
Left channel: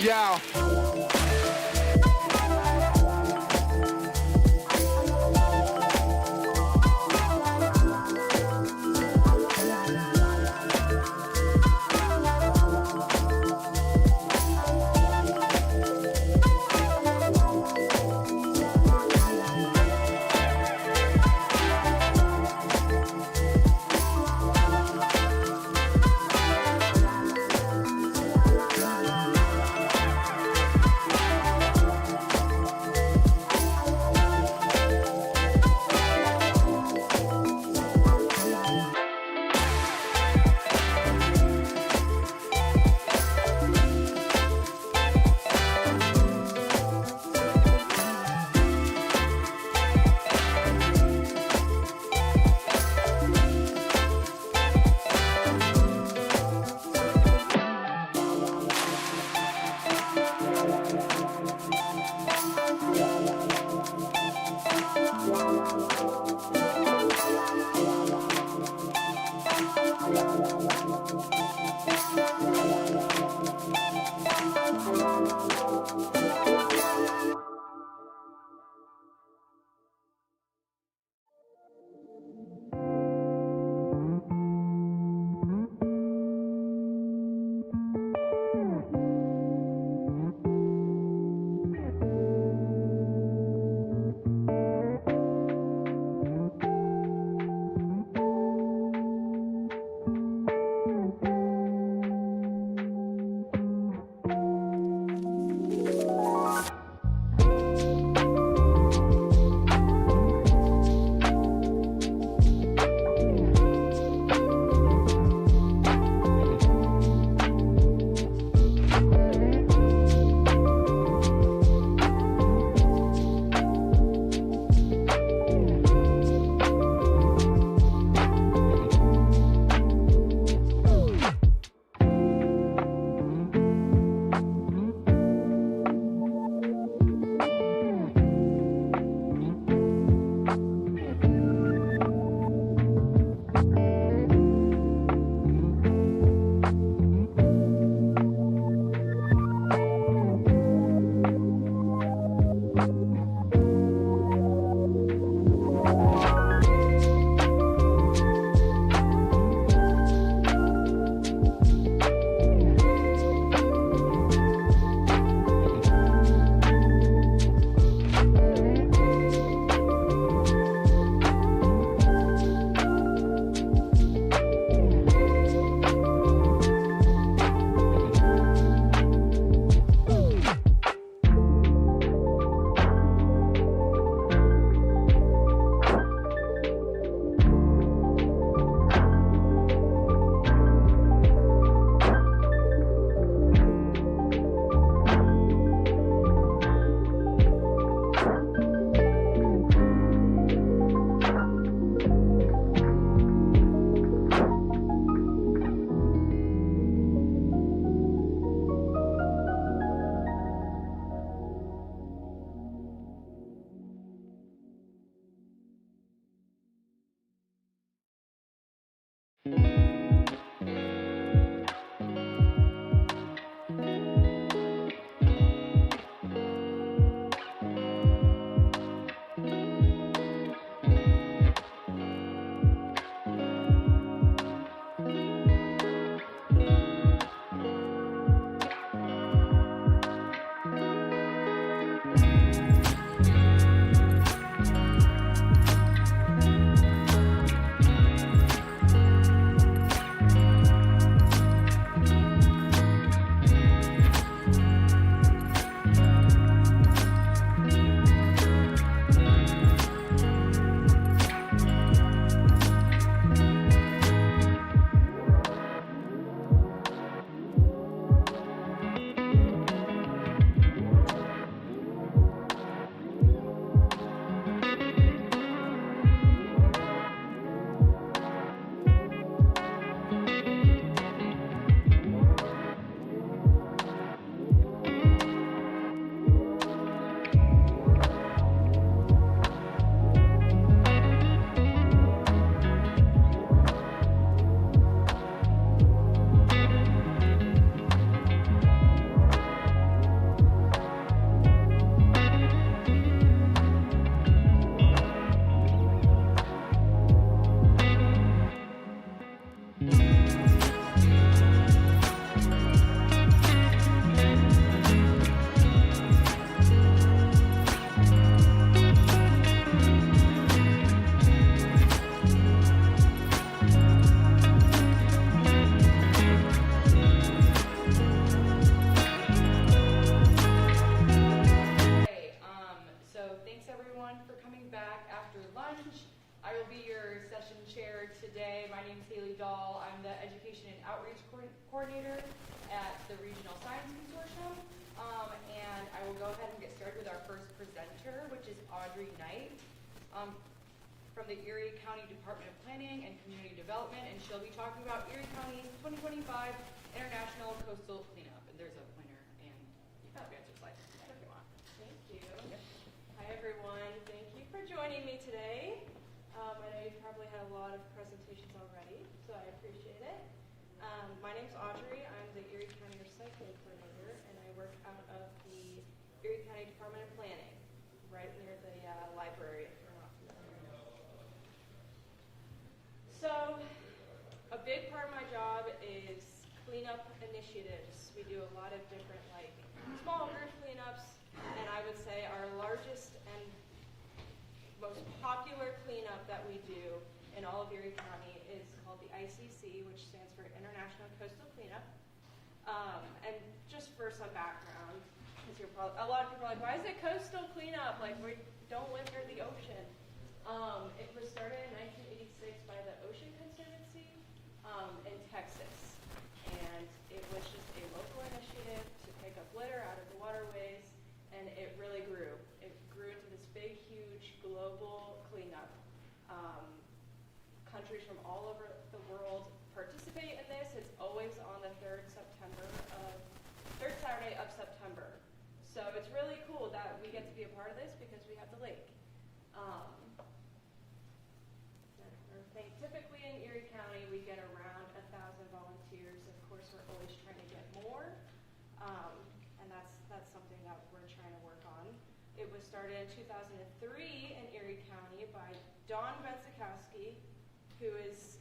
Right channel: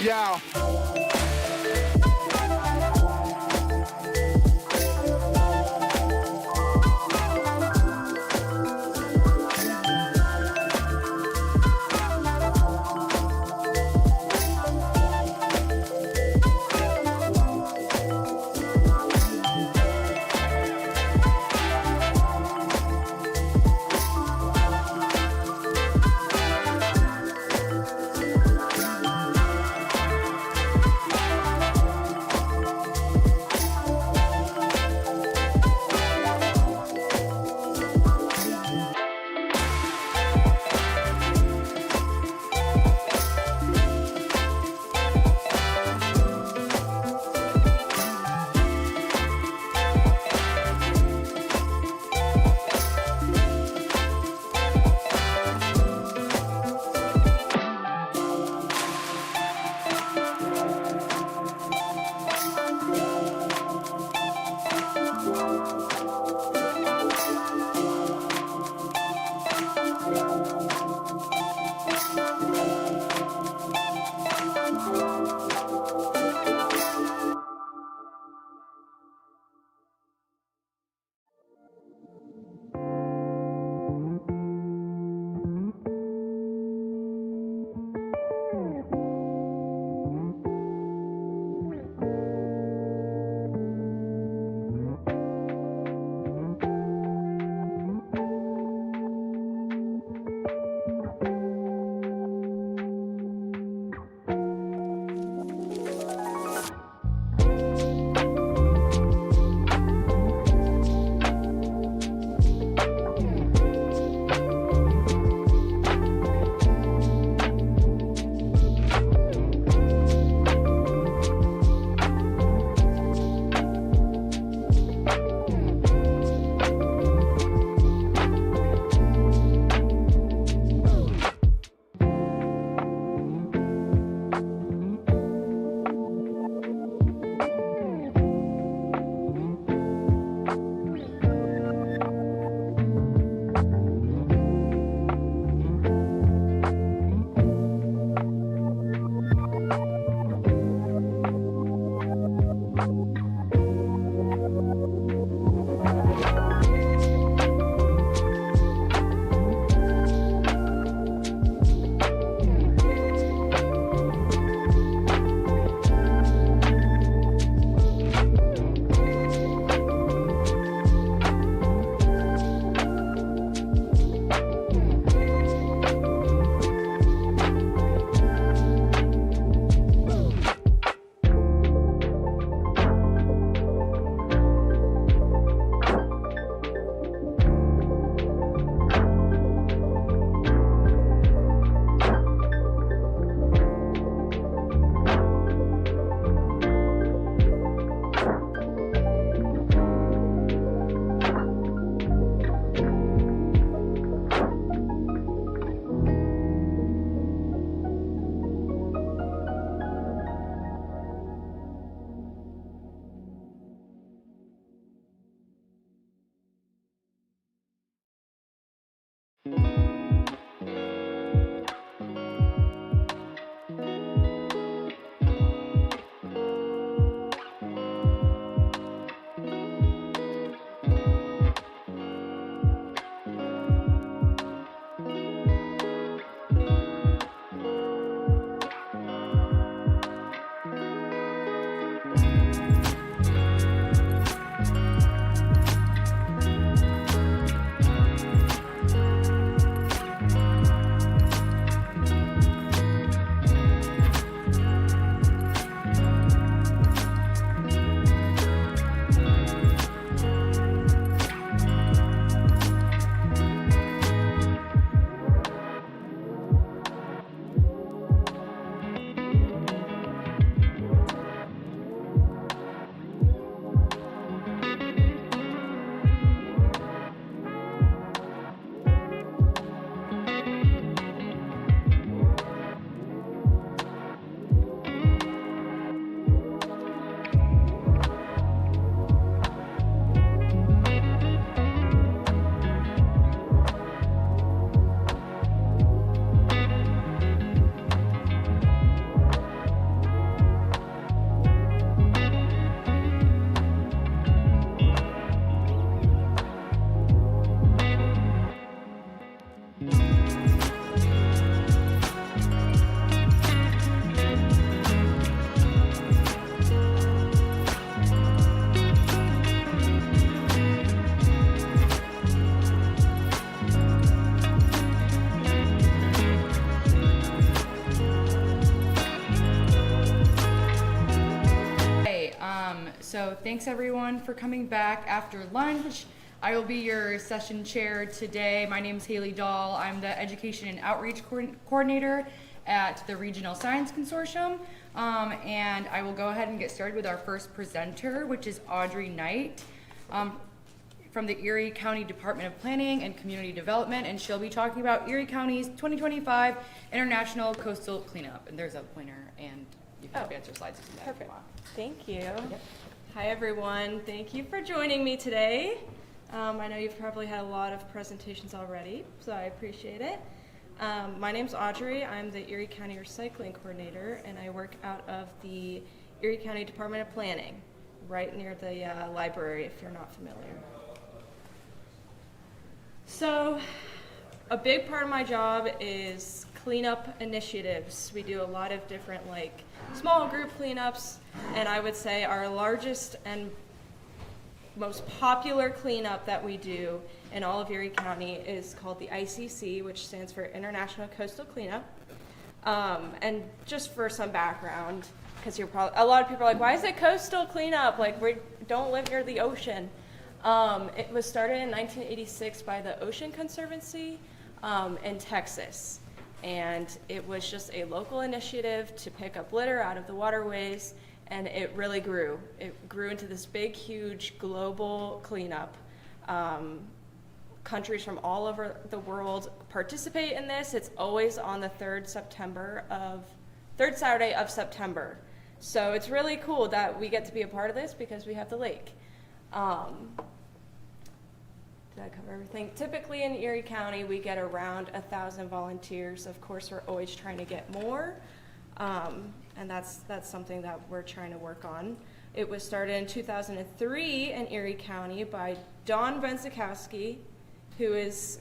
Yeah. So thanks everyone for coming back after lunch. I will be your session chair today. My name is Haley Dahl. I'm the Education and Outreach Coordinator at the Regional Science Consortium. And I will go ahead and get started with our first presenter, which is Audrey Knight from the Erie County Department of Planning and Community Development, and she'll be talking about Erie County's 2025 International Coastal Cleanup. And there's a pointer, and you can advance your slides if you want. Thank you. Yep. Hi everyone, thank you for joining me today. I know you've probably had a lot of presentations already, so I appreciate it. My name's Audrey, I'm the Erie County Recycling Coordinator, and I work out of the Erie County Department of Planning, right near the library if you're not familiar. So, a big part of my job is cleanup initiatives. We do a lot of different small group cleanups, and I would say our largest and most popular cleanup that we do in all of Erie County is called the ICC, which stands for International Coastal Cleanup. And just for some background, because a lot of people are like, why is it coastal cleanup? We don't live near the ocean. It was started in 1986 by the Ocean Conservancy in Texas. And it was just a local initiative to pick up litter out of the waterways, and it really grew. It grew into this big, huge global cleanup. Countries from all over the world participate in this. It's always on the third Saturday of September. So it's really cool that we get to be a part of this because we have the lake. Did I cover everything? Typically in Erie County, we get around 1,000 volunteers. Of course, we're always trying to get more, and that's something that we're trying to work on. It was started in 2003 in Erie County by Don Benzikowski, who is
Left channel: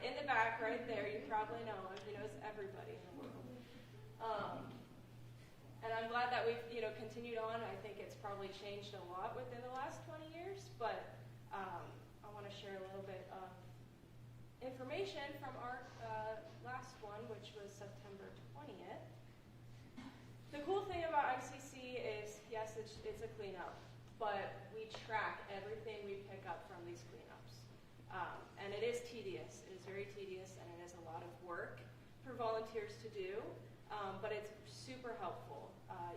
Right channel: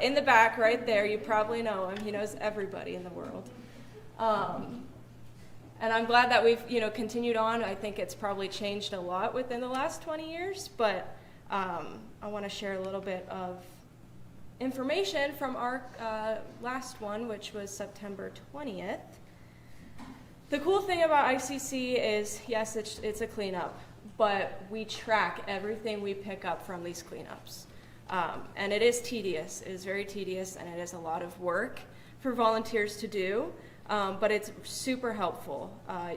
in the back right there. You probably know him. He knows everybody in the world. And I'm glad that we've continued on. I think it's probably changed a lot within the last 20 years, but I want to share a little bit of information from our last one, which was September 20th. The cool thing about ICC is, yes, it's a cleanup, but we track everything we pick up from these cleanups. And it is tedious. It is very tedious, and it is a lot of work for volunteers to do, but it's super helpful.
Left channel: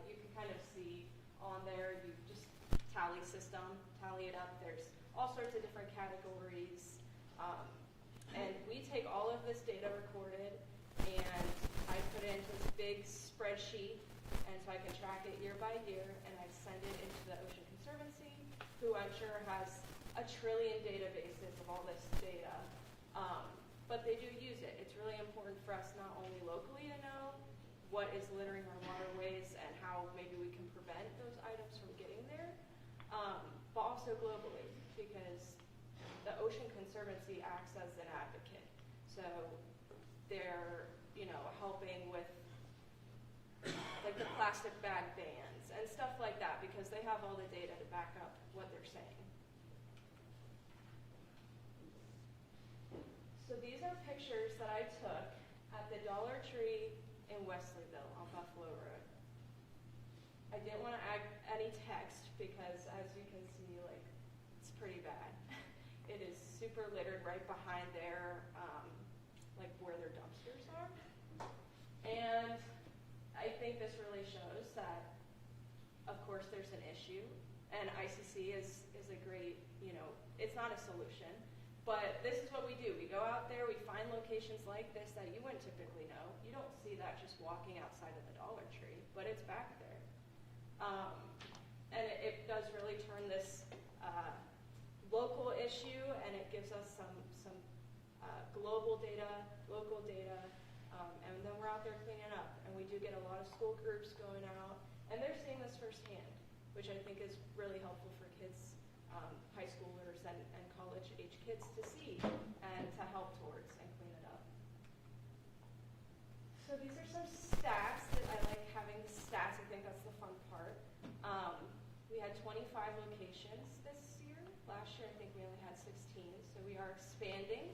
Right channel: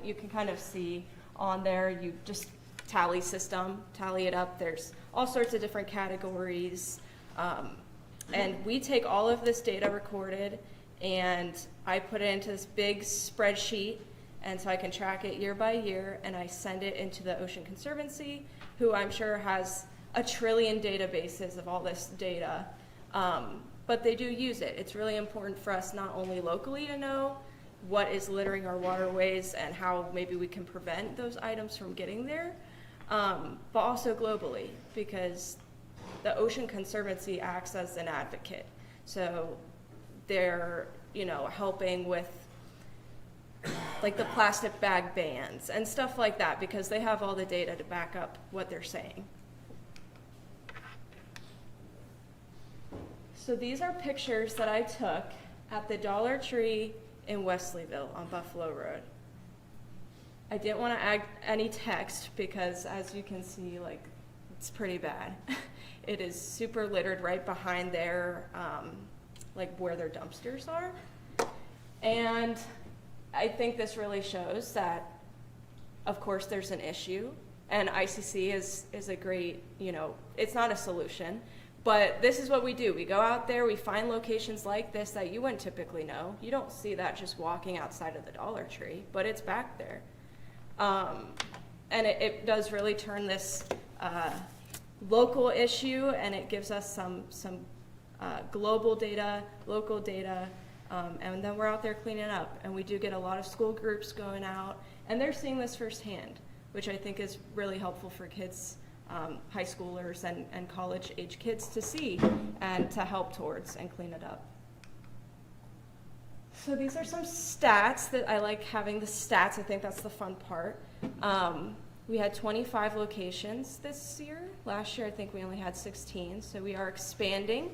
You can kind of see on there, you just tally it up. There's all sorts of different categories. And we take all of this data recorded, and I put it into this big spreadsheet, and so I can track it year by year, and I send it into the Ocean Conservancy, who I'm sure has 1 trillion databases of all this data. but they do use it. It's really important for us not only locally to know what is littering our waterways and how maybe we can prevent those items from getting there, but also globally, because the Ocean Conservancy acts as an advocate. So they're, helping with like the plastic bag bans and stuff like that, because they have all the data to back up what they're saying. So these are pictures that I took at the Dollar Tree in Wesleyville on Buffalo Road. I didn't want to add any text because, as you can see, like, it's pretty bad. It is super littered right behind their, like where their dumpsters are. And I think this really shows that, of course, there's an issue, and ICC is a great, it's not a solution, but this is what we do. We go out there, we find locations like this that you wouldn't typically know. You don't see that just walking outside of the Dollar Tree, but it's back there. And it does really turn this local issue, and it gives us some global data, local data, and then we're out there cleaning up. And we do get a lot of school groups going out, and they're seeing this firsthand, which I think is really helpful for kids, high schoolers and college-age kids to see and to help towards and clean it up. So these are some stats that I like having the stats. I think that's the fun part. We had 25 locations this year. Last year, I think we only had 16. So we are expanding,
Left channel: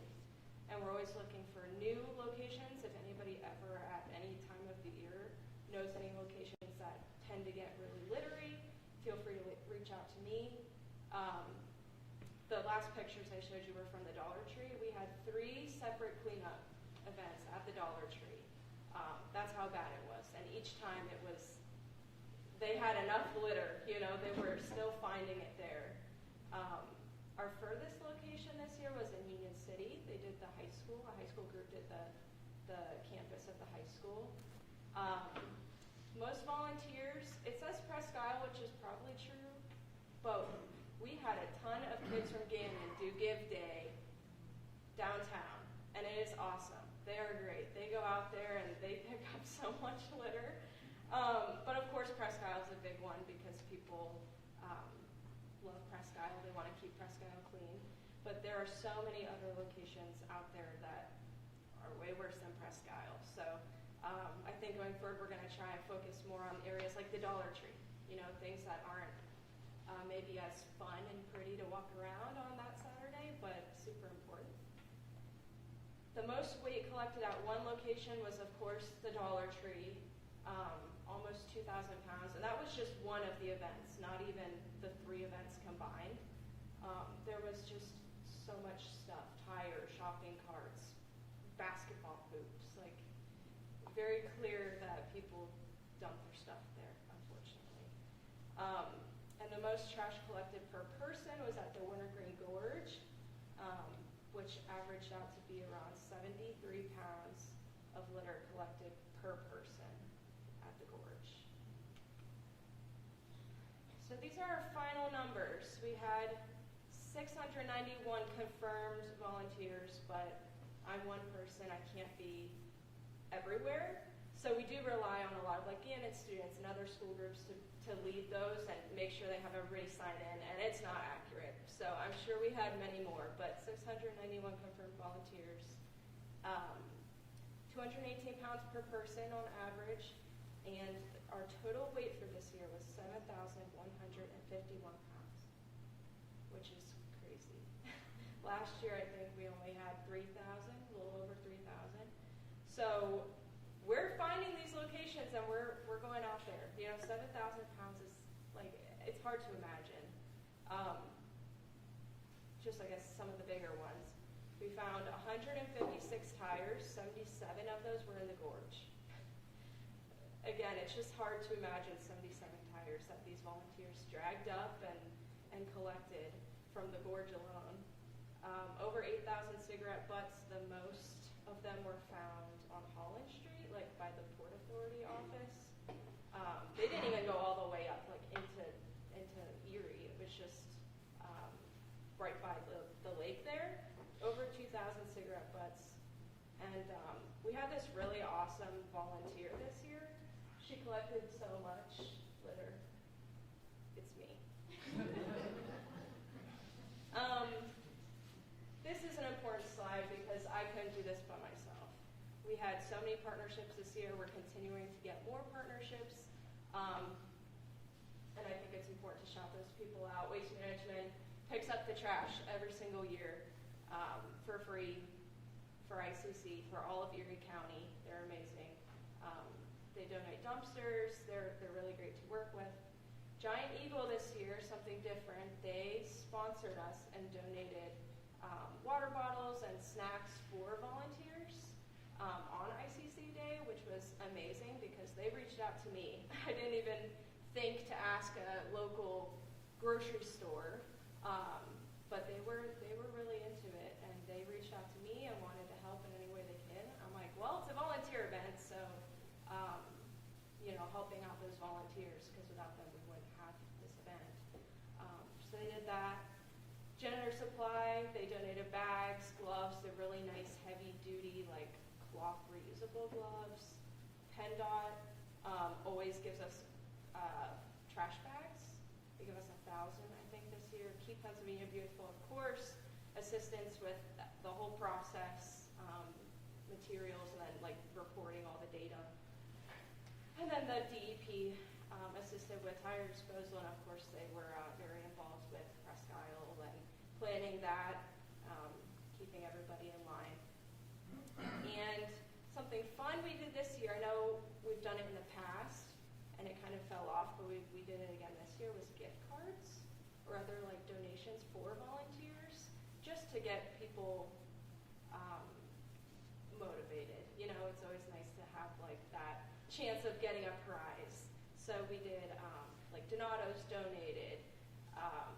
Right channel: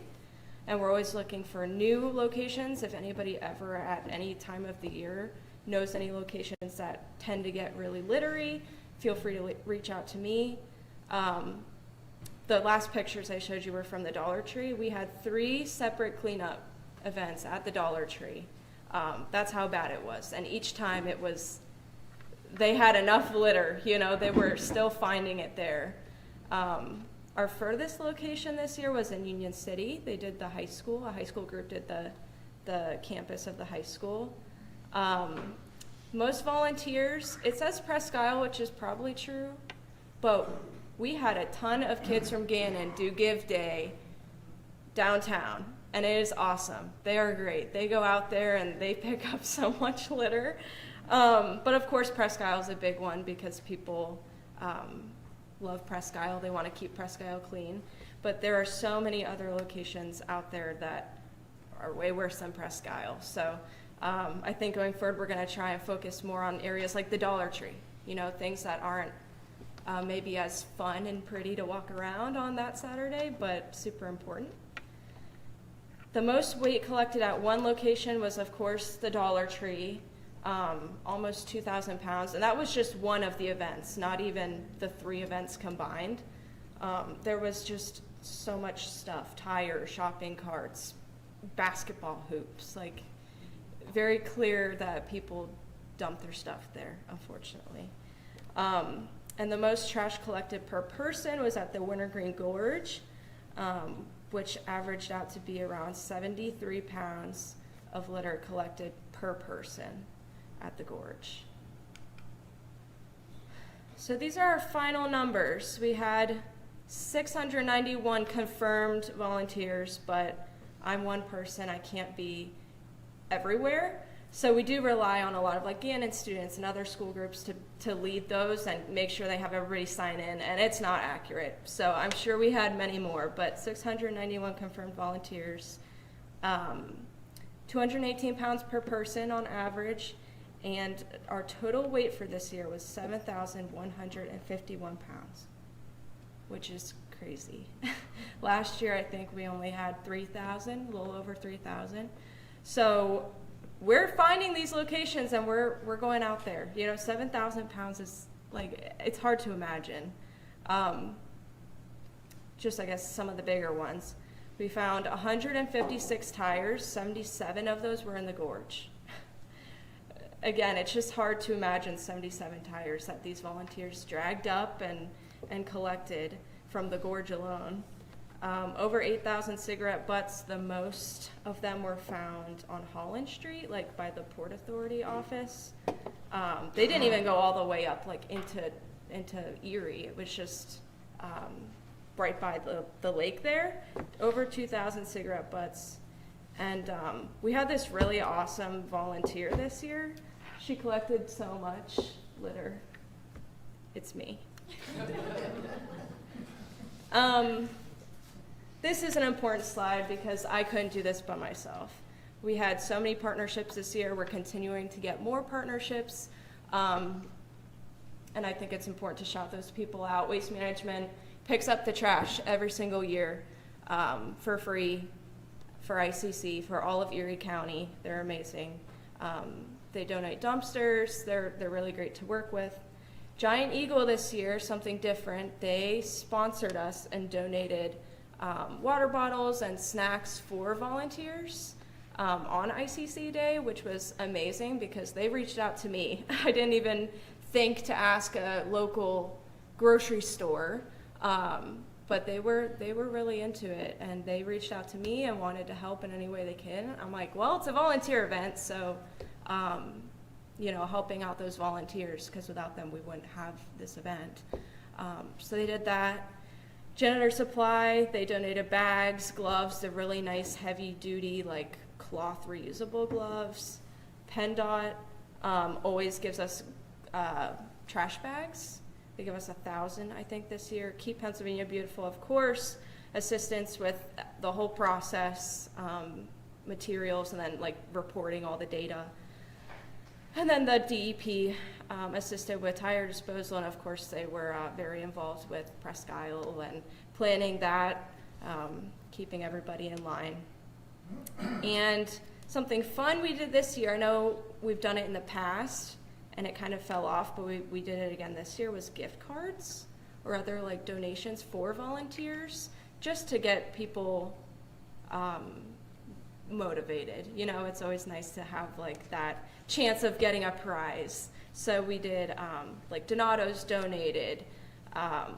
and we're always looking for new locations. If anybody ever at any time of the year knows any locations that tend to get really littery, feel free to reach out to me. The last pictures I showed you were from the Dollar Tree. We had 3 separate cleanup events at the Dollar Tree. That's how bad it was. And each time they had enough litter, they were still finding it there. Our furthest location this year was in Union City. They did the high school. A high school group did the campus of the high school. Most volunteers, it says Presque, which is probably true, but we had a ton of kids from Gannon do Give Day downtown, and it is awesome. They are great. They go out there and they pick up so much litter. But of course, Presque is a big one because people love Presque. They want to keep Presque clean. But there are so many other locations out there that are way worse than Presque. So I think going forward, we're going to try and focus more on areas like the Dollar Tree, things that aren't maybe as fun and pretty to walk around on that Saturday, but super important. The most weight collected at one location was, of course, the Dollar Tree, almost 2,000 pounds, and that was just one of the events, not even the 3 events combined. There was just so much stuff, tires, shopping carts, basketball hoops, like very clear that people dump their stuff there, unfortunately. And the most trash collected per person was at the Wintergreen Gorge, which averaged out to be around 73 pounds of litter collected per person at the gorge. So these are our final numbers. We had 691 confirmed volunteers, but I'm one person, I can't be everywhere. So we do rely on a lot of Gannon students and other school groups to lead those and make sure they have everybody sign in, and it's not accurate. So I'm sure we had many more, but 691 confirmed volunteers, 218 pounds per person on average, and our total weight for this year was 7,151 pounds, which is crazy. Last year, I think we only had 3,000, a little over 3,000. So we're finding these locations and we're going out there. 7,000 pounds is it's hard to imagine. Just I guess some of the bigger ones. We found 156 tires, 77 of those were in the gorge. Again, it's just hard to imagine 77 tires that these volunteers dragged up and collected from the gorge alone. Over 8,000 cigarette butts, the most of them were found on Holland Street, by the Port Authority office. They didn't even go all the way up, into Erie. It was just right by the lake there. Over 2,000 cigarette butts. And we had this really awesome volunteer this year. She collected so much litter. It's me. This is an important slide because I couldn't do this by myself. We had so many partnerships this year. We're continuing to get more partnerships. And I think it's important to shout those people out. Waste Management picks up the trash every single year for free for ICC, for all of Erie County. They're amazing. They donate dumpsters. They're really great to work with. Giant Eagle this year, something different. They sponsored us and donated water bottles and snacks for volunteers on ICC Day, which was amazing because they reached out to me. I didn't even think to ask a local grocery store, but they were really into it, and they reached out to me and wanted to help in any way they can. I'm like, well, it's a volunteer event, so you know, helping out those volunteers, because without them we wouldn't have this event. So they did that. Janitor Supply, they donated bags, gloves, they're really nice heavy duty like cloth reusable gloves. PennDOT always gives us trash bags. They give us 1,000, I think, this year. Keep Pennsylvania Beautiful, of course. Assistance with the whole process, materials, and then like reporting all the data. And then the DEP assisted with tire disposal, and of course they were very involved with Presque and planning that, keeping everybody in line. And something fun we did this year, I know we've done it in the past, and it kind of fell off, but we did it again this year, was gift cards or other like donations for volunteers, just to get people motivated. You know, it's always nice to have like that chance of getting a prize. So we did like Donato's donated,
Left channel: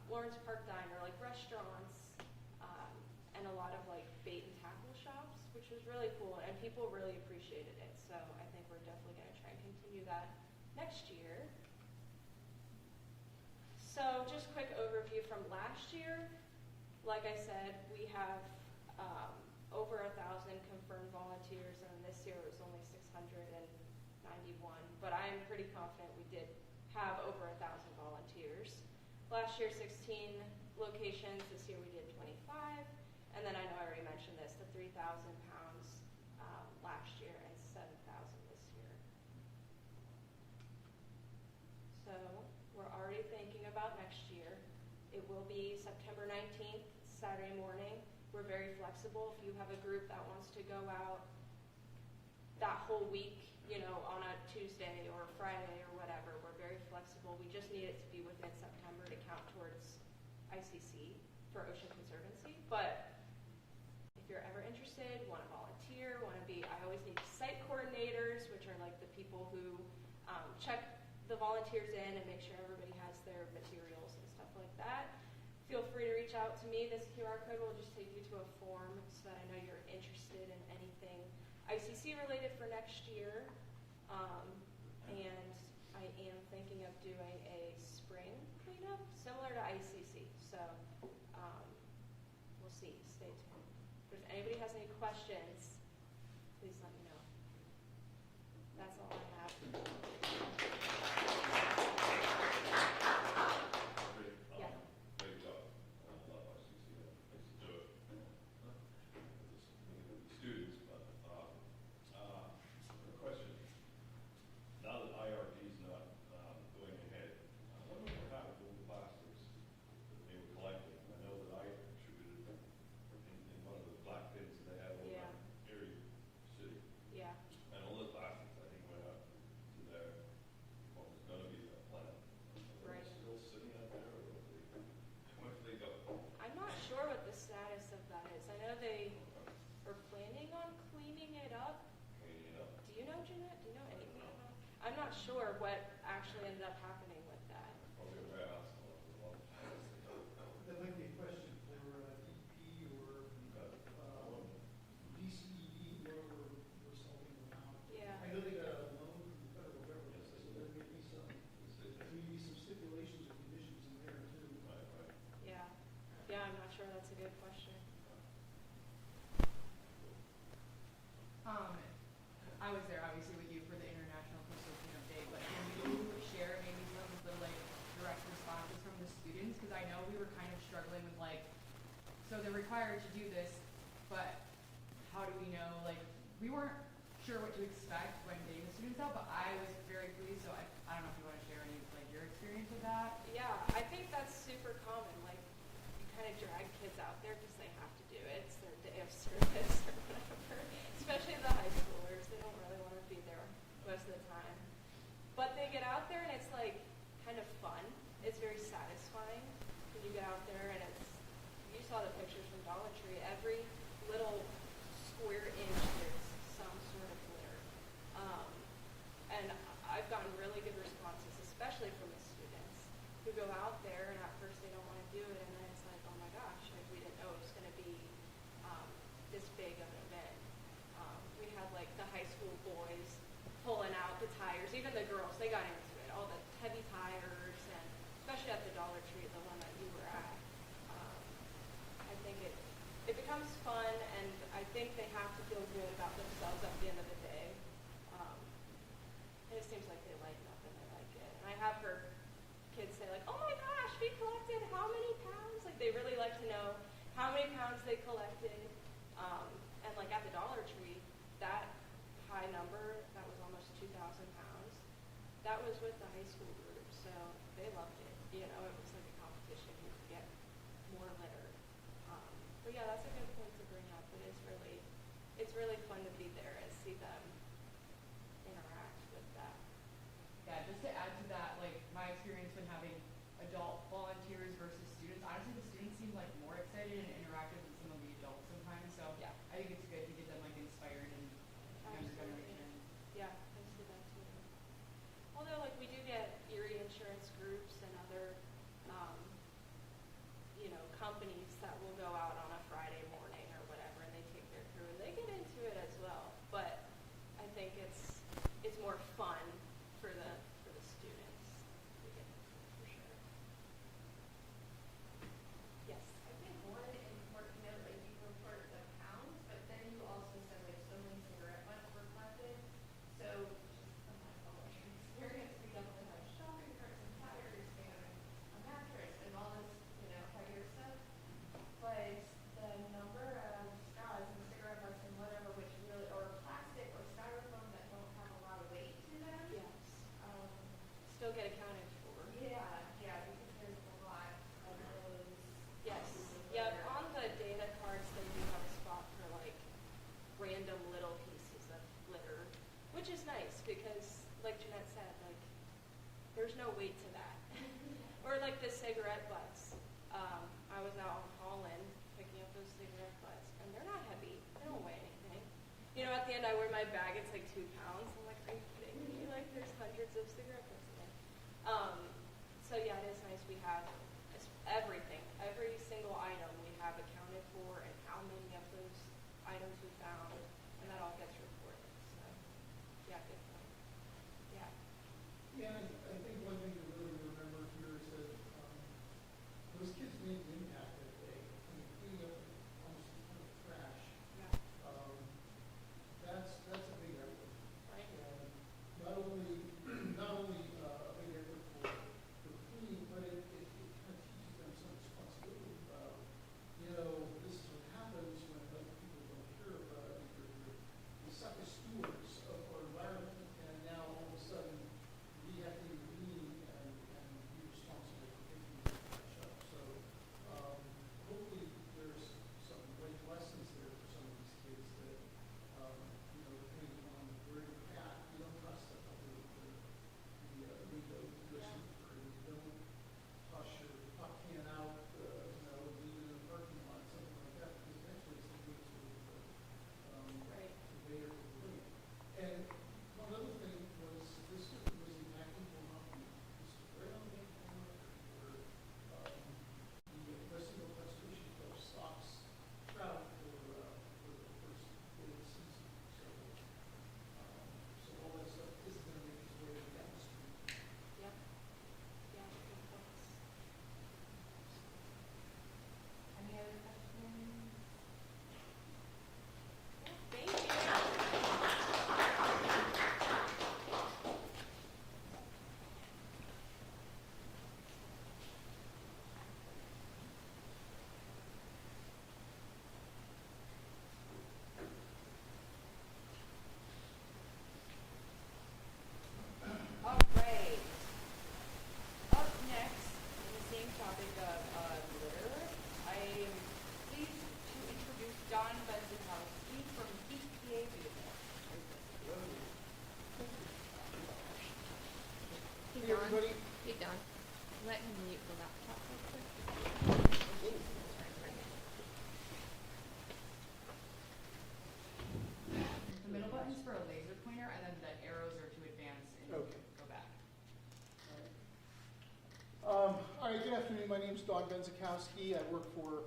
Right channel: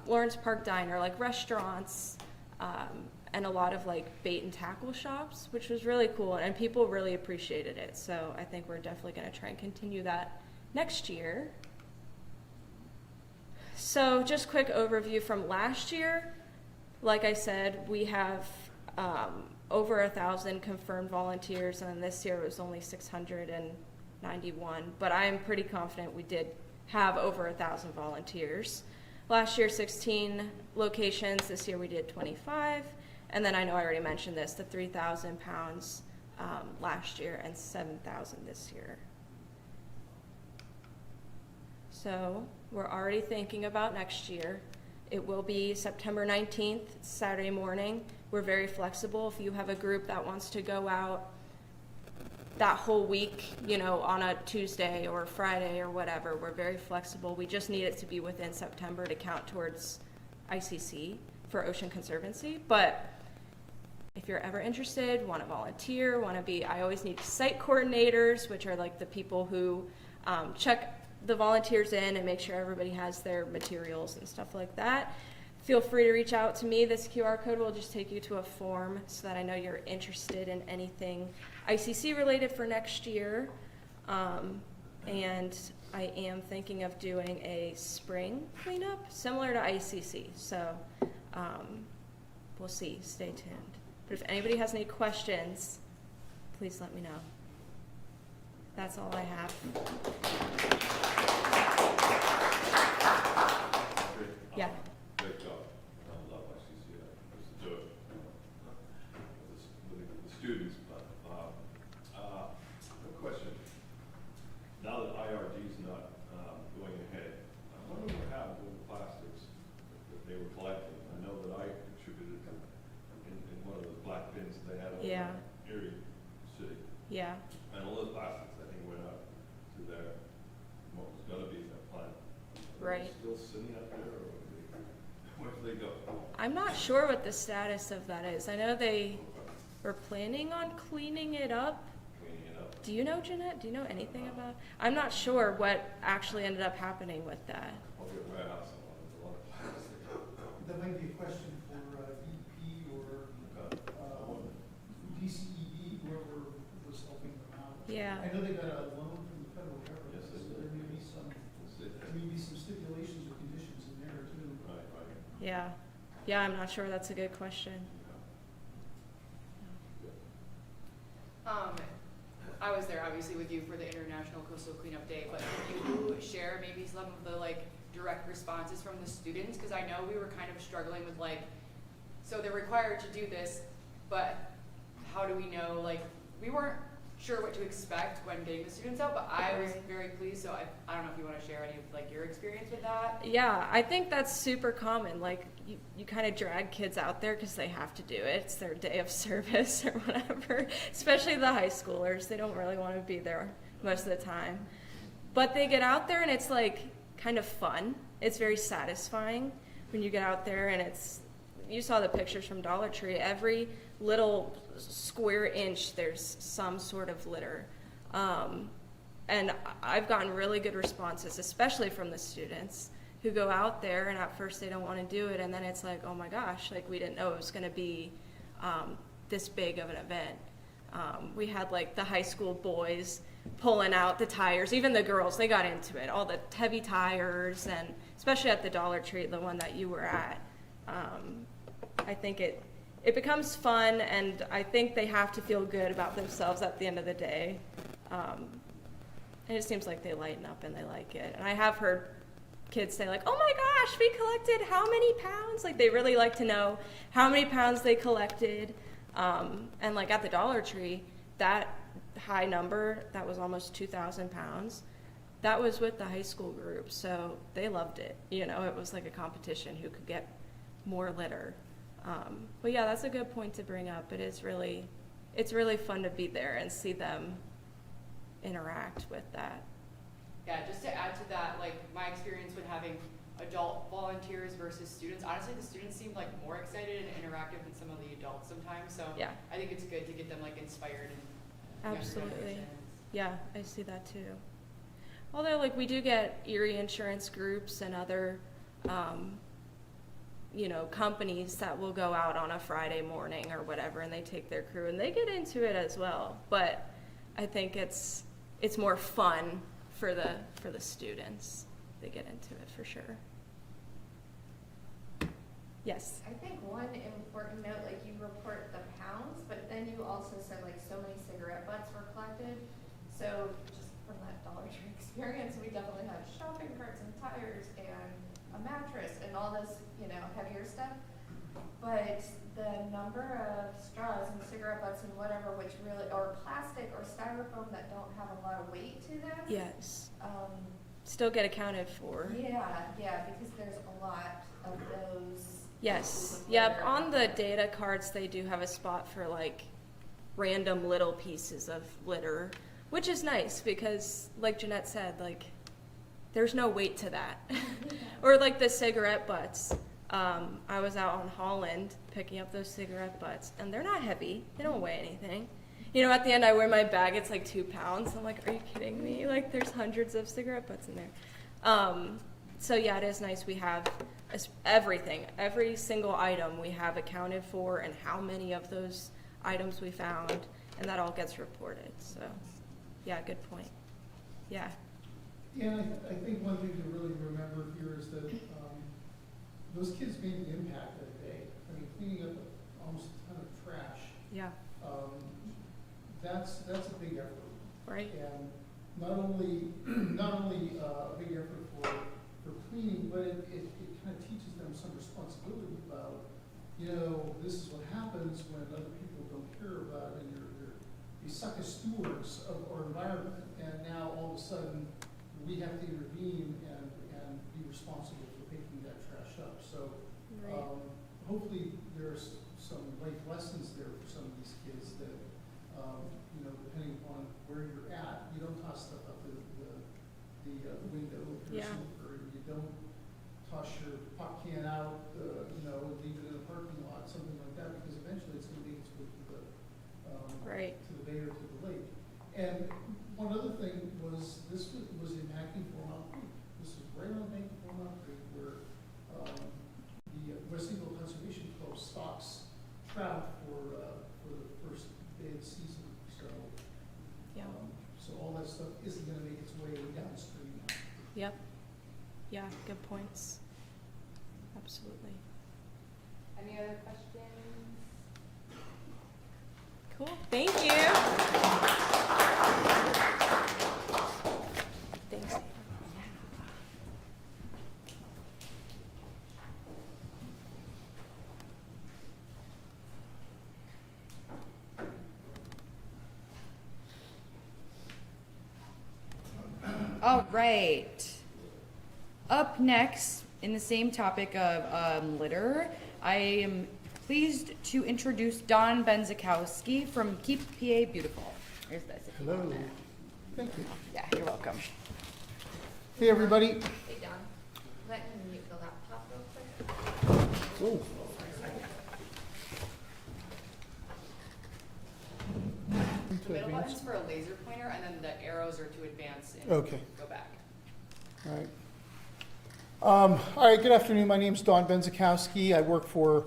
Lawrence Park Diner, like restaurants, and a lot of like bait and tackle shops, which was really cool, and people really appreciated it. So I think we're definitely going to try and continue that next year. So just quick overview from last year. Like I said, we have over 1,000 confirmed volunteers, and this year it was only 691, but I'm pretty confident we did have over 1,000 volunteers. Last year, 16 locations. This year we did 25. And then I know I already mentioned this, the 3,000 pounds last year and 7,000 this year. So we're already thinking about next year. It will be September 19th, Saturday morning. We're very flexible. If you have a group that wants to go out that whole week, you know, on a Tuesday or Friday or whatever, we're very flexible. We just need it to be within September to count towards ICC for Ocean Conservancy. But if you're ever interested, want to volunteer, want to be, I always need site coordinators, which are like the people who check the volunteers in and make sure everybody has their materials and stuff like that. Feel free to reach out to me. This QR code will just take you to a form so that I know you're interested in anything ICC related for next year. And I am thinking of doing a spring cleanup similar to ICC. So we'll see. Stay tuned. But if anybody has any questions, please let me know. That's all I have. Yeah. Great job. I love ICC. I used to do it with the students, but a question. Now that IRD is not going ahead, what do we have with the plastics that they were collecting? I know that I contributed in one of the black bins they had over Yeah. in Erie City. Yeah. And all those plastics, I think, went out to their, what was gonna be their plant. Are they Right. still sitting out there, or where do they go? I'm not sure what the status of that is. I know they were planning on cleaning it up. Cleaning it up. Do you know, Jeanette? Do you know anything about? I'm not sure what actually ended up happening with that. Probably a warehouse, a lot of plastic. That might be a question for DEP or DCED, whoever was helping them out. Yeah. I know they got a loan from the federal government, Yes, so they there did. may be some stipulations or conditions in there too. Right, right. Yeah. Yeah, I'm not sure. That's a good question. obviously with you for the International Coastal Cleanup Day, but can you share maybe some of the like direct responses from the students? Because I know we were kind of struggling with like, so they're required to do this, but how do we know, like, we weren't sure what to expect when getting the students out, but I was very pleased, so I don't know if you want to share any of like your experience with that. Yeah, I think that's super common. Like, you kind of drag kids out there because they have to do it. It's their day of service or whatever, especially the high schoolers. They don't really want to be there most of the time. But they get out there and it's like kind of fun. It's very satisfying when you get out there and you saw the pictures from Dollar Tree. Every little square inch there's some sort of litter. And I've gotten really good responses, especially from the students who go out there and at first they don't want to do it, and then it's like, oh my gosh, like we didn't know it was going to be this big of an event. We had like the high school boys pulling out the tires, even the girls, they got into it, all the heavy tires, and especially at the Dollar Tree, the one that you were at. I think it becomes fun, and I think they have to feel good about themselves at the end of the day. And it seems like they lighten up and they like it. And I have heard kids say like, oh my gosh, we collected how many pounds? Like they really like to know how many pounds they collected. And like at the Dollar Tree, that high number, that was almost 2,000 pounds. That was with the high school group, so they loved it. You know, it was like a competition who could get more litter. But yeah, that's a good point to bring up. It's really fun to be there and see them interact with that. Yeah, just to add to that, like my experience when having adult volunteers versus students, honestly the students seem like more excited and interactive than some of the adults sometimes, so Yeah. I think it's good to get them like inspired and Absolutely. Yeah, I see that too. Although like we do get Erie insurance groups and other companies that will go out on a Friday morning or whatever, and they take their crew and they get into it as well. But I think it's more fun for the students. They get into it for sure. Yes. I think one important note, like you report the pounds, but then you also said like so many cigarette butts were collected. So just from that Dollar Tree experience, we definitely have shopping carts and tires and a mattress and all this, heavier stuff. But the number of straws and cigarette butts and whatever, which really, or plastic or styrofoam that don't have a lot of weight to them. Yes. Still get accounted for. Yeah, because there's a lot of those. Yes. Yep. On the data cards, they do have a spot for like random little pieces of litter, which is nice because, like Jeanette said, like there's no weight to that. Or like the cigarette butts. I was out on Holland picking up those cigarette butts, and they're not heavy. They don't weigh anything. At the end, I wear my bag. It's like 2 pounds. I'm like, are you kidding me? Like, there's hundreds of cigarette butts in there. So yeah, it is nice. We have everything, every single item we have accounted for, and how many of those items we found, and that all gets reported. So, yeah, good point. Yeah. Yeah, I think one thing to really remember here is that those kids made the impact that day. I mean, cleaning up almost a ton of trash. Yeah. That's a big effort. Right. And not only a big effort for cleaning, but it kind of teaches them some responsibility about, this is what happens when other people don't care about it, and you suck as stewards of our environment, and now all of a sudden we have to intervene and be responsible for picking that trash up. So hopefully there's some life lessons there for some of these kids that, depending upon where you're at, you don't toss stuff out the window with your smoker, and you don't toss your pop can out, leave it in the parking lot, something like that, because eventually it's going to make its way to the bay or to the lake. And one other thing was, this was impacting Beaumont Creek. This is right on the bank of Beaumont Creek, where the West Eagle Conservation Club stocks trout for the first day of the season. So, so all that stuff isn't going to make its way downstream. Yep. Yeah, good points. Absolutely. Any other questions? Cool. Thank you. next, in the same topic of litter, I am pleased to introduce Don Benzikowski from Keep PA Beautiful. Here's this. Hello. Thank you. Yeah, you're welcome. Hey, everybody. Hey, Don. Let him mute the laptop real quick. Oh. The middle button's for a laser pointer, and then the arrows are to advance and Okay. go back. All right, good afternoon. My name's Don Benzikowski. I work for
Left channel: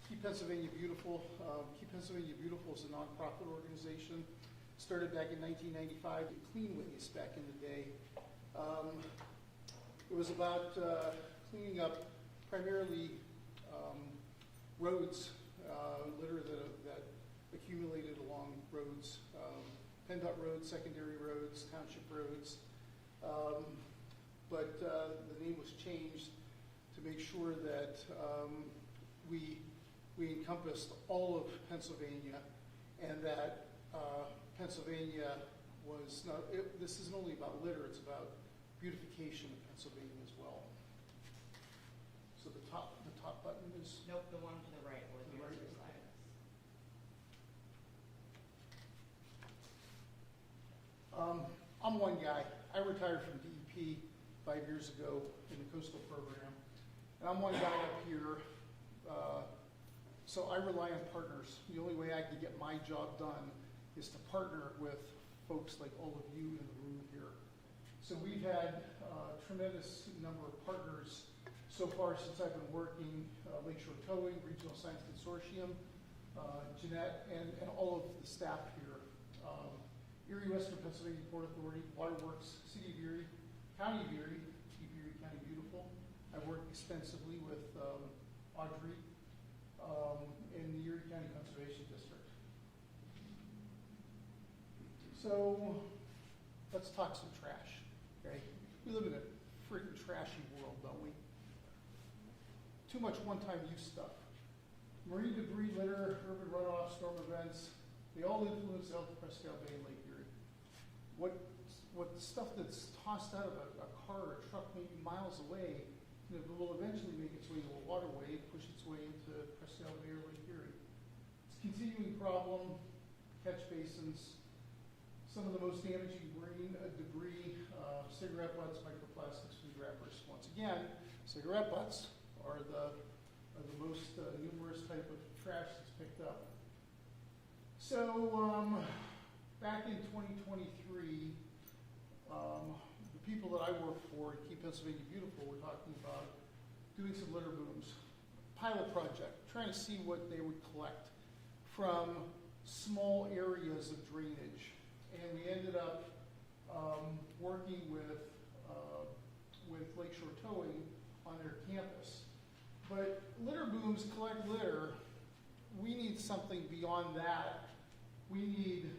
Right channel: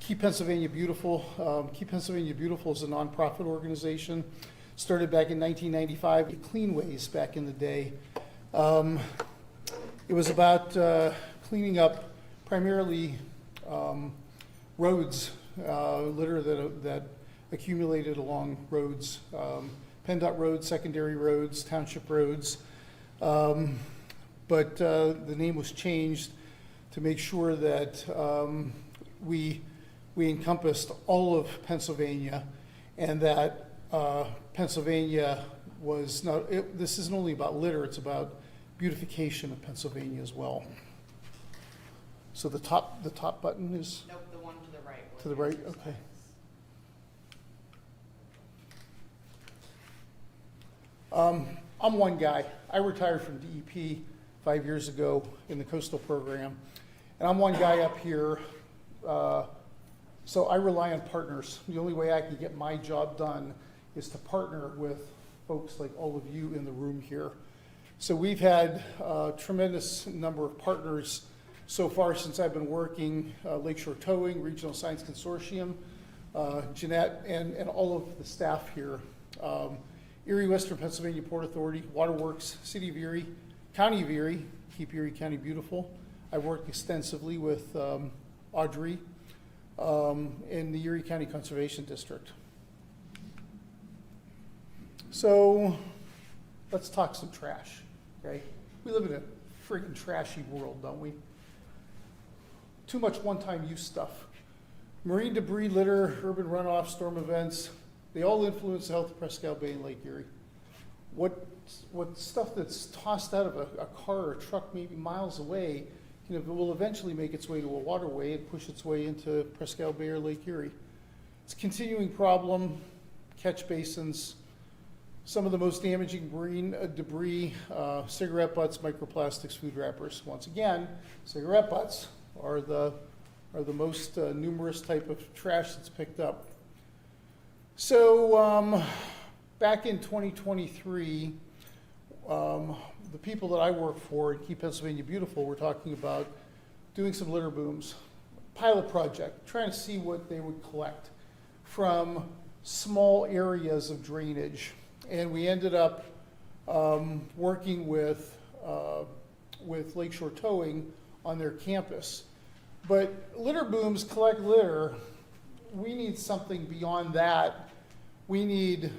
Keep Pennsylvania Beautiful. Keep Pennsylvania Beautiful is a nonprofit organization. Started back in 1995, Clean Ways back in the day. It was about cleaning up primarily roads, litter that accumulated along roads, PennDOT roads, secondary roads, township roads. But the name was changed to make sure that we encompassed all of Pennsylvania, and that Pennsylvania was not, this isn't only about litter, it's about beautification of Pennsylvania as well. So the top button is? Nope, the one to the right. To the right, okay. I'm one guy. I retired from DEP 5 years ago in the coastal program, and I'm one guy up here. So I rely on partners. The only way I can get my job done is to partner with folks like all of you in the room here. So we've had a tremendous number of partners so far since I've been working, Lakeshore Towing, Regional Science Consortium, Jeanette, and all of the staff here. Erie Western Pennsylvania Port Authority, Waterworks, City of Erie, County of Erie, Keep Erie County Beautiful. I worked extensively with Audrey in the Erie County Conservation District. So let's talk some trash, okay? We live in a friggin' trashy world, don't we? Too much one-time use stuff. Marine debris, litter, urban runoff, storm events, they all influence the health of Presque Bay and Lake Erie. What stuff that's tossed out of a car or a truck maybe miles away, will eventually make its way to a waterway and push its way into Presque Bay or Lake Erie. It's a continuing problem. Catch basins, some of the most damaging marine debris, cigarette butts, microplastics, food wrappers. Once again, cigarette butts are the most numerous type of trash that's picked up. So back in 2023, the people that I work for at Keep Pennsylvania Beautiful were talking about doing some litter booms, pilot project, trying to see what they would collect from small areas of drainage. And we ended up working with Lakeshore Towing on their campus. But litter booms collect litter. We need something beyond that. We need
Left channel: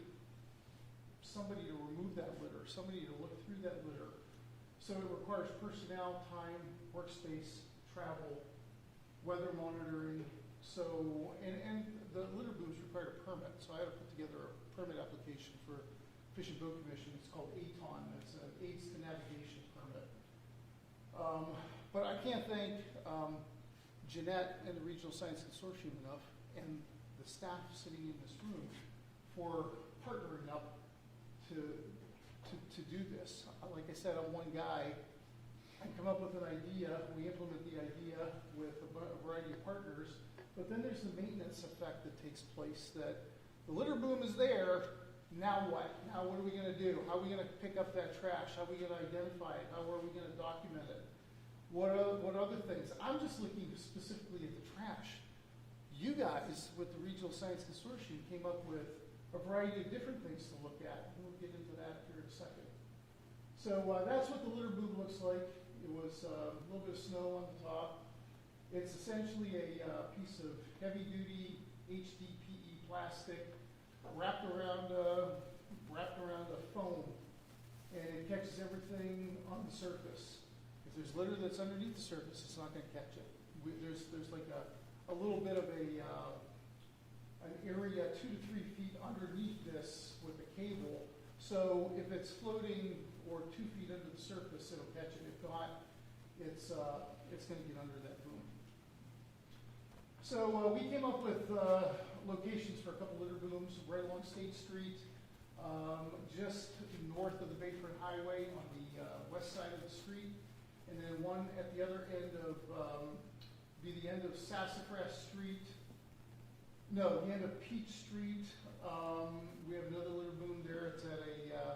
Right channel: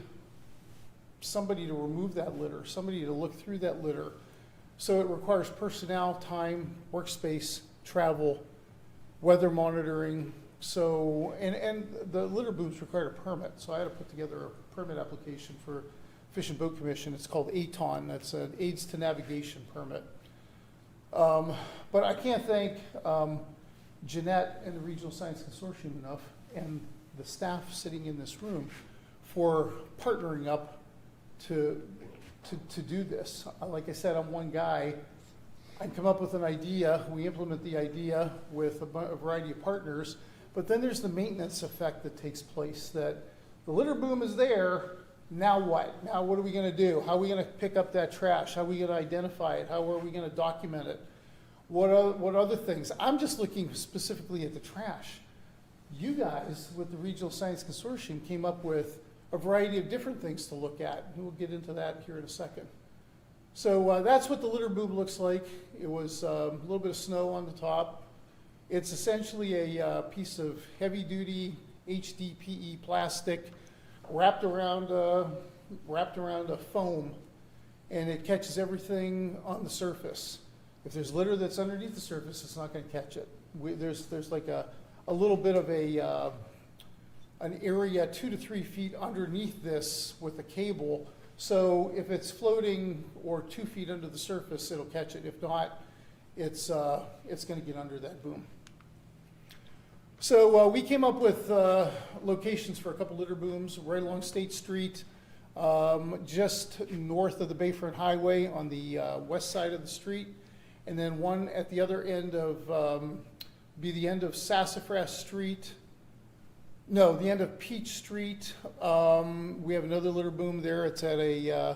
somebody to remove that litter, somebody to look through that litter. So it requires personnel, time, workspace, travel, weather monitoring. So, and the litter booms require a permit. So I had to put together a permit application for Fish and Boat Commission. It's called ATON. That's an Aids to Navigation permit. But I can't thank Jeanette and the Regional Science Consortium enough, and the staff sitting in this room, for partnering up to do this. Like I said, I'm one guy. I come up with an idea, we implement the idea with a variety of partners, but then there's the maintenance effect that takes place, that the litter boom is there, now what? Now what are we gonna do? How are we gonna pick up that trash? How are we gonna identify it? How are we gonna document it? What other things? I'm just looking specifically at the trash. You guys, with the Regional Science Consortium, came up with a variety of different things to look at. We'll get into that here in a second. So that's what the litter boom looks like. It was a little bit of snow on the top. It's essentially a piece of heavy-duty HDPE plastic wrapped around a foam, and it catches everything on the surface. If there's litter that's underneath the surface, it's not going to catch it. There's like a little bit of an area 2 to 3 feet underneath this with a cable. So if it's floating or 2 feet under the surface, it'll catch it. If not, it's going to get under that boom. So we came up with locations for a couple litter booms right along State Street, just north of the Bayfront Highway on the west side of the street, and then one at the other end of, be the end of Sassafras Street. No, the end of Peach Street. We have another litter boom there. It's at a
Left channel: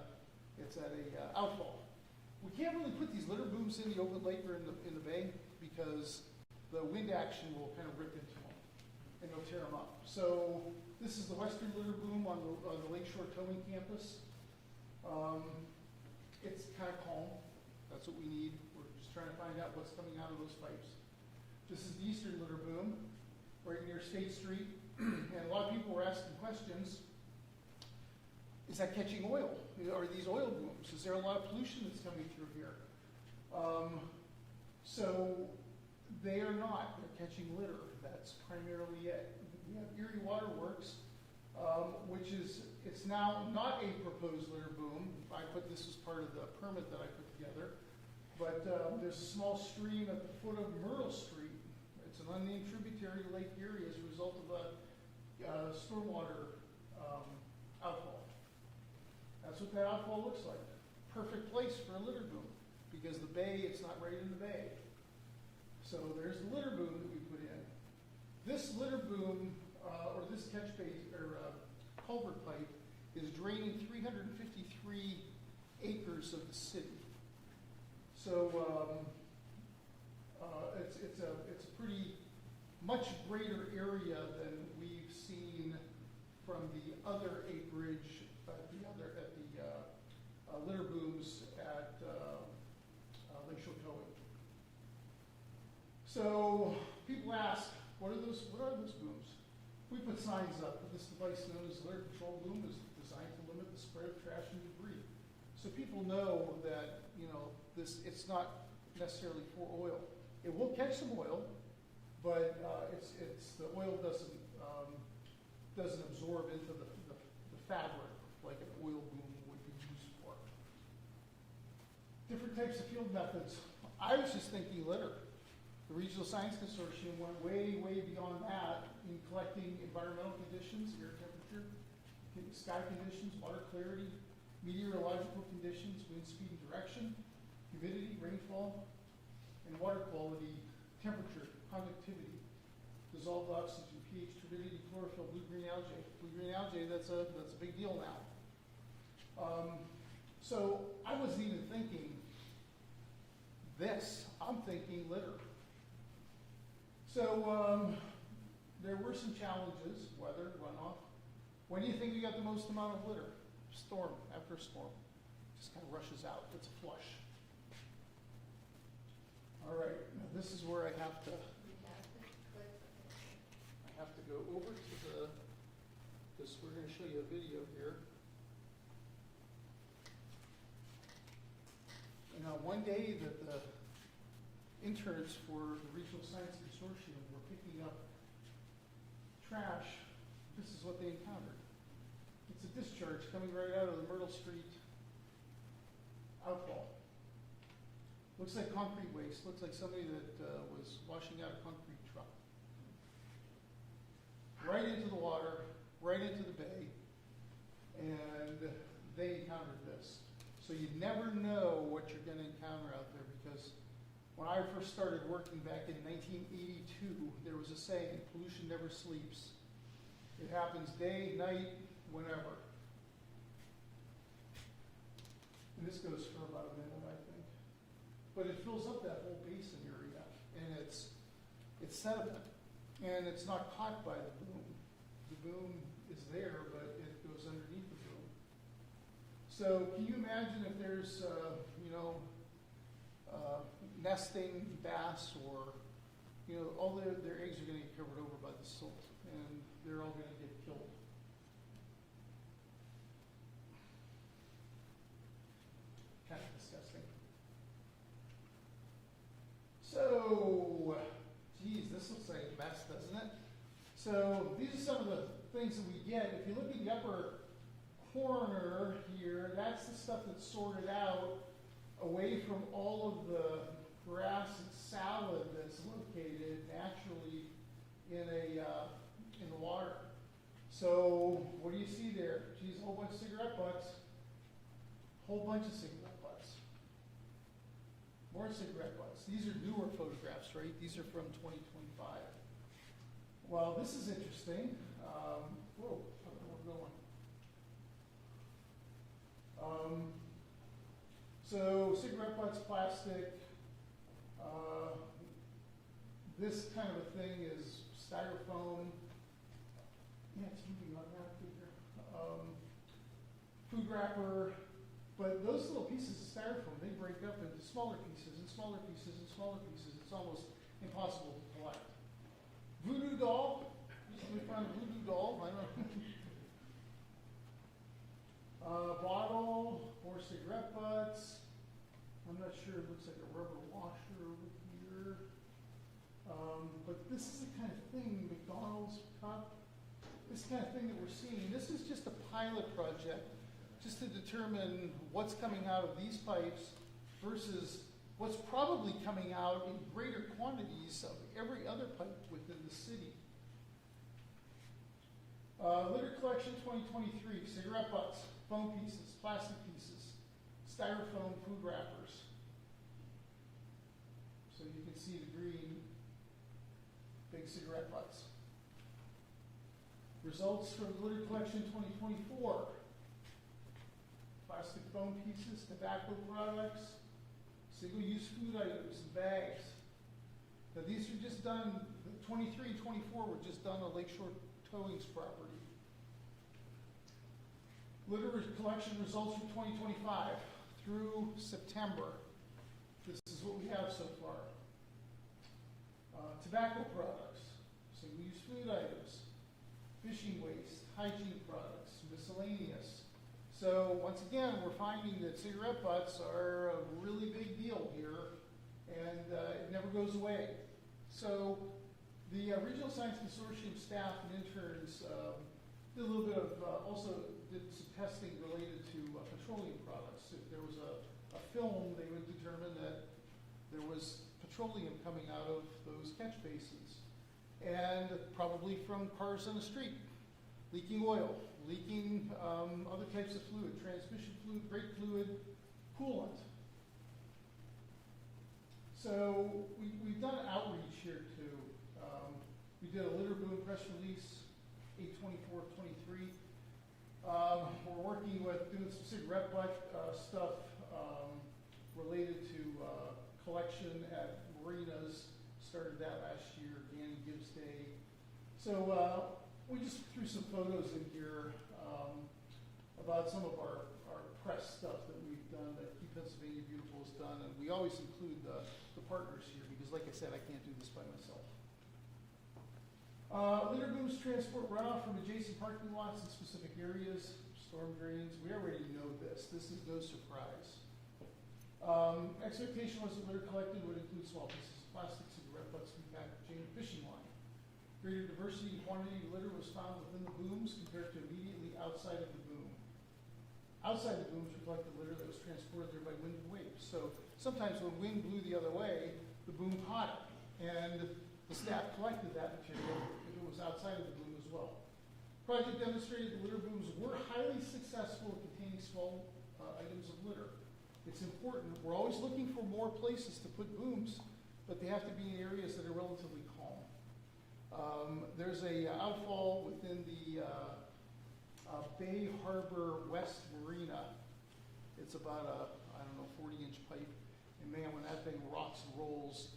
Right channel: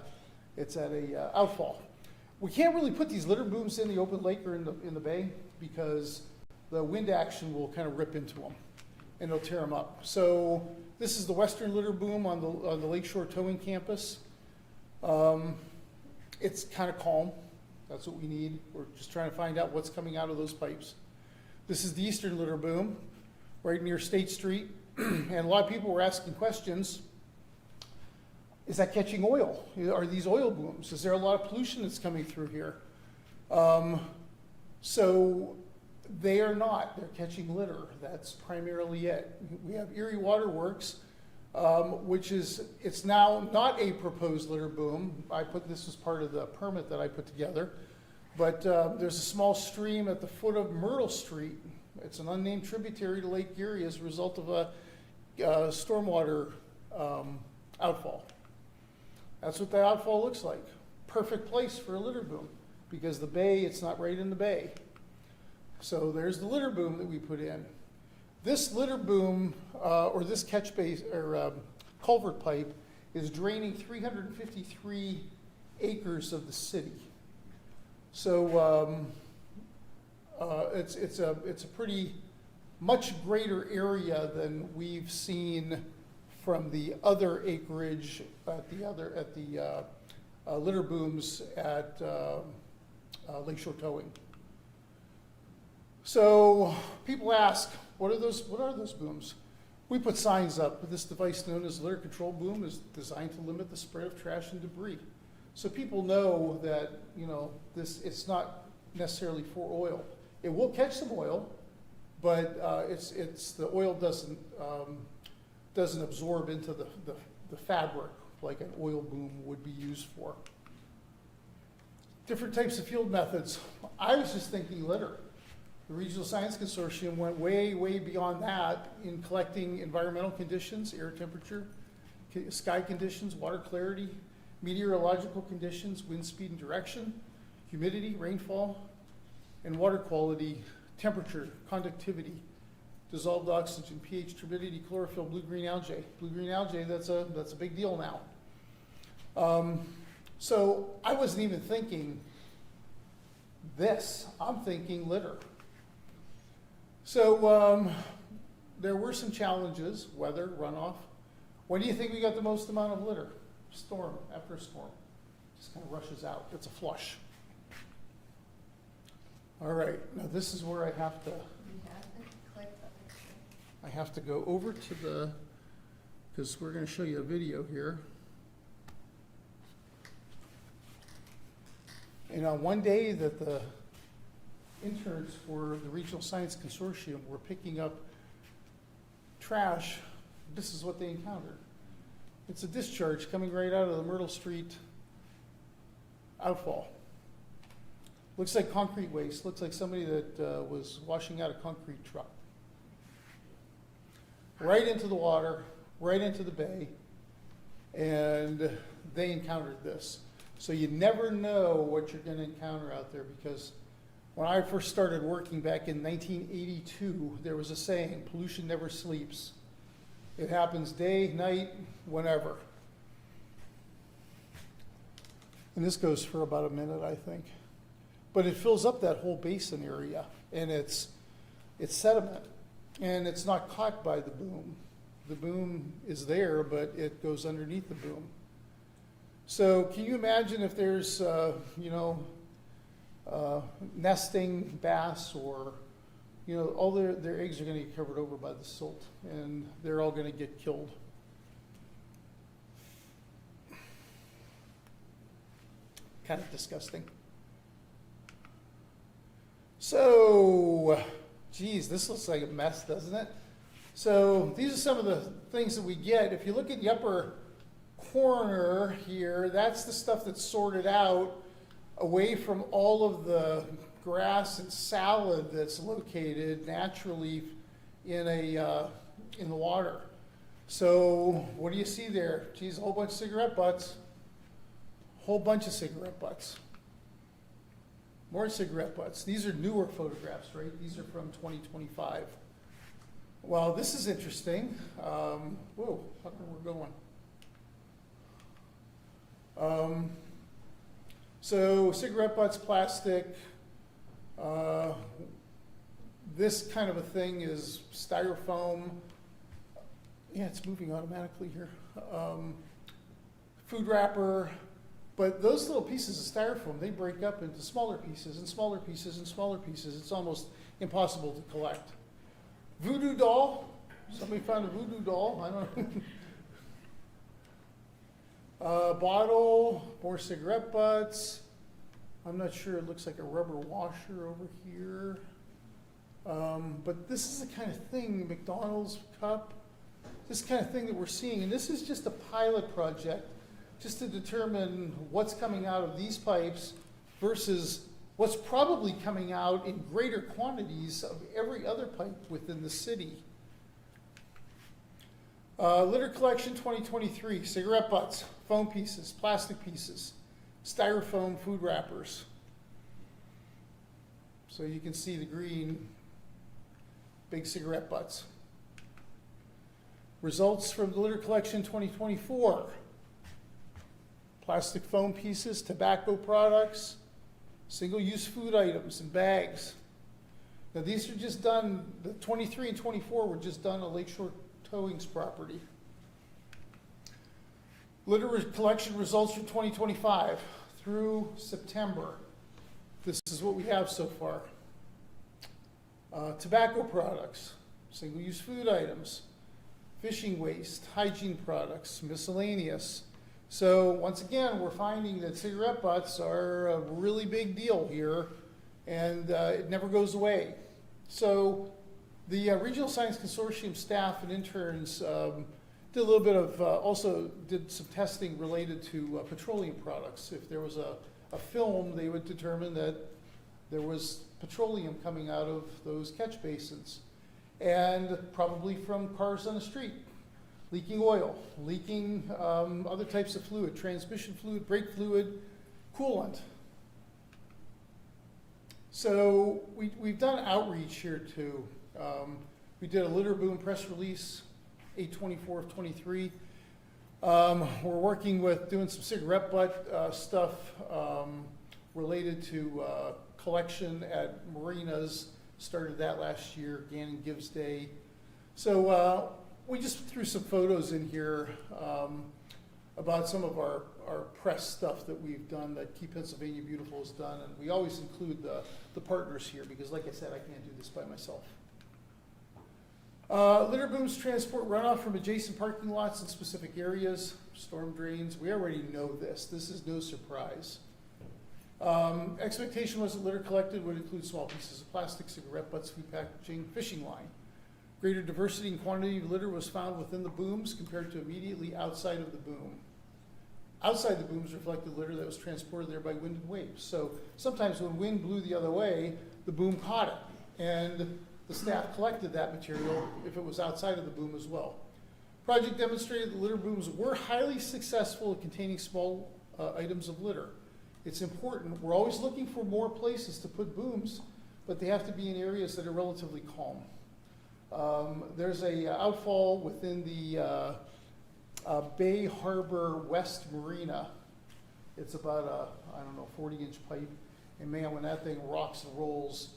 outfall. We can't really put these litter booms in the open lake or in the bay because the wind action will kind of rip into them and it'll tear them up. So this is the western litter boom on the Lakeshore Towing Campus. It's kind of calm. That's what we need. We're just trying to find out what's coming out of those pipes. This is the eastern litter boom right near State Street. And a lot of people were asking questions. Is that catching oil? Are these oil booms? Is there a lot of pollution that's coming through here? So they are not. They're catching litter. That's primarily it. We have Erie Water Works, which is, it's now not a proposed litter boom. I put this as part of the permit that I put together. But there's a small stream at the foot of Myrtle Street. It's an unnamed tributary to Lake Erie as a result of a stormwater outfall. That's what the outfall looks like. Perfect place for a litter boom because the bay, it's not right in the bay. So there's the litter boom that we put in. This litter boom, or this catch base, or culvert pipe, is draining 353 acres of the city. So it's a pretty much greater area than we've seen from the other acreage at the litter booms at Lakeshore Towing. So people ask, what are those booms? We put signs up. This device known as litter control boom is designed to limit the spread of trash and debris. So people know that, you know, it's not necessarily for oil. It will catch some oil, but the oil doesn't absorb into the fabric like an oil boom would be used for. Different types of field methods. I was just thinking litter. The Regional Science Consortium went way, way beyond that in collecting environmental conditions, air temperature, sky conditions, water clarity, meteorological conditions, wind speed and direction, humidity, rainfall, and water quality, temperature, conductivity, dissolved oxygen, pH, turbidity, chlorophyll, blue-green algae. Blue-green algae, that's a big deal now. So I wasn't even thinking this. I'm thinking litter. So there were some challenges, weather, runoff. When do you think we got the most amount of litter? Storm, after a storm. Just kind of rushes out. It's a flush. All right, now this is where I have to go over to the, because we're going to show you a video here. And on one day that the interns for the Regional Science Consortium were picking up trash, this is what they encountered. It's a discharge coming right out of the Myrtle Street outfall. Looks like concrete waste. Looks like somebody that was washing out a concrete truck. Right into the water, right into the bay, and they encountered this. So you never know what you're going to encounter out there, because when I first started working back in 1982, there was a saying, pollution never sleeps. It happens day, night, whenever. And this goes for about a minute, I think. But it fills up that whole basin area, and it's sediment, and it's not caught by the boom. The boom is there, but it goes underneath the boom. So can you imagine if there's, nesting bass, or, all their eggs are going to get covered over by the silt, and they're all going to get killed. Kind of disgusting. So, geez, this looks like a mess, doesn't it? So these are some of the things that we get. If you look in the upper corner here, that's the stuff that's sorted out away from all of the grass and salad that's located naturally in the water. So what do you see there? Geez, a whole bunch of cigarette butts. Whole bunch of cigarette butts. More cigarette butts. These are newer photographs, right? These are from 2025. Well, this is interesting. Whoa, how come we're going? So cigarette butts, plastic. This kind of a thing is styrofoam. Yeah, it's moving automatically here. Food wrapper. But those little pieces of styrofoam, they break up into smaller pieces and smaller pieces and smaller pieces. It's almost impossible to collect. Voodoo doll. Somebody found a voodoo doll. I don't know. Bottle, more cigarette butts. I'm not sure. It looks like a rubber washer over here. But this is the kind of thing, McDonald's cup, this kind of thing that we're seeing. And this is just a pilot project just to determine what's coming out of these pipes versus what's probably coming out in greater quantities of every other pipe within the city. Litter collection 2023, cigarette butts, foam pieces, plastic pieces, styrofoam food wrappers. So you can see the green, big cigarette butts. Results from the litter collection 2024. Plastic foam pieces, tobacco products, single-use food items and bags. Now these are just done, the 23 and 24 were just done on Lakeshore Towing's property. Litter collection results from 2025 through September. This is what we have so far. Tobacco products, single-use food items, fishing waste, hygiene products, miscellaneous. So once again, we're finding that cigarette butts are a really big deal here, and it never goes away. So the Regional Science Consortium staff and interns did a little bit of, also did some testing related to petroleum products. If there was a film, they would determine that there was petroleum coming out of those catch basins, and probably from cars on the street. Leaking oil, leaking other types of fluid, transmission fluid, brake fluid, coolant. So we've done outreach here too. We did a litter boom press release, 8/24 of 23. We're working with doing some cigarette butt stuff related to collection at marinas. Started that last year, Gannon Gives Day. So we just threw some photos in here about some of our press stuff that we've done, that Keep Pennsylvania Beautiful has done, and we always include the partners here because, like I said, I can't do this by myself. Litter booms transport runoff from adjacent parking lots in specific areas, storm drains. We already know this. This is no surprise. Expectation was that litter collected would include small pieces of plastic, cigarette butts, food packaging, fishing line. Greater diversity and quantity of litter was found within the booms compared to immediately outside of the boom. Outside the booms reflected litter that was transported there by wind and waves. So sometimes when wind blew the other way, the boom caught it, and the staff collected that material if it was outside of the boom as well. Project demonstrated the litter booms were highly successful at containing small items of litter. It's important. We're always looking for more places to put booms, but they have to be in areas that are relatively calm. There's a outfall within the Bay Harbor West Marina. It's about a, 40-inch pipe, and man, when that thing rocks and rolls,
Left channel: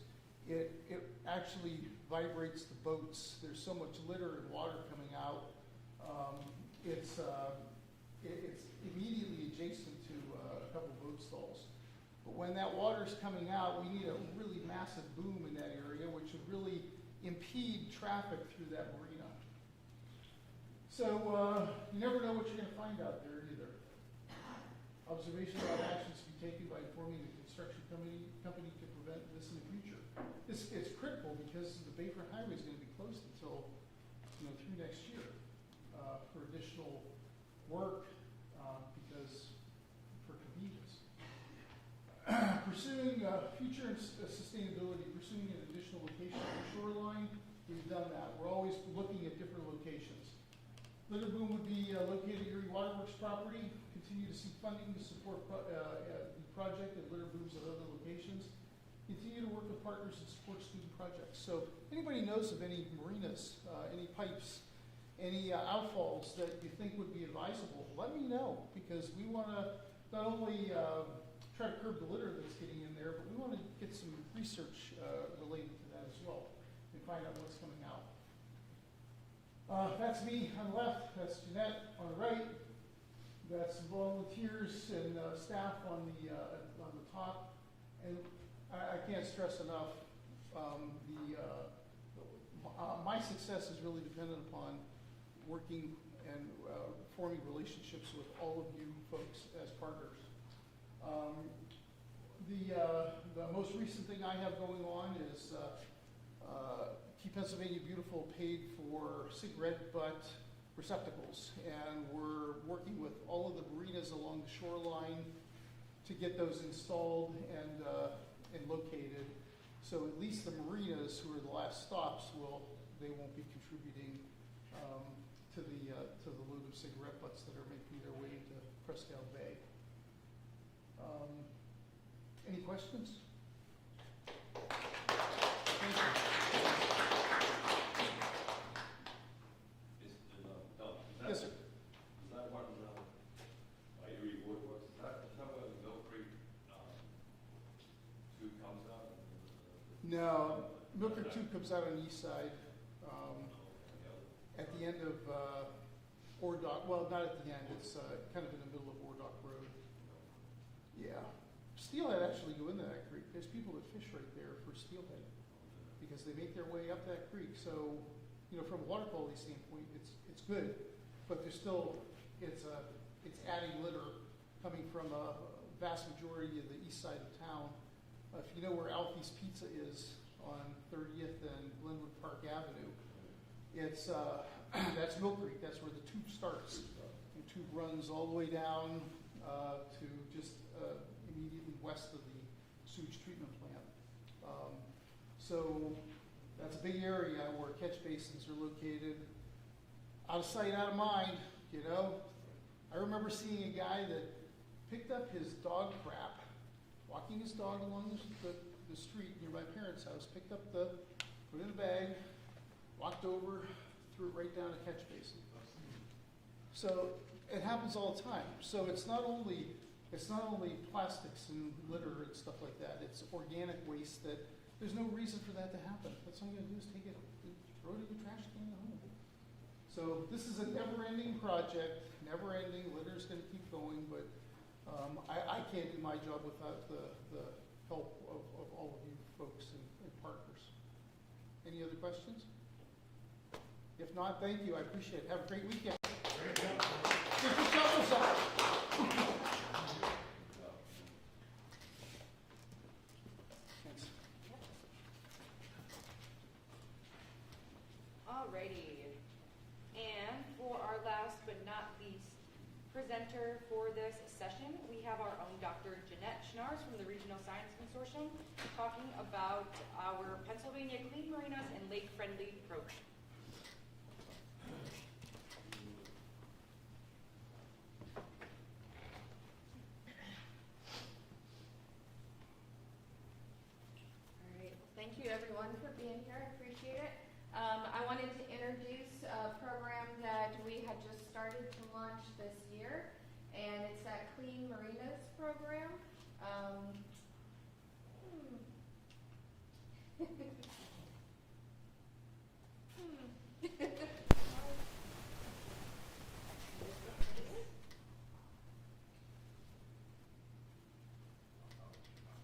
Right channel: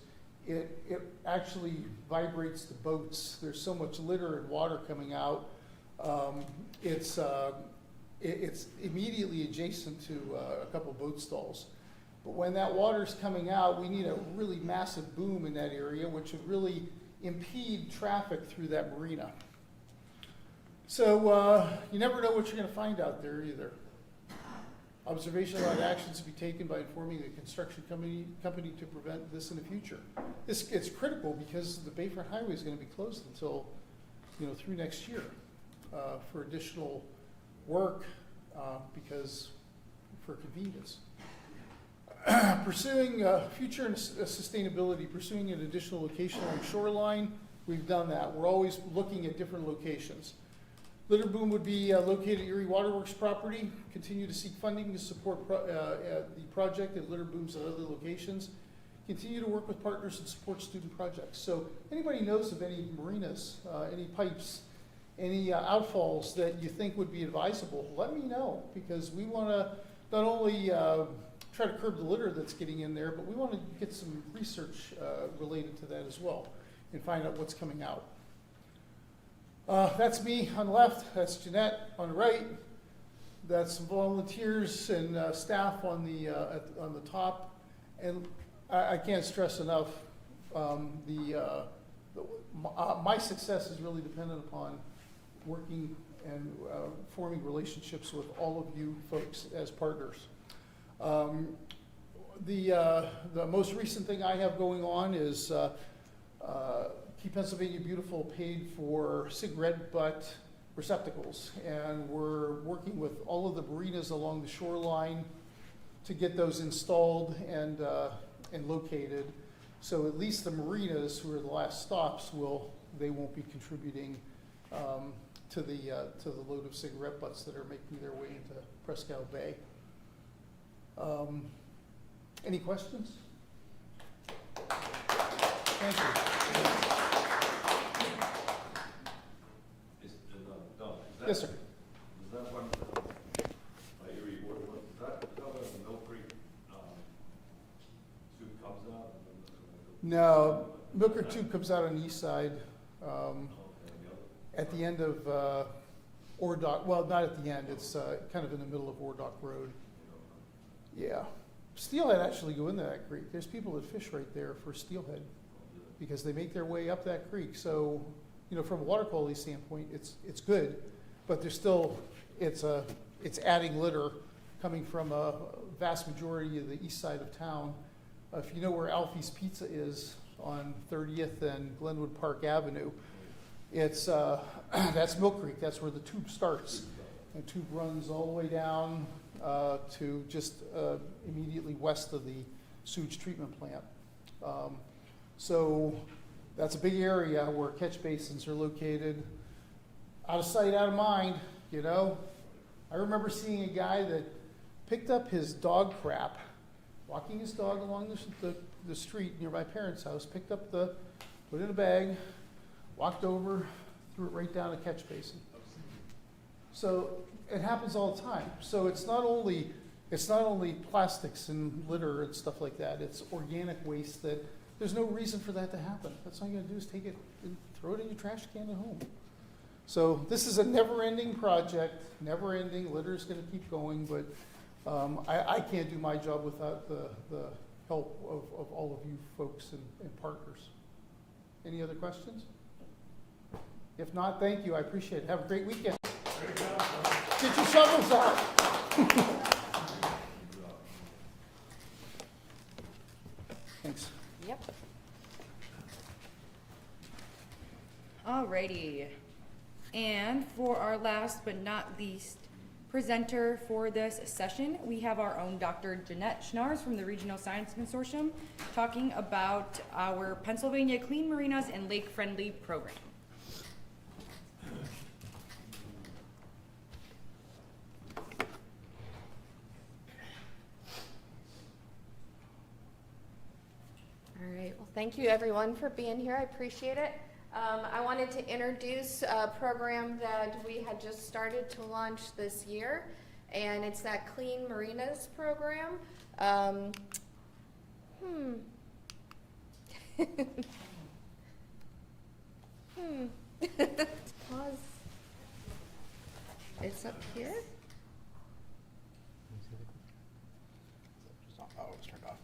it actually vibrates the boats. There's so much litter and water coming out. It's immediately adjacent to a couple boat stalls. But when that water's coming out, we need a really massive boom in that area, which would really impede traffic through that marina. So you never know what you're going to find out there either. Observational actions to be taken by informing the construction company to prevent this in the future. It's critical because the Bayfront Highway is going to be closed until through next year for additional work because for convenience. Pursuing future and sustainability, pursuing an additional location on the shoreline. We've done that. We're always looking at different locations. Litter boom would be located at Erie Waterworks property. Continue to seek funding to support the project at litter booms at other locations. Continue to work with partners and support student projects. So anybody knows of any marinas, any pipes, any outfalls that you think would be advisable, let me know, because we want to not only try to curb the litter that's getting in there, but we want to get some research related to that as well and find out what's coming out. That's me on the left, that's Jeanette on the right, that's some volunteers and staff on the top, and I can't stress enough, my success is really dependent upon working and forming relationships with all of you folks as partners. The most recent thing I have going on is Keep Pennsylvania Beautiful paid for cigarette butt receptacles, and we're working with all of the marinas along the shoreline to get those installed and located. So at least the marinas, who are the last stops, they won't be contributing to the load of cigarette butts that are making their way into Presque Bay. Any questions? Thank you. Yes, sir. Is that one, Erie Waterworks, is that where the Mill Creek soup comes out? No, Mill Creek Tube comes out on the east side, at the end of Ordock. Well, not at the end. It's kind of in the middle of Ordock Road. Yeah, steelhead actually go into that creek. There's people that fish right there for steelhead because they make their way up that creek. So, you know, from a water quality standpoint, it's good, but there's still it's adding litter coming from a vast majority of the east side of town. If you know where Alfie's Pizza is on 30th and Glenwood Park Avenue, it's that's Mill Creek. That's where the tube starts. The tube runs all the way down to just immediately west of the sewage treatment plant. So that's a big area where catch basins are located. Out of sight, out of mind, you know. I remember seeing a guy that picked up his dog crap, walking his dog along the street near my parents' house, put it in a bag, walked over, threw it right down a catch basin. So it happens all the time. So it's not only plastics and litter and stuff like that. It's organic waste that there's no reason for that to happen. That's all you gotta do is take it and throw it in your trash can at home. So this is a never-ending project, never-ending. Litter is gonna keep going, but I can't do my job without the help of all of you folks and partners. Any other questions? If not, thank you. I appreciate it. Have a great weekend. Get your shovels out. Thanks. Yep. Alrighty. And for our last but not least presenter for this session, we have our own Dr. Jeanette Schnars from the Regional Science Consortium talking about our Pennsylvania Clean Marinas and Lake Friendly program. Thank you everyone for being here. I appreciate it. I wanted to introduce a program that we had just started to launch this year, and it's that Clean Marinas program. It's up here. Oh, it's turned off.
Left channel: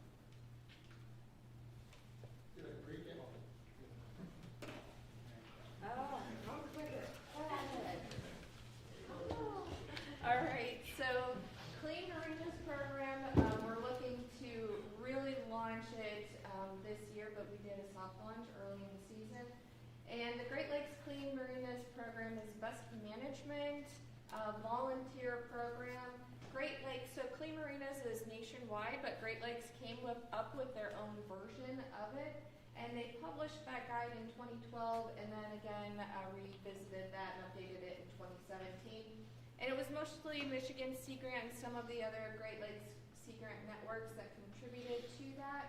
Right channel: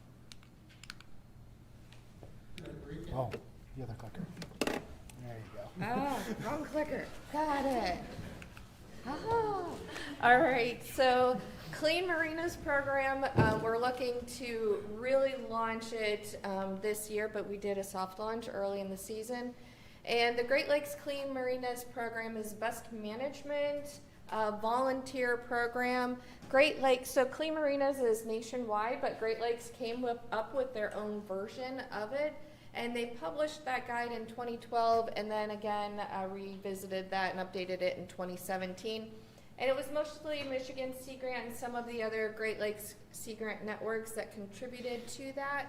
Oh, the other clicker. There you go. Ah, wrong clicker. Got it. Oh. All right, so Clean Marinas program, we're looking to really launch it this year, but we did a soft launch early in the season. And the Great Lakes Clean Marinas program is best management volunteer program. Great Lakes, so Clean Marinas is nationwide, but Great Lakes came up with their own version of it, and they published that guide in 2012, and then again revisited that and updated it in 2017. And it was mostly Michigan Sea Grant and some of the other Great Lakes Sea Grant networks that contributed to that.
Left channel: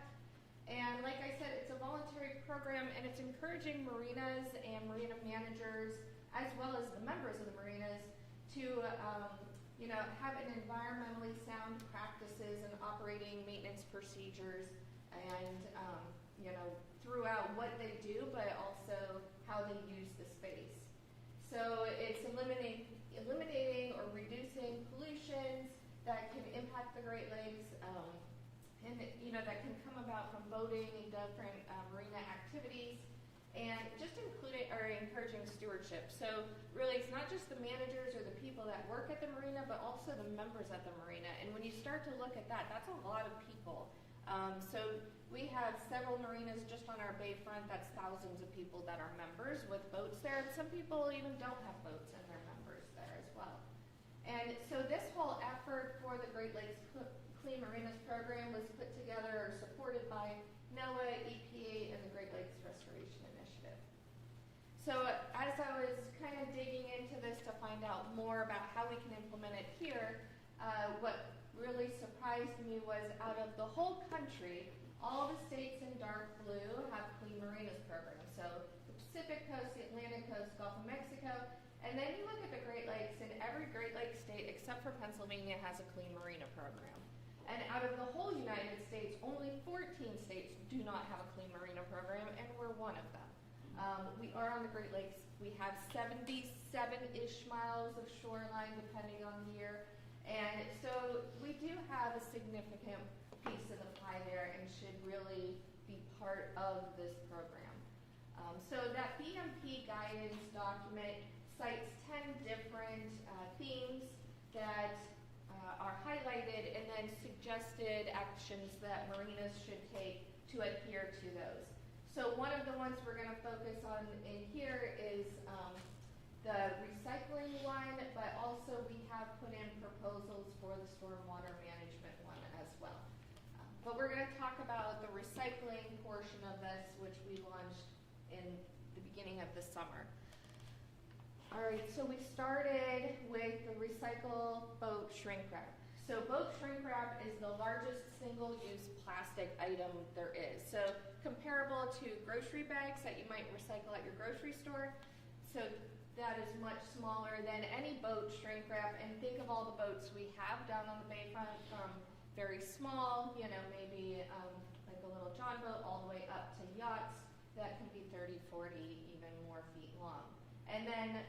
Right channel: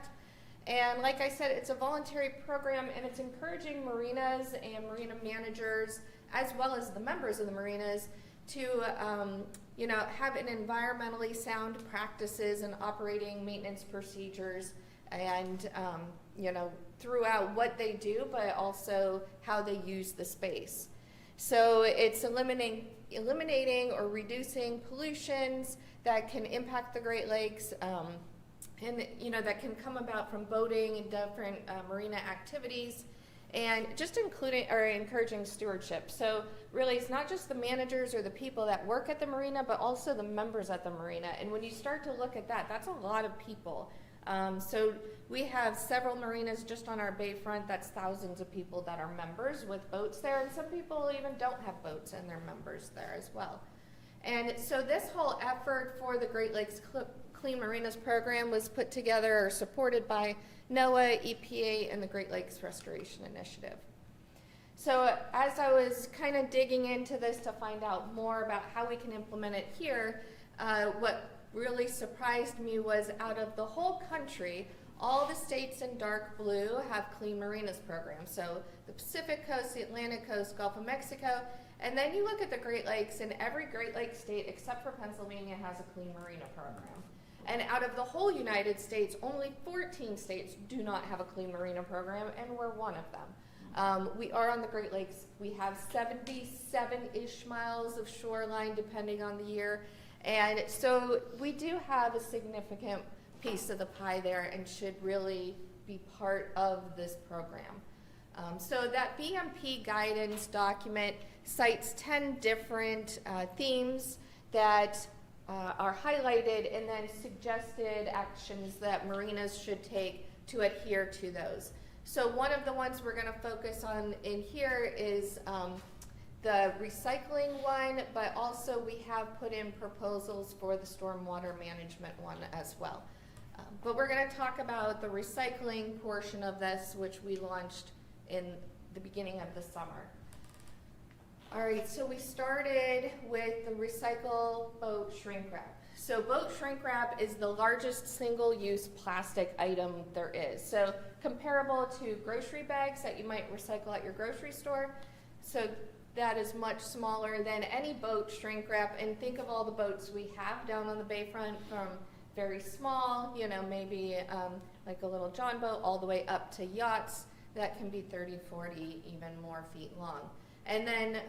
And like I said, it's a voluntary program, and it's encouraging marinas and marina managers, as well as the members of the marinas, to have an environmentally sound practices and operating maintenance procedures, and throughout what they do, but also how they use the space. So it's eliminating or reducing pollutions that can impact the Great Lakes, and that can come about from boating and different marina activities, and just encouraging stewardship. So really, it's not just the managers or the people that work at the marina, but also the members at the marina. And when you start to look at that, that's a lot of people. So we have several marinas just on our bayfront. That's thousands of people that are members with boats there, and some people even don't have boats and they're members there as well. And so this whole effort for the Great Lakes Clean Marinas program was put together or supported by NOAA, EPA, and the Great Lakes Restoration Initiative. So as I was kind of digging into this to find out more about how we can implement it here, what really surprised me was out of the whole country, all the states in dark blue have Clean Marinas programs. So the Pacific Coast, the Atlantic Coast, Gulf of Mexico, and then you look at the Great Lakes, and every Great Lakes state except for Pennsylvania has a Clean Marina program. And out of the whole United States, only 14 states do not have a Clean Marina program, and we're one of them. We are on the Great Lakes. We have 77-ish miles of shoreline, depending on the year. And so we do have a significant piece of the pie there and should really be part of this program. So that BMP guidance document cites 10 different themes that are highlighted, and then suggested actions that marinas should take to adhere to those. So one of the ones we're going to focus on in here is the recycling one, but also we have put in proposals for the stormwater management one as well. But we're going to talk about the recycling portion of this, which we launched in the beginning of the summer. All right, so we started with the recycle boat shrink wrap. So boat shrink wrap is the largest single-use plastic item there is. So comparable to grocery bags that you might recycle at your grocery store. So that is much smaller than any boat shrink wrap. And think of all the boats we have down on the bayfront, from very small, maybe like a little John boat, all the way up to yachts that can be 30, 40, even more feet long. And then,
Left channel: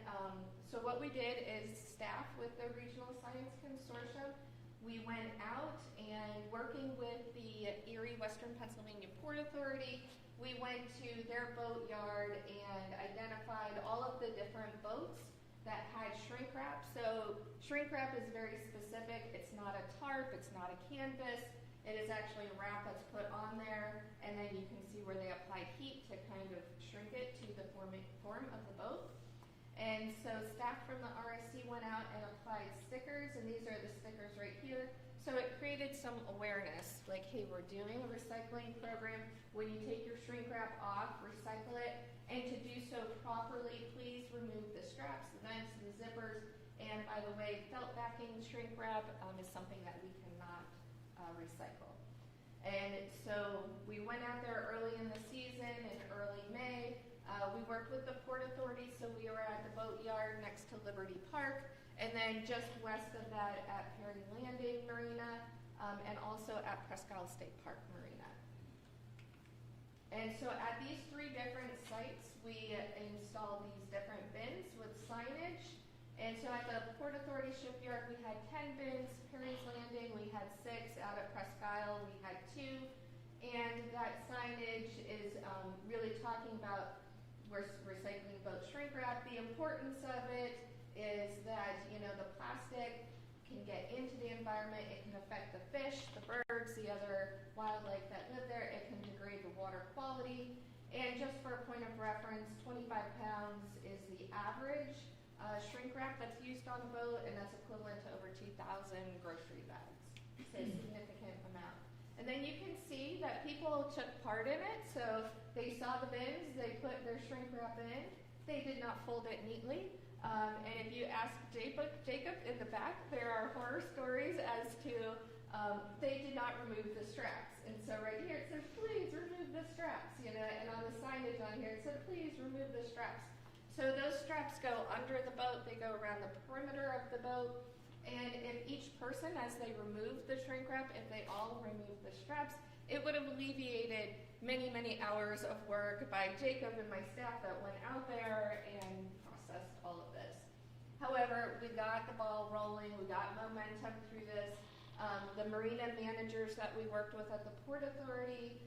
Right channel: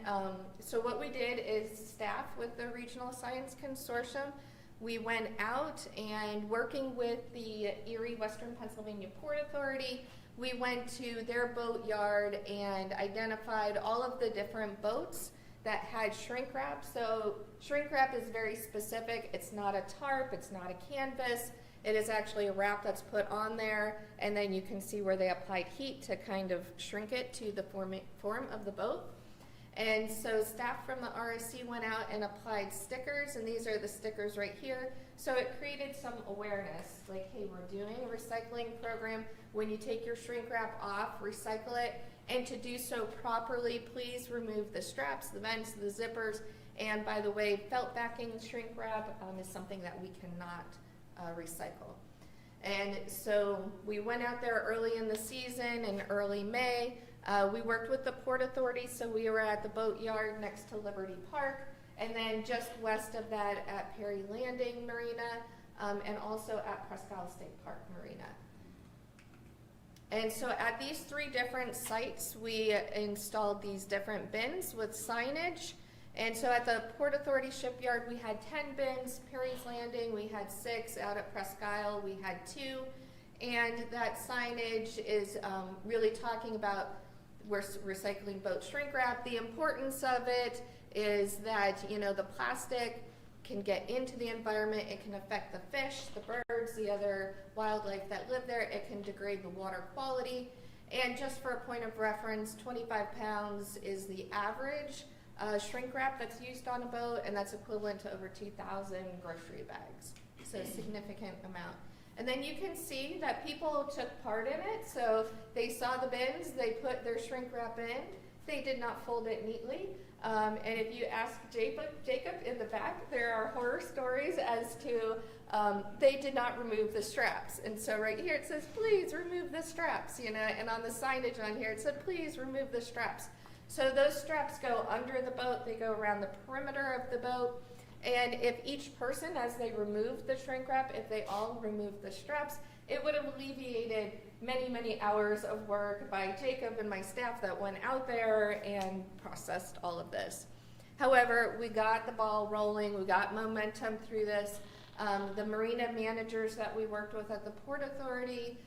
so what we did is staff with the Regional Science Consortium, we went out and working with the Erie Western Pennsylvania Port Authority, we went to their boat yard and identified all of the different boats that had shrink wrap. So shrink wrap is very specific. It's not a tarp, it's not a canvas. It is actually a wrap that's put on there, and then you can see where they applied heat to kind of shrink it to the form of the boat. And so staff from the RSC went out and applied stickers, and these are the stickers right here. So it created some awareness, like, hey, we're doing a recycling program. When you take your shrink wrap off, recycle it, and to do so properly, please remove the straps, the vents, the zippers, and by the way, felt backing shrink wrap is something that we cannot recycle. And so we went out there early in the season, in early May. We worked with the Port Authority, so we were at the boat yard next to Liberty Park, and then just west of that at Perry Landing Marina, and also at Presque State Park Marina. And so at these three different sites, we installed these different bins with signage. And so at the Port Authority shipyard, we had 10 bins. Perry's Landing, we had 6. Out at Presque Isle, we had 2. And that signage is really talking about we're recycling boat shrink wrap. The importance of it is that, the plastic can get into the environment. It can affect the fish, the birds, the other wildlife that live there. It can degrade the water quality. And just for a point of reference, 25 pounds is the average shrink wrap that's used on a boat, and that's equivalent to over 2,000 grocery bags. So a significant amount. And then you can see that people took part in it. So they saw the bins, they put their shrink wrap in. They did not fold it neatly. And if you ask Jacob in the back, there are horror stories as to they did not remove the straps. And so right here it says, please remove the straps, you know, and on the signage on here it said, please remove the straps. So those straps go under the boat, they go around the perimeter of the boat. And if each person, as they remove the shrink wrap, if they all remove the straps, it would have alleviated many, many hours of work by Jacob and my staff that went out there and processed all of this. However, we got the ball rolling, we got momentum through this. The marina managers that we worked with at the Port Authority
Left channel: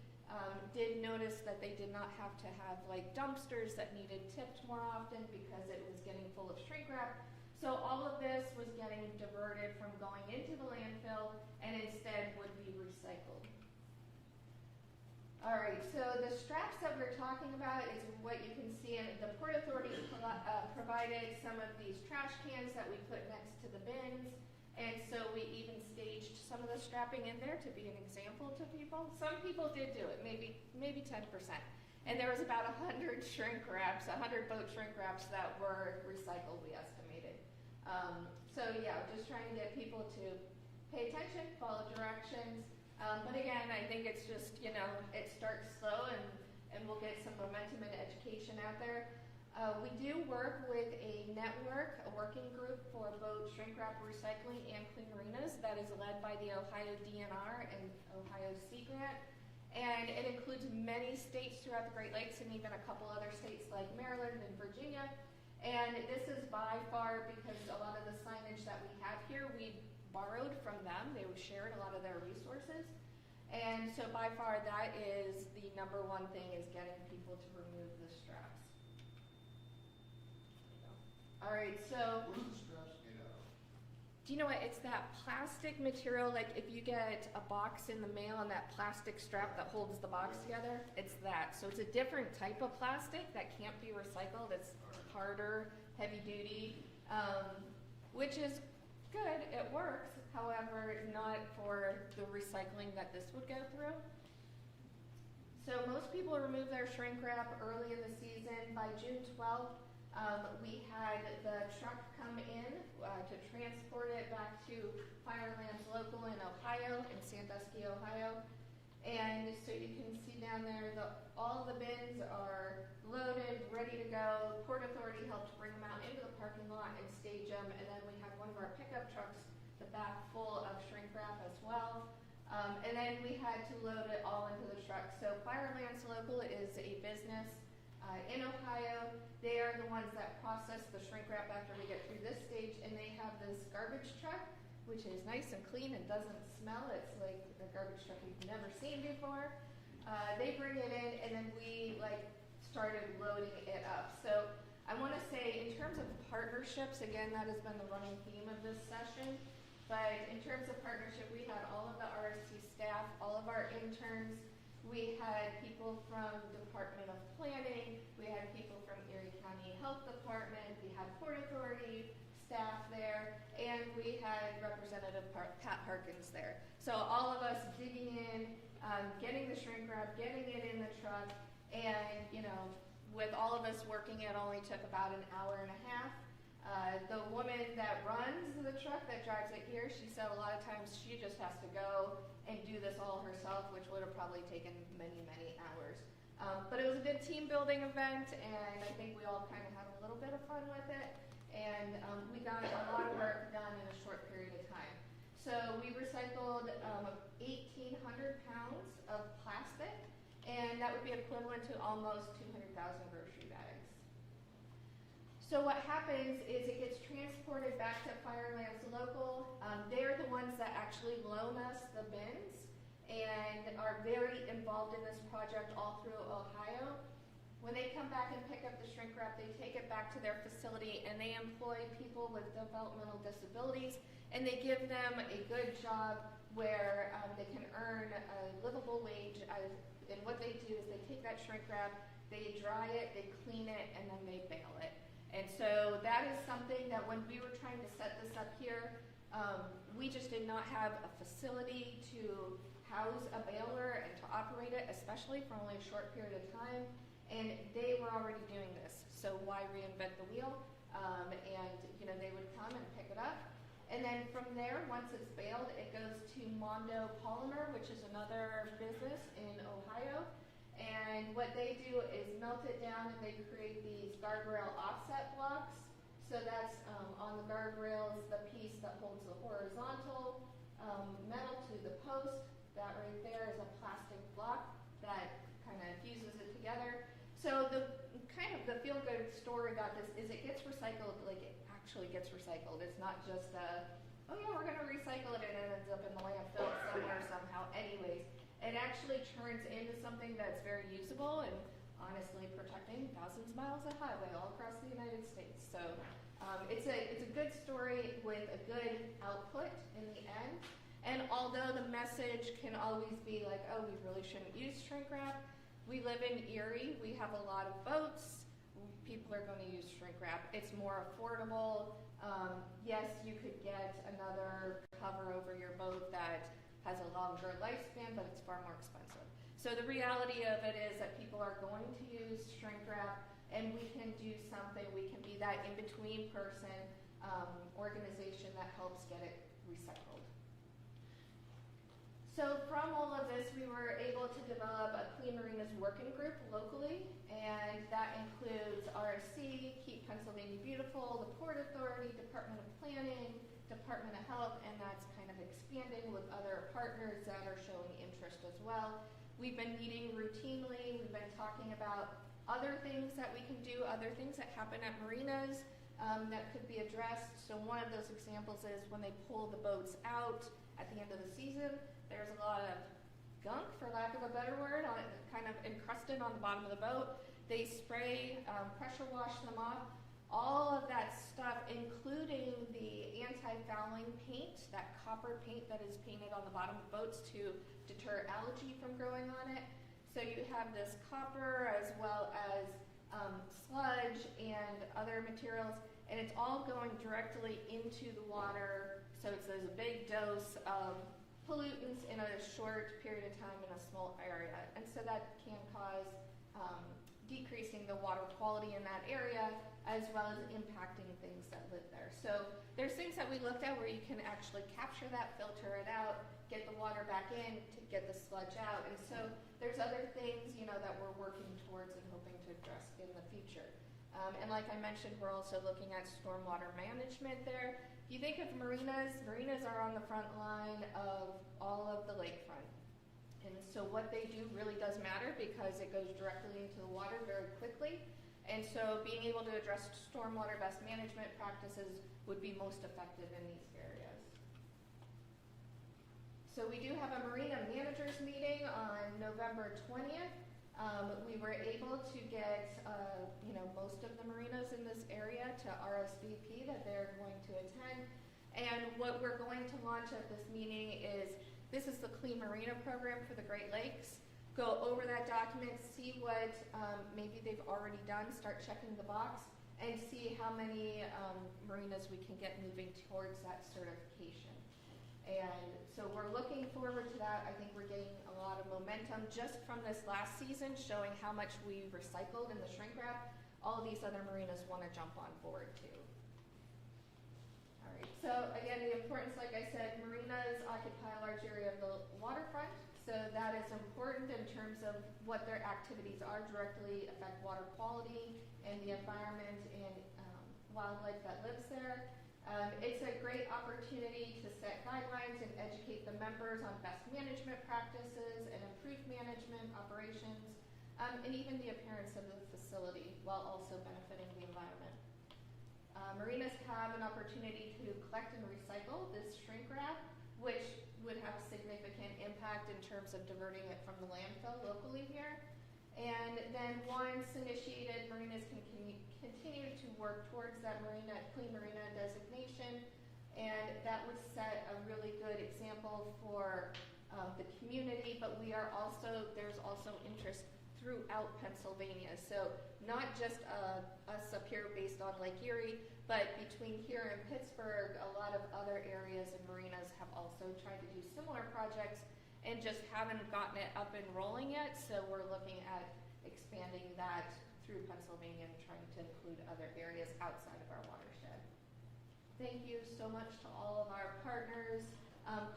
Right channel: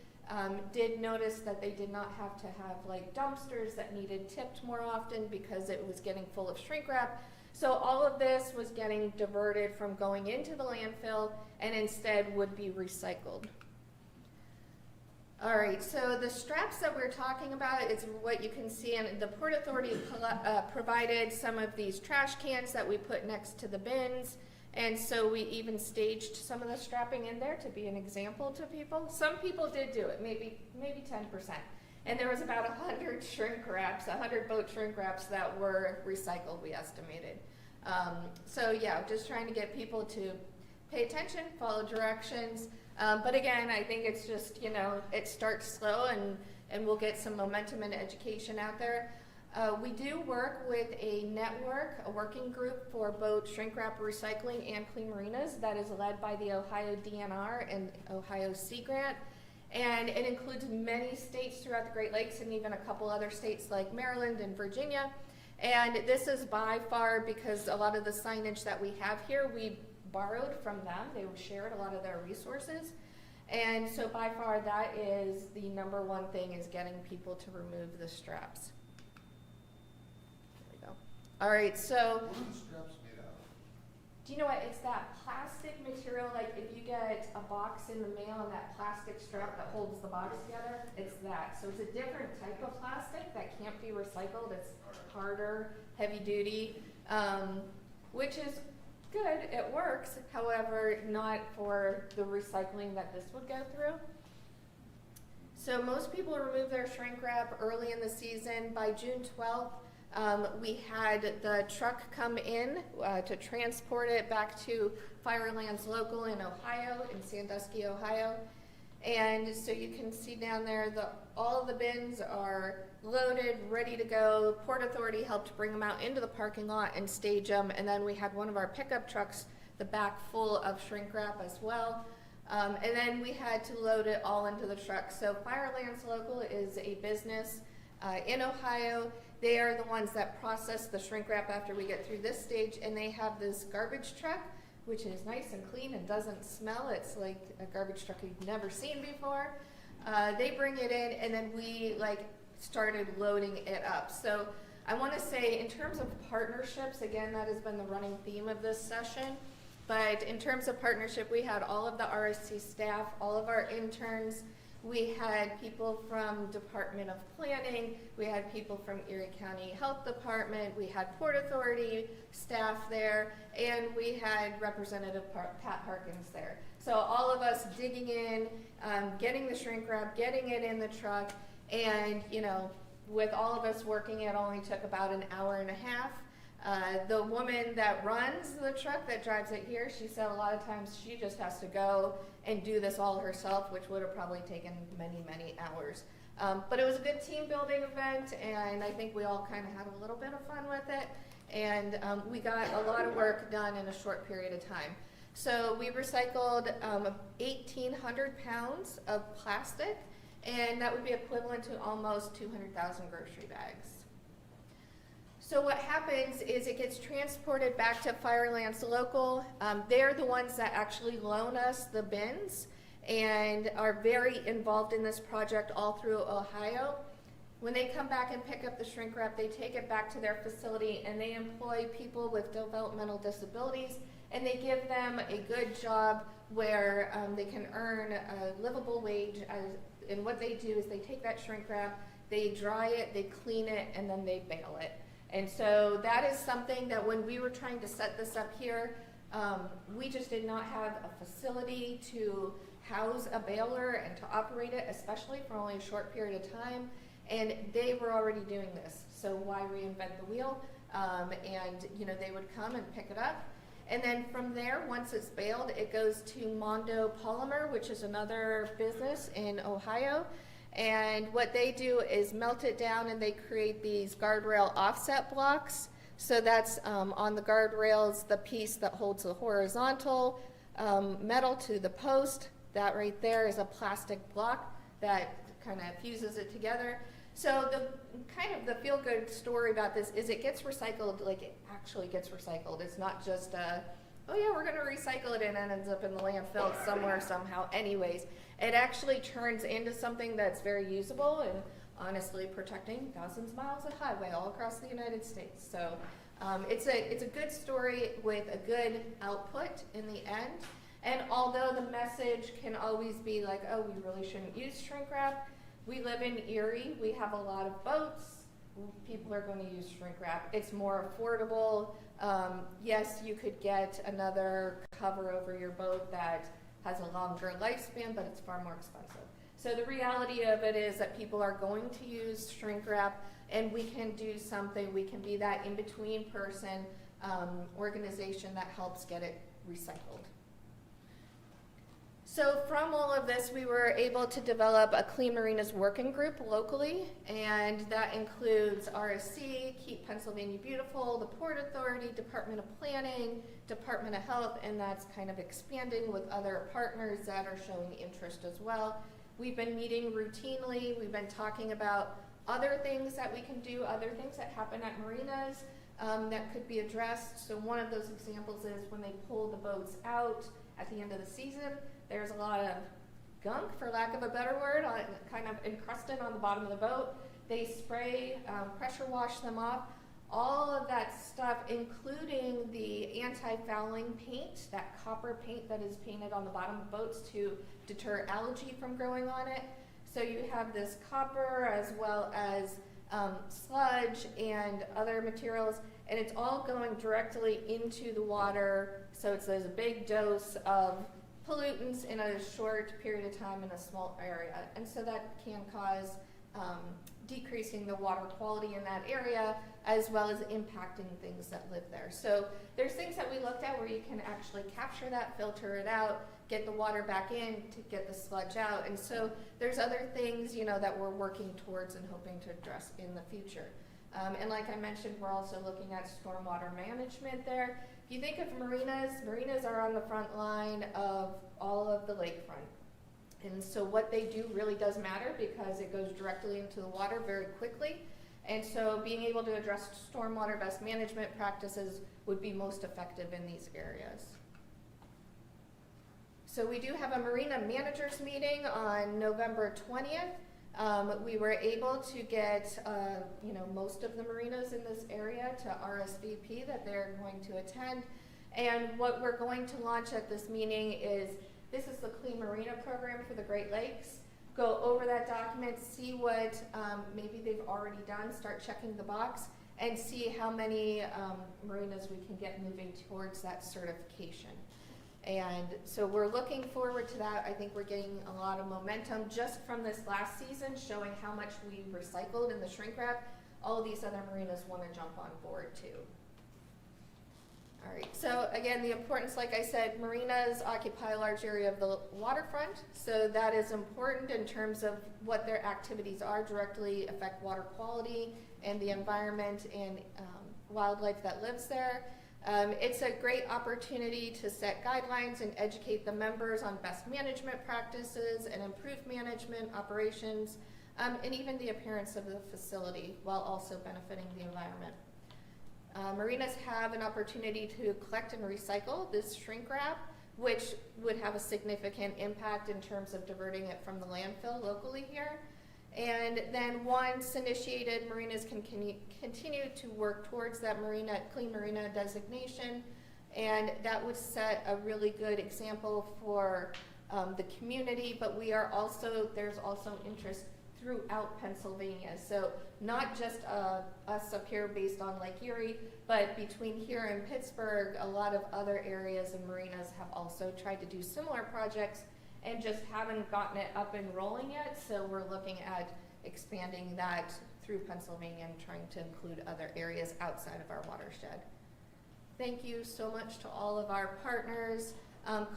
did notice that they did not have to have like dumpsters that needed tipped more often because it was getting full of shrink wrap. So all of this was getting diverted from going into the landfill and instead would be recycled. All right, so the straps that we're talking about is what you can see, and the Port Authority provided some of these trash cans that we put next to the bins, and so we even staged some of the strapping in there to be an example to people. Some people did do it, maybe 10%. And there was about 100 shrink wraps, 100 boat shrink wraps that were recycled, we estimated. So yeah, just trying to get people to pay attention, follow directions. But again, I think it's just, you know, it starts slow and we'll get some momentum and education out there. We do work with a network, a working group for boat shrink wrap recycling and clean marinas that is led by the Ohio DNR and Ohio Sea Grant. And it includes many states throughout the Great Lakes and even a couple other states like Maryland and Virginia. And this is by far, because a lot of the signage that we have here, we borrowed from them. They shared a lot of their resources. And so by far that is the number one thing, is getting people to remove the straps. There we go. All right, so. What are the straps made out of? Do you know what, it's that plastic material, like if you get a box in the mail and that plastic strap that holds the box together, it's that. So it's a different type of plastic that can't be recycled. It's harder, heavy duty, which is good, it works, however, not for the recycling that this would go through. So most people remove their shrink wrap early in the season. By June 12th, we had the truck come in to transport it back to Firelands Local in Ohio, in Sandusky, Ohio. And so you can see down there, all the bins are loaded, ready to go. Port Authority helped bring them out into the parking lot and stage them. And then we had one of our pickup trucks, the back full of shrink wrap as well. And then we had to load it all into the truck. So Firelands Local is a business in Ohio. They are the ones that process the shrink wrap after we get through this stage, and they have this garbage truck, which is nice and clean and doesn't smell. It's like a garbage truck you've never seen before. They bring it in, and then we started loading it up. So I want to say, in terms of partnerships, again, that has been the running theme of this session. But in terms of partnership, we had all of the RSC staff, all of our interns. We had people from Department of Planning, we had people from Erie County Health Department, we had Port Authority staff there, and we had Representative Pat Harkins there. So all of us digging in, getting the shrink wrap, getting it in the truck, and with all of us working, it only took about an hour and a half. The woman that runs the truck that drives it here, she said a lot of times she just has to go and do this all herself, which would have probably taken many, many hours. But it was a good team building event, and I think we all kind of had a little bit of fun with it. And we got a lot of work done in a short period of time. So we recycled 1,800 pounds of plastic, and that would be equivalent to almost 200,000 grocery bags. So what happens is it gets transported back to Firelands Local. They're the ones that actually loan us the bins and are very involved in this project all through Ohio. When they come back and pick up the shrink wrap, they take it back to their facility and they employ people with developmental disabilities, and they give them a good job where they can earn a livable wage. And what they do is they take that shrink wrap, they dry it, they clean it, and then they bale it. And so that is something that when we were trying to set this up here, we just did not have a facility to house a baler and to operate it, especially for only a short period of time. And they were already doing this, so why reinvent the wheel? And they would come and pick it up. And then from there, once it's baled, it goes to Mondo Polymer, which is another business in Ohio. And what they do is melt it down and they create these guardrail offset blocks. So that's on the guardrails, the piece that holds the horizontal metal to the post. That right there is a plastic block that kind of fuses it together. So the kind of the feel-good story about this is it gets recycled, like it actually gets recycled. It's not just oh yeah, we're gonna recycle it and it ends up in the landfill somewhere somehow anyways. It actually turns into something that's very usable and honestly protecting thousands of miles of highway all across the United States. So it's a good story with a good output in the end. And although the message can always be like, oh, we really shouldn't use shrink wrap, we live in Erie, we have a lot of boats, people are going to use shrink wrap. It's more affordable. Yes, you could get another cover over your boat that has a longer lifespan, but it's far more expensive. So the reality of it is that people are going to use shrink wrap, and we can do something, we can be that in-between person, organization that helps get it recycled. So from all of this, we were able to develop a Clean Marinas working group locally, and that includes RSC, Keep Pennsylvania Beautiful, the Port Authority, Department of Planning, Department of Health, and that's kind of expanding with other partners that are showing interest as well. We've been meeting routinely. We've been talking about other things that we can do, other things that happen at marinas that could be addressed. So one of those examples is when they pull the boats out at the end of the season, there's a lot of gunk, for lack of a better word, kind of encrusted on the bottom of the boat. They spray, pressure wash them off. All of that stuff, including the anti-fouling paint, that copper paint that is painted on the bottom of boats to deter algae from growing on it. So you have this copper as well as sludge and other materials, and it's all going directly into the water. So there's a big dose of pollutants in a short period of time in a small area. And so that can cause decreasing the water quality in that area, as well as impacting things that live there. So there's things that we looked at where you can actually capture that, filter it out, get the water back in to get the sludge out. And so there's other things, that we're working towards and hoping to address in the future. And like I mentioned, we're also looking at stormwater management there. If you think of marinas, marinas are on the front line of all of the lakefront. And so what they do really does matter because it goes directly into the water very quickly. And so being able to address stormwater best management practices would be most effective in these areas. So we do have a marina managers meeting on November 20th. We were able to get most of the marinas in this area to RSVP that they're going to attend. And what we're going to launch at this meeting is, this is the Clean Marina program for the Great Lakes. Go over that document, see what maybe they've already done, start checking the box, and see how many marinas we can get moving towards that certification. And so we're looking forward to that. I think we're getting a lot of momentum just from this last season, showing how much we recycled in the shrink wrap. All of these other marinas want to jump on board too. All right, so again, the importance, like I said, marinas occupy a large area of the waterfront, so that is important in terms of what their activities are, directly affect water quality and the environment and wildlife that lives there. It's a great opportunity to set guidelines and educate the members on best management practices and improve management operations, and even the appearance of the facility while also benefiting the environment. Marinas have an opportunity to collect and recycle this shrink wrap, which would have a significant impact in terms of diverting it from the landfill locally here. And then once initiated, marinas can continue to work towards that Clean Marina designation, and that would set a really good example for the community, but there's also interest throughout Pennsylvania. So not just us up here based on Lake Erie, but between here and Pittsburgh, a lot of other areas and marinas have also tried to do similar projects and just haven't gotten it up and rolling yet. So we're looking at expanding that through Pennsylvania and trying to include other areas outside of our watershed. Thank you so much to all of our partners.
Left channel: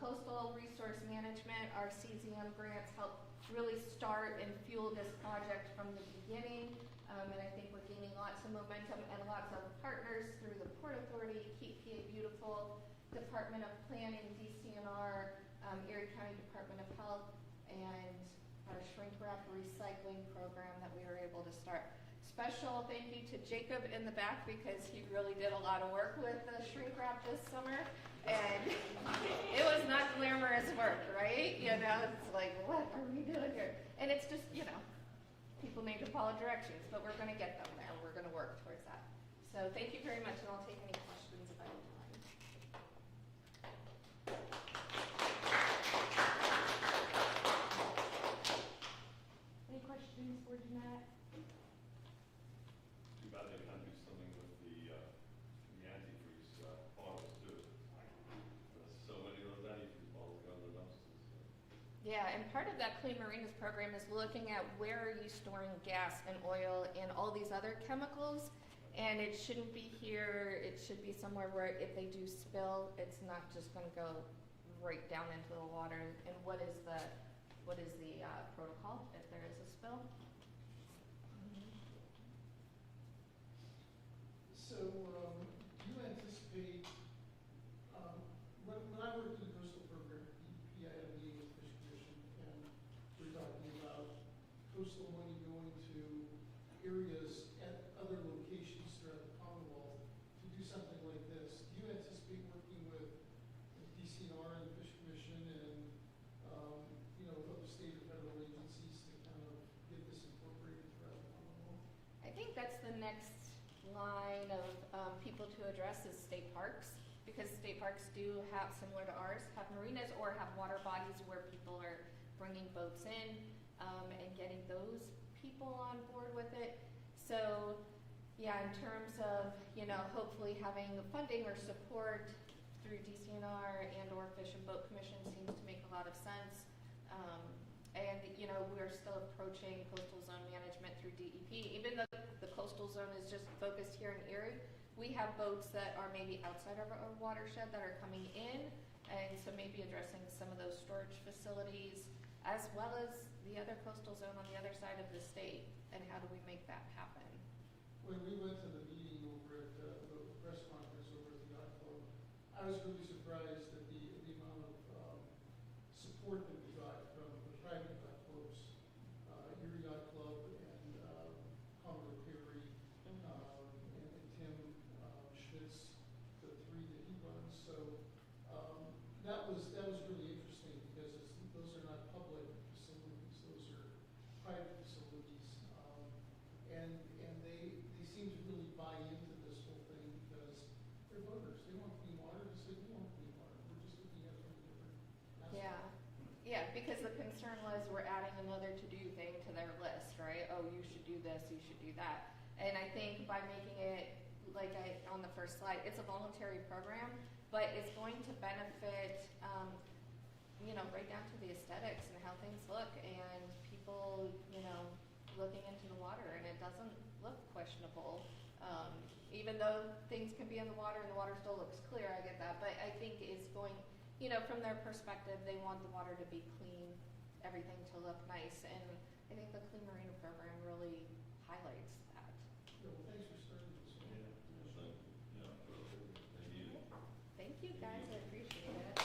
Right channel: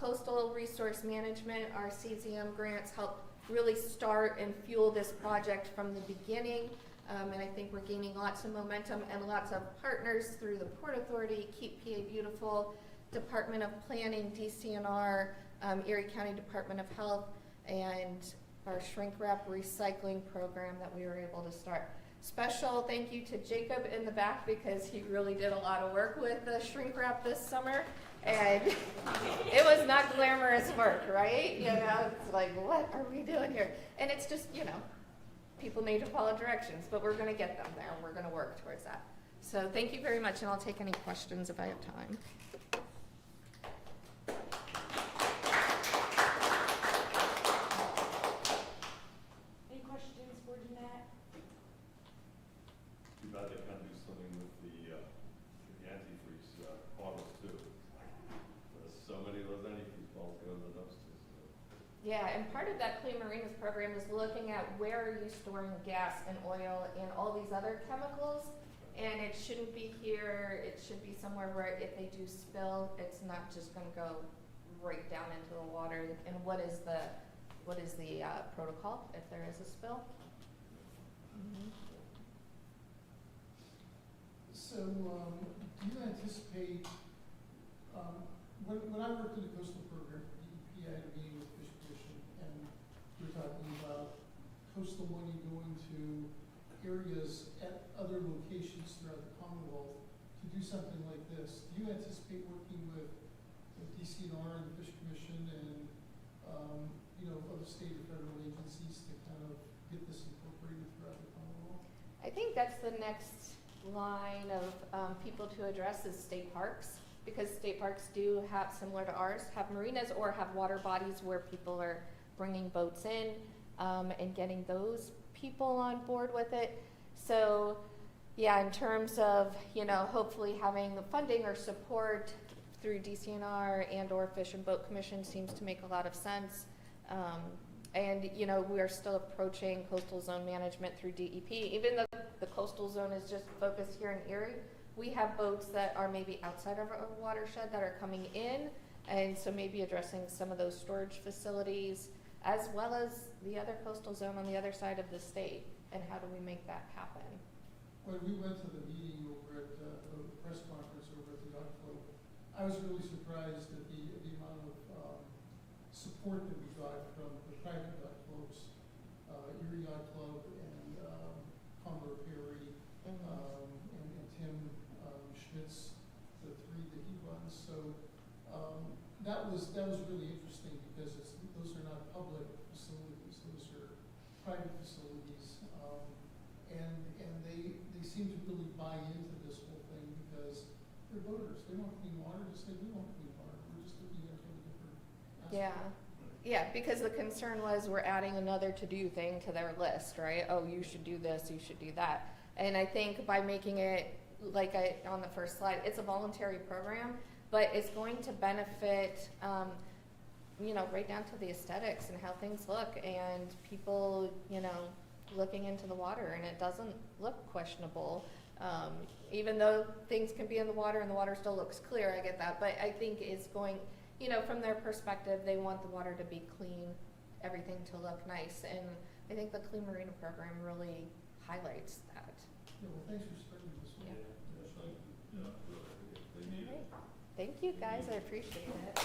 Coastal Resource Management, our CZM grants help really start and fuel this project from the beginning. And I think we're gaining lots of momentum and lots of partners through the Port Authority, Keep PA Beautiful, Department of Planning, DCNR, Erie County Department of Health, and our shrink wrap recycling program that we were able to start. Special thank you to Jacob in the back because he really did a lot of work with the shrink wrap this summer. And it was not glamorous work, right? You know, it's like, what are we doing here? And it's just, you know, people need to follow directions, but we're going to get them there. We're going to work towards that. So thank you very much, and I'll take any questions if I have time. Any questions for Jeanette? Too bad they can't do something with the antifreeze bottles too. There's so many of those antifreeze bottles go in the dumpsters. Yeah, and part of that Clean Marinas program is looking at where are you storing gas and oil and all these other chemicals, and it shouldn't be here. It should be somewhere where if they do spill, it's not just going to go right down into the water. And what is the protocol if there is a spill? So, do you anticipate, when I worked in the coastal program, DEP, I had a meeting with Fish Commission, and we were talking about coastal money going to areas at other locations throughout the Commonwealth to do something like this. Do you anticipate working with DCNR and the Fish Commission and, you know, other state or federal agencies to kind of get this incorporated throughout the Commonwealth? I think that's the next line of people to address is state parks, because state parks do have, similar to ours, have marinas or have water bodies where people are bringing boats in and getting those people on board with it. So yeah, in terms of, you know, hopefully having funding or support through DCNR and or Fish and Boat Commission seems to make a lot of sense. And, you know, we are still approaching coastal zone management through DEP. Even though the coastal zone is just focused here in Erie, we have boats that are maybe outside of our watershed that are coming in, and so maybe addressing some of those storage facilities, as well as the other coastal zone on the other side of the state, and how do we make that happen? When we went to the meeting over at the press conference over at the Yacht Club, I was really surprised at the amount of support that we got from the private yacht clubs, Erie Yacht Club and Commodore Perry, and Tim Schmitz, the three that he runs. So that was really interesting because those are not public facilities; those are private facilities, and they seem to really buy into this whole thing because they're voters. They want clean water just like we want clean water. We're just looking at it from a different aspect. Yeah. Yeah, because the concern was we're adding another to-do thing to their list, right? Oh, you should do this, you should do that. And I think by making it, like on the first slide, it's a voluntary program, but it's going to benefit, you know, right down to the aesthetics and how things look, and people, you know, looking into the water, and it doesn't look questionable. Even though things can be in the water and the water still looks clear, I get that, but I think it's going, you know, from their perspective, they want the water to be clean, everything to look nice, and I think the Clean Marina program really highlights that. Yeah, well, thanks for starting this one. They need it. Thank you, guys. I appreciate it.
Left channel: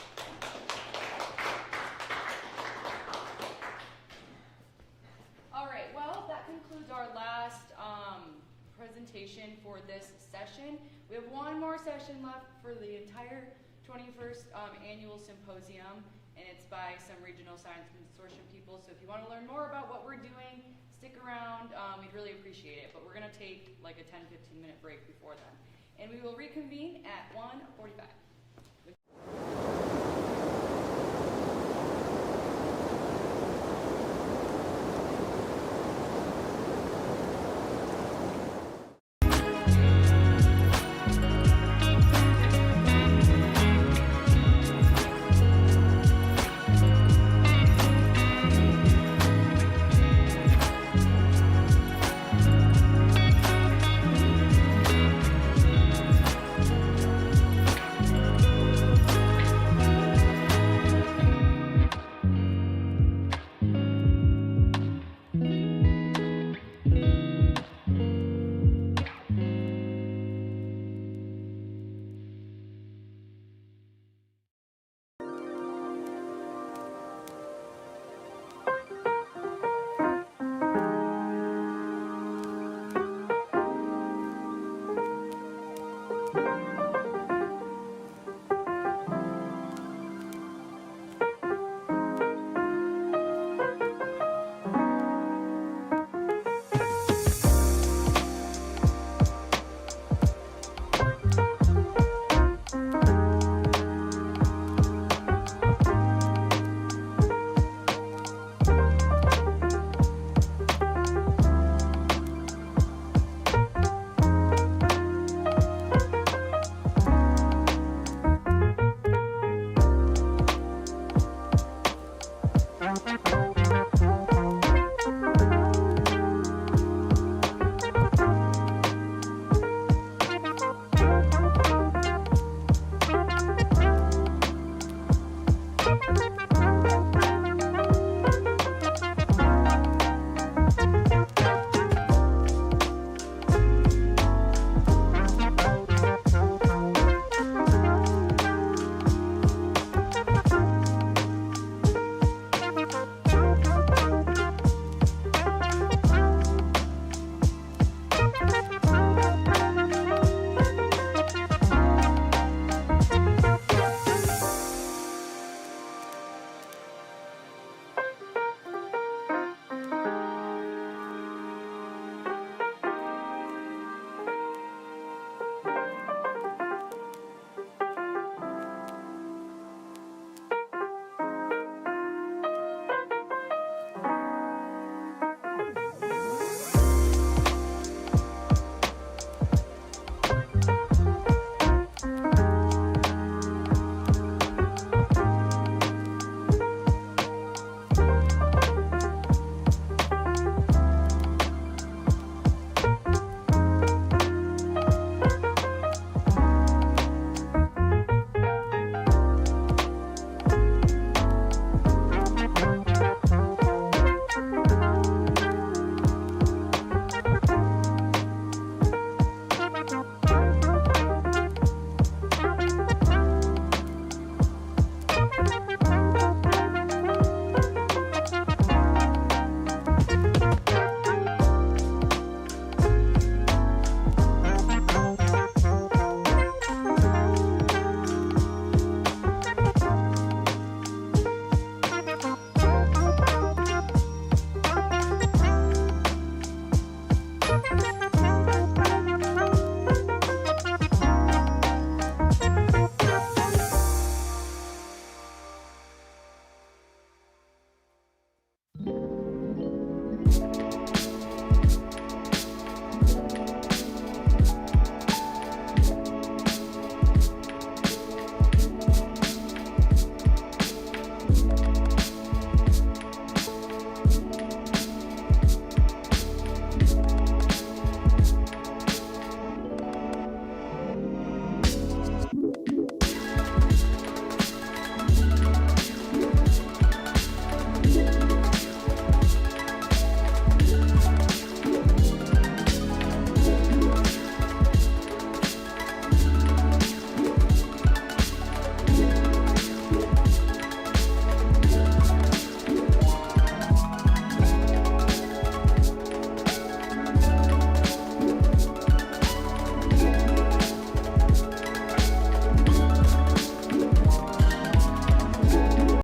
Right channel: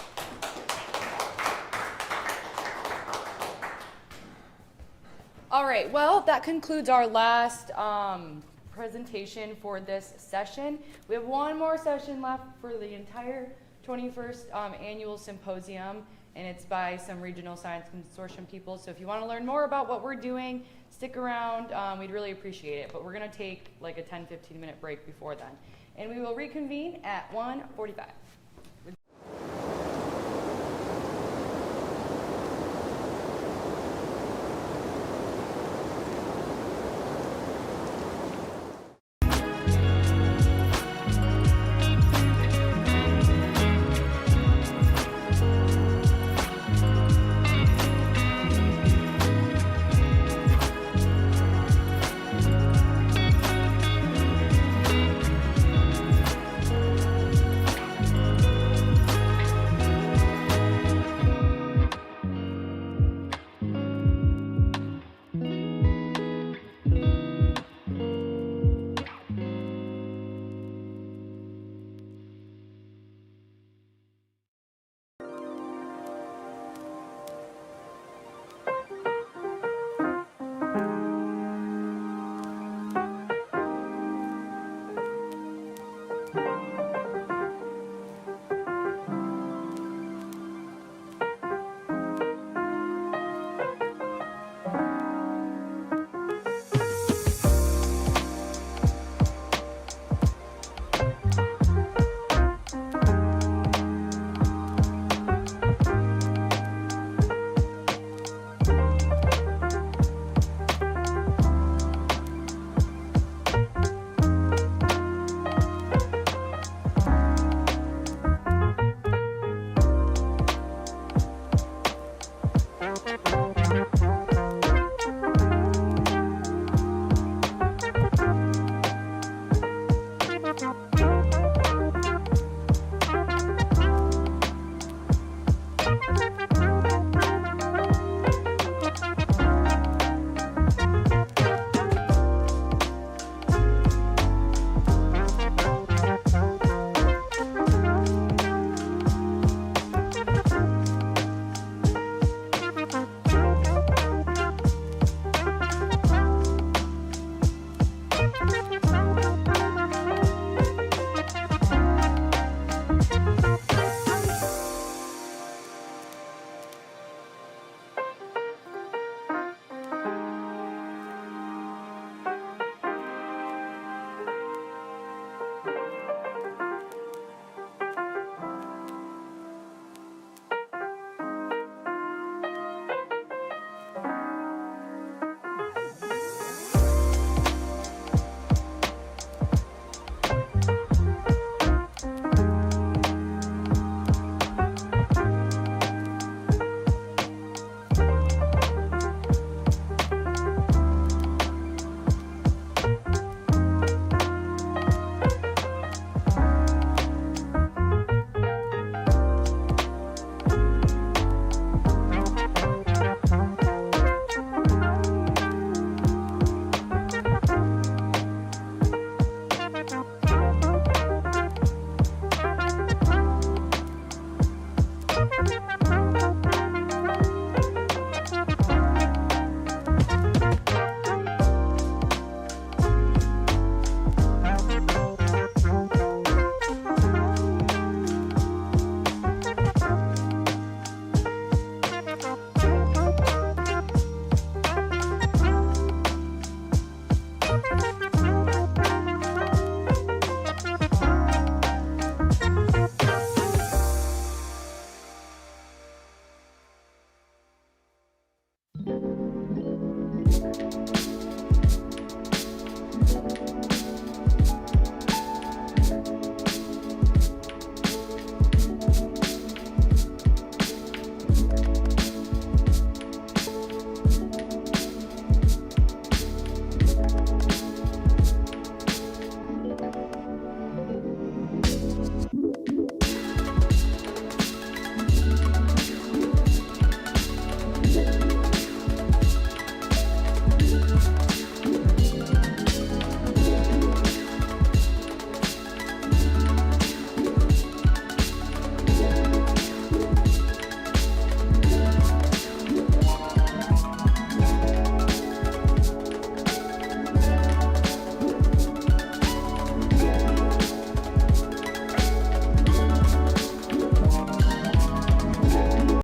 All right, well, that concludes our last presentation for this session. We have one more session left for the entire 21st annual symposium, and it's by some regional science consortium people. So if you want to learn more about what we're doing, stick around. We'd really appreciate it. But we're going to take like a 10-15 minute break before then. And we will reconvene at 1:45.